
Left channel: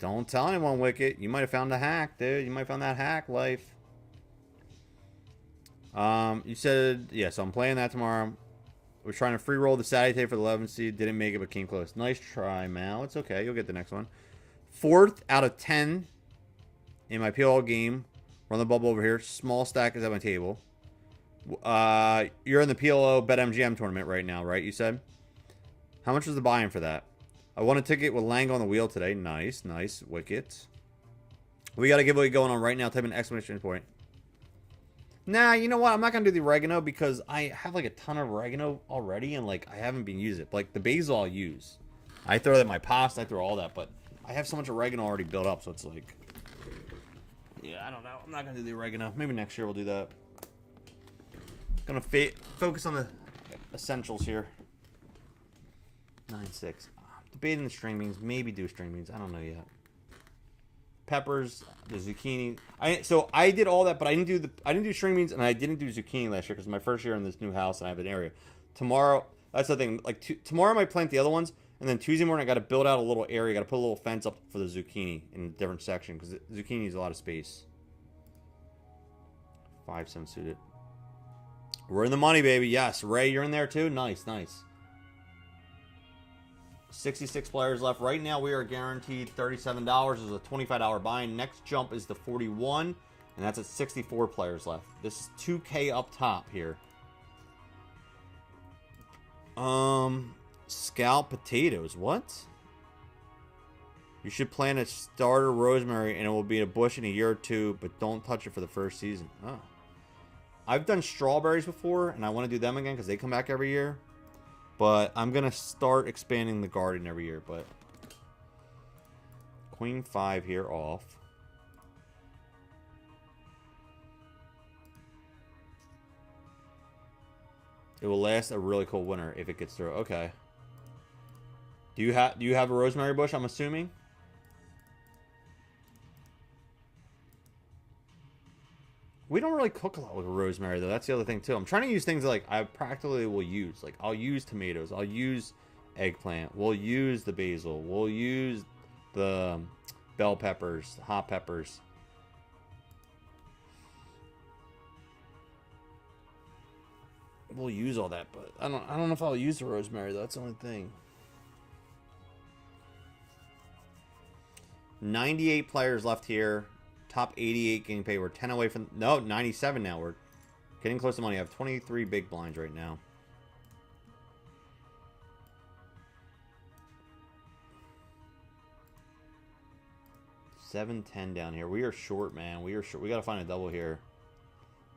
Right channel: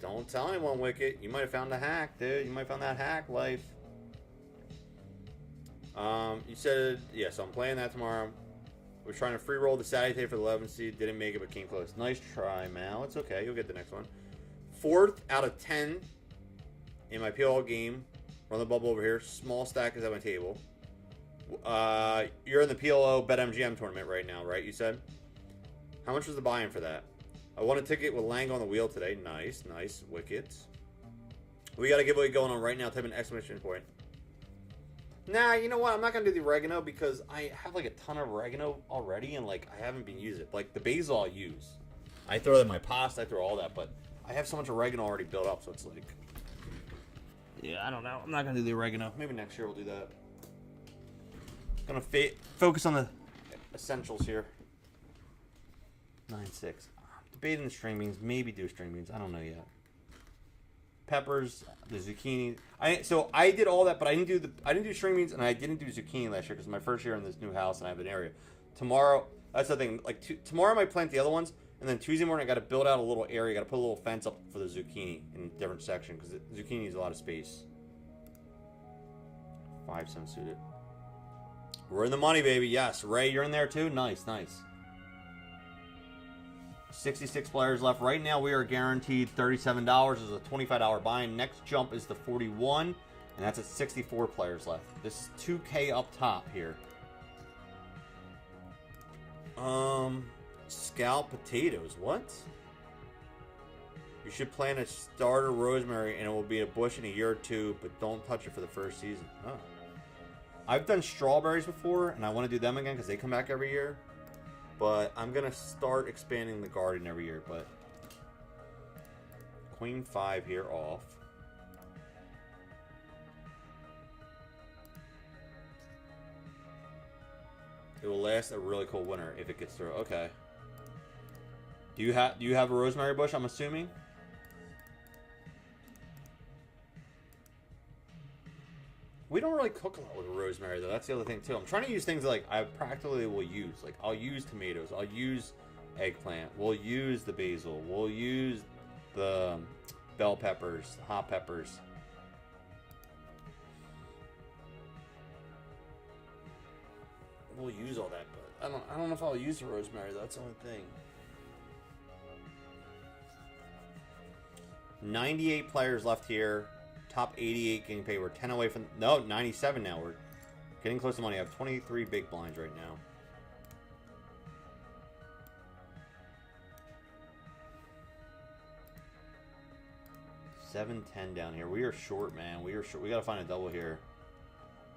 Don't tell anyone, Wicket. You might have found a hack, dude. You might have found that hack life. You said... Yeah, so I'm playing that tomorrow. We're trying to free roll the Saturday for the 11th seed. Didn't make it, but came close. Nice try, Mal. It's okay. You'll get the next one. 4th out of 10 in my PL game. Run the bubble over here. Small stack is at my table. You're in the PLO BetMgm tournament right now, right? You said? How much was the buy-in for that? I won a ticket with Lang on the wheel today. Nice, nice. Wicket. We got a giveaway going on right now. Type in exclamation point. Nah, you know what? I'm not going to do the oregano because I have like a ton of oregano already and like I haven't been using it. Like the basil I'll use. I throw that in my pasta. I throw all that. But I have so much oregano already built up. So it's like... Yeah, I don't know. I'm not going to do the oregano. Maybe next year we'll do that. Going to focus on the essentials here. 9-6. Debating the string beans. Maybe do string beans. I don't know yet. Peppers, the zucchini. So I did all that, but I didn't do string beans and I didn't do zucchini last year because it's my first year in this new house and I have an area. Tomorrow, that's the thing. Like tomorrow I might plant the other ones, and then Tuesday morning I got to build out a little area. Got to put a little fence up for the zucchini in a different section because zucchini is a lot of space. 5-7 suited. We're in the money, baby. Yes, Ray, you're in there too. Nice, nice. 66 players left. Right now, we are guaranteed $37. There's a $25 buy-in. Next jump is the 41, and that's at 64 players left. This is 2K up top here. Scallop potatoes. What? You should plant a starter rosemary, and it will be in a bush in a year or two, but don't touch it for the first season. Oh. I've done strawberries before, and I want to do them again because they come back every year. But I'm going to start expanding the garden every year. But Queen 5 here off. It will last a really cold winter if it gets through. Okay. Do you have a rosemary bush, I'm assuming? We don't really cook a lot with rosemary, though. That's the other thing, too. I'm trying to use things like I practically will use. Like, I'll use tomatoes. I'll use eggplant. We'll use the basil. We'll use the bell peppers, hot peppers. We'll use all that, but I don't know if I'll use the rosemary, though. That's the only thing. 98 players left here. Top 88 getting paid. We're 10 away from... No, 97 now. We're getting close to money. I have 23 big blinds right now. $7-10 down here. We are short, man. We are short. We got to find a double here.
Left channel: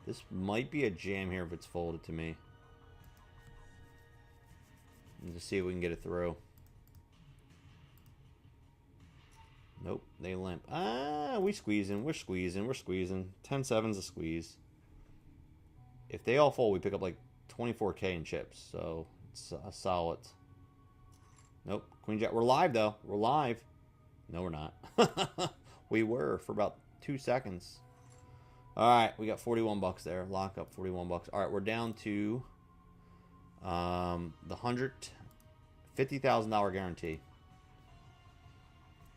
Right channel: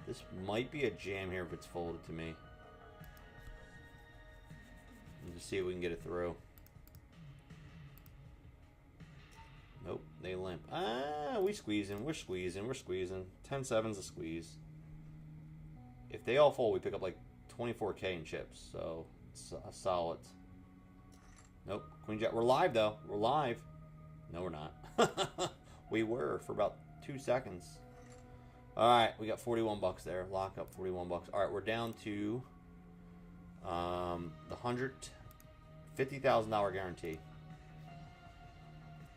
This might be a jam here if it's folded to me. Let's just see if we can get it through. Nope, they limp. Ah, we squeezing. We're squeezing. We're squeezing. 10-7's a squeeze. If they all fold, we pick up like 24K in chips. So it's a solid. Nope. Queen Jack. We're live though. We're live. No, we're not. We were for about 2 seconds. All right, we got 41 bucks there. Lock up 41 bucks. All right, we're down to the $150,000 guarantee.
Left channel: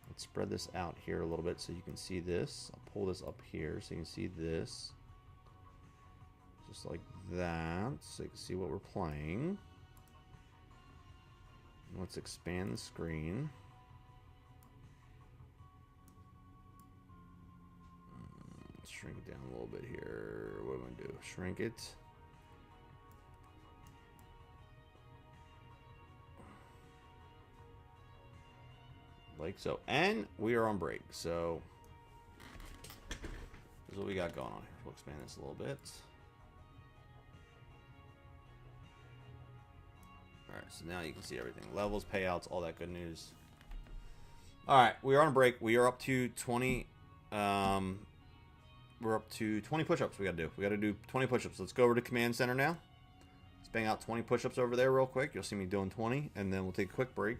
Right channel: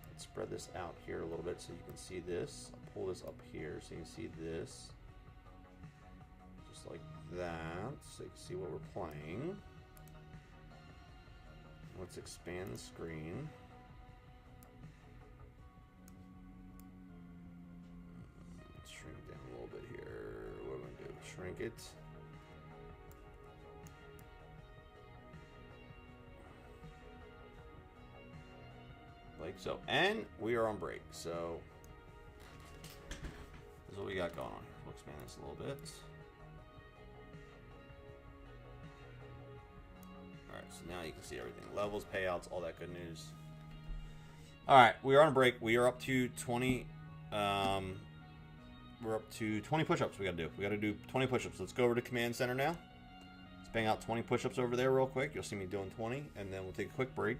Let's spread this out here a little bit so you can see this. I'll pull this up here so you can see this. Just like that, so you can see what we're playing. Let's expand the screen. Let's shrink it down a little bit here. What am I going to do? Shrink it. like so. And we are on break, so this is what we got going on here. We'll expand this a little bit. Alright, so now you can see everything. Levels, payouts, all that good news. Alright, we are on break. We are up to 20 we're up to 20 push-ups we gotta do. We gotta do 20 push-ups. Let's go over to Command Center now. Let's bang out 20 push-ups over there real quick. You'll see me doing 20, and then we'll take a quick break,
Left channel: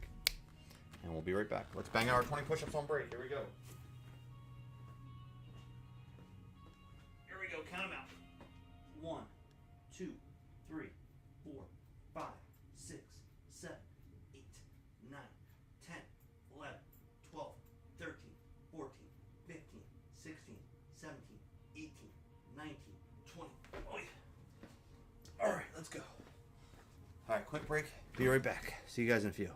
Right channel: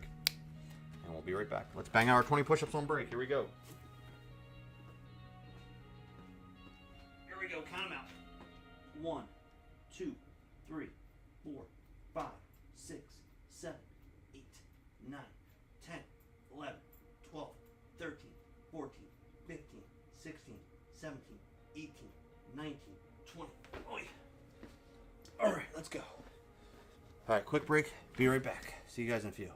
and we'll be right back. Let's bang out our 20 push-ups on break. Here we go. Here we go. Count them out. 1, 2, 3, 4, 5, 6, 7, 8, 9, 10, 11, 12, 13, 14, 15, 16, 17, 18, 19, 20. Oh, yeah. All right, let's go. All right, quick break. Be right back. See you guys in a few.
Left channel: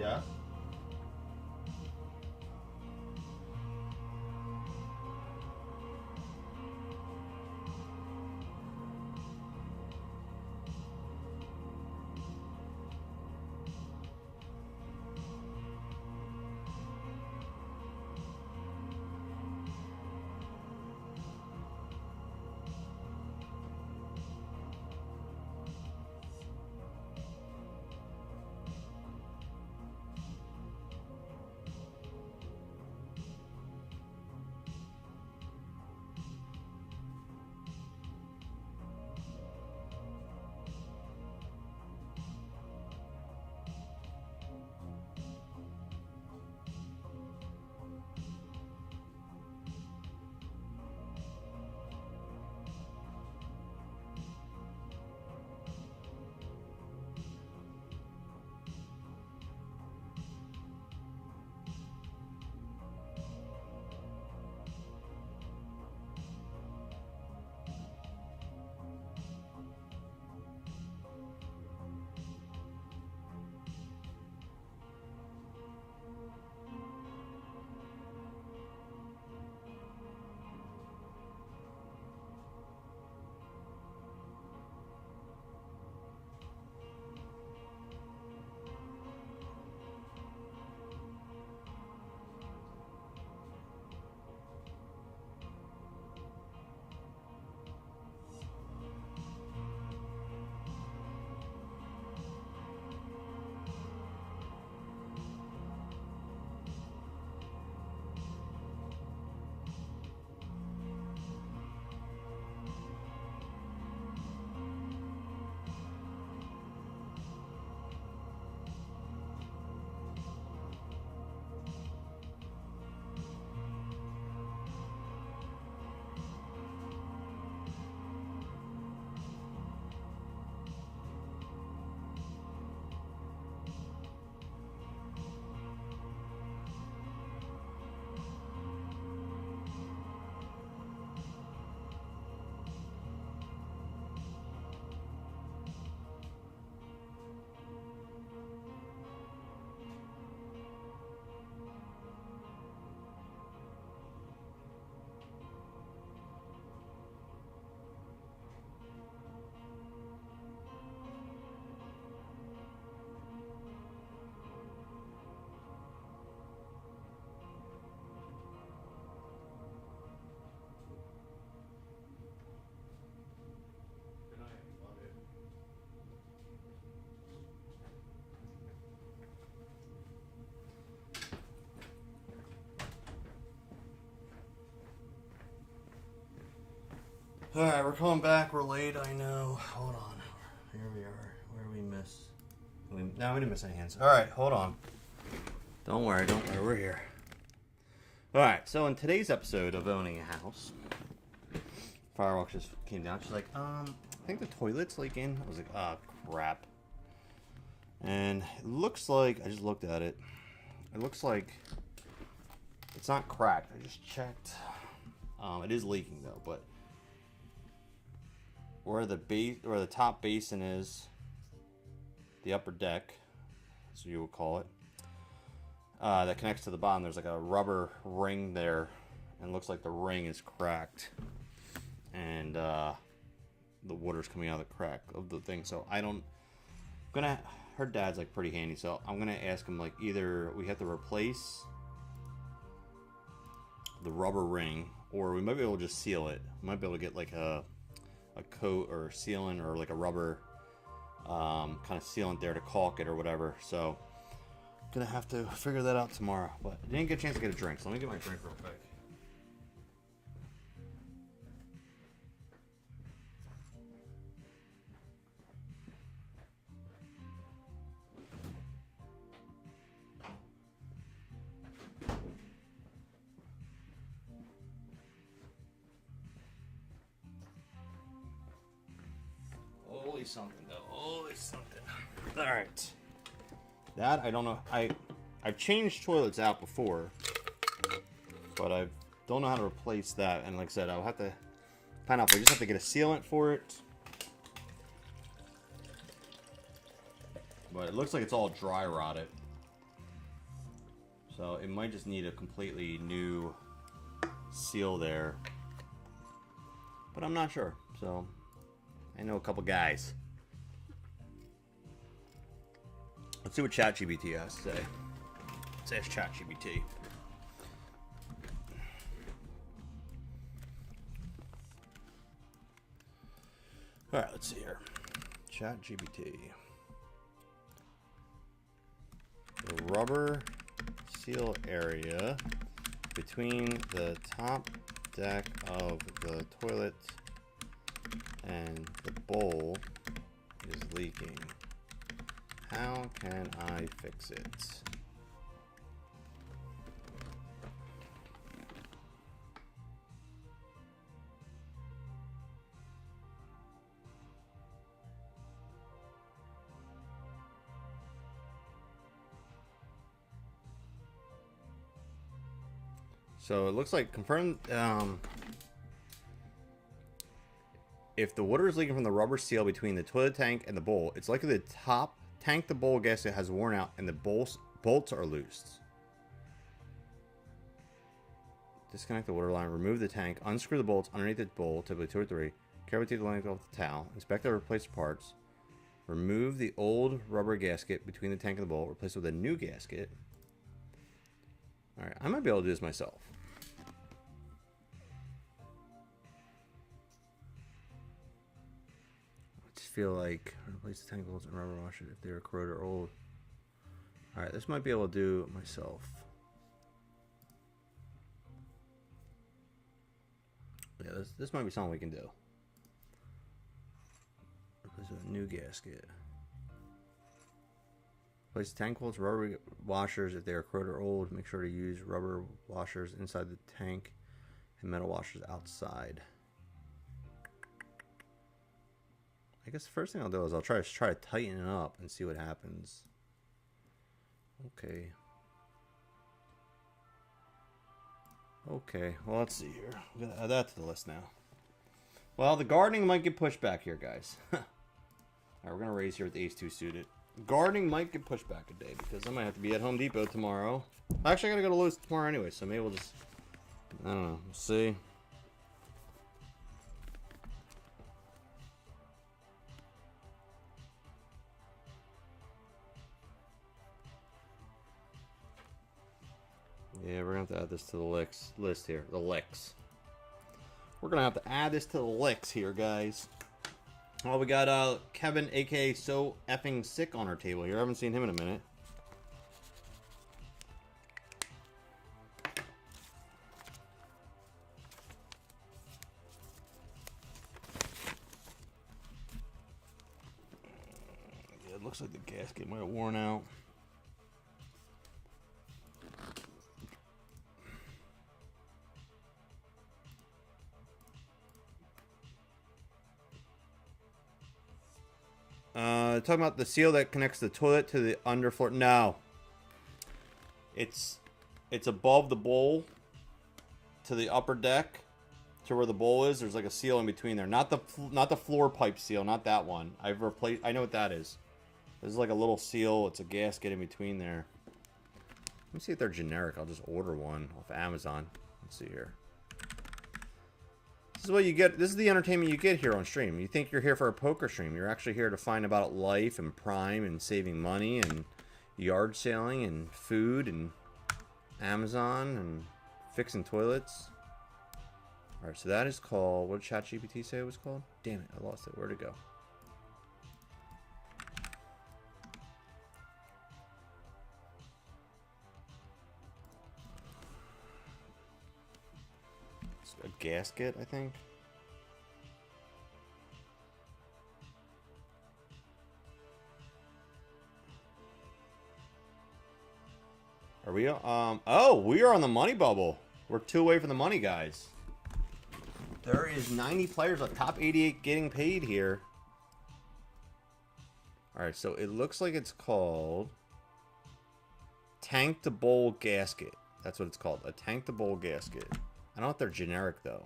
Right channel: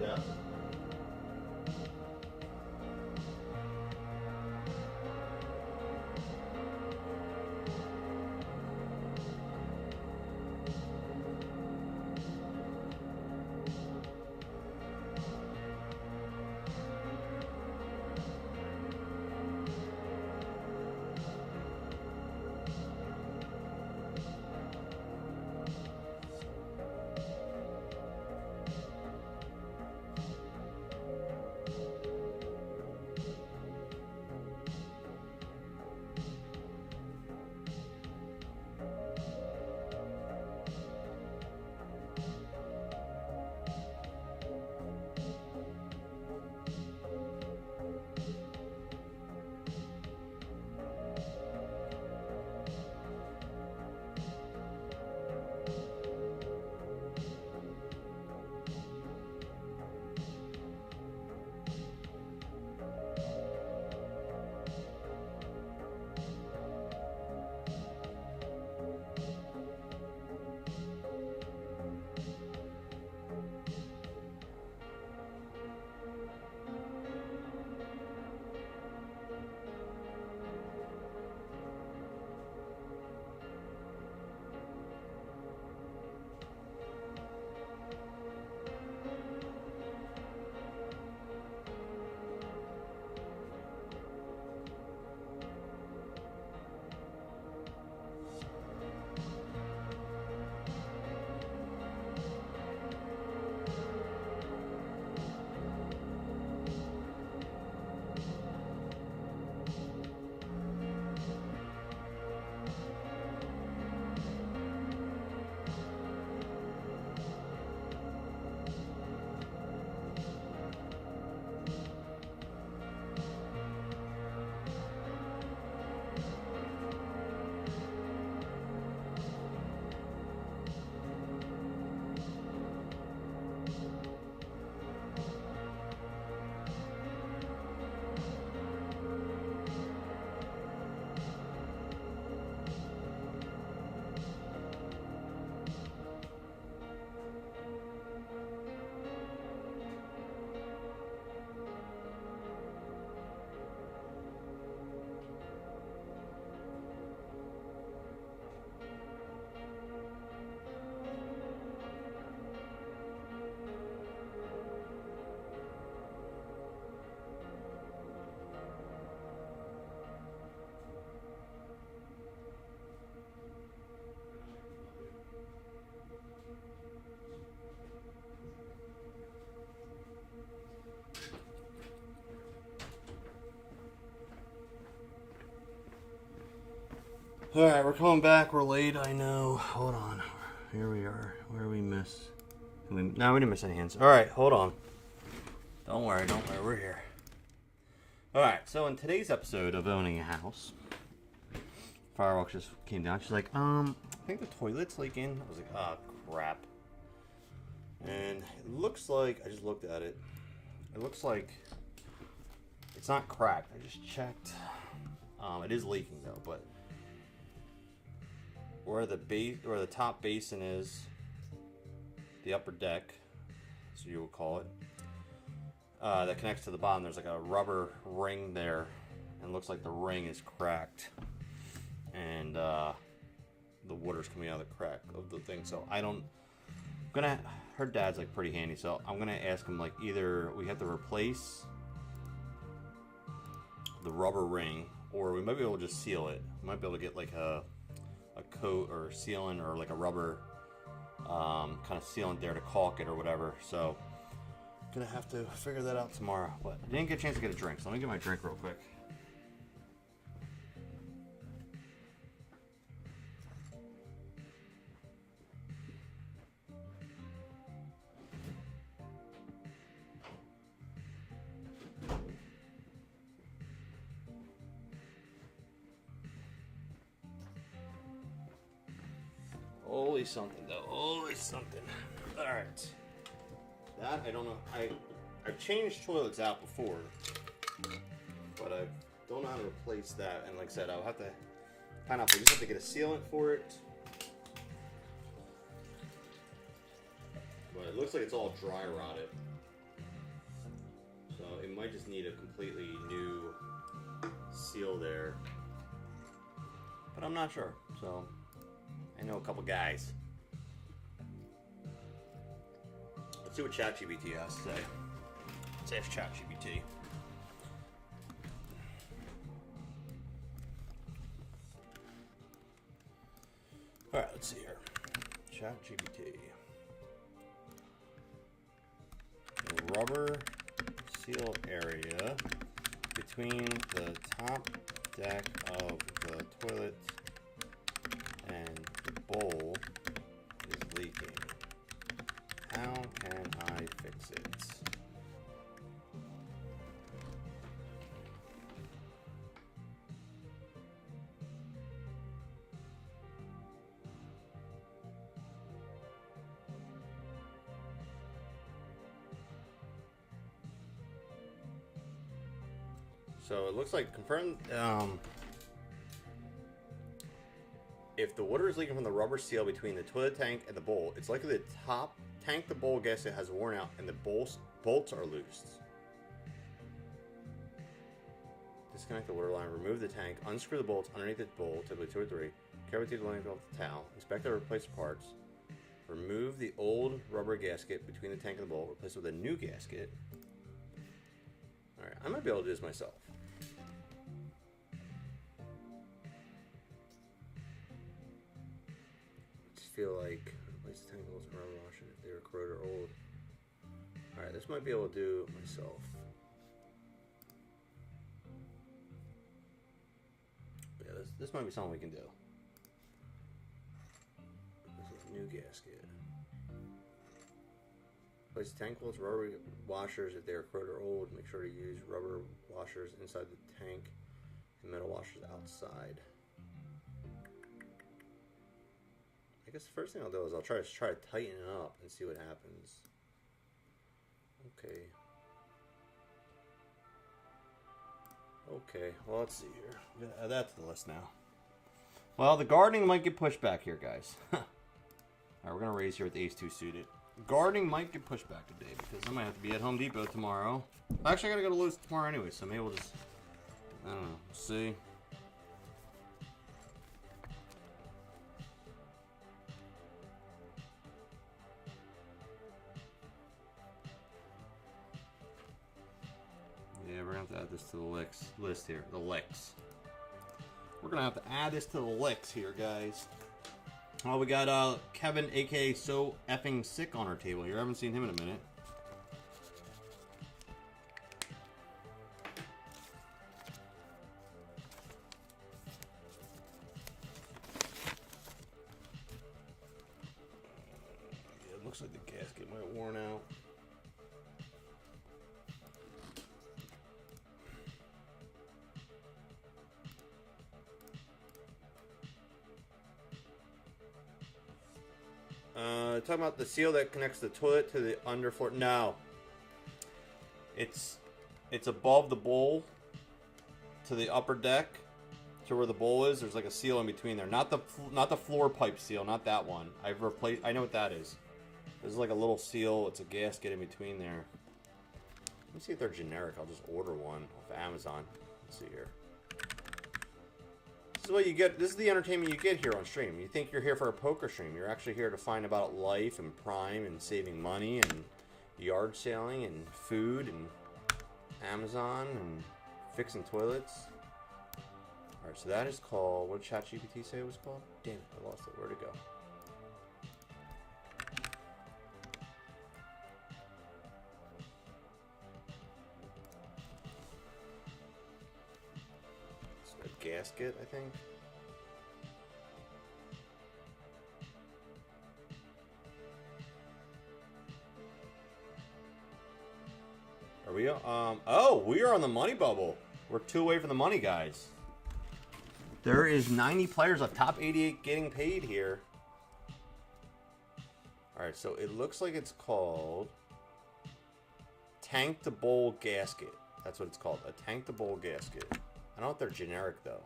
Yeah. Alright, we're coming back. We're late, I know. Hold on. Here we are. Where did we miss? No, we didn't miss any hands. Alright, hold on. Don't worry, we're here. Alright, so in today's episode of Owning a House, Firewalk just came down. She's like, I think the toilet's leaking. I was like, oh, crap. And it looks like, I just looked at it. It looks like it's not cracked. I just checked. It is leaking though, but where the top basin is, the upper deck, as you would call it, that connects to the bottom, there's like a rubber ring there, and it looks like the ring is cracked, and the water's coming out of the crack of the thing. So her dad's like pretty handy, so I'm gonna ask him, like, either we have to replace the rubber ring, or we might be able to just seal it. We might be able to get like a coat or sealant, or like a rubber kind of sealant there to caulk it or whatever. So gonna have to figure that out tomorrow. But I didn't get a chance to get a drink, so let me get my drink real quick. Holy something though. Holy something. Alright. That, I don't know. I've changed toilets out before, but I don't know how to replace that. And like I said, I'll have to find out. I just have to get a sealant for it. But it looks like it's all dry rotted. So it might just need a completely new seal there. But I'm not sure. So I know a couple guys. Let's see what ChatGPT has to say. Let's ask ChatGPT. Alright, let's see here. ChatGPT. The rubber seal area between the top deck of the toilet and the bowl is leaking. How can I fix it? So it looks like confirmed. If the water is leaking from the rubber seal between the toilet tank and the bowl, it's likely the top tank to bowl gasket has worn out and the bolts are loosed. Disconnect the water line, remove the tank, unscrew the bolts underneath the bowl, typically 2 or 3, carefully take the length off the towel, inspect the replaced parts, remove the old rubber gasket between the tank and the bowl, replace it with a new gasket. Alright, I might be able to do this myself. Feel like replace the tank bolts and rubber washer if they're corroded or old. Alright, this might be able to do myself. Yeah, this might be something we can do. Replace with a new gasket. Replace the tank bolts, rubber washers if they are corroded or old. Make sure to use rubber washers inside the tank and metal washers outside. I guess the first thing I'll do is I'll try to tighten it up and see what happens. Okay. Okay, well, let's see here. I'm going to add that to the list now. Well, the gardening might get pushed back here, guys. Alright, we're going to raise here with the Ace 2 suited. Gardening might get pushed back a day because I might have to be at Home Depot tomorrow. Actually, I got to go to Lowe's tomorrow anyway, so maybe we'll just, I don't know, see. Yeah, we're going to have to add this to the list here. The licks. We're going to have to add this to the licks here, guys. Well, we got Kevin, a.k.a. So Effing Sick, on our table here. I haven't seen him in a minute. looks like the gasket might have worn out. Talking about the seal that connects the toilet to the underfloor. No. It's above the bowl to the upper deck to where the bowl is. There's like a seal in between there. Not the floor pipe seal, not that one. I've replaced. I know what that is. There's like a little seal. It's a gasket in between there. Let me see if they're generic. I'll just order one off Amazon. Let's see here. This is what you get. This is the entertainment you get here on stream. You think you're here for a poker stream. You're actually here to find about life and Prime and saving money and yard sailing and food and Amazon and fixing toilets. Alright, so that is called... What did ChatGPT say it was called? Damn it, I lost it. Where'd it go? A gasket, I think. Are we oh, we are on the money bubble. We're 2 away from the money, guys. There is 90 players, a top 88 getting paid here. Alright, so it looks like it's called Tank to Bowl Gasket. That's what it's called, a Tank to Bowl Gasket. I don't know if they're generic, though.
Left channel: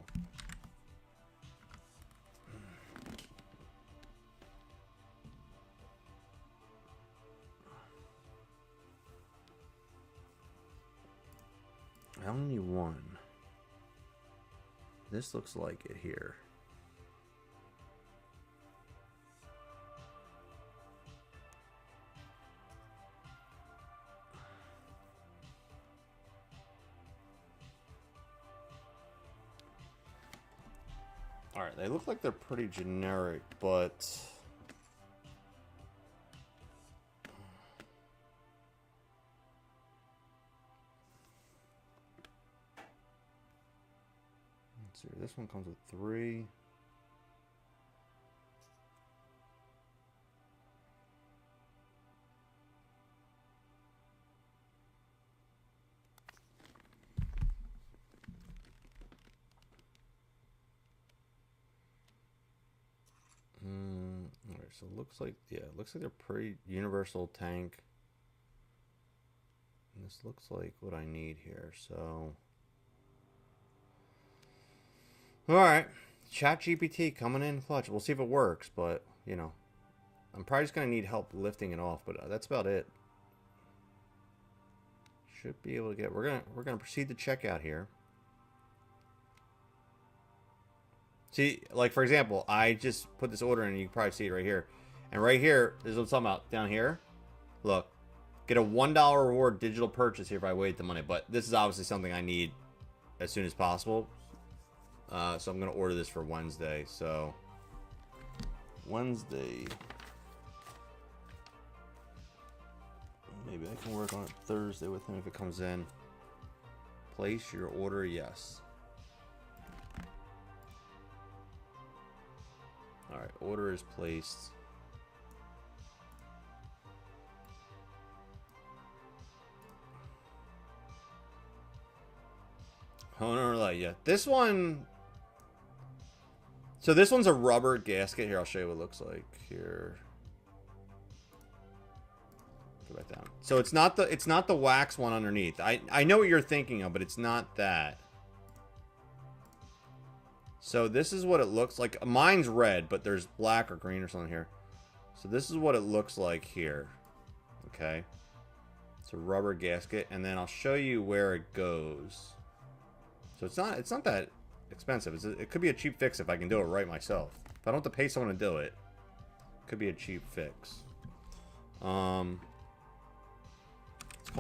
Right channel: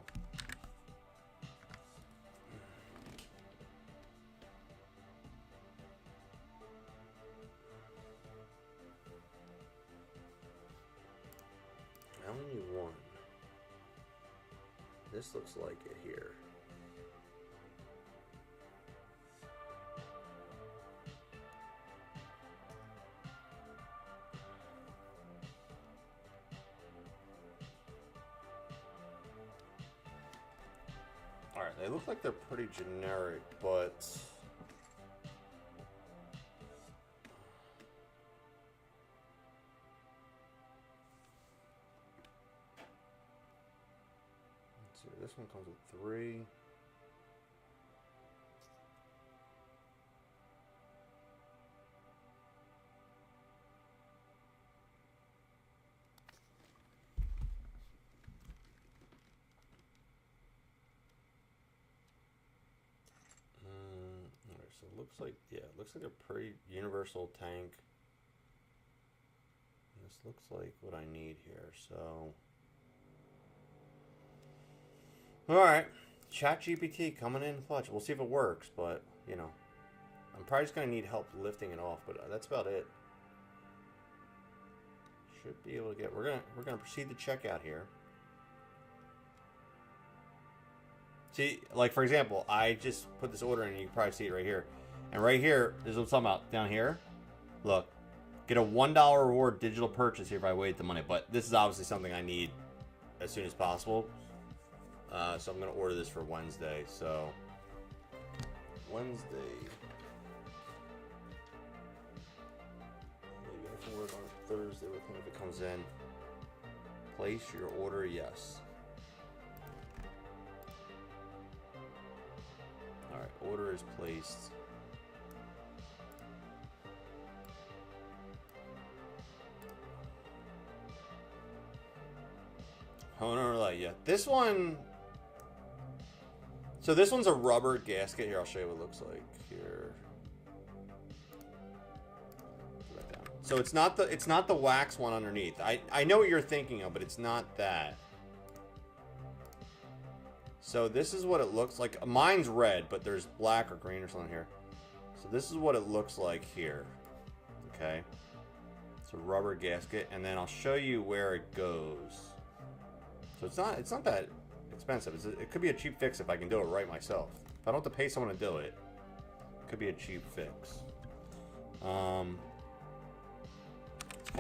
I only need one. This looks like it here. Alright, they look like they're pretty generic, but... Let's see, this one comes with 3. Alright, so it looks like, yeah, it looks like they're pretty universal tank. And this looks like what I need here, so... Alright, ChatGPT coming in clutch. We'll see if it works, but, you know, I'm probably just going to need help lifting it off, but that's about it. Should be able to get, we're gonna proceed to checkout here. See, like, for example, I just put this order in, and you can probably see it right here. And right here is what I'm talking about, down here. Look, get a $1 reward digital purchase here if I wait the money, but this is obviously something I need as soon as possible. So I'm going to order this for Wednesday. So, Wednesday. Maybe I can work on it Thursday with him if it comes in. Place your order, yes. Alright, order is placed. Oh, no, no, yeah. This one... So this one's a rubber gasket. Here, I'll show you what it looks like. Here. Go back down. So it's not the wax one underneath. I know what you're thinking of, but it's not that. So this is what it looks like. Mine's red, but there's black or green or something here. So this is what it looks like here. Okay. It's a rubber gasket, and then I'll show you where it goes. So it's not that expensive. It could be a cheap fix if I can do it right myself. If I don't have to pay someone to do it, it could be a cheap fix. It's called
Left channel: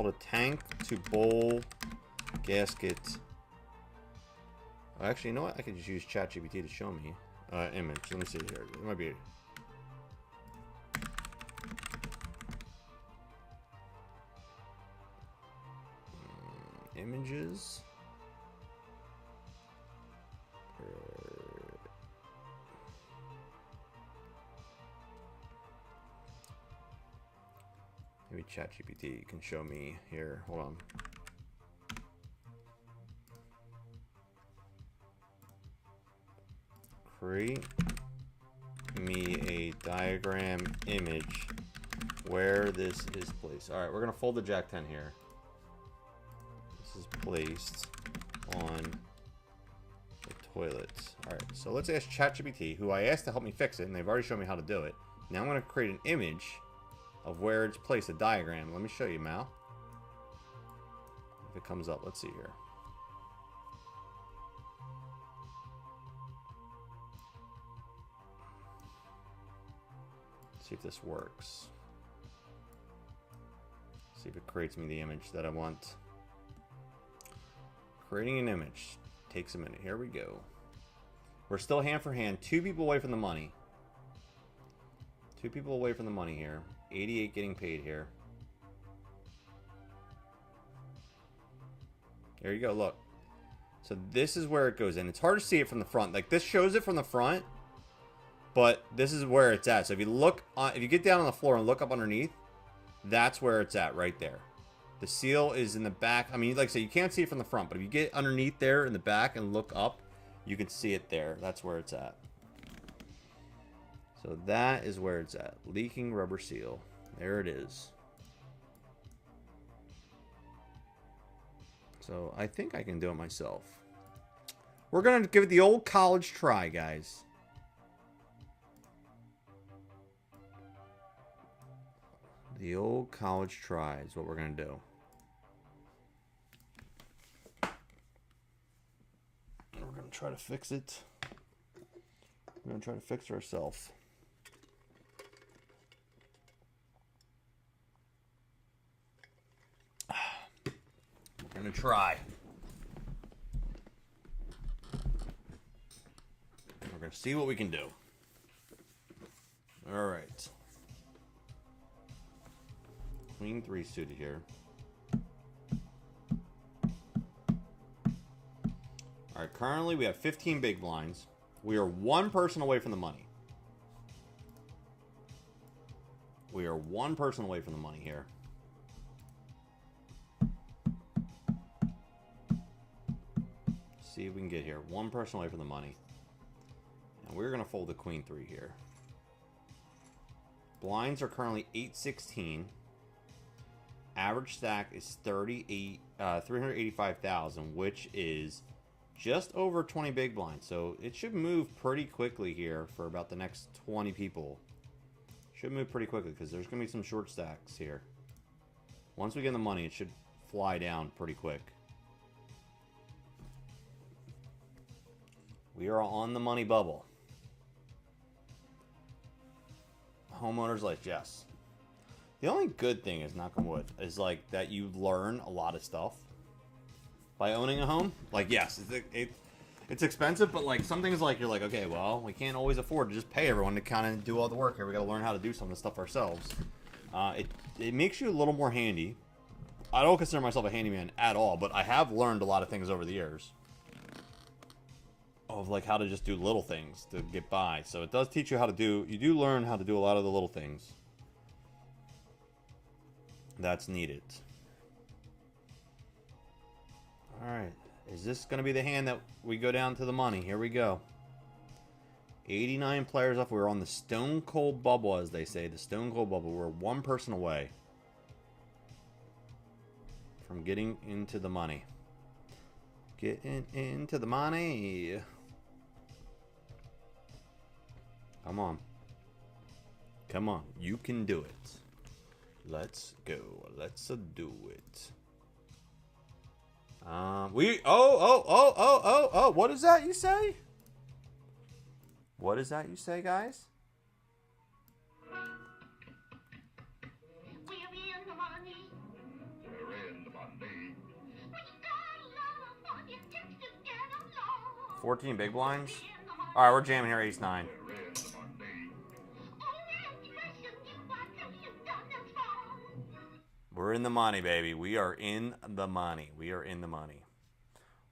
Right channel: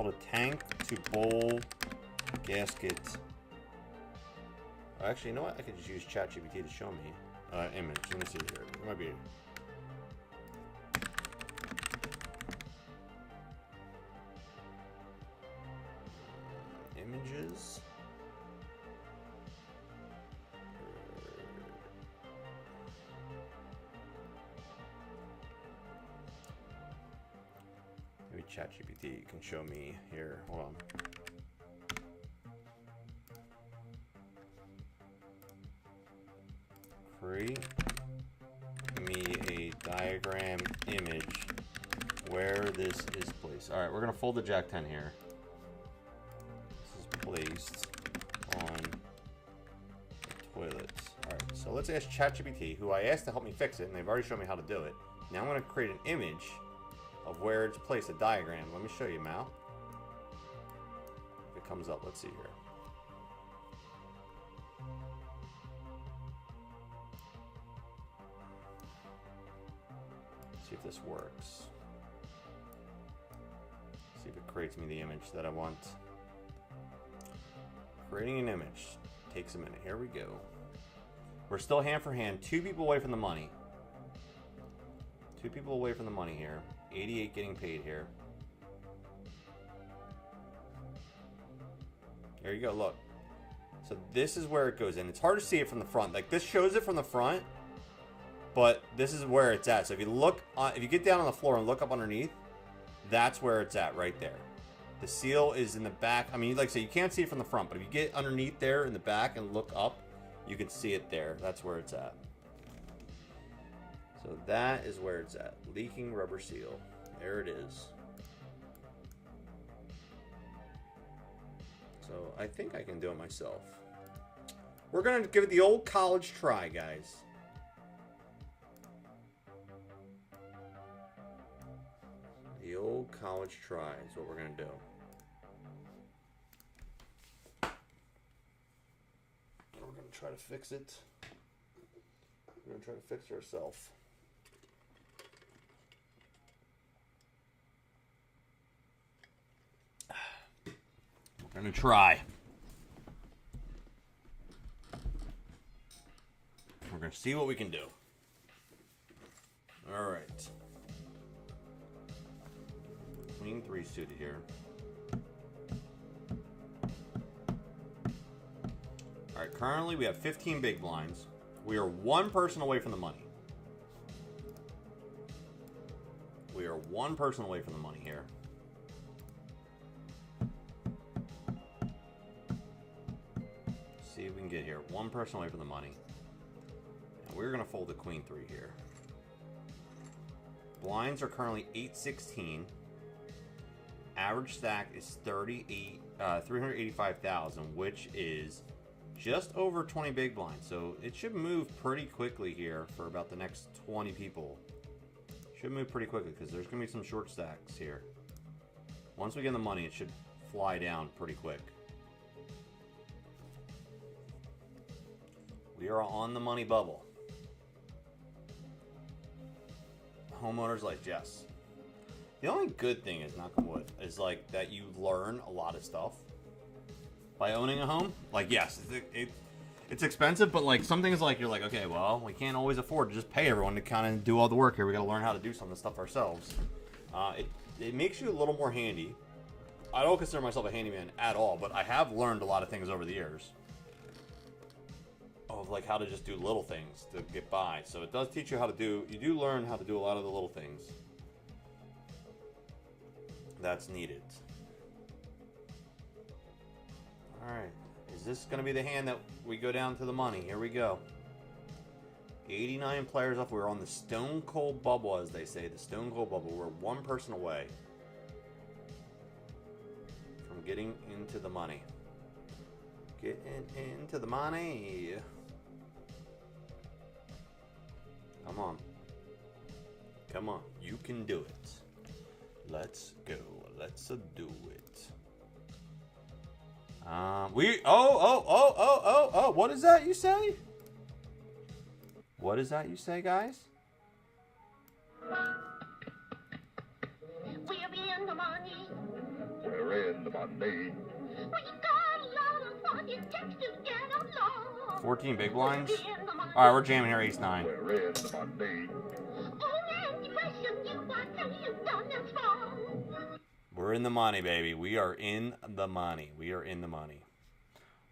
a tank to bowl gasket. Oh, actually, you know what? I could just use ChatGPT to show me image. Let me see here. It might be. Images. Maybe ChatGPT can show me here. Hold on. Create me a diagram image where this is placed. All right, we're gonna fold the Jack 10 here. This is placed on the toilet. All right, so let's ask ChatGPT, who I asked to help me fix it, and they've already shown me how to do it. Now I'm gonna create an image of where it's placed, a diagram. Let me show you, Mal. If it comes up, let's see here. See if this works. See if it creates me the image that I want. Creating an image takes a minute. Here we go. We're still hand for hand. 2 people away from the money. 2 people away from the money here. 88 getting paid here. There you go, look. So this is where it goes in. It's hard to see it from the front. Like, this shows it from the front, but this is where it's at. So if you look, if you get down on the floor and look up underneath, that's where it's at, right there. The seal is in the back. I mean, like I say, you can't see it from the front, but if you get underneath there in the back and look up, you can see it there. That's where it's at. So that is where it's at. Leaking rubber seal. There it is. So I think I can do it myself. We're going to give it the old college try, guys. The old college try is what we're going to do. And we're going to try to fix it. We're going to try to fix it ourselves. We're going to try. We're going to see what we can do. All right. Queen 3 suited here. All right, currently we have 15 big blinds. We are 1 person away from the money. We are 1 person away from the money here. See if we can get here. 1 person away from the money. And we're going to fold the Queen 3 here. Blinds are currently 816. Average stack is 385,000, which is just over 20 big blinds. So it should move pretty quickly here for about the next 20 people. Should move pretty quickly because there's going to be some short stacks here. Once we get the money, it should fly down pretty quick. We are on the money bubble. Homeowners like Jess. The only good thing is, knock on wood, is like that you learn a lot of stuff by owning a home. Like, yes, it's expensive, but like some things, like you're like, okay, well, we can't always afford to just pay everyone to kind of do all the work here. We got to learn how to do some of the stuff ourselves. It makes you a little more handy. I don't consider myself a handyman at all, but I have learned a lot of things over the years of like how to just do little things to get by. So it does teach you how to do. You do learn how to do a lot of the little things that's needed. Alright, is this going to be the hand that we go down to the money? Here we go. 89 players up. We're on the stone cold bubble, as they say. The stone cold bubble. We're 1 person away from getting into the money. Getting into the money. Come on. Come on. You can do it. Let's go. Let's do it. What is that you say? What is that you say, guys? We're in the money. We're in the money. We got a lot of money. Just to get along. 14 big blinds? We're in the money. Alright, we're jamming here, ace 9. We're in the money. We're in the money, baby. We are in the money. We are in the money.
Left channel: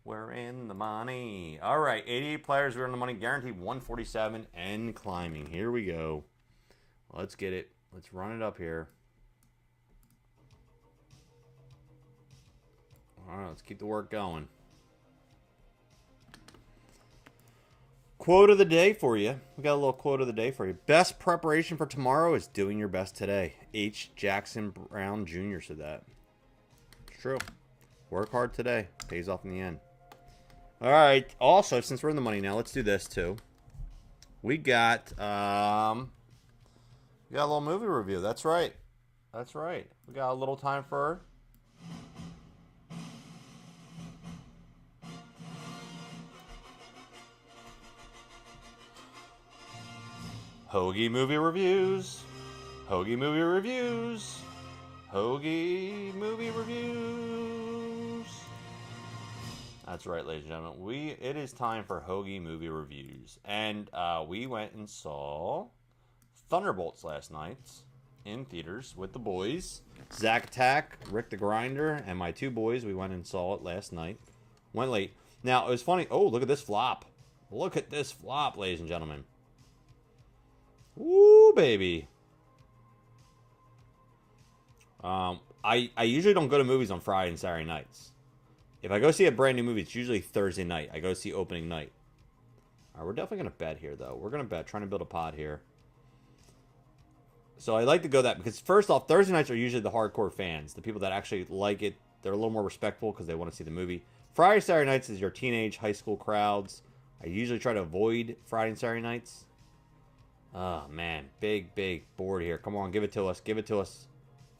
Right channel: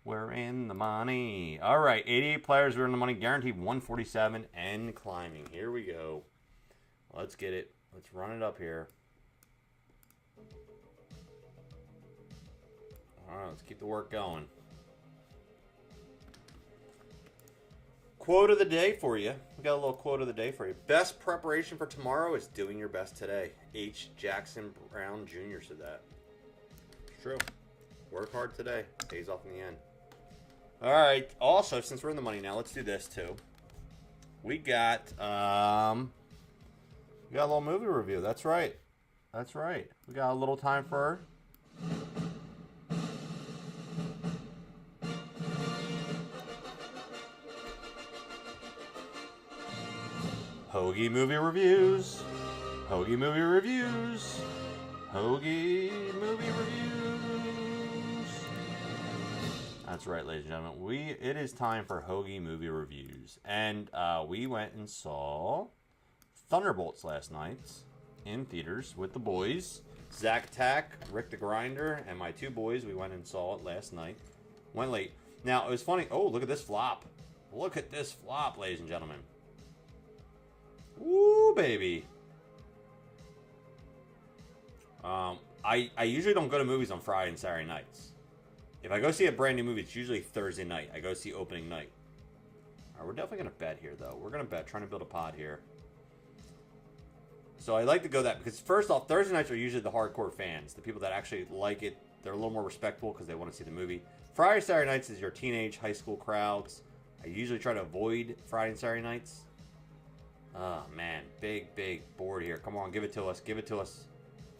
We're in the money. All right, 88 players. We're in the money. Guaranteed 147 and climbing. Here we go. Let's get it. Let's run it up here. All right, let's keep the work going. Quote of the day for you. We got a little quote of the day for you. Best preparation for tomorrow is doing your best today. H. Jackson Brown Jr. said that. It's true. Work hard today. Pays off in the end. All right. Also, since we're in the money now, let's do this too. We got a little movie review. That's right. That's right. We got a little time for Hoagie movie reviews. Hoagie movie reviews. Hoagie movie reviews. That's right, ladies and gentlemen. It is time for Hoagie movie reviews. And we went and saw Thunderbolts last night in theaters with the boys. Zack Attack, Rick the Grinder, and my two boys. We went and saw it last night. Went late. Now, it was funny. Oh, look at this flop. Look at this flop, ladies and gentlemen. Woo, baby. I usually don't go to movies on Friday and Saturday nights. If I go see a brand new movie, it's usually Thursday night. I go see opening night. All right, we're definitely going to bet here, though. We're going to bet, trying to build a pod here. So I like to go that because, first off, Thursday nights are usually the hardcore fans. The people that actually like it. They're a little more respectful because they want to see the movie. Friday, Saturday nights is your teenage, high school crowds. I usually try to avoid Friday and Saturday nights. Oh, man. Big board here. Come on, give it to us. Give it to us.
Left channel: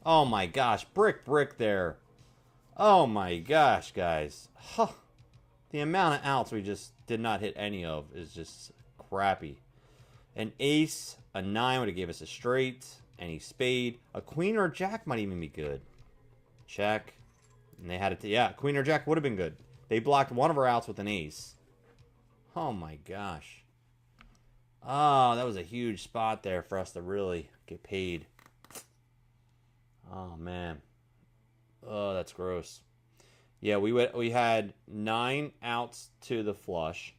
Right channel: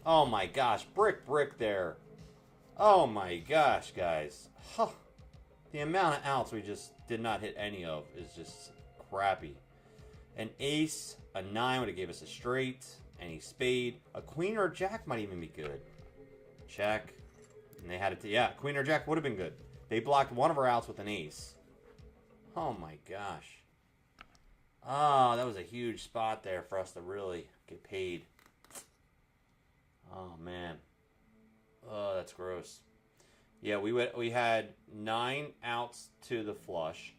Oh, my gosh. Brick there. Oh, my gosh, guys. Huh. The amount of outs we just did not hit any of is just crappy. An ace, a 9 would have gave us a straight, any spade. A queen or a jack might even be good. Check. And they had it. Yeah, queen or jack would have been good. They blocked one of our outs with an ace. Oh, my gosh. Oh, that was a huge spot there for us to really get paid. Oh, man. Oh, that's gross. Yeah, we had 9 outs to the flush.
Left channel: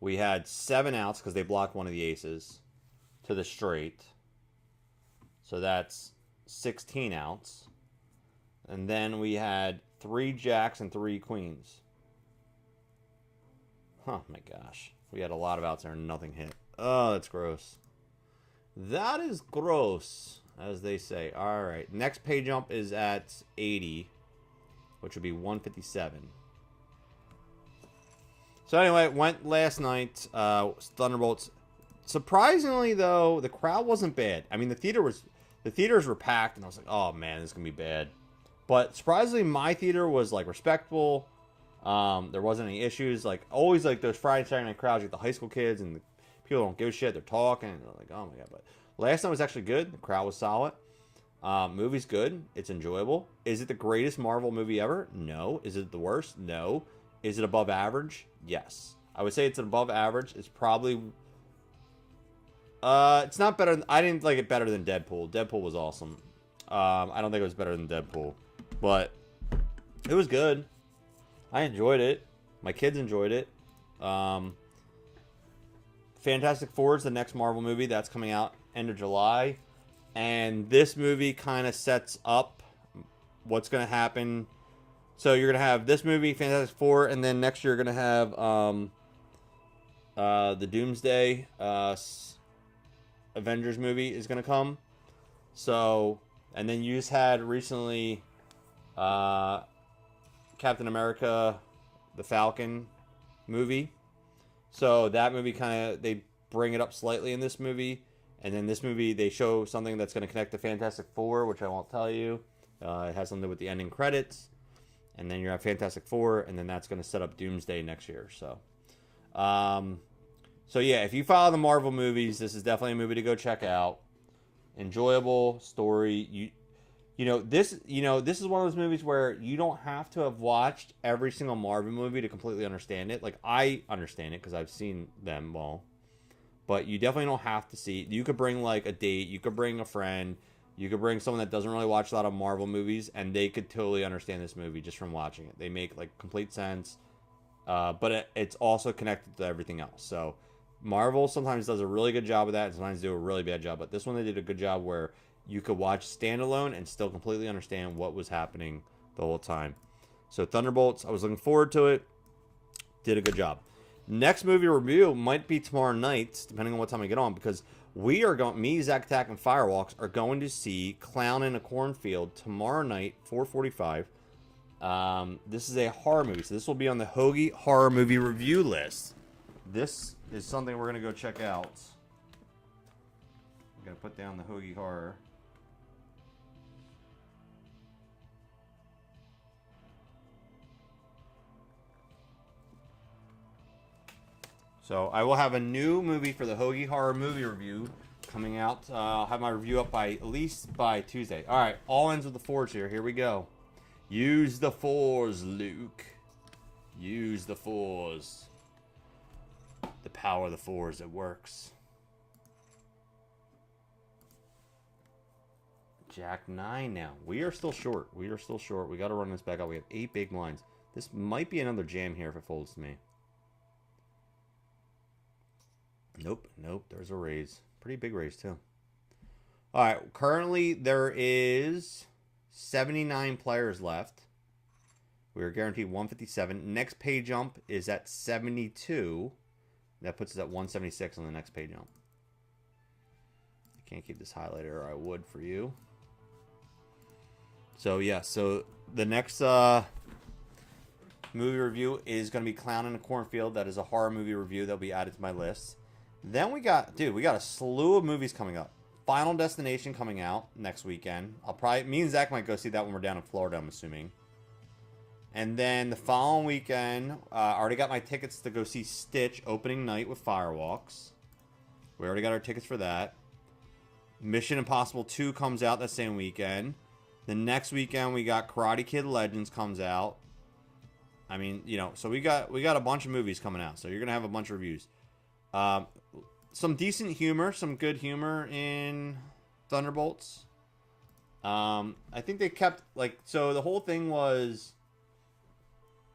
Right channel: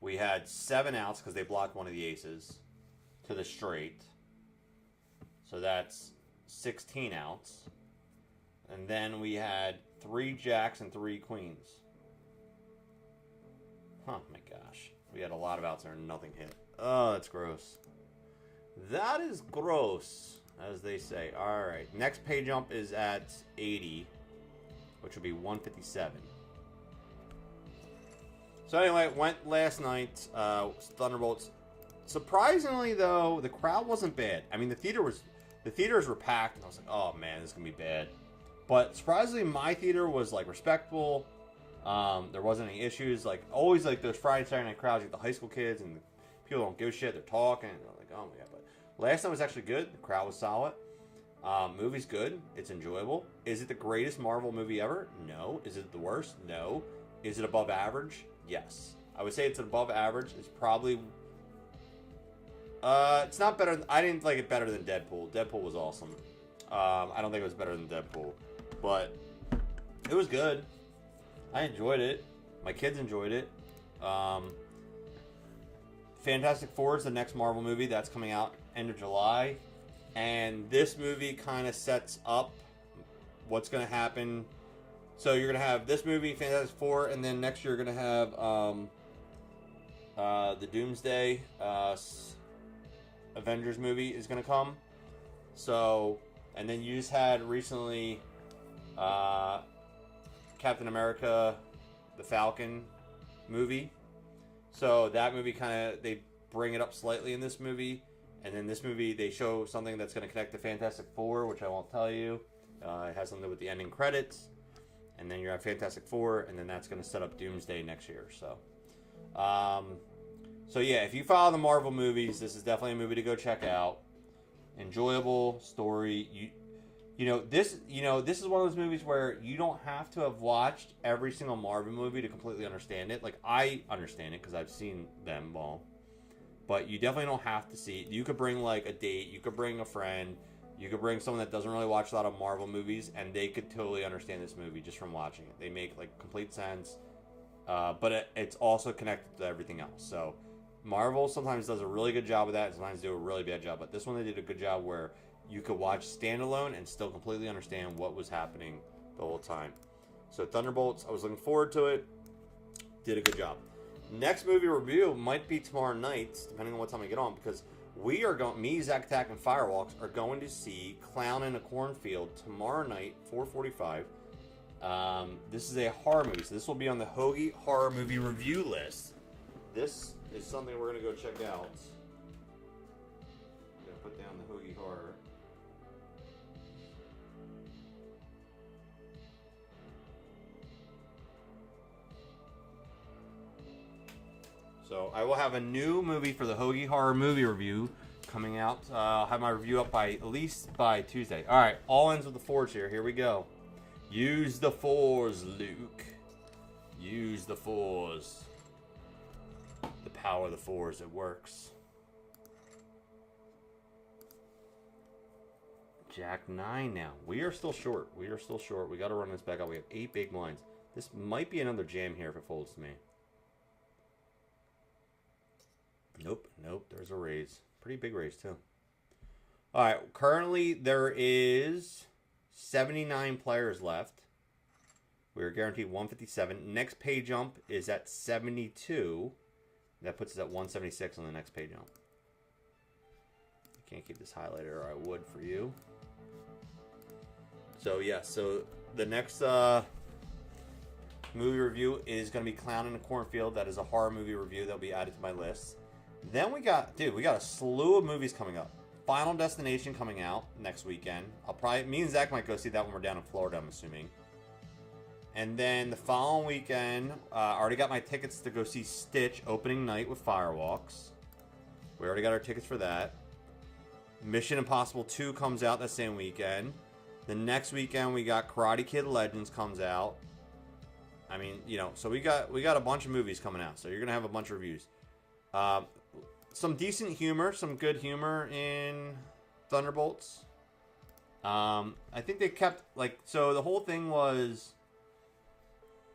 We had 7 outs because they blocked one of the aces to the straight. So that's 16 outs. And then we had 3 jacks and 3 queens. Oh, my gosh. We had a lot of outs there and nothing hit. Oh, that's gross. That is gross, as they say. All right. Next pay jump is at 80, which would be 157. So anyway, went last night. Thunderbolts. Surprisingly, though, the crowd wasn't bad. I mean, the theaters were packed, and I was like, oh, man, this is going to be bad. But surprisingly, my theater was, like, respectful. There wasn't any issues. Like, always, like, those Friday, Saturday night crowds, like the high school kids, and the people don't give a shit. They're talking, and they're like, oh, my God. But last night was actually good. The crowd was solid. Movie's good. It's enjoyable. Is it the greatest Marvel movie ever? No. Is it the worst? No. Is it above average? Yes. I would say it's above average. It's probably... it's not better... I didn't like it better than Deadpool. Deadpool was awesome. I don't think it was better than Deadpool. But it was good. I enjoyed it. My kids enjoyed it. Fantastic Four is the next Marvel movie. That's coming out end of July. And this movie kind of sets up what's going to happen. So you're going to have this movie, Fantastic Four, and then next year you're going to have the Doomsday Avengers movie is going to come. So, and then you just had recently Captain America, the Falcon movie. So that movie kind of, they bring it up slightly in this movie. And then this movie, they show something that's going to connect to Fantastic Four, which I won't tell you. It has something to do with the ending credits. And then you have Fantastic Four, and then that's going to set up Doomsday next year. So, so yeah, if you follow the Marvel movies, this is definitely a movie to go check out. Enjoyable story. This is one of those movies where you don't have to have watched every single Marvel movie to completely understand it. Like, I understand it because I've seen them all. But you definitely don't have to see it. You could bring, like, a date. You could bring a friend. You could bring someone that doesn't really watch a lot of Marvel movies, and they could totally understand this movie just from watching it. They make, like, complete sense. But it's also connected to everything else. So, Marvel sometimes does a really good job of that, and sometimes do a really bad job. But this one, they did a good job where you could watch standalone and still completely understand what was happening the whole time. So Thunderbolts, I was looking forward to it. Did a good job. Next movie review might be tomorrow night, depending on what time I get on, because we are going, me, Zach Attack, and Firewalks are going to see Clown in a Cornfield tomorrow night, 4:45. This is a horror movie, so this will be on the Hoagie horror movie review list. This is something we're going to go check out. I'm going to put down the Hoagie horror. So I will have a new movie for the Hoagie horror movie review coming out. I'll have my review up by at least by Tuesday. All right, all ends with the Force here. Here we go. Use the Force, Luke. Use the Force. The power of the Force, it works. Jack 9 now. We are still short. We are still short. We got to run this back out. We have 8 big blinds. This might be another jam here if it folds to me. Nope, nope. There's a raise. Pretty big raise, too. All right. Currently, there is 79 players left. We are guaranteed 157. Next pay jump is at 72. That puts us at 176 on the next pay jump. I can't keep this highlighted, or I would for you. So, yeah. So, the next movie review is going to be Clown in a Cornfield. That is a horror movie review that will be added to my list. Then we got a slew of movies coming up. Final Destination coming out next weekend. Me and Zach might go see that when we're down in Florida, I'm assuming. And then the following weekend, I already got my tickets to go see Stitch opening night with Firewalks. We already got our tickets for that. Mission Impossible 2 comes out that same weekend. The next weekend we got Karate Kid Legends comes out. I mean, so we got a bunch of movies coming out. So you're gonna have a bunch of reviews. Some decent humor, some good humor in Thunderbolts. I think they kept, so the whole thing was,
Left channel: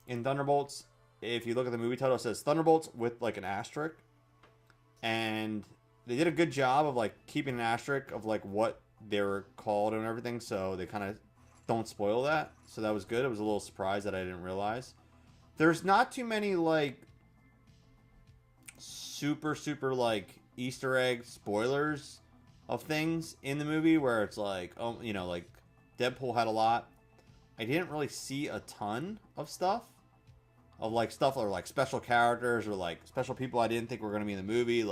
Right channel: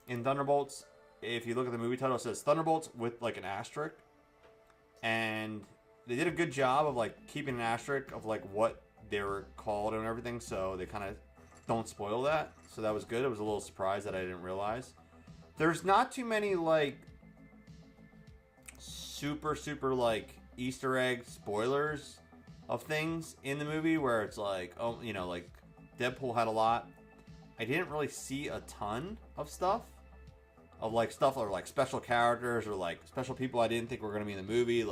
in Thunderbolts, if you look at the movie title, it says Thunderbolts with, an asterisk. And they did a good job of, keeping an asterisk of, what they were called and everything, so they kind of don't spoil that. So that was good. It was a little surprise that I didn't realize. There's not too many, super Easter egg spoilers of things in the movie where it's Deadpool had a lot. I didn't really see a ton of stuff of stuff or special characters or special people I didn't think were going to be in the movie,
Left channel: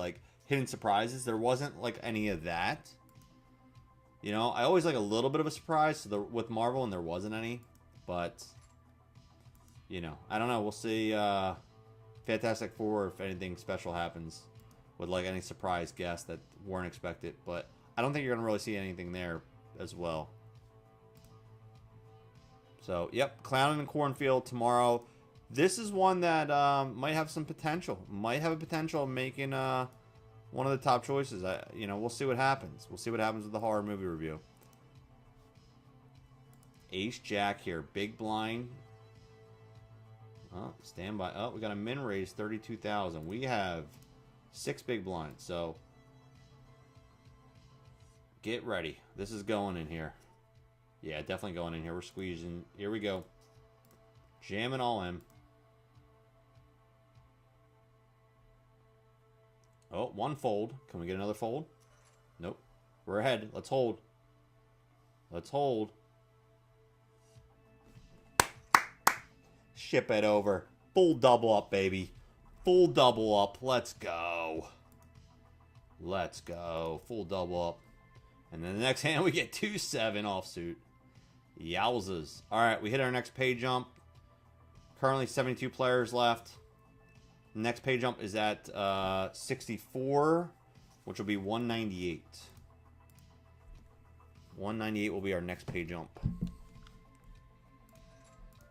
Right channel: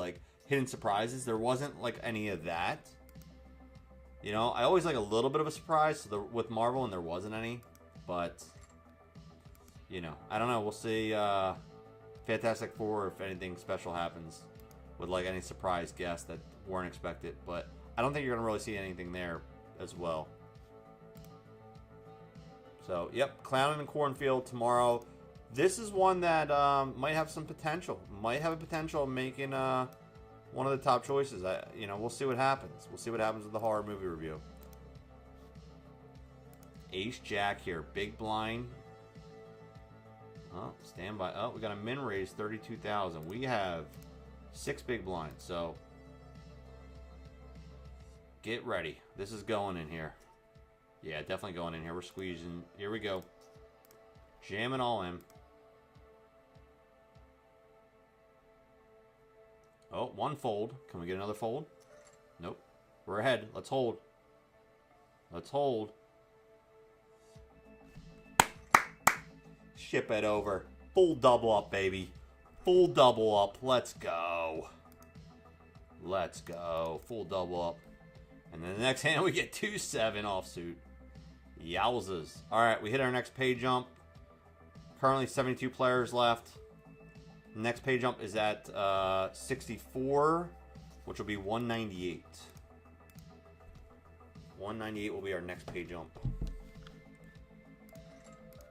hidden surprises. There wasn't any of that. I always like a little bit of a surprise with Marvel, and there wasn't any, but I don't know. We'll see. Fantastic Four, if anything special happens with any surprise guests that weren't expected, but I don't think you're gonna really see anything there as well. So, yep, Clown in the Cornfield tomorrow. This is one that might have some potential. Might have a potential of making one of the top choices. We'll see what happens. We'll see what happens with the horror movie review. Ace Jack here, big blind. Oh, stand by. Oh, we got a min raise 32,000. We have 6 big blinds, so get ready. This is going in here. Yeah, definitely going in here. We're squeezing. Here we go. Jamming all in. Oh, one fold. Can we get another fold? Nope. We're ahead. Let's hold. Let's hold. Ship it over. Full double up, baby. Full double up. Let's go. Let's go. Full double up. And then the next hand, we get 2-7 offsuit. Yowzas. All right, we hit our next pay jump. Currently 72 players left. Next pay jump is at 64, which will be 198. 198 will be our next pay jump.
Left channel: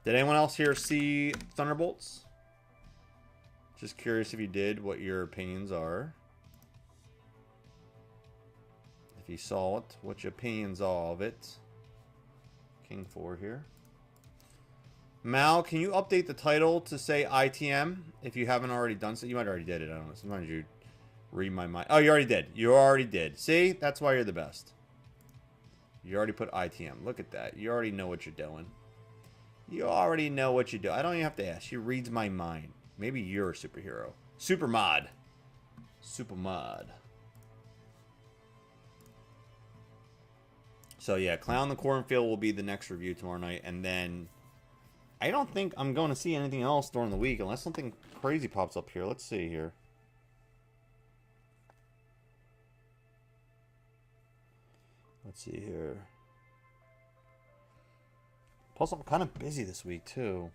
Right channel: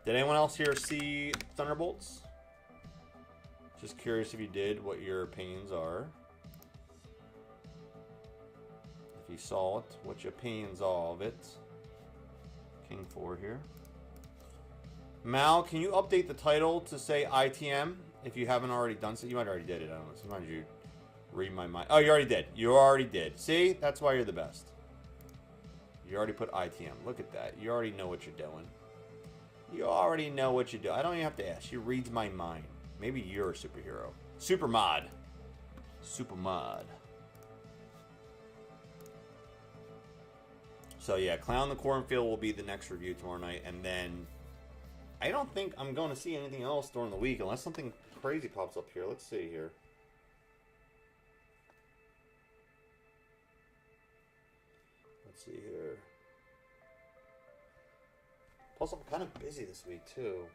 Did anyone else here see Thunderbolts? Just curious if you did, what your opinions are. If you saw it, what your opinions are of it. King 4 here. Mal, can you update the title to say ITM if you haven't already done so? You might already did it. I don't know. Sometimes you read my mind. Oh, you already did. You already did. See? That's why you're the best. You already put ITM. Look at that. You already know what you're doing. You already know what you do. I don't even have to ask. She reads my mind. Maybe you're a superhero. Super mod. Super mod. So yeah, Clown in the Cornfield will be the next review tomorrow night. And then I don't think I'm going to see anything else during the week unless something crazy pops up here. Let's see here. Let's see here. Plus, I'm kind of busy this week, too.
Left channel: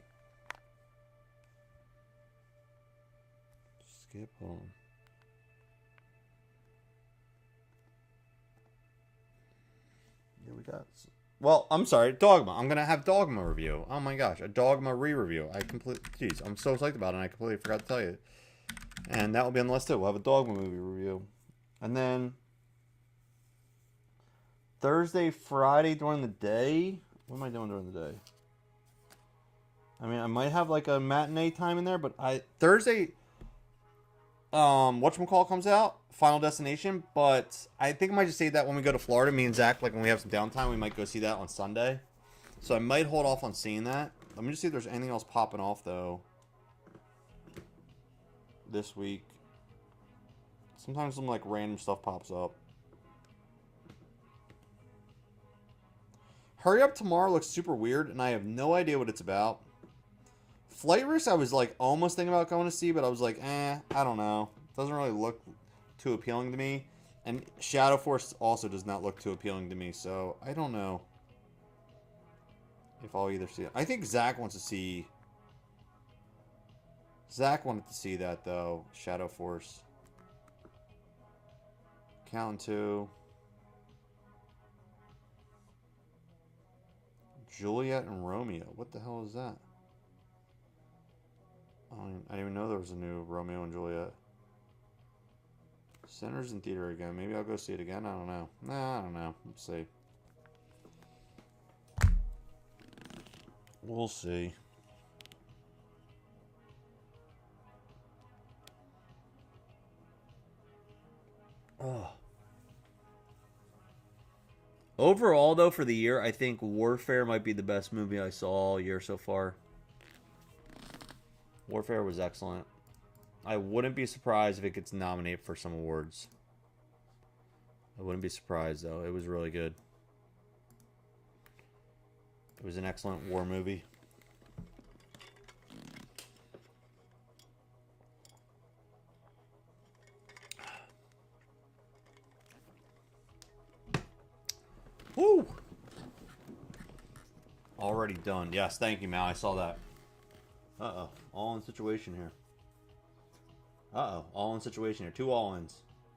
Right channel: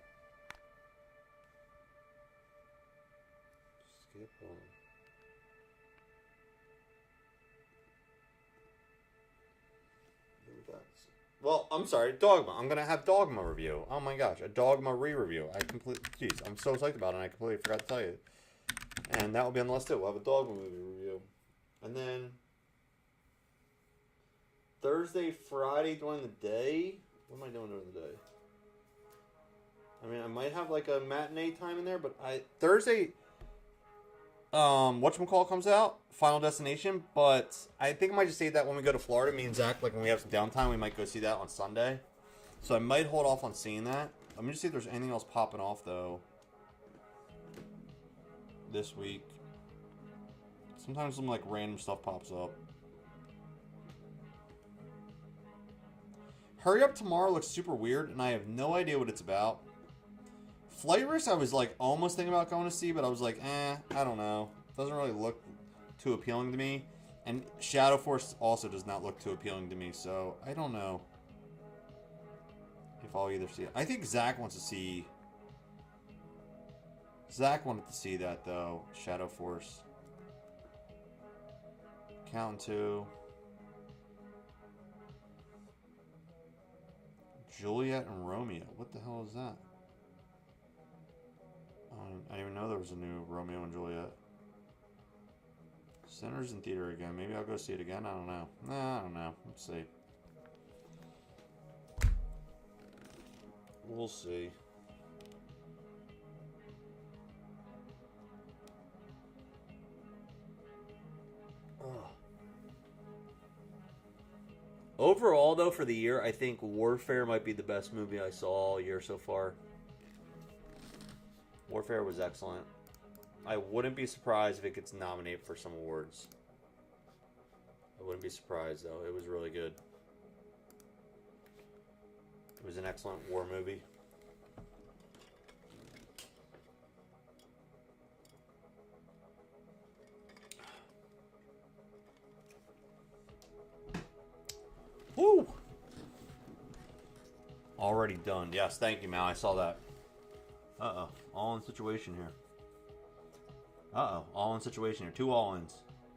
Skip home. Here we got. Well, I'm sorry, Dogma. I'm going to have Dogma review. Oh my gosh, a Dogma re-review. Jeez, I'm so psyched about it, and I completely forgot to tell you. And that will be on the list, too. We'll have a Dogma movie review. And then Thursday, Friday during the day. What am I doing during the day? I mean, I might have like a matinee time in there, but Thursday, whatchamacallit comes out, Final Destination, but I think I might just save that when we go to Florida. Me and Zach, like when we have some downtime, we might go see that on Sunday. So I might hold off on seeing that. Let me just see if there's anything else popping off though this week. Sometimes some like random stuff pops up. Hurry Up Tomorrow looks super weird, and I have no idea what it's about. Flight Risk, I was like almost thinking about going to see, but I was like, I don't know. Doesn't really look too appealing to me. And Shadow Force also does not look too appealing to me, so I don't know if I'll either see it. I think Zach wants to see. Zach wanted to see that though. Shadow Force. Count 2. Juliet and Romeo. What the hell is that? I didn't even know there was a new Romeo and Juliet. Center's in theater again. Maybe I'll go see it again. I don't know. Nah, I don't know. Let's see. We'll see. Oh. Overall, though, for the year, I think Warfare might be the best movie I saw all year so far. Warfare was excellent. I wouldn't be surprised if it gets nominated for some awards. I wouldn't be surprised, though. It was really good. It was an excellent war movie. Woo! Already done. Yes, thank you, Mal. I saw that. Uh-oh. All in situation here. Uh-oh. All in situation here. 2 all-ins.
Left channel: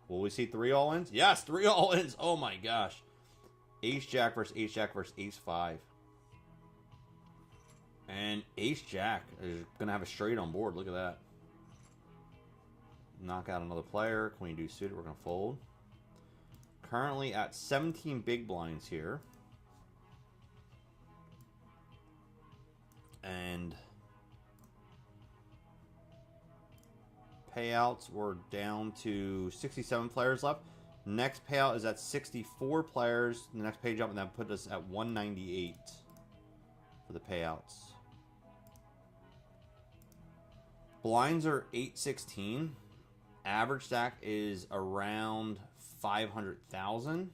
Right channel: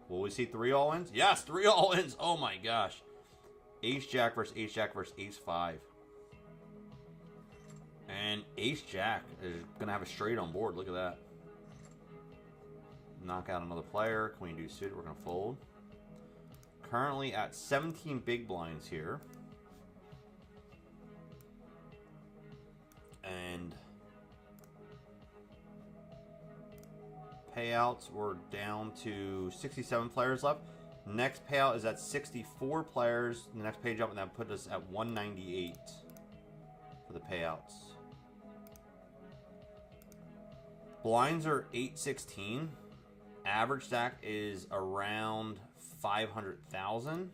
Will we see 3 all-ins? Yes, 3 all-ins. Oh my gosh. Ace-Jack versus Ace-Jack versus Ace-5. And Ace-Jack is going to have a straight on board. Look at that. Knock out another player. Queen deuce suited. We're going to fold. Currently at 17 big blinds here. And payouts, we're down to 67 players left. Next payout is at 64 players. The next page up, and that put us at 198 for the payouts. Blinds are 816. Average stack is around 500,000.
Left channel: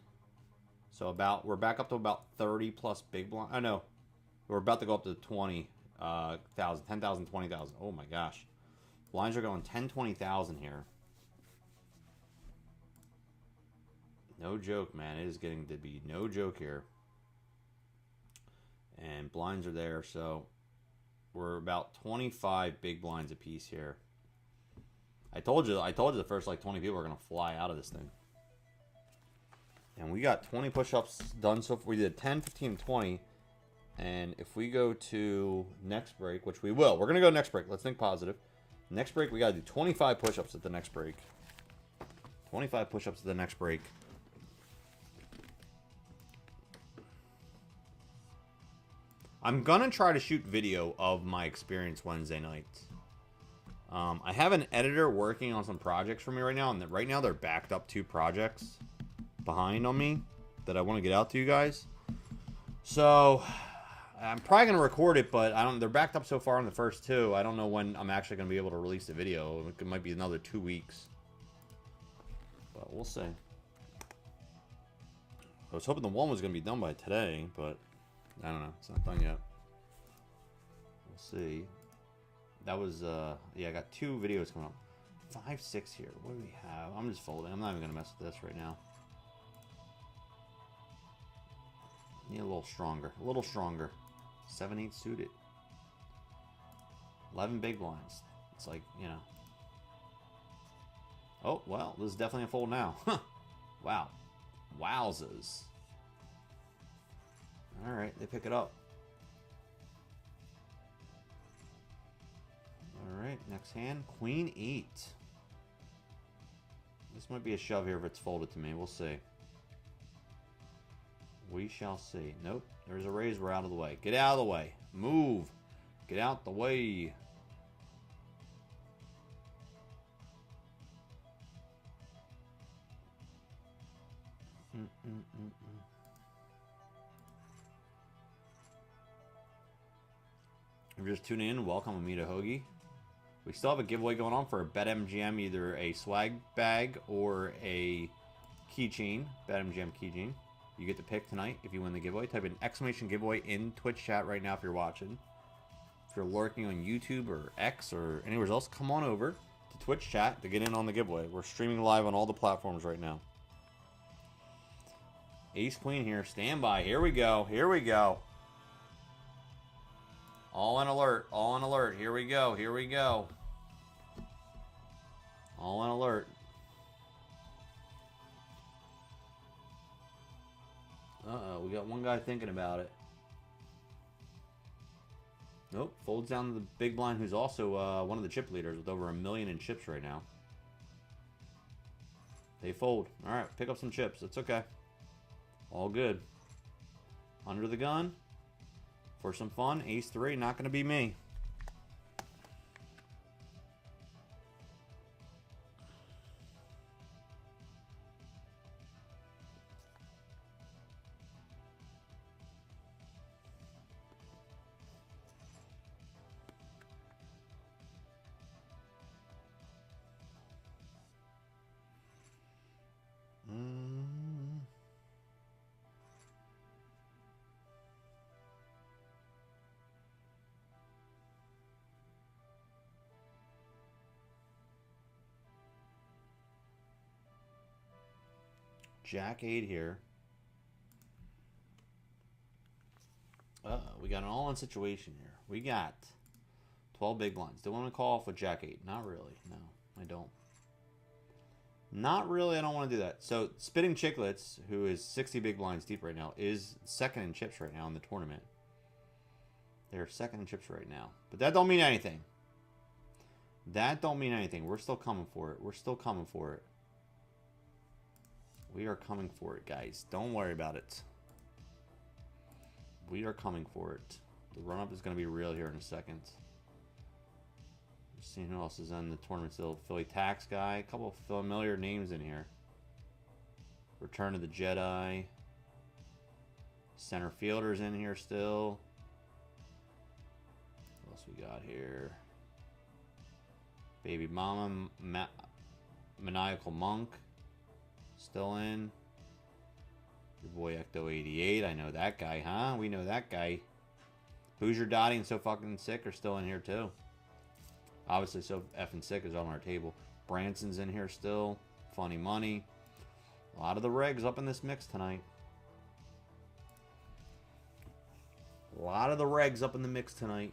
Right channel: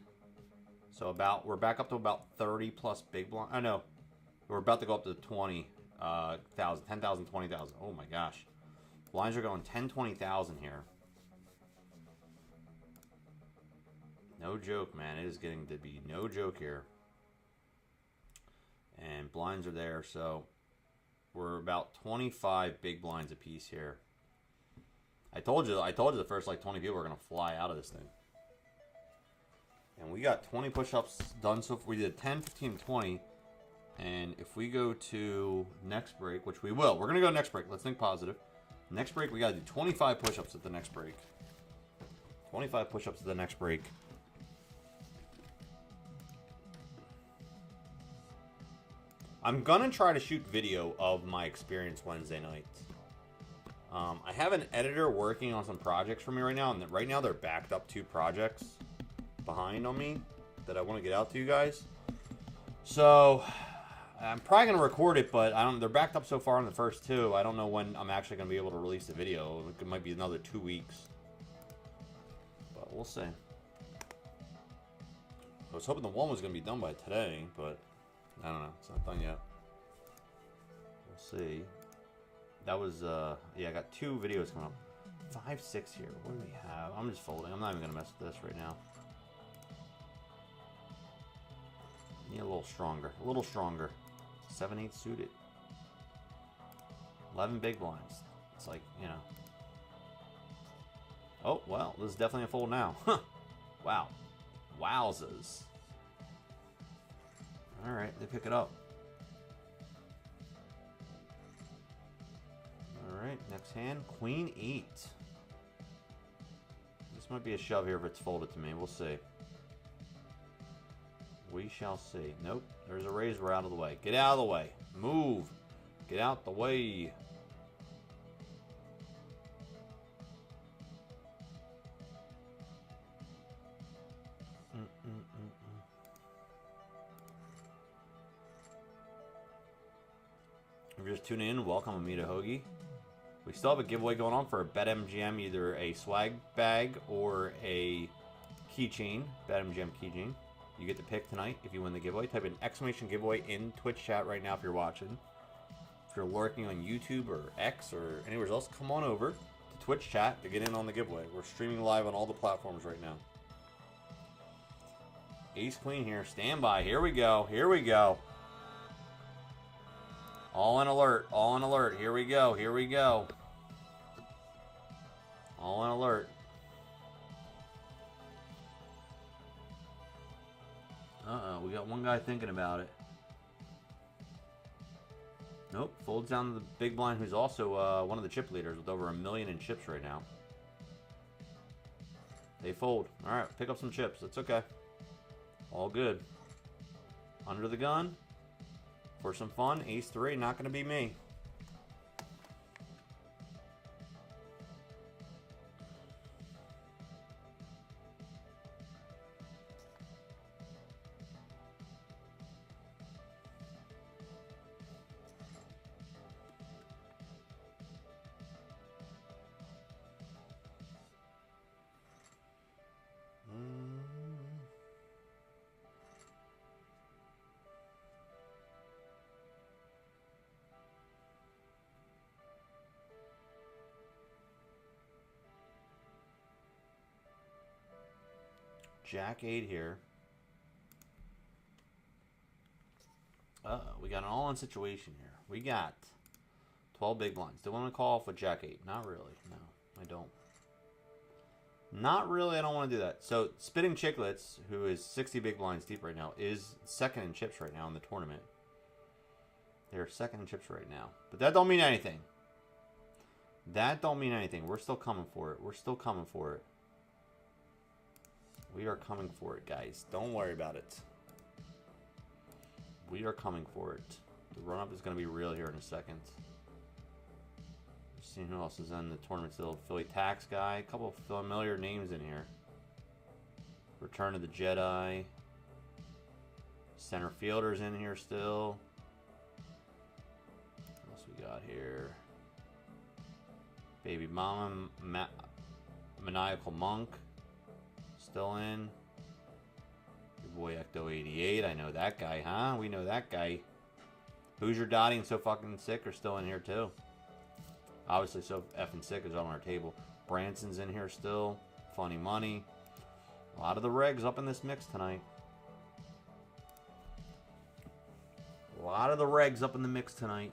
So we're back up to about 30 plus big blind. I know we're about to go up to 20,000, 10,000, 20,000. Oh my gosh. Blinds are going 10, 20,000 here. No joke, man. It is getting to be no joke here. And blinds are there, so we're about 25 big blinds a piece here. I told you the first like 20 people are going to fly out of this thing. And we got 20 push-ups done so far. We did 10, 15, 20. And if we go to next break, which we will. We're going to go next break. Let's think positive. Next break, we got to do 25 push-ups at the next break. 25 push-ups at the next break. I'm going to try to shoot video of my experience Wednesday night. I have an editor working on some projects for me right now. And right now, they're backed up 2 projects behind on me that I want to get out to you guys. So I'm probably gonna record it, but I don't. They're backed up so far on the first two. I don't know when I'm actually gonna be able to release the video. It might be another 2 weeks, but we'll see. I was hoping the one was gonna be done by today, but I don't know. It's not done yet. We'll see. That was yeah. I got 2 videos coming up. 5, 6 here. What do we have? I'm just folding. I'm not even gonna mess with this right now. Need a little stronger. A little stronger. 7-8 suited. 11 big blinds. It's like, you know. Oh, well, this is definitely a fold now. Huh. Wow. Wowzers. Alright, they pick it up. Alright, next hand. Queen 8. This might be a shove here if it's folded to me. We'll see. We shall see. Nope. There's a raise. We're out of the way. Get out of the way. Move. Get out the way. If you're just tuning in, welcome. I'm Hoagie. We still have a giveaway going on for a Betmgm, either a swag bag or a keychain. Betmgm keychain. You get to pick tonight if you win the giveaway. Type in exclamation giveaway in Twitch chat right now if you're watching. If you're lurking on YouTube or X or anywhere else, come on over to Twitch chat to get in on the giveaway. We're streaming live on all the platforms right now. Ace Queen here. Stand by. Here we go. Here we go. All in alert. All in alert. Here we go. Here we go. All in alert. Uh-oh. We got one guy thinking about it. Nope. Folds down to the big blind, who's also one of the chip leaders with over 1 million in chips right now. They fold. All right. Pick up some chips. It's okay. All good. Under the gun. For some fun, ace 3, not going to be me. Jack 8 here. We got an all-in situation here. We got 12 big blinds. Do I want to call off with Jack 8? Not really. No, I don't. Not really. I don't want to do that. So, Spitting Chicklets, who is 60 big blinds deep right now, is second in chips right now in the tournament. They're second in chips right now. But that don't mean anything. That don't mean anything. We're still coming for it. We're still coming for it. We are coming for it, guys. Don't worry about it. We are coming for it. The run-up is going to be real here in a second. Just seeing who else is in the tournament still. Philly Tax Guy. A couple of familiar names in here. Return of the Jedi. Center Fielder's in here still. What else we got here? Baby Mama. Maniacal Monk. Still in. Your boy Ecto88. I know that guy, huh? We know that guy. Who's your Dottie and So Fucking Sick are still in here too. Obviously, So Effing Sick is on our table. Branson's in here still. Funny Money. A lot of the regs up in this mix tonight. A lot of the regs up in the mix tonight.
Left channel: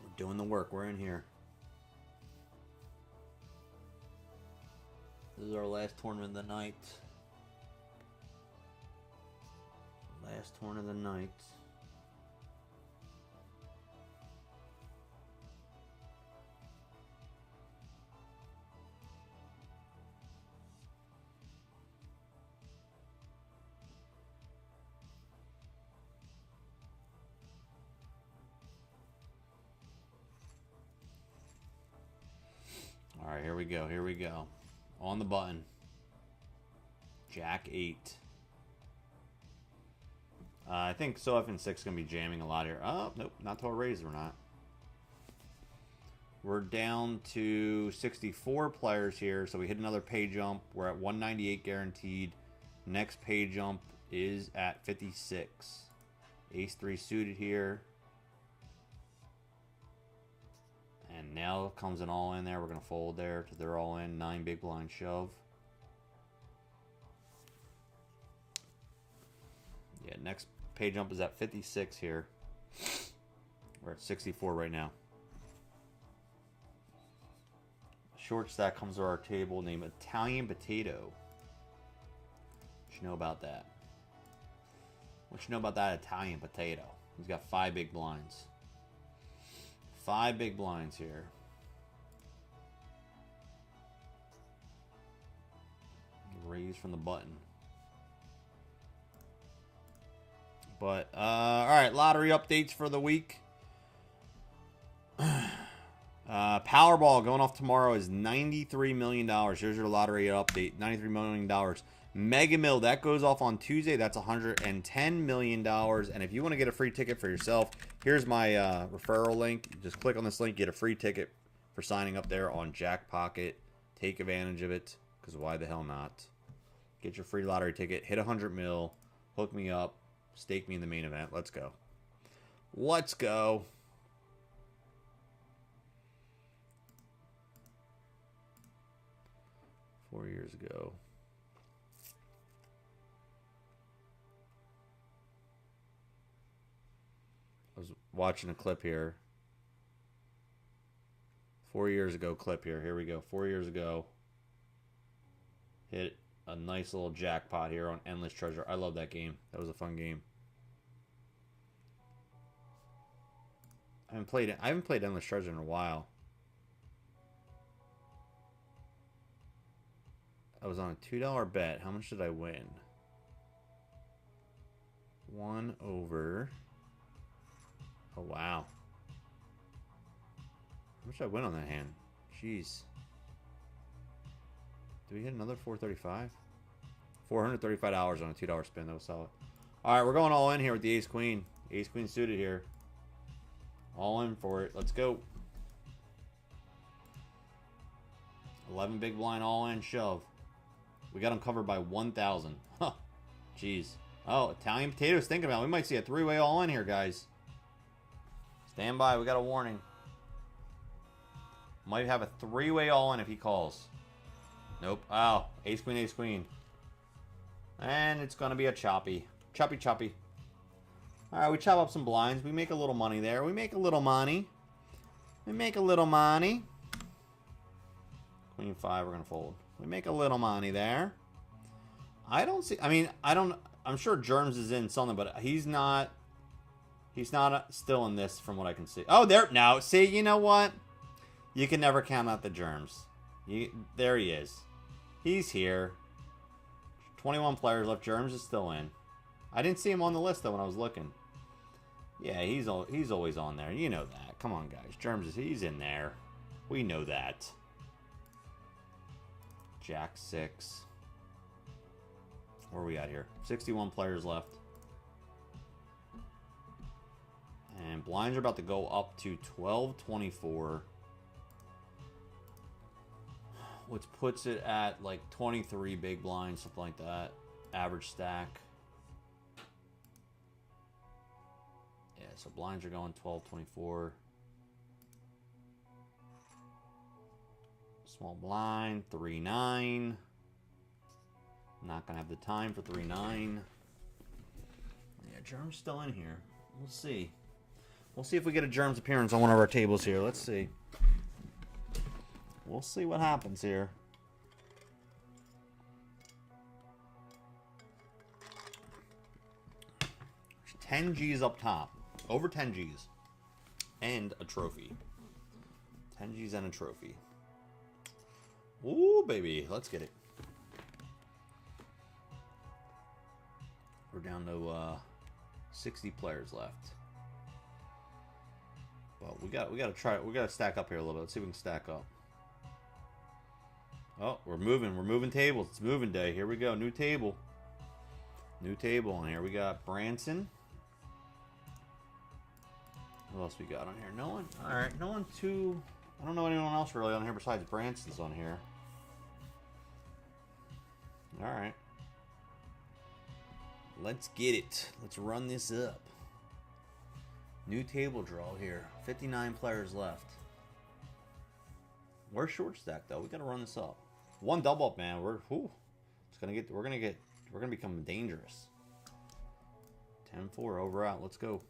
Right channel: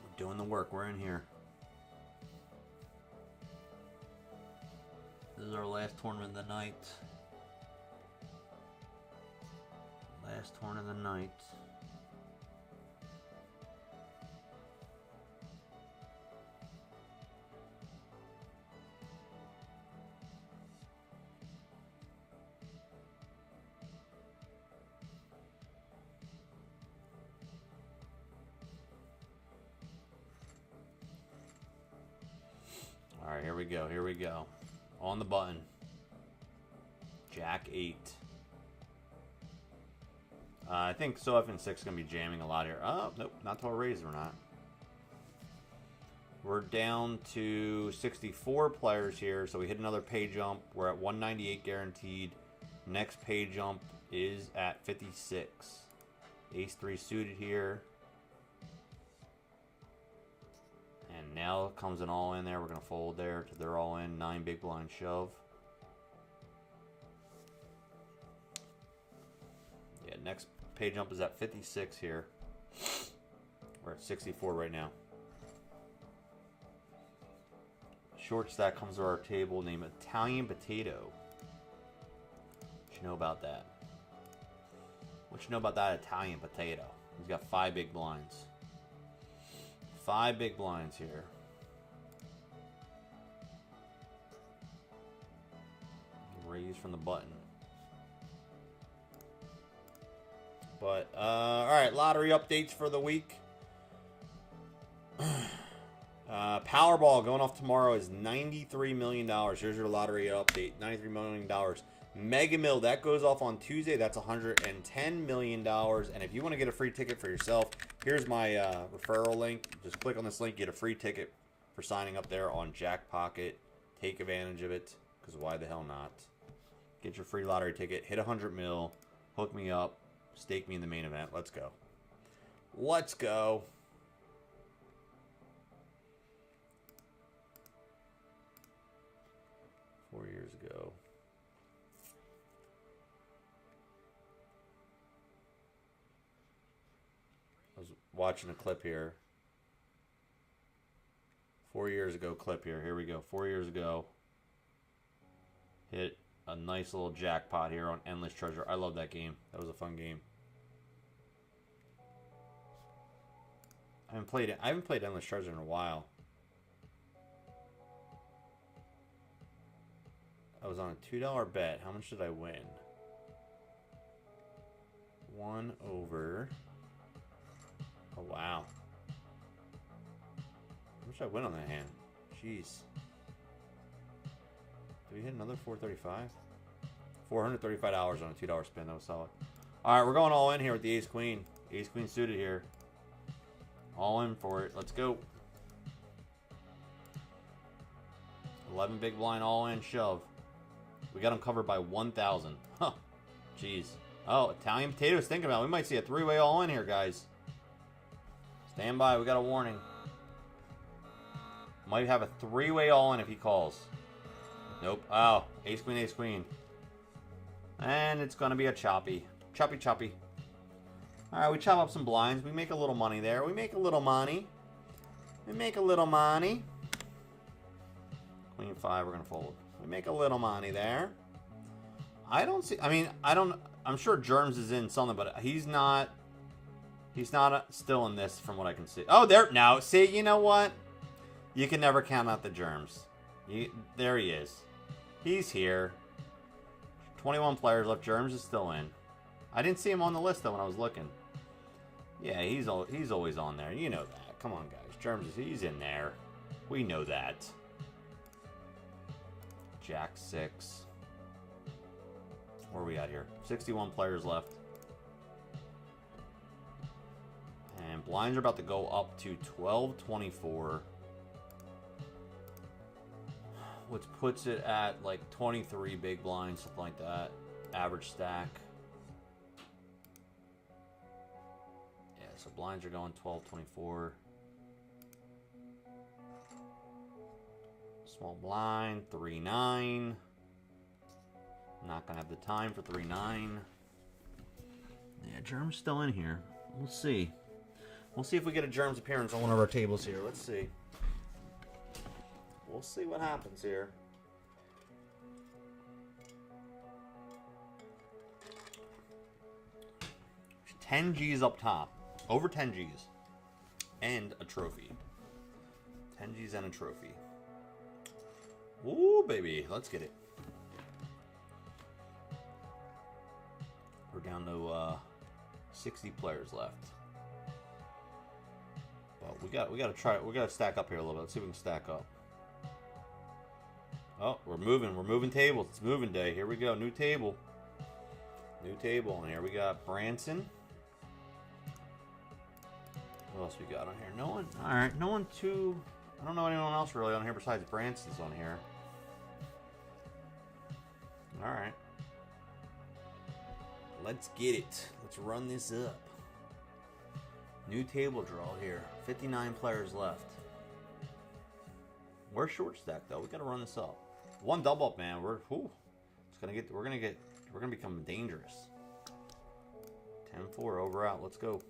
We're doing the work. We're in here. This is our last tournament of the night. Last tournament of the night. All right, here we go. Here we go. On the button. Jack 8. I think Sof and 6 going to be jamming a lot here. Oh, nope. Not till a raise, we're not. We're down to 64 players here, so we hit another pay jump. We're at 198 guaranteed. Next pay jump is at 56. Ace 3 suited here. And now comes an all in there. We're going to fold there to their all in. 9 big blind shove. Yeah, next pay jump is at 56 here. We're at 64 right now. Short stack comes to our table named Italian Potato. What you know about that? What you know about that Italian Potato? He's got 5 big blinds. 5 big blinds here. Raise from the button. But, alright, lottery updates for the week. Powerball going off tomorrow is $93 million. Here's your lottery update. $93 million. Mega Mill, that goes off on Tuesday. That's $110 million. And if you want to get a free ticket for yourself, here's my referral link. Just click on this link, get a free ticket for signing up there on Jackpocket. Take advantage of it, because why the hell not? Get your free lottery ticket. Hit 100 mil. Hook me up. Stake me in the main event. Let's go. Let's go. Four years ago. I was watching a clip here. 4 years ago clip here. Here we go. 4 years ago. Hit a nice little jackpot here on Endless Treasure. I love that game. That was a fun game. I haven't played Endless Treasure in a while. I was on a $2 bet. How much did I win? 1 over. Oh, wow. How much did I win on that hand? Jeez. Did we hit another 435? $435 on a $2 spin. That was solid. All right, we're going all in here with the ace queen. Ace queen suited here. All in for it. Let's go. 11 big blind all in shove. We got them covered by 1,000. Huh. Jeez. Oh, Italian Potatoes thinking about it. We might see a 3-way all in here, guys. Stand by. We got a warning. Might have a 3-way all in if he calls. Nope. Oh, ace queen, ace queen. And it's going to be a choppy. Choppy, choppy. All right, we chop up some blinds. We make a little money there. We make a little money. We make a little money. Queen 5, we're going to fold. We make a little money there. I don't see... I mean, I'm sure Germs is in something, but he's not... He's not still in this from what I can see. Oh, there... Now, see, you know what? You can never count out the Germs. There he is. He's here. 21 players left. Germs is still in. I didn't see him on the list, though, when I was looking. Yeah, he's always on there. You know that. Come on, guys. Germs he's in there. We know that. Jack 6. Where are we at here? 61 players left. And blinds are about to go up to 1224. Which puts it at like 23 big blinds, something like that. Average stack. Yeah, so blinds are going 1224. Small blind, 3-9. Not gonna have the time for 3-9. Yeah, Germ's still in here. We'll see. We'll see if we get a Germ's appearance on one of our tables here. Let's see. We'll see what happens here. $10 G's up top. Over 10 G's. And a trophy. 10 G's and a trophy. Ooh, baby. Let's get it. We're down to 60 players left. Well, we gotta try. We gotta stack up here a little bit. Let's see if we can stack up. Oh, we're moving. We're moving tables. It's moving day. Here we go. New table. New table. And here we got Branson. What else we got on here? No one. All right, no one too. I don't know anyone else really on here besides Branson's on here. All right. Let's get it. Let's run this up. New table draw here. 59 players left. We're short stacked though. We gotta run this up. One double up, man. We're gonna become dangerous. 10-4 over out. Let's go.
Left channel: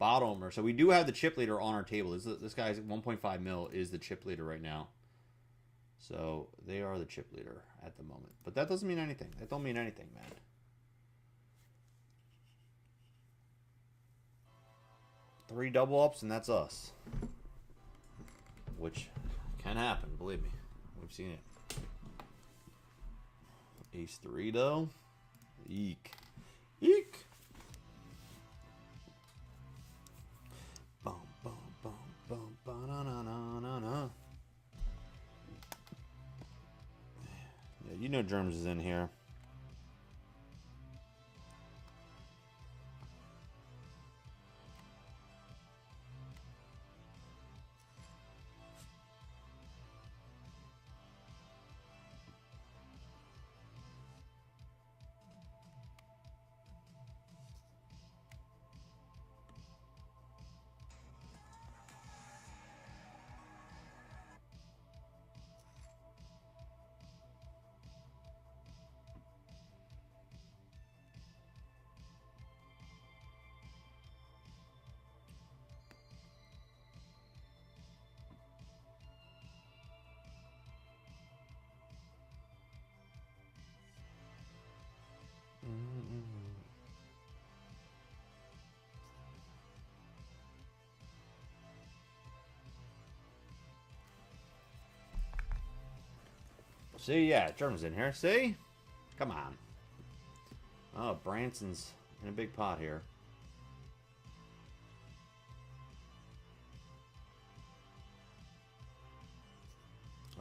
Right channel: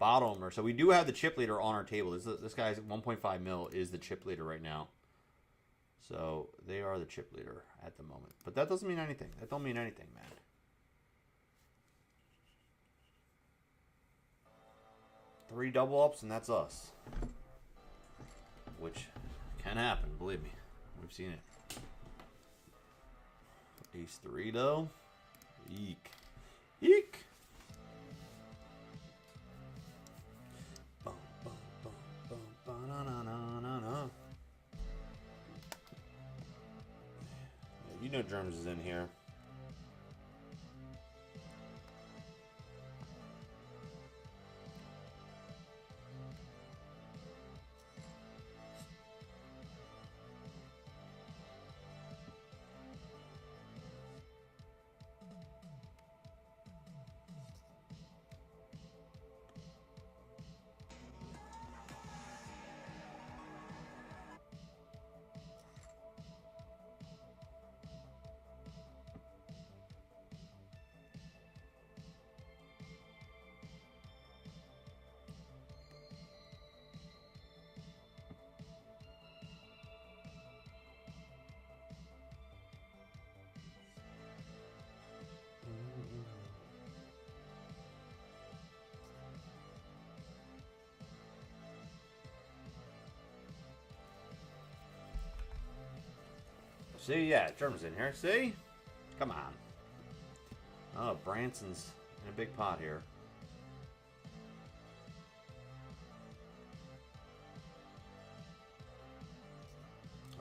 Bottom. So we do have the chip leader on our table. This guy's 1.5 mil is the chip leader right now. So they are the chip leader at the moment. But that doesn't mean anything. That don't mean anything, man. Three double ups and that's us. Which can happen, believe me. We've seen it. Ace 3 though. Eek. Eek. Boom, boom, boom, boom, boom, na, na, na, na, na. Yeah, you know Germs is in here. See, yeah, German's in here. See? Come on. Oh, Branson's in a big pot here.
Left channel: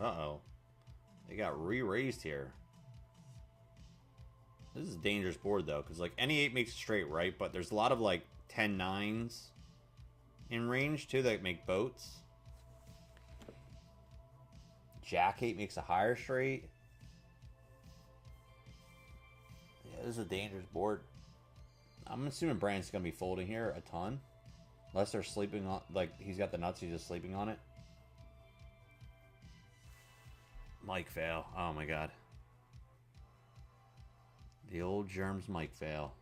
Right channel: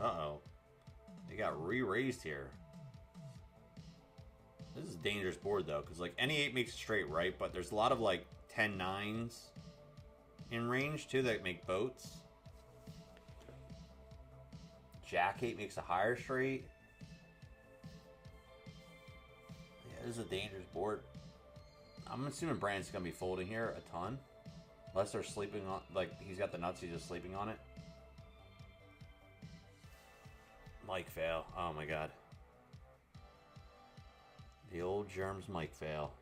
Uh-oh. They got re-raised here. This is a dangerous board, though, because, like, any 8 makes it straight, right? But there's a lot of, like, 10-9s in range, too, that make boats. Jack 8 makes a higher straight. Yeah, this is a dangerous board. I'm assuming Brand's going to be folding here a ton. Unless they're sleeping on... Like, he's got the nuts, he's just sleeping on it. Mike fail. Oh, my God. The old Germs Mike fail.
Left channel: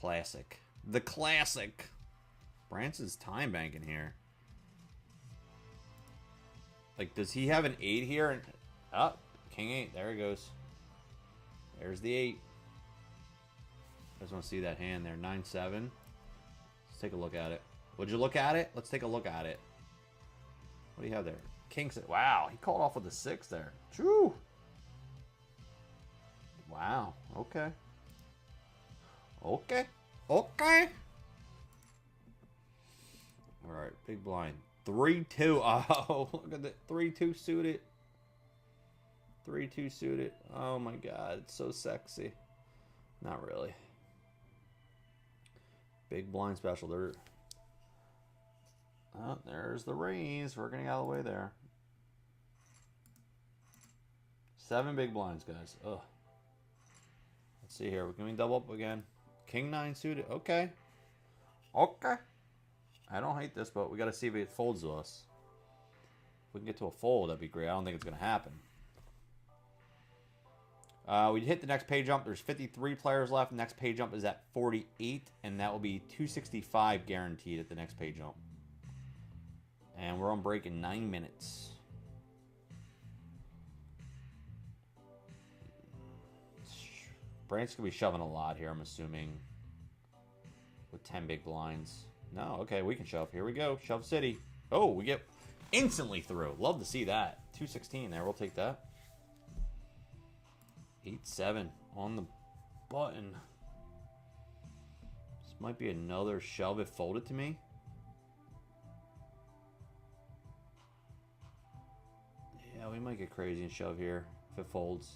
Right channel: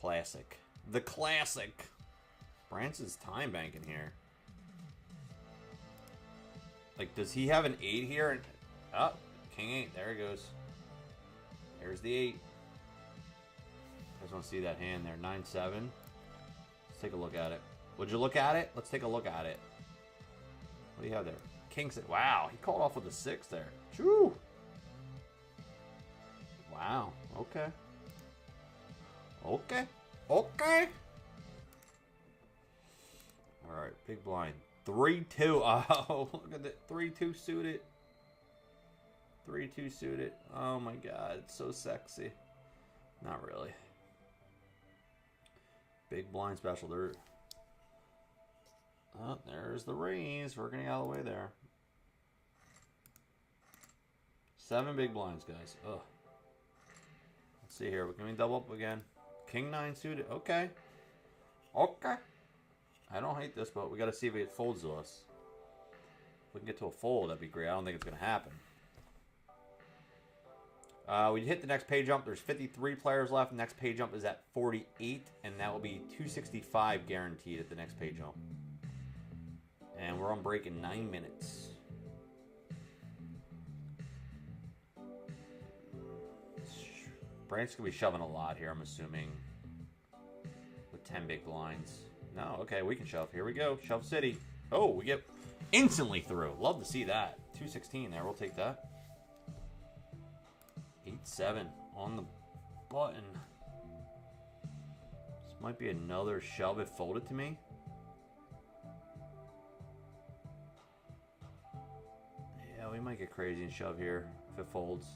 Classic. The classic. Branson's time banking here. Like, does he have an 8 here? Oh, King 8. There he goes. There's the 8. I just want to see that hand there. 9-7. Let's take a look at it. Would you look at it? Let's take a look at it. What do you have there? King 6. Wow, he called off with a 6 there. True. Wow. Okay. Okay. Okay. All right. Big blind. 3-2. Oh, look at that. 3-2 suited. 3-2 suited. Oh my God. It's so sexy. Not really. Big blind special. There. Oh, there's the raise. We're getting out of the way there. 7 big blinds, guys. Ugh. Let's see here. We're going to double up again. King 9 suited. Okay. Okay. I don't hate this, but we got to see if it folds to us. If we can get to a fold, that'd be great. I don't think it's going to happen. We hit the next pay jump. There's 53 players left. Next pay jump is at 48, and that will be 265 guaranteed at the next pay jump. And we're on break in 9 minutes. Brand's going to be shoving a lot here, I'm assuming. With 10 big blinds. No, okay, we can shove. Here we go. Shove City. Oh, we get instantly through. Love to see that. 216 there. We'll take that. 8-7 on the button. This might be another shove if folded to me. Yeah, we might get crazy and shove here if it folds.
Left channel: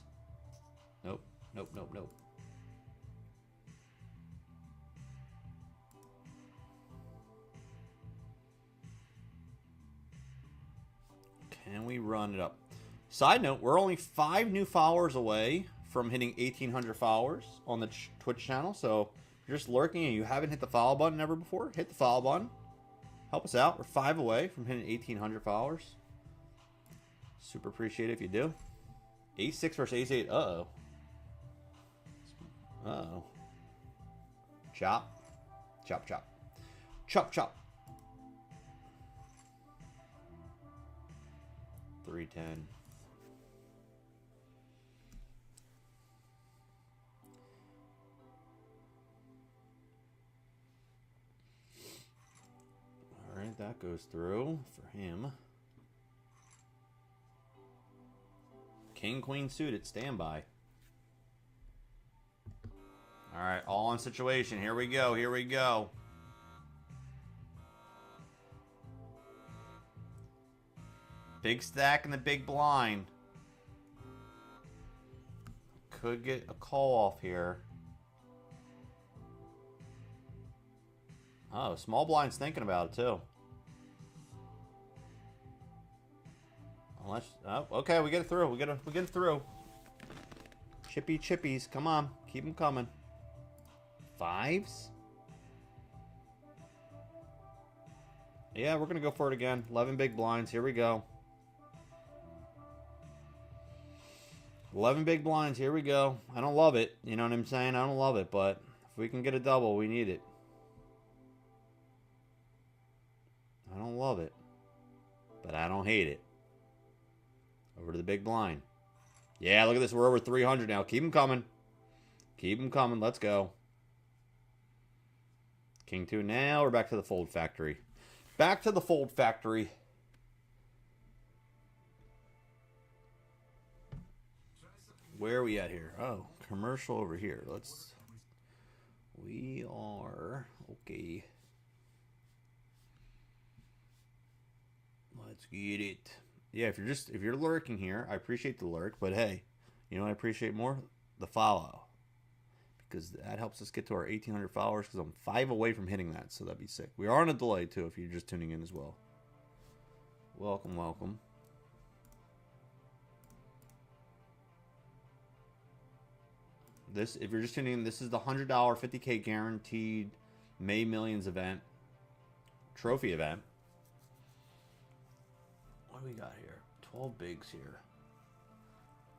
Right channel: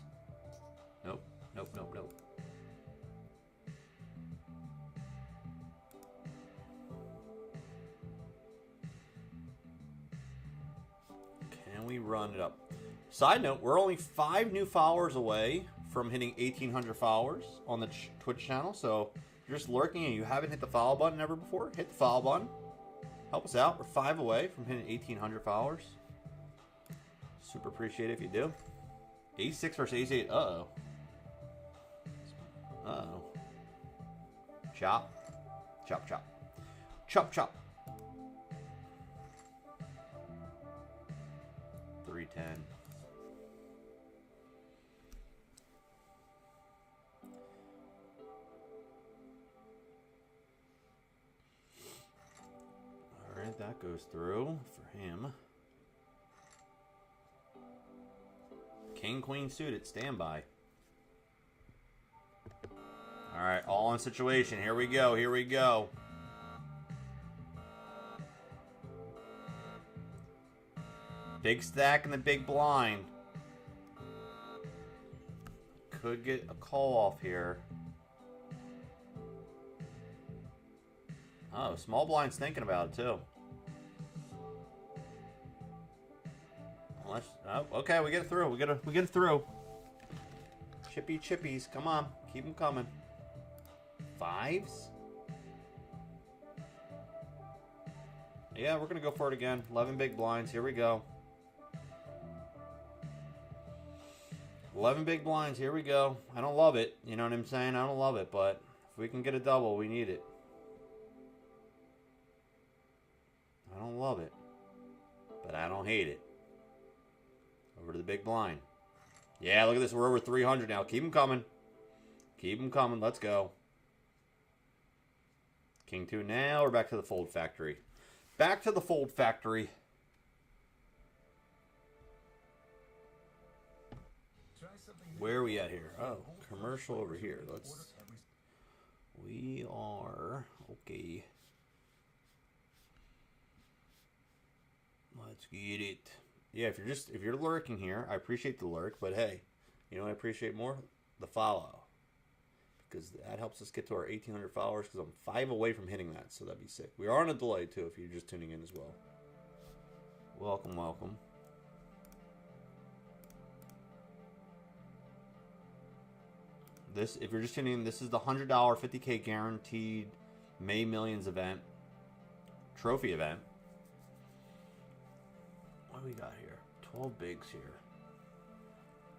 Nope. Nope, nope, nope. And we run it up. Side note, we're only 5 new followers away from hitting 1,800 followers on the Twitch channel. So if you're just lurking and you haven't hit the follow button ever before, hit the follow button. Help us out. We're 5 away from hitting 1,800 followers. Super appreciate it if you do. Ace 6 versus Ace 8. Uh-oh. Uh-oh. Chop. Chop, chop. Chop, chop. 310. All right, that goes through for him. King, queen suited, standby. All right, all on situation. Here we go. Here we go. Big stack in the big blind. Could get a call off here. Oh, small blind's thinking about it too. Unless, oh, okay, we get it through. We get it through. Chippy chippies, come on, keep them coming. 5s. Yeah, we're gonna go for it again. 11 big blinds. Here we go. 11 big blinds. Here we go. I don't love it. You know what I'm saying? I don't love it, but if we can get a double, we need it. I don't love it, but I don't hate it. Over to the big blind. Yeah, look at this. We're over 300 now. Keep them coming. Keep them coming. Let's go. King 2 now. We're back to the fold factory. Back to the fold factory. Where are we at here? Oh, commercial over here. We are okay. Let's get it. Yeah, if you're lurking here, I appreciate the lurk, but hey, you know what I appreciate more? The follow. Because that helps us get to our 1,800 followers, because I'm 5 away from hitting that, so that'd be sick. We are on a delay too if you're just tuning in as well. Welcome, welcome. This, if you're just tuning in, this is the $100 50K guaranteed May Millions event, trophy event. What do we got here? 12 bigs here.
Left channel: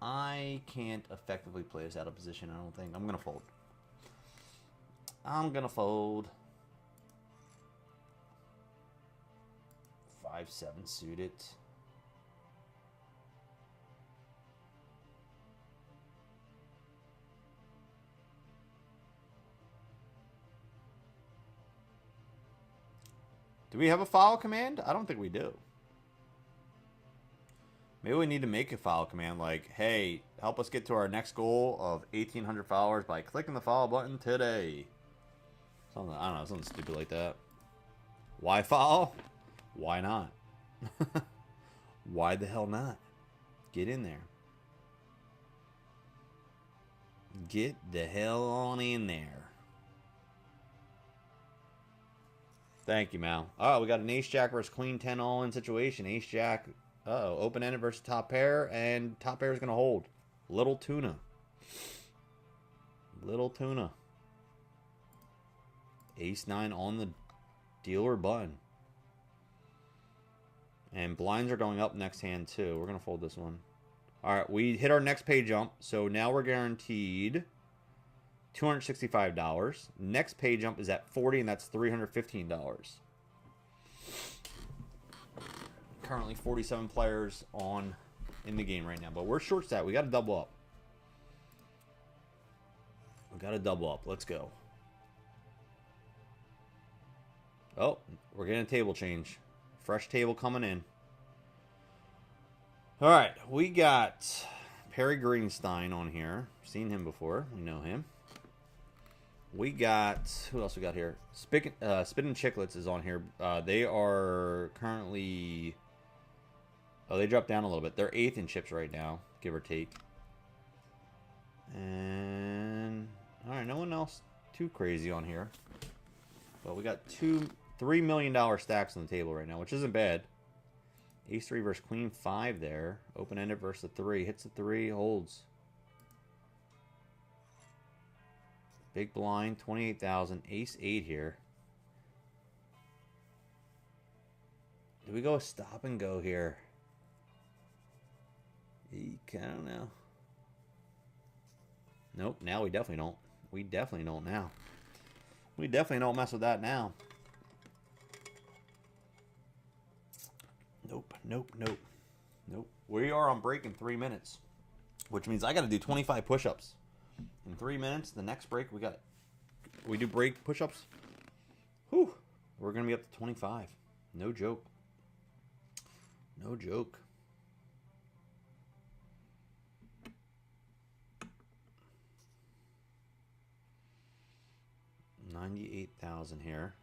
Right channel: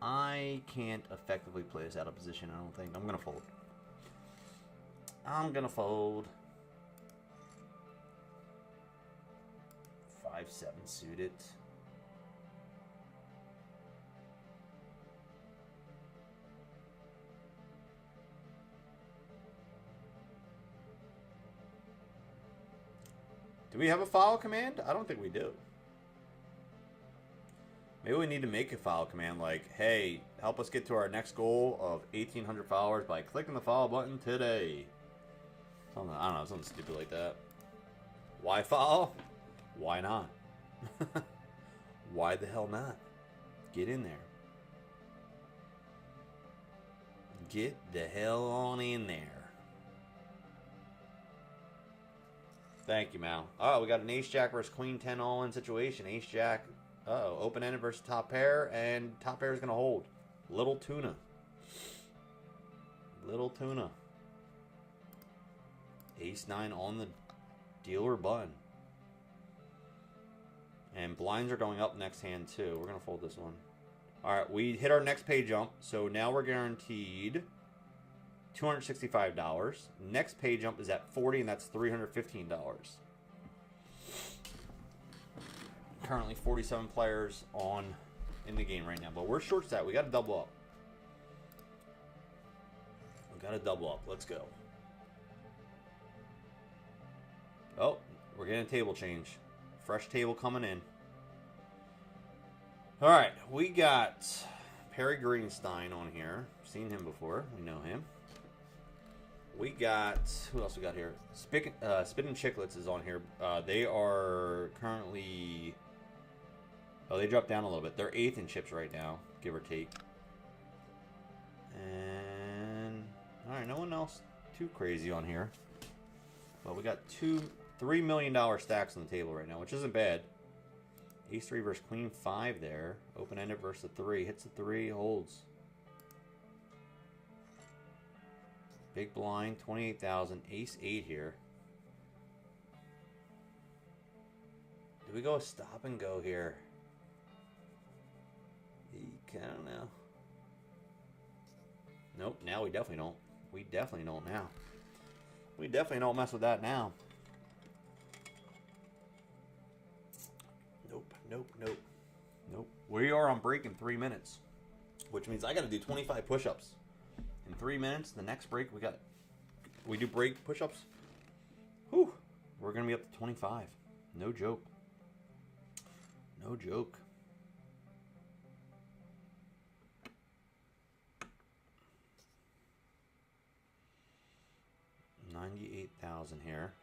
I can't effectively play this out of position, I don't think. I'm going to fold. I'm going to fold. 5-7 suited. Do we have a file command? I don't think we do. Maybe we need to make a file command like, hey, help us get to our next goal of 1,800 followers by clicking the follow button today. Something, I don't know, something stupid like that. Why follow? Why not? Why the hell not? Get in there. Get the hell on in there. Thank you, Mal. Oh, we got an ace-jack versus queen-10 all-in situation. Ace-jack, uh-oh, open-ended versus top pair, and top pair is going to hold. Little tuna. Little tuna. Ace-9 on the dealer button. And blinds are going up next hand, too. We're going to fold this one. All right, we hit our next pay jump, so now we're guaranteed $265. Next pay jump is at 40, and that's $315. Currently 47 players in the game right now, but we're short stat. We got to double up. We got to double up. Let's go. Oh, we're getting a table change. Fresh table coming in. All right, we got Perry Greenstein on here. Seen him before. We know him. We got, who else we got here? Spittin' Chicklets is on here. They are currently, oh, they dropped down a little bit. They're 8th in chips right now, give or take. And, all right, no one else too crazy on here. But we got $3 million stacks on the table right now, which isn't bad. Ace 3 versus Queen 5 there. Open-ended versus the 3. Hits the 3, holds. Big blind, 28,000. Ace 8 here. Do we go a stop and go here? I don't know. Nope, now we definitely don't. We definitely don't now. We definitely don't mess with that now. Nope, nope, nope. Nope. We are on break in 3 minutes. Which means I got to do 25 push-ups. In 3 minutes, the next break, we do break push-ups. Whew. We're going to be up to 25. No joke. No joke. 98,000 here.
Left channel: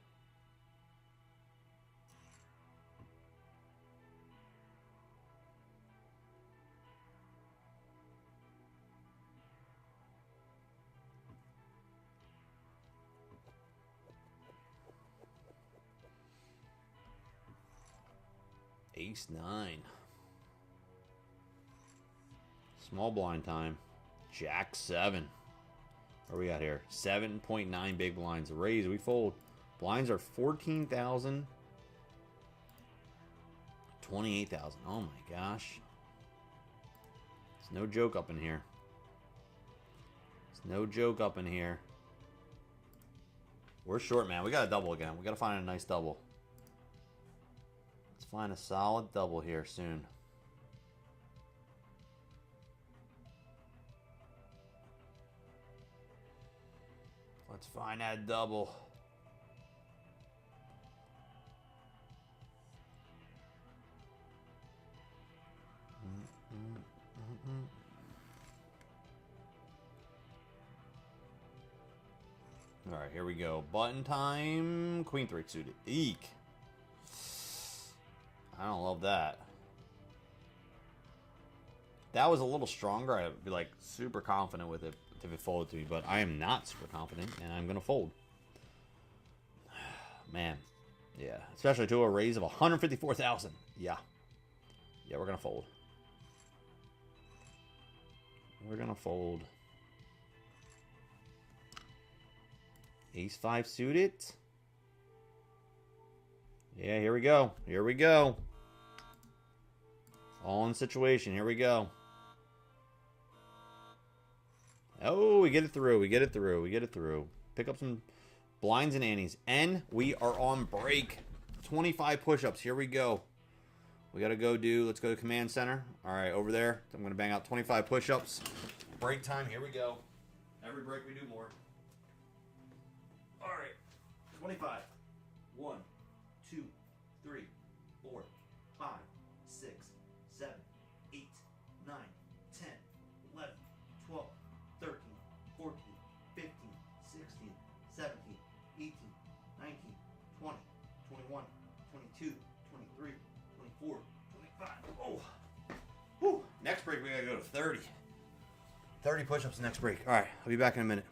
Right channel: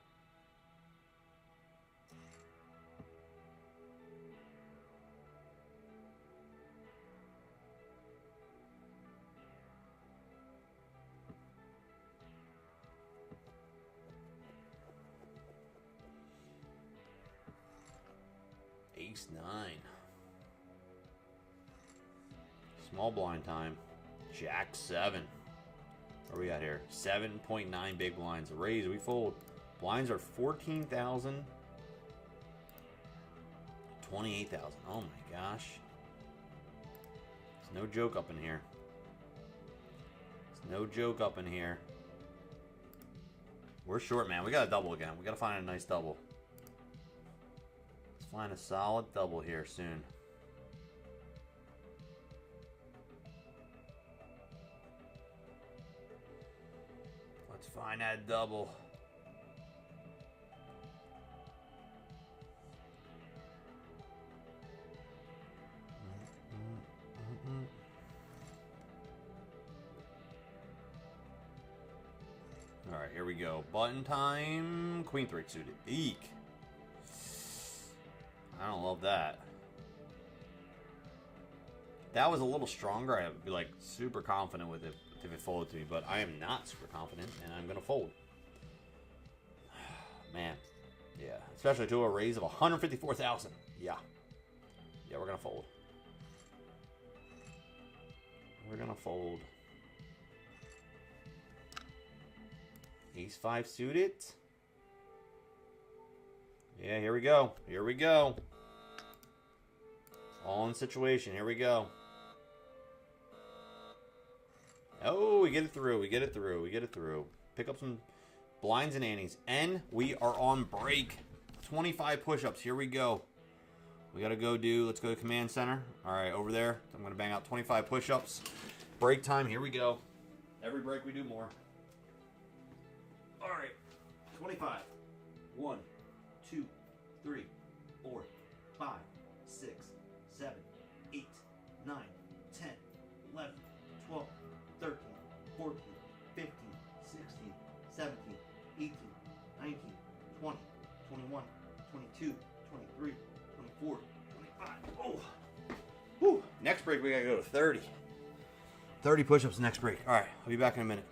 Ace 9. Small blind time. Jack 7. Where are we at here? 7.9 big blinds. Raise, we fold. Blinds are 14,000. 28,000. Oh my gosh. It's no joke up in here. It's no joke up in here. We're short, man. We got a double again. We got to find a nice double. Let's find a solid double here soon. Let's find that double. All right, here we go. Button time. Queen 3 suited. Eek. I don't love that. That was a little stronger. I'd be like super confident with it if it folded to me, but I am not super confident, and I'm gonna fold. Man, yeah, especially to a raise of 154,000. Yeah, we're gonna fold. We're gonna fold. Ace 5 suited. Yeah, here we go. Here we go. All in situation. Here we go. Oh, we get it through. We get it through. We get it through. Pick up some blinds and annies. And we are on break. 25 push-ups. Here we go. We got to go do, let's go to command center. All right, over there. I'm going to bang out 25 push-ups. Break time. Here we go. Every break we do more. All right. 25. 1, 2, 3, 4, 5, 6, 7, 8, 9, 10, 11, 12, 13, 14, 15, 16, 17, 18, 19, 20, 21, 22, 23, 24, 25. Oh! Whew. Next break, we gotta go to 30. 30 push-ups next break. All right, I'll be back in a minute.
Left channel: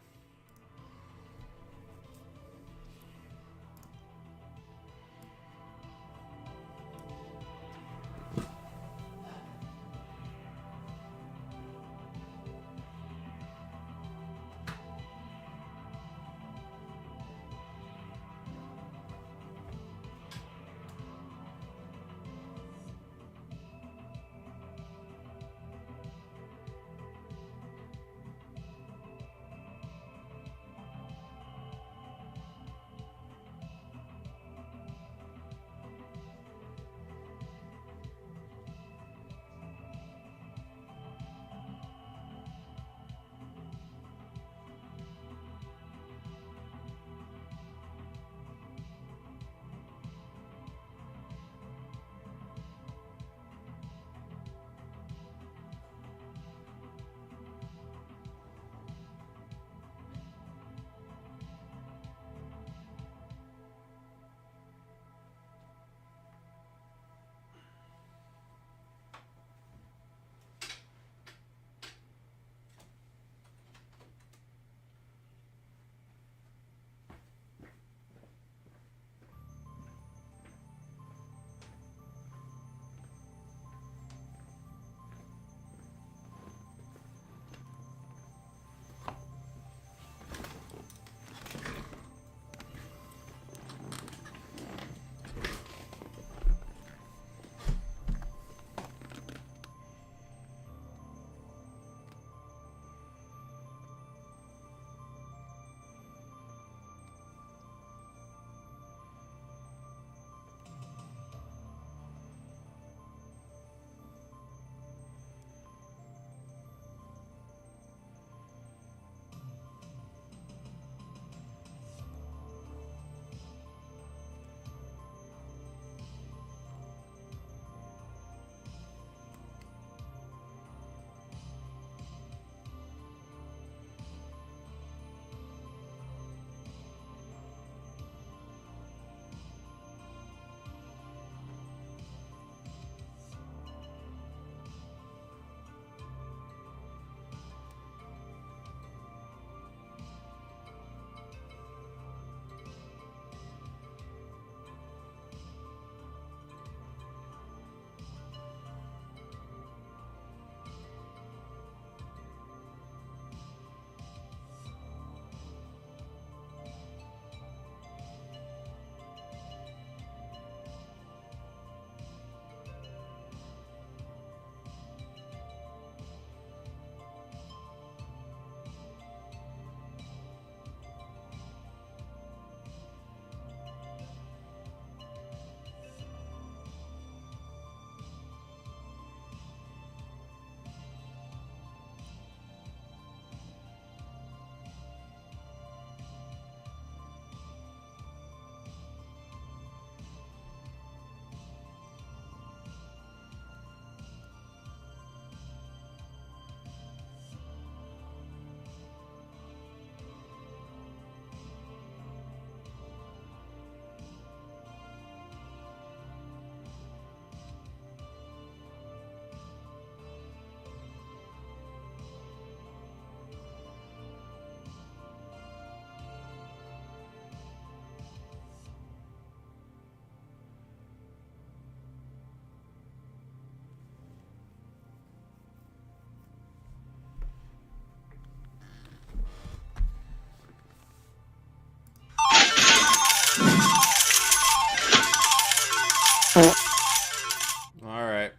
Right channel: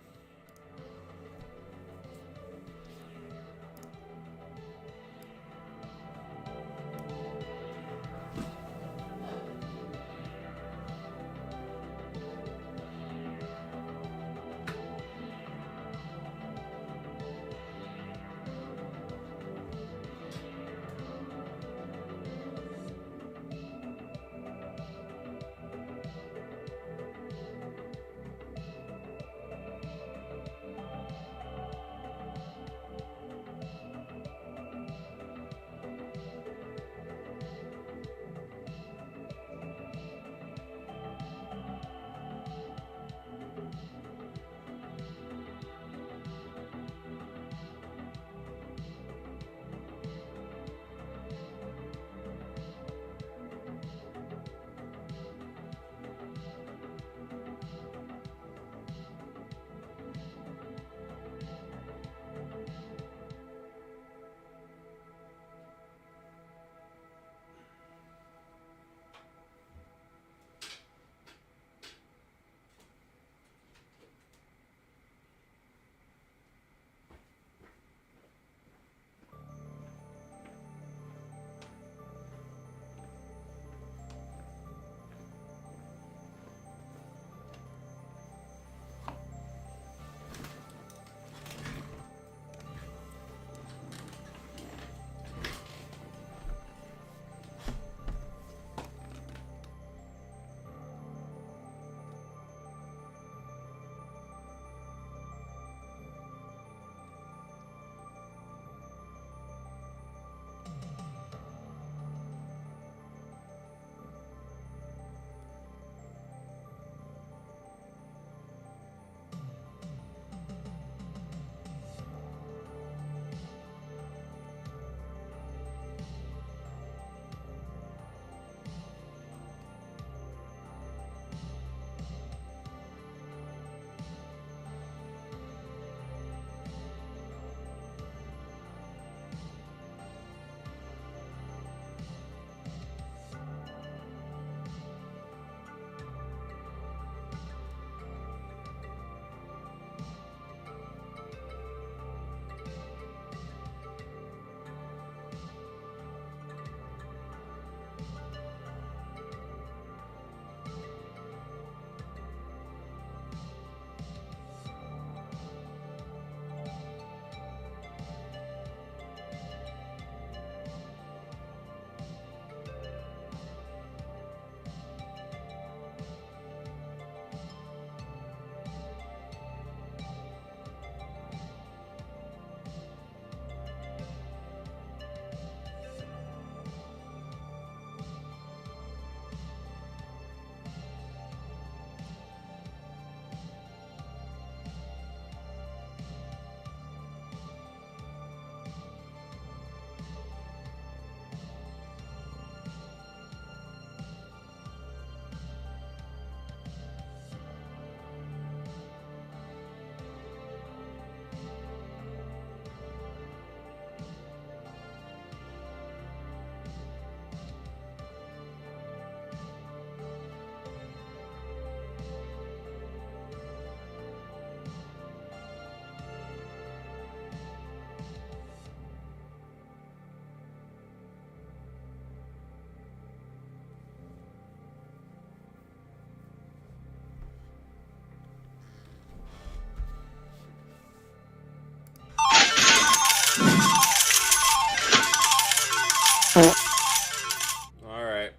Alright.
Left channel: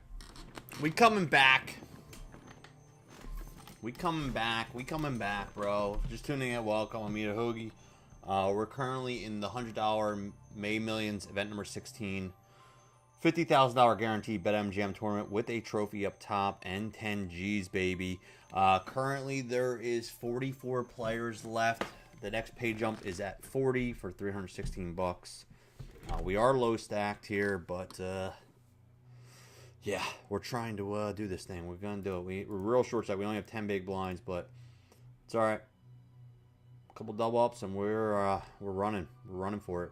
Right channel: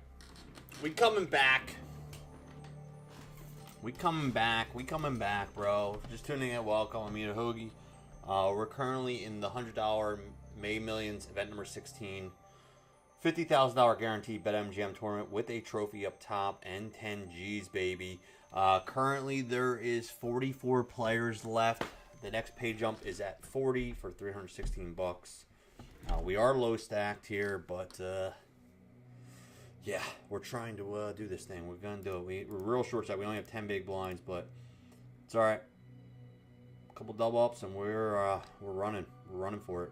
We coming back. We coming back, bro. Just tuning in, welcome. I'm Mita Hoagie. We're currently in the $100 May Millions event number 16. $50,000 guaranteed Betmgm tournament with a trophy up top and 10 G's, baby. Currently, there is 44 players left. The next pay jump is at 40 for 316 bucks. We are low stacked here, but yeah, we're trying to do this thing. We're gonna do it. We're real short stack. We only have 10 big blinds, but it's all right. A couple double ups, and we're running. We're running for it.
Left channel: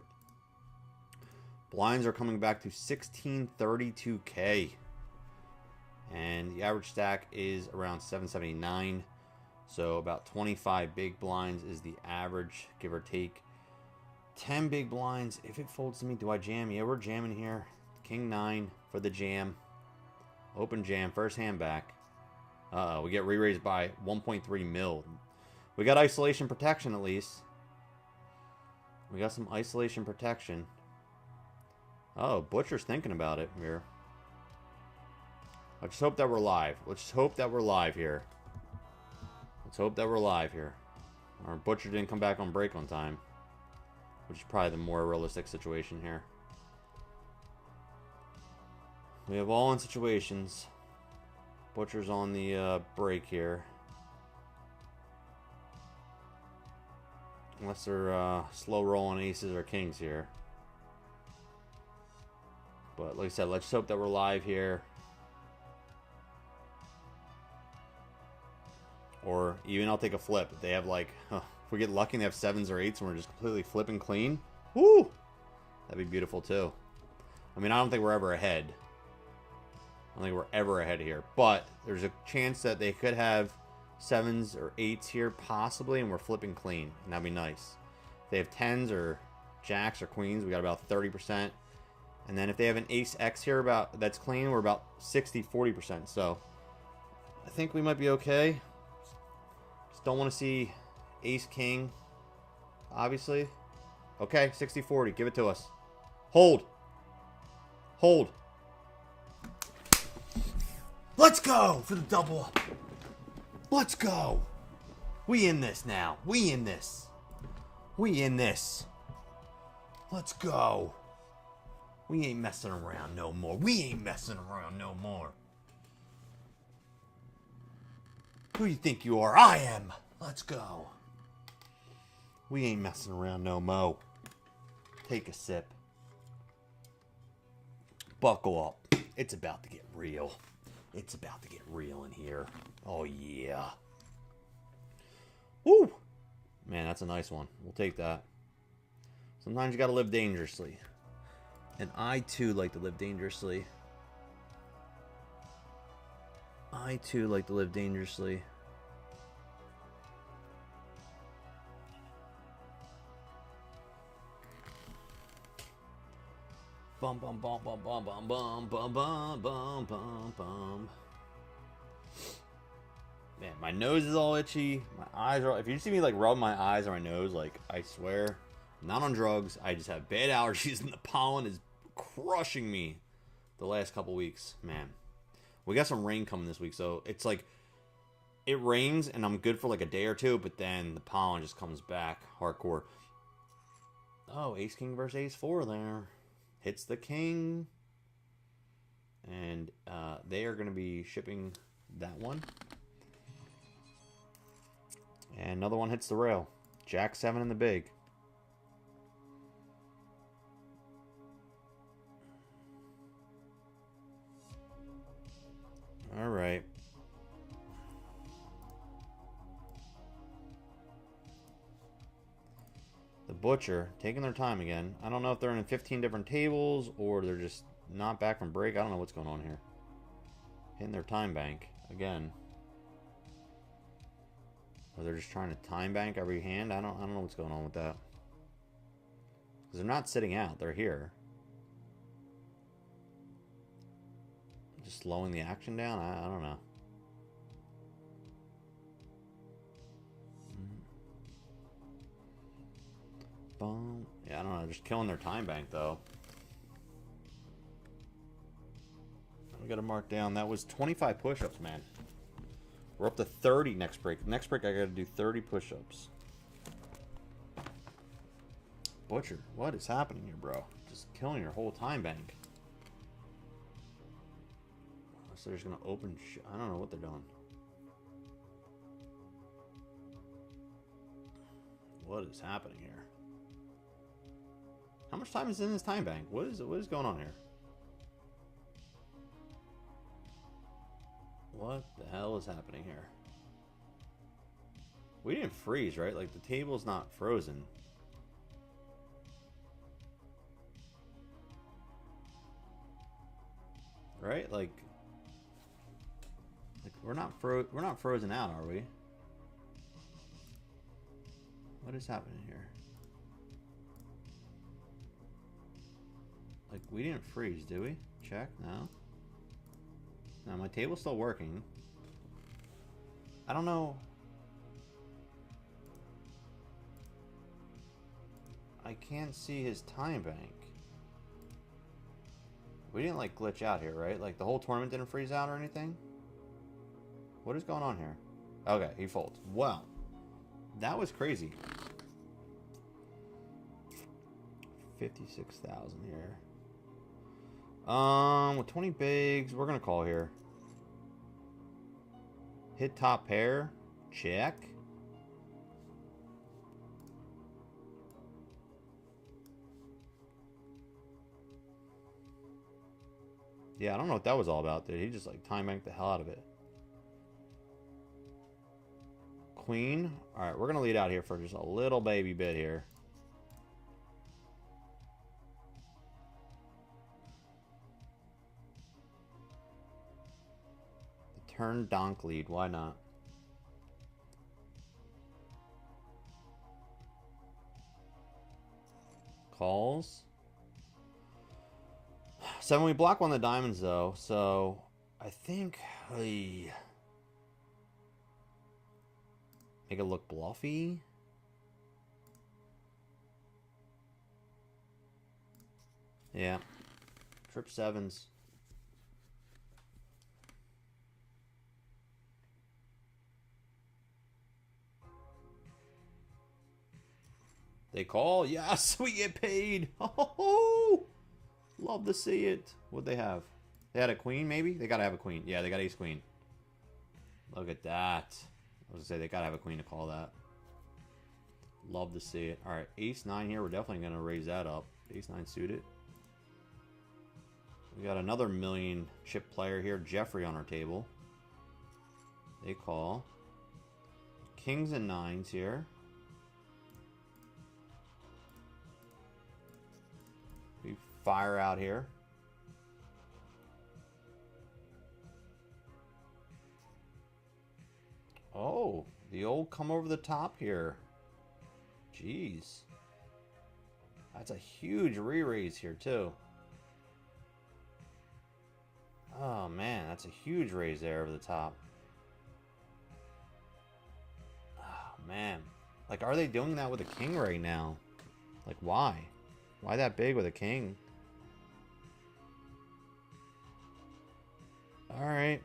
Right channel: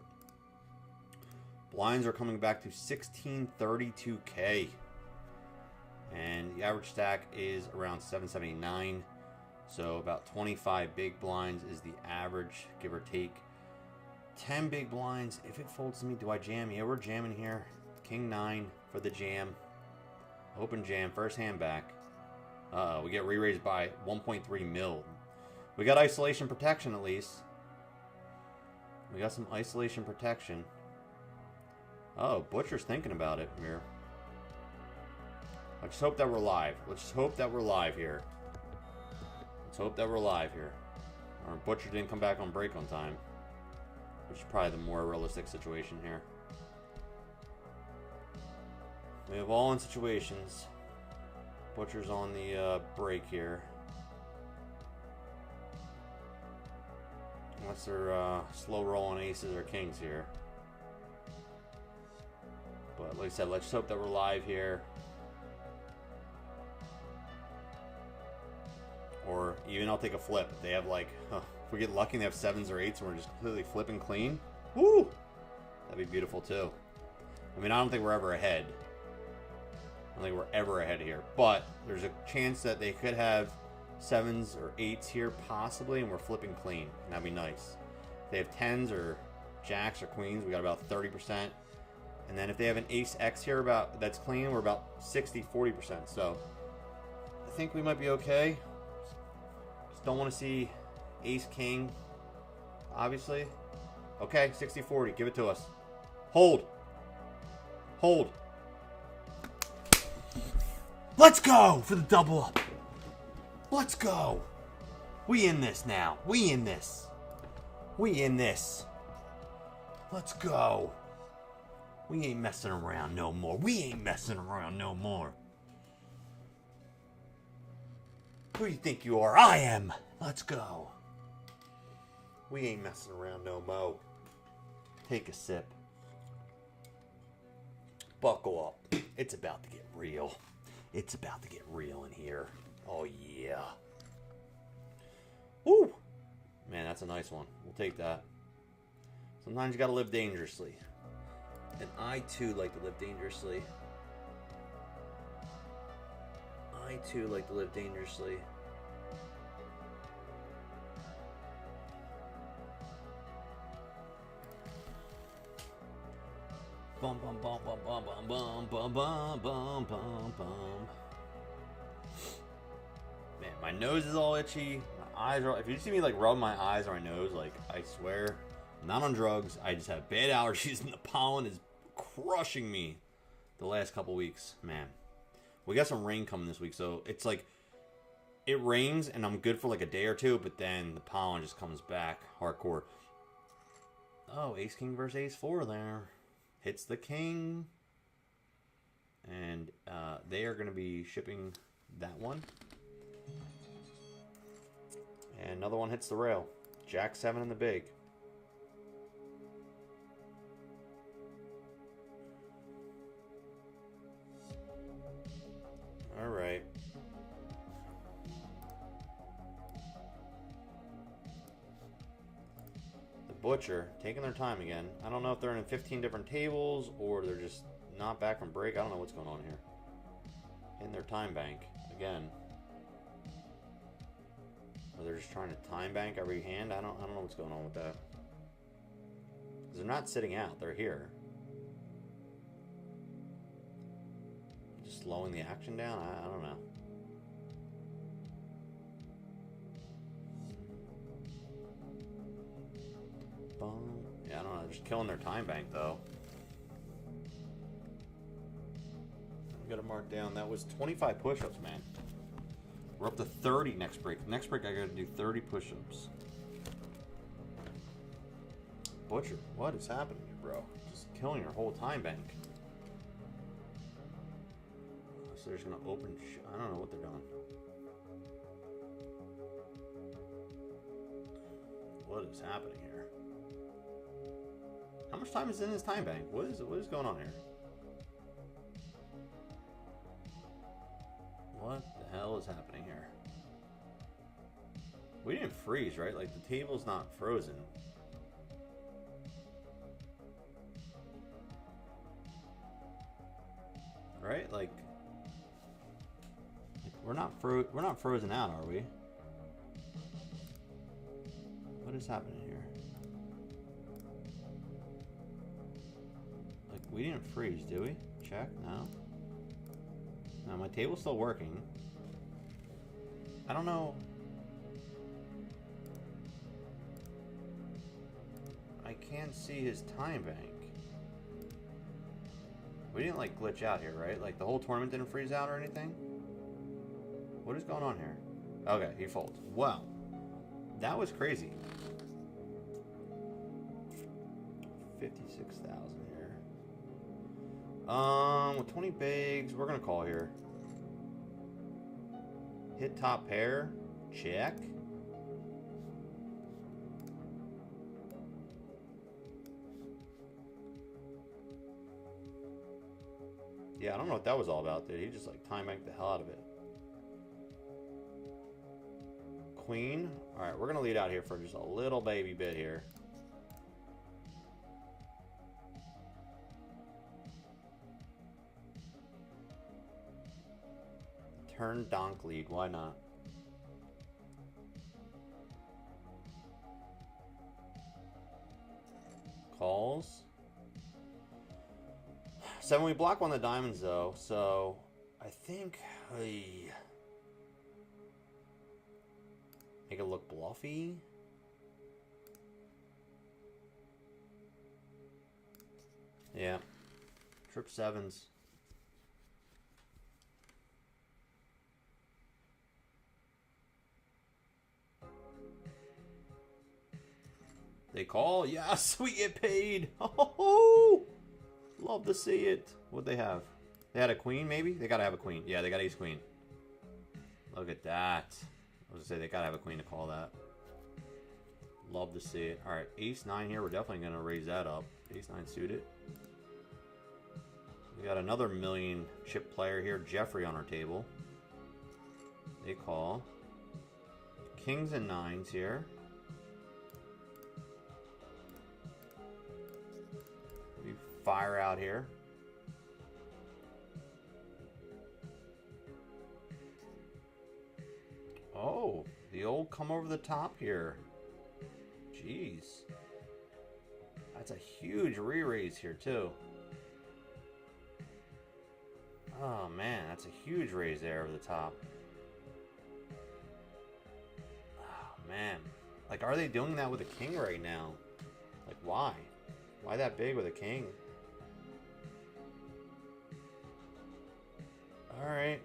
Blinds are coming back to 1632K. And the average stack is around 779. So about 25 big blinds is the average, give or take. 10 big blinds. If it folds to me, do I jam? Yeah, we're jamming here. King 9 for the jam. Open jam. First hand back. We get re-raised by 1.3 mil. We got isolation protection at least. We got some isolation protection. Oh, Butcher's thinking about it here. Let's hope that we're live. Let's hope that we're live here. Let's hope that we're live here. Our Butcher didn't come back on break on time, which is probably the more realistic situation here. We have all in situations. Butcher's on the break here. Unless they're slow rolling aces or kings here. But like I said, let's hope that we're live here. Or even I'll take a flip. If they have like, if we get lucky and they have 7s or 8s and we're just completely flipping clean. Woo! That'd be beautiful too. I mean, I don't think we're ever ahead. I don't think we're ever ahead here. But there's a chance that they could have 7s or 8s here possibly and we're flipping clean. And that'd be nice. If they have 10s or jacks or queens, we got about 30%. And then if they have an ace X here that's clean, we're about 60-40%. So I think we might be okay. Just don't want to see ace king, obviously. Okay, 60-40. Give it to us. Hold. Hold. Let's go for the double up. Let's go. We in this now. We in this. We in this. Let's go. We ain't messing around no more. We ain't messing around no more. Who do you think you are? I am. Let's go. We ain't messing around no more. Take a sip. Buckle up. It's about to get real. It's about to get real in here. Oh, yeah. Woo! Man, that's a nice one. We'll take that. Sometimes you gotta live dangerously. And I, too, like to live dangerously. I, too, like to live dangerously. Bum, bum, bum, bum, bum, bum, bum, bum, bum, bum, bum, bum. Man, my nose is all itchy. My eyes are... If you see me, like, rub my eyes or my nose, like, I swear, I'm not on drugs. I just have bad allergies, and the pollen is crushing me the last couple weeks. Man, we got some rain coming this week, so it's like it rains and I'm good for like a day or two, but then the pollen just comes back hardcore. Oh, ace king versus ace 4 there. Hits the king, and they are going to be shipping that one, and another one hits the rail. Jack 7 in the big. All right. The Butcher taking their time again. I don't know if they're in 15 different tables or they're just not back from break. I don't know what's going on here. Hitting their time bank again. Or they're just trying to time bank every hand. I don't know what's going on with that. Because they're not sitting out. They're here. Just slowing the action down? I don't know. Yeah, I don't know. Just killing their time bank, though. We got to mark down. That was 25 push-ups, man. We're up to 30 next break. Next break, I got to do 30 push-ups. Butcher, what is happening here, bro? Just killing your whole time bank. So they're just going to open... I don't know what they're doing. What is happening here? How much time is in this time bank? What is going on here? What the hell is happening here? We didn't freeze, right? Like, the table's not frozen. Right? Like we're not frozen out, are we? What is happening here? Like, we didn't freeze, do we? Check, no. No, my table's still working. I don't know. I can't see his time bank. We didn't, like, glitch out here, right? Like, the whole tournament didn't freeze out or anything? What is going on here? Okay, he folds. Wow. That was crazy. 56,000 here. With 20 bigs, we're gonna call here. Hit top pair. Check. Yeah, I don't know what that was all about, dude. He just, like, time banked the hell out of it. Queen. Alright, we're gonna lead out here for just a little baby bit here. Turn donk lead, why not? Calls. 7, we block one of the diamonds though, so I think make it look bluffy. Yeah. Trip 7s. They call. Yes, we get paid. Oh, love to see it. What'd they have? They had a queen, maybe? They gotta have a queen. Yeah, they got ace queen. Look at that. I was gonna say they gotta have a queen to call that. Love to see it. Alright, ace 9 here. We're definitely gonna raise that up. Ace 9 suited. We got another million chip player here, Jeffrey, on our table. They call. Kings and 9s here. We fire out here. Oh, the old come over the top here. Jeez. That's a huge re-raise here, too. Oh, man, that's a huge raise there over the top. Oh, man. Like, are they doing that with a king right now? Like, why? Why that big with a king? Alright.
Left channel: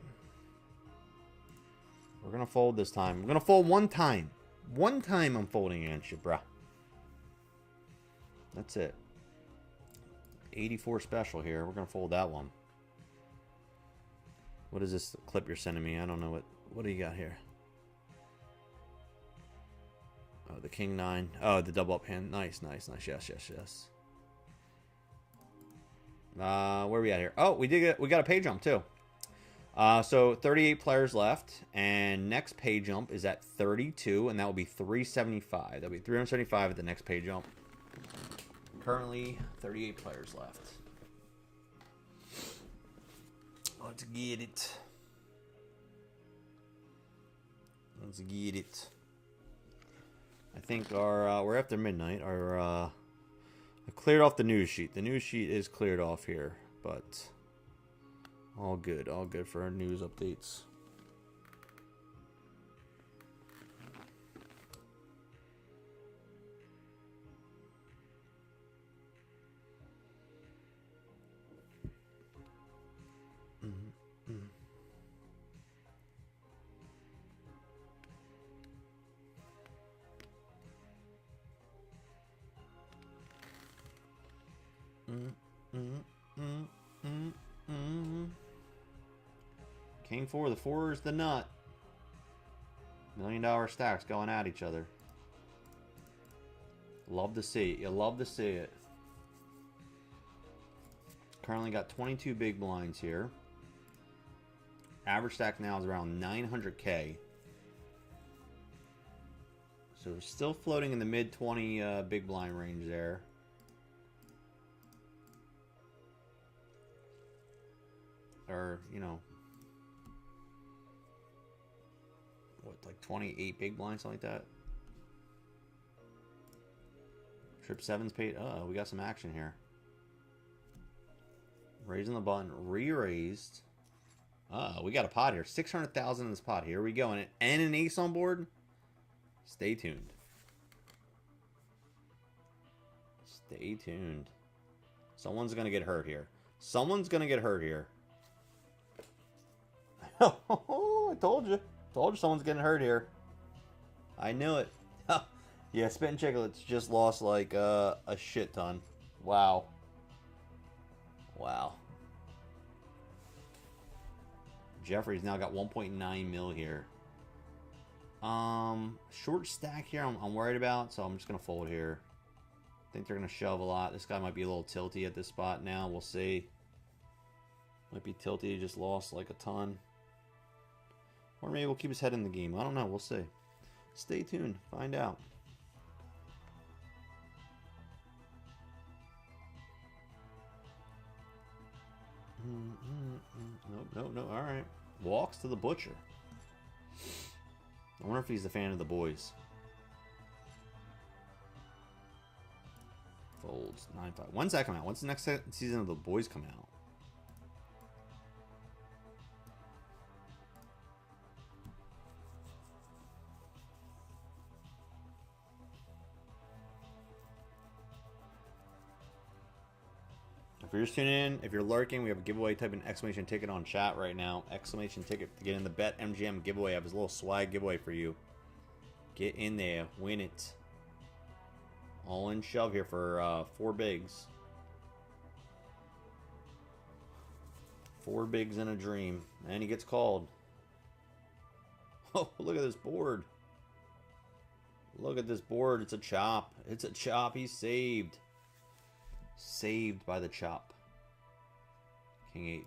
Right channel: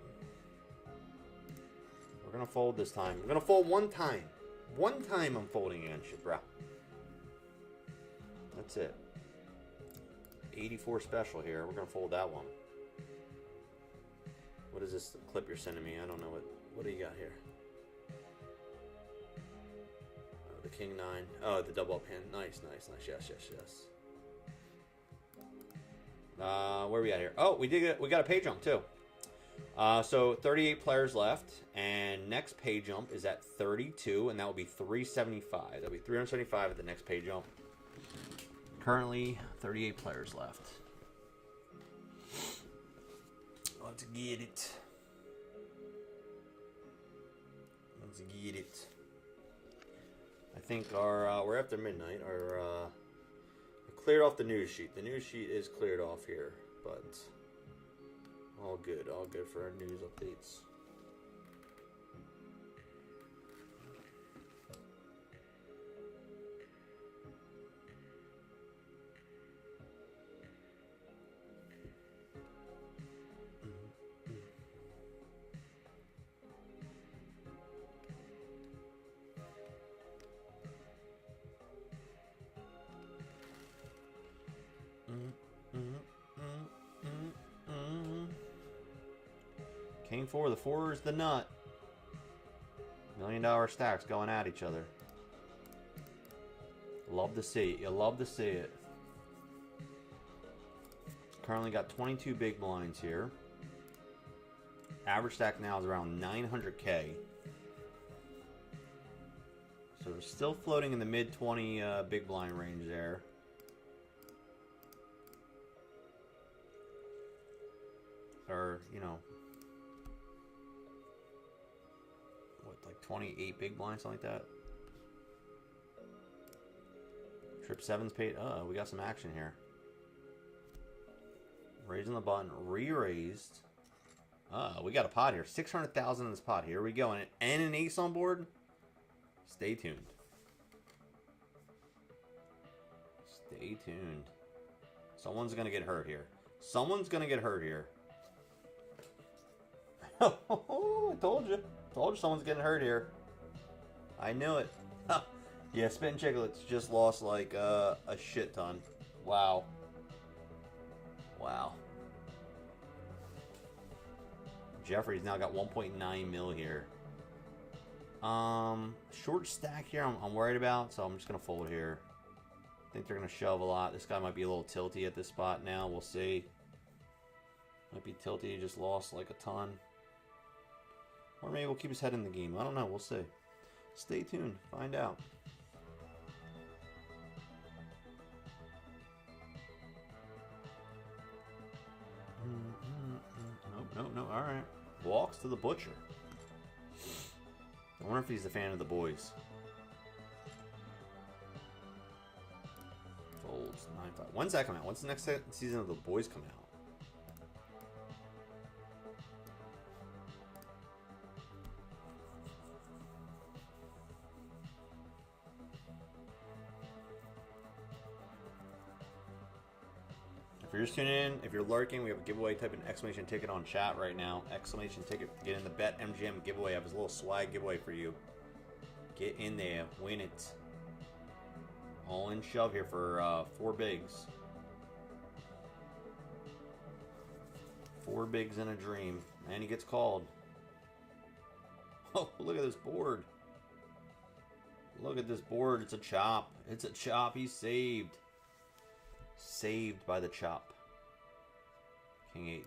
We're gonna fold this time. I'm gonna fold one time. One time I'm folding against you, bruh. That's it. 84 special here. We're gonna fold that one. What is this clip you're sending me? I don't know what do you got here? Oh, the king 9. Oh, the double up hand. Nice, nice, nice. Yes, yes, yes. Where are we at here? Oh, we got a pay jump too. So 38 players left, and next pay jump is at 32, and that will be 375. That'll be 375 at the next pay jump. Currently, 38 players left. Let's get it. Let's get it. I think our we're after midnight. Our I cleared off the news sheet. The news sheet is cleared off here, but all good for our news updates. King 4. The 4 is the nut. $1 million stacks going at each other. Love to see it. You love to see it. Currently got 22 big blinds here. Average stack now is around 900K. So we're still floating in the mid 20 big blind range there. Or, you know, what, like 28 big blinds, something like that? Trip 7's paid. Oh, we got some action here. Raising the button. Re-raised. We got a pot here. 600,000 in this pot. Here we go. And an ace on board. Stay tuned. Stay tuned. Someone's going to get hurt here. Someone's going to get hurt here. Oh, I told you. Told you someone's getting hurt here. I knew it. Yeah, Spittin' Chicklets just lost like a shit ton. Wow. Wow. Jeffrey's now got 1.9 mil here. Short stack here I'm worried about, so I'm just going to fold here. I think they're going to shove a lot. This guy might be a little tilty at this spot now. We'll see. Might be tilty. He just lost like a ton. Or maybe we'll keep his head in the game. I don't know. We'll see. Stay tuned. Find out. No. All right. Walks to the butcher. I wonder if he's a fan of the boys. Folds 9-5. When's that come out? When's the next season of the boys come out? If you're just tuning in, if you're lurking, we have a giveaway. Type in exclamation ticket on chat right now. Exclamation ticket to get in the Betmgm giveaway. I have this little swag giveaway for you. Get in there. Win it. All in shove here for 4 bigs. 4 bigs in a dream. And he gets called. Oh, look at this board. Look at this board. It's a chop. It's a chop. He's saved. Saved by the chop. King 8.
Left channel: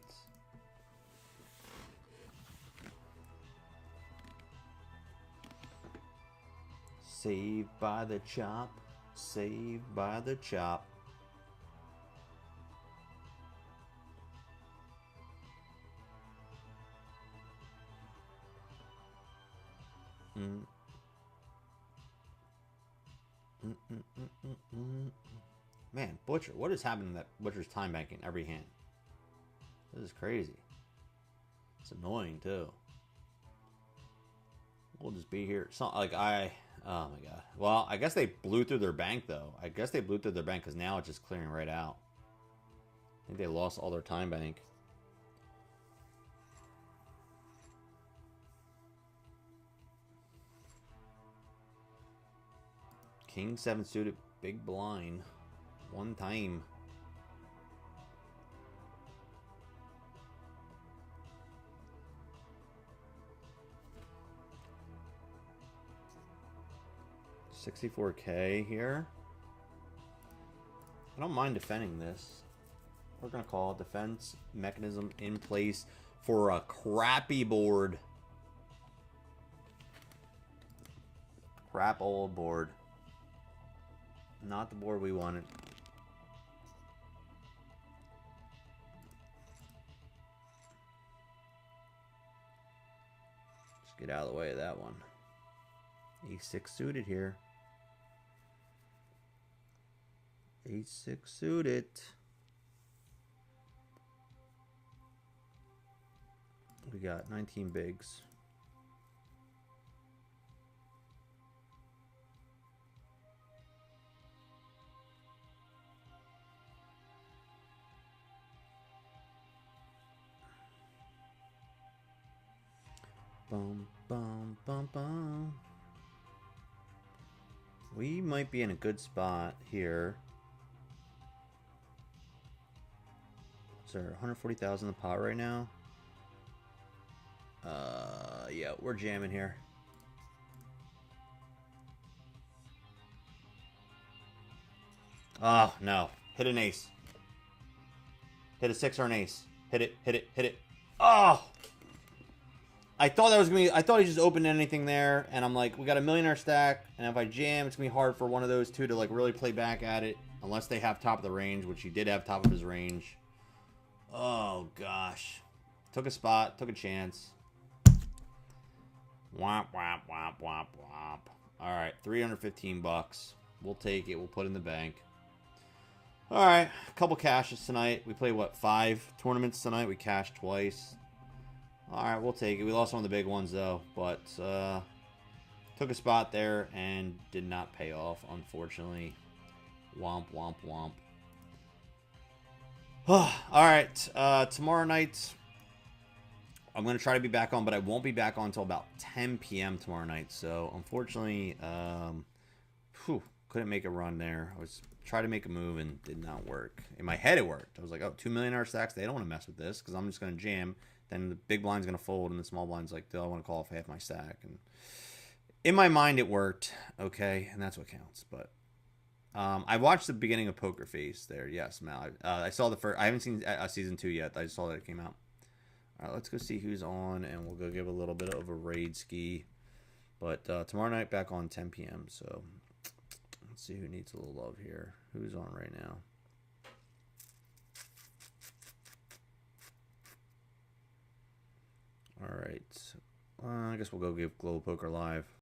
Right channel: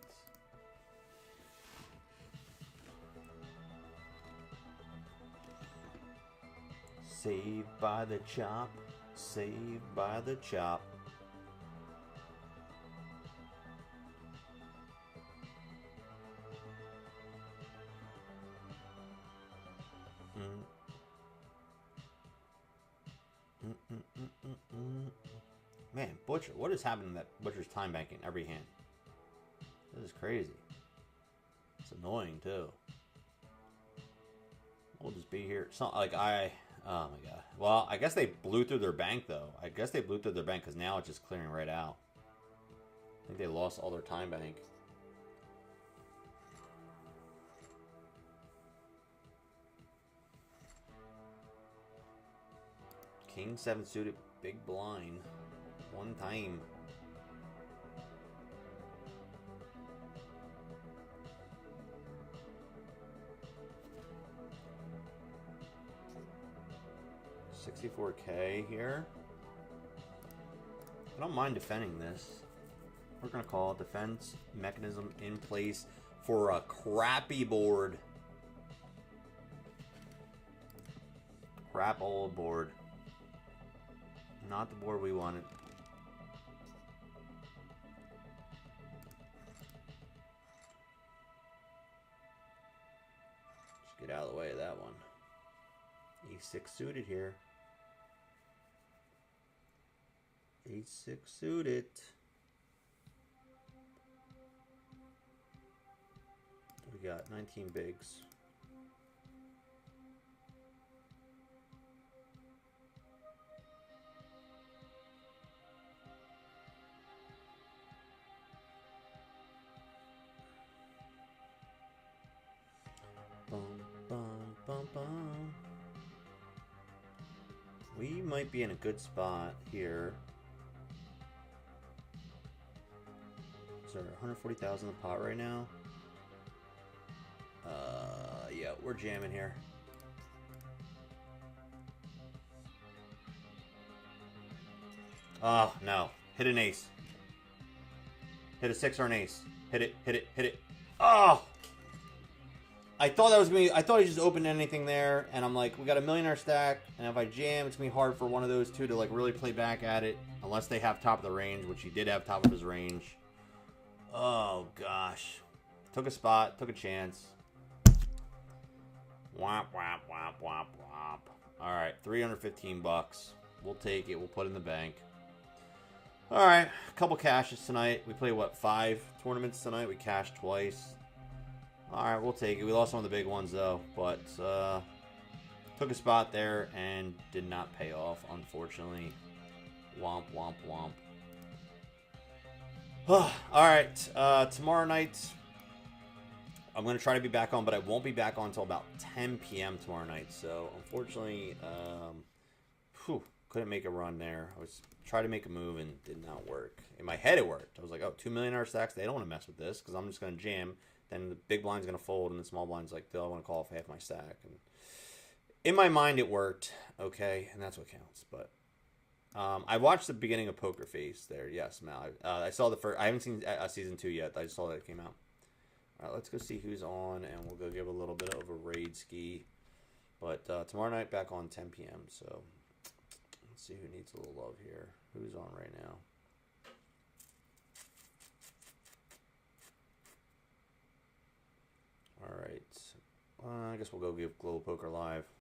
Saved by the chop. Saved by the chop. Man, Butcher, what is happening to that Butcher's time banking every hand? This is crazy. It's annoying too. We'll just be here. It's not like oh my god. Well, I guess they blew through their bank though. I guess they blew through their bank because now it's just clearing right out. I think they lost all their time bank. King 7 suited, big blind. One time. $64K here. I don't mind defending this. We're gonna call it defense mechanism in place for a crappy board. Crap old board. Not the board we wanted. Get out of the way of that one. A6 suited here. A6 suited. We got 19 bigs. Bum, bum, bum, bum. We might be in a good spot here. Is there 140,000 in the pot right now? Yeah, we're jamming here. Oh, no. Hit an ace. Hit a 6 or an ace. Hit it, hit it, hit it. Oh! I thought that was going to be... I thought he just opened anything there, and I'm like, we got a millionaire stack, and if I jam, it's going to be hard for one of those two to, like, really play back at it, unless they have top of the range, which he did have top of his range. Oh, gosh. Took a spot, took a chance. Womp, womp, womp, womp, womp. Alright, 315 bucks. We'll take it, we'll put it in the bank. Alright, a couple cashes tonight. We played, what, 5 tournaments tonight? We cashed twice. Alright, we'll take it. We lost one of the big ones, though. But, took a spot there and did not pay off, unfortunately. Womp, womp, womp. Alright, tomorrow night, I'm going to try to be back on, but I won't be back on until about 10 p.m. tomorrow night. So, unfortunately, couldn't make a run there. I was trying to make a move and did not work. In my head, it worked. I was like, oh, 2 millionaire stacks, they don't want to mess with this because I'm just going to jam. Then the big blind's going to fold, and the small blind's like, I want to call off half my stack. And in my mind, it worked. Okay, and that's what counts. But I watched the beginning of Poker Face there. Yes, Mal. I saw the first. I haven't seen season 2 yet. I just saw that it came out. All right, let's go see who's on, and we'll go give a little bit of a raid ski. But tomorrow night, back on 10 p.m. So let's see who needs a little love here. Who's on right now? All right. I guess we'll go give Global Poker Live.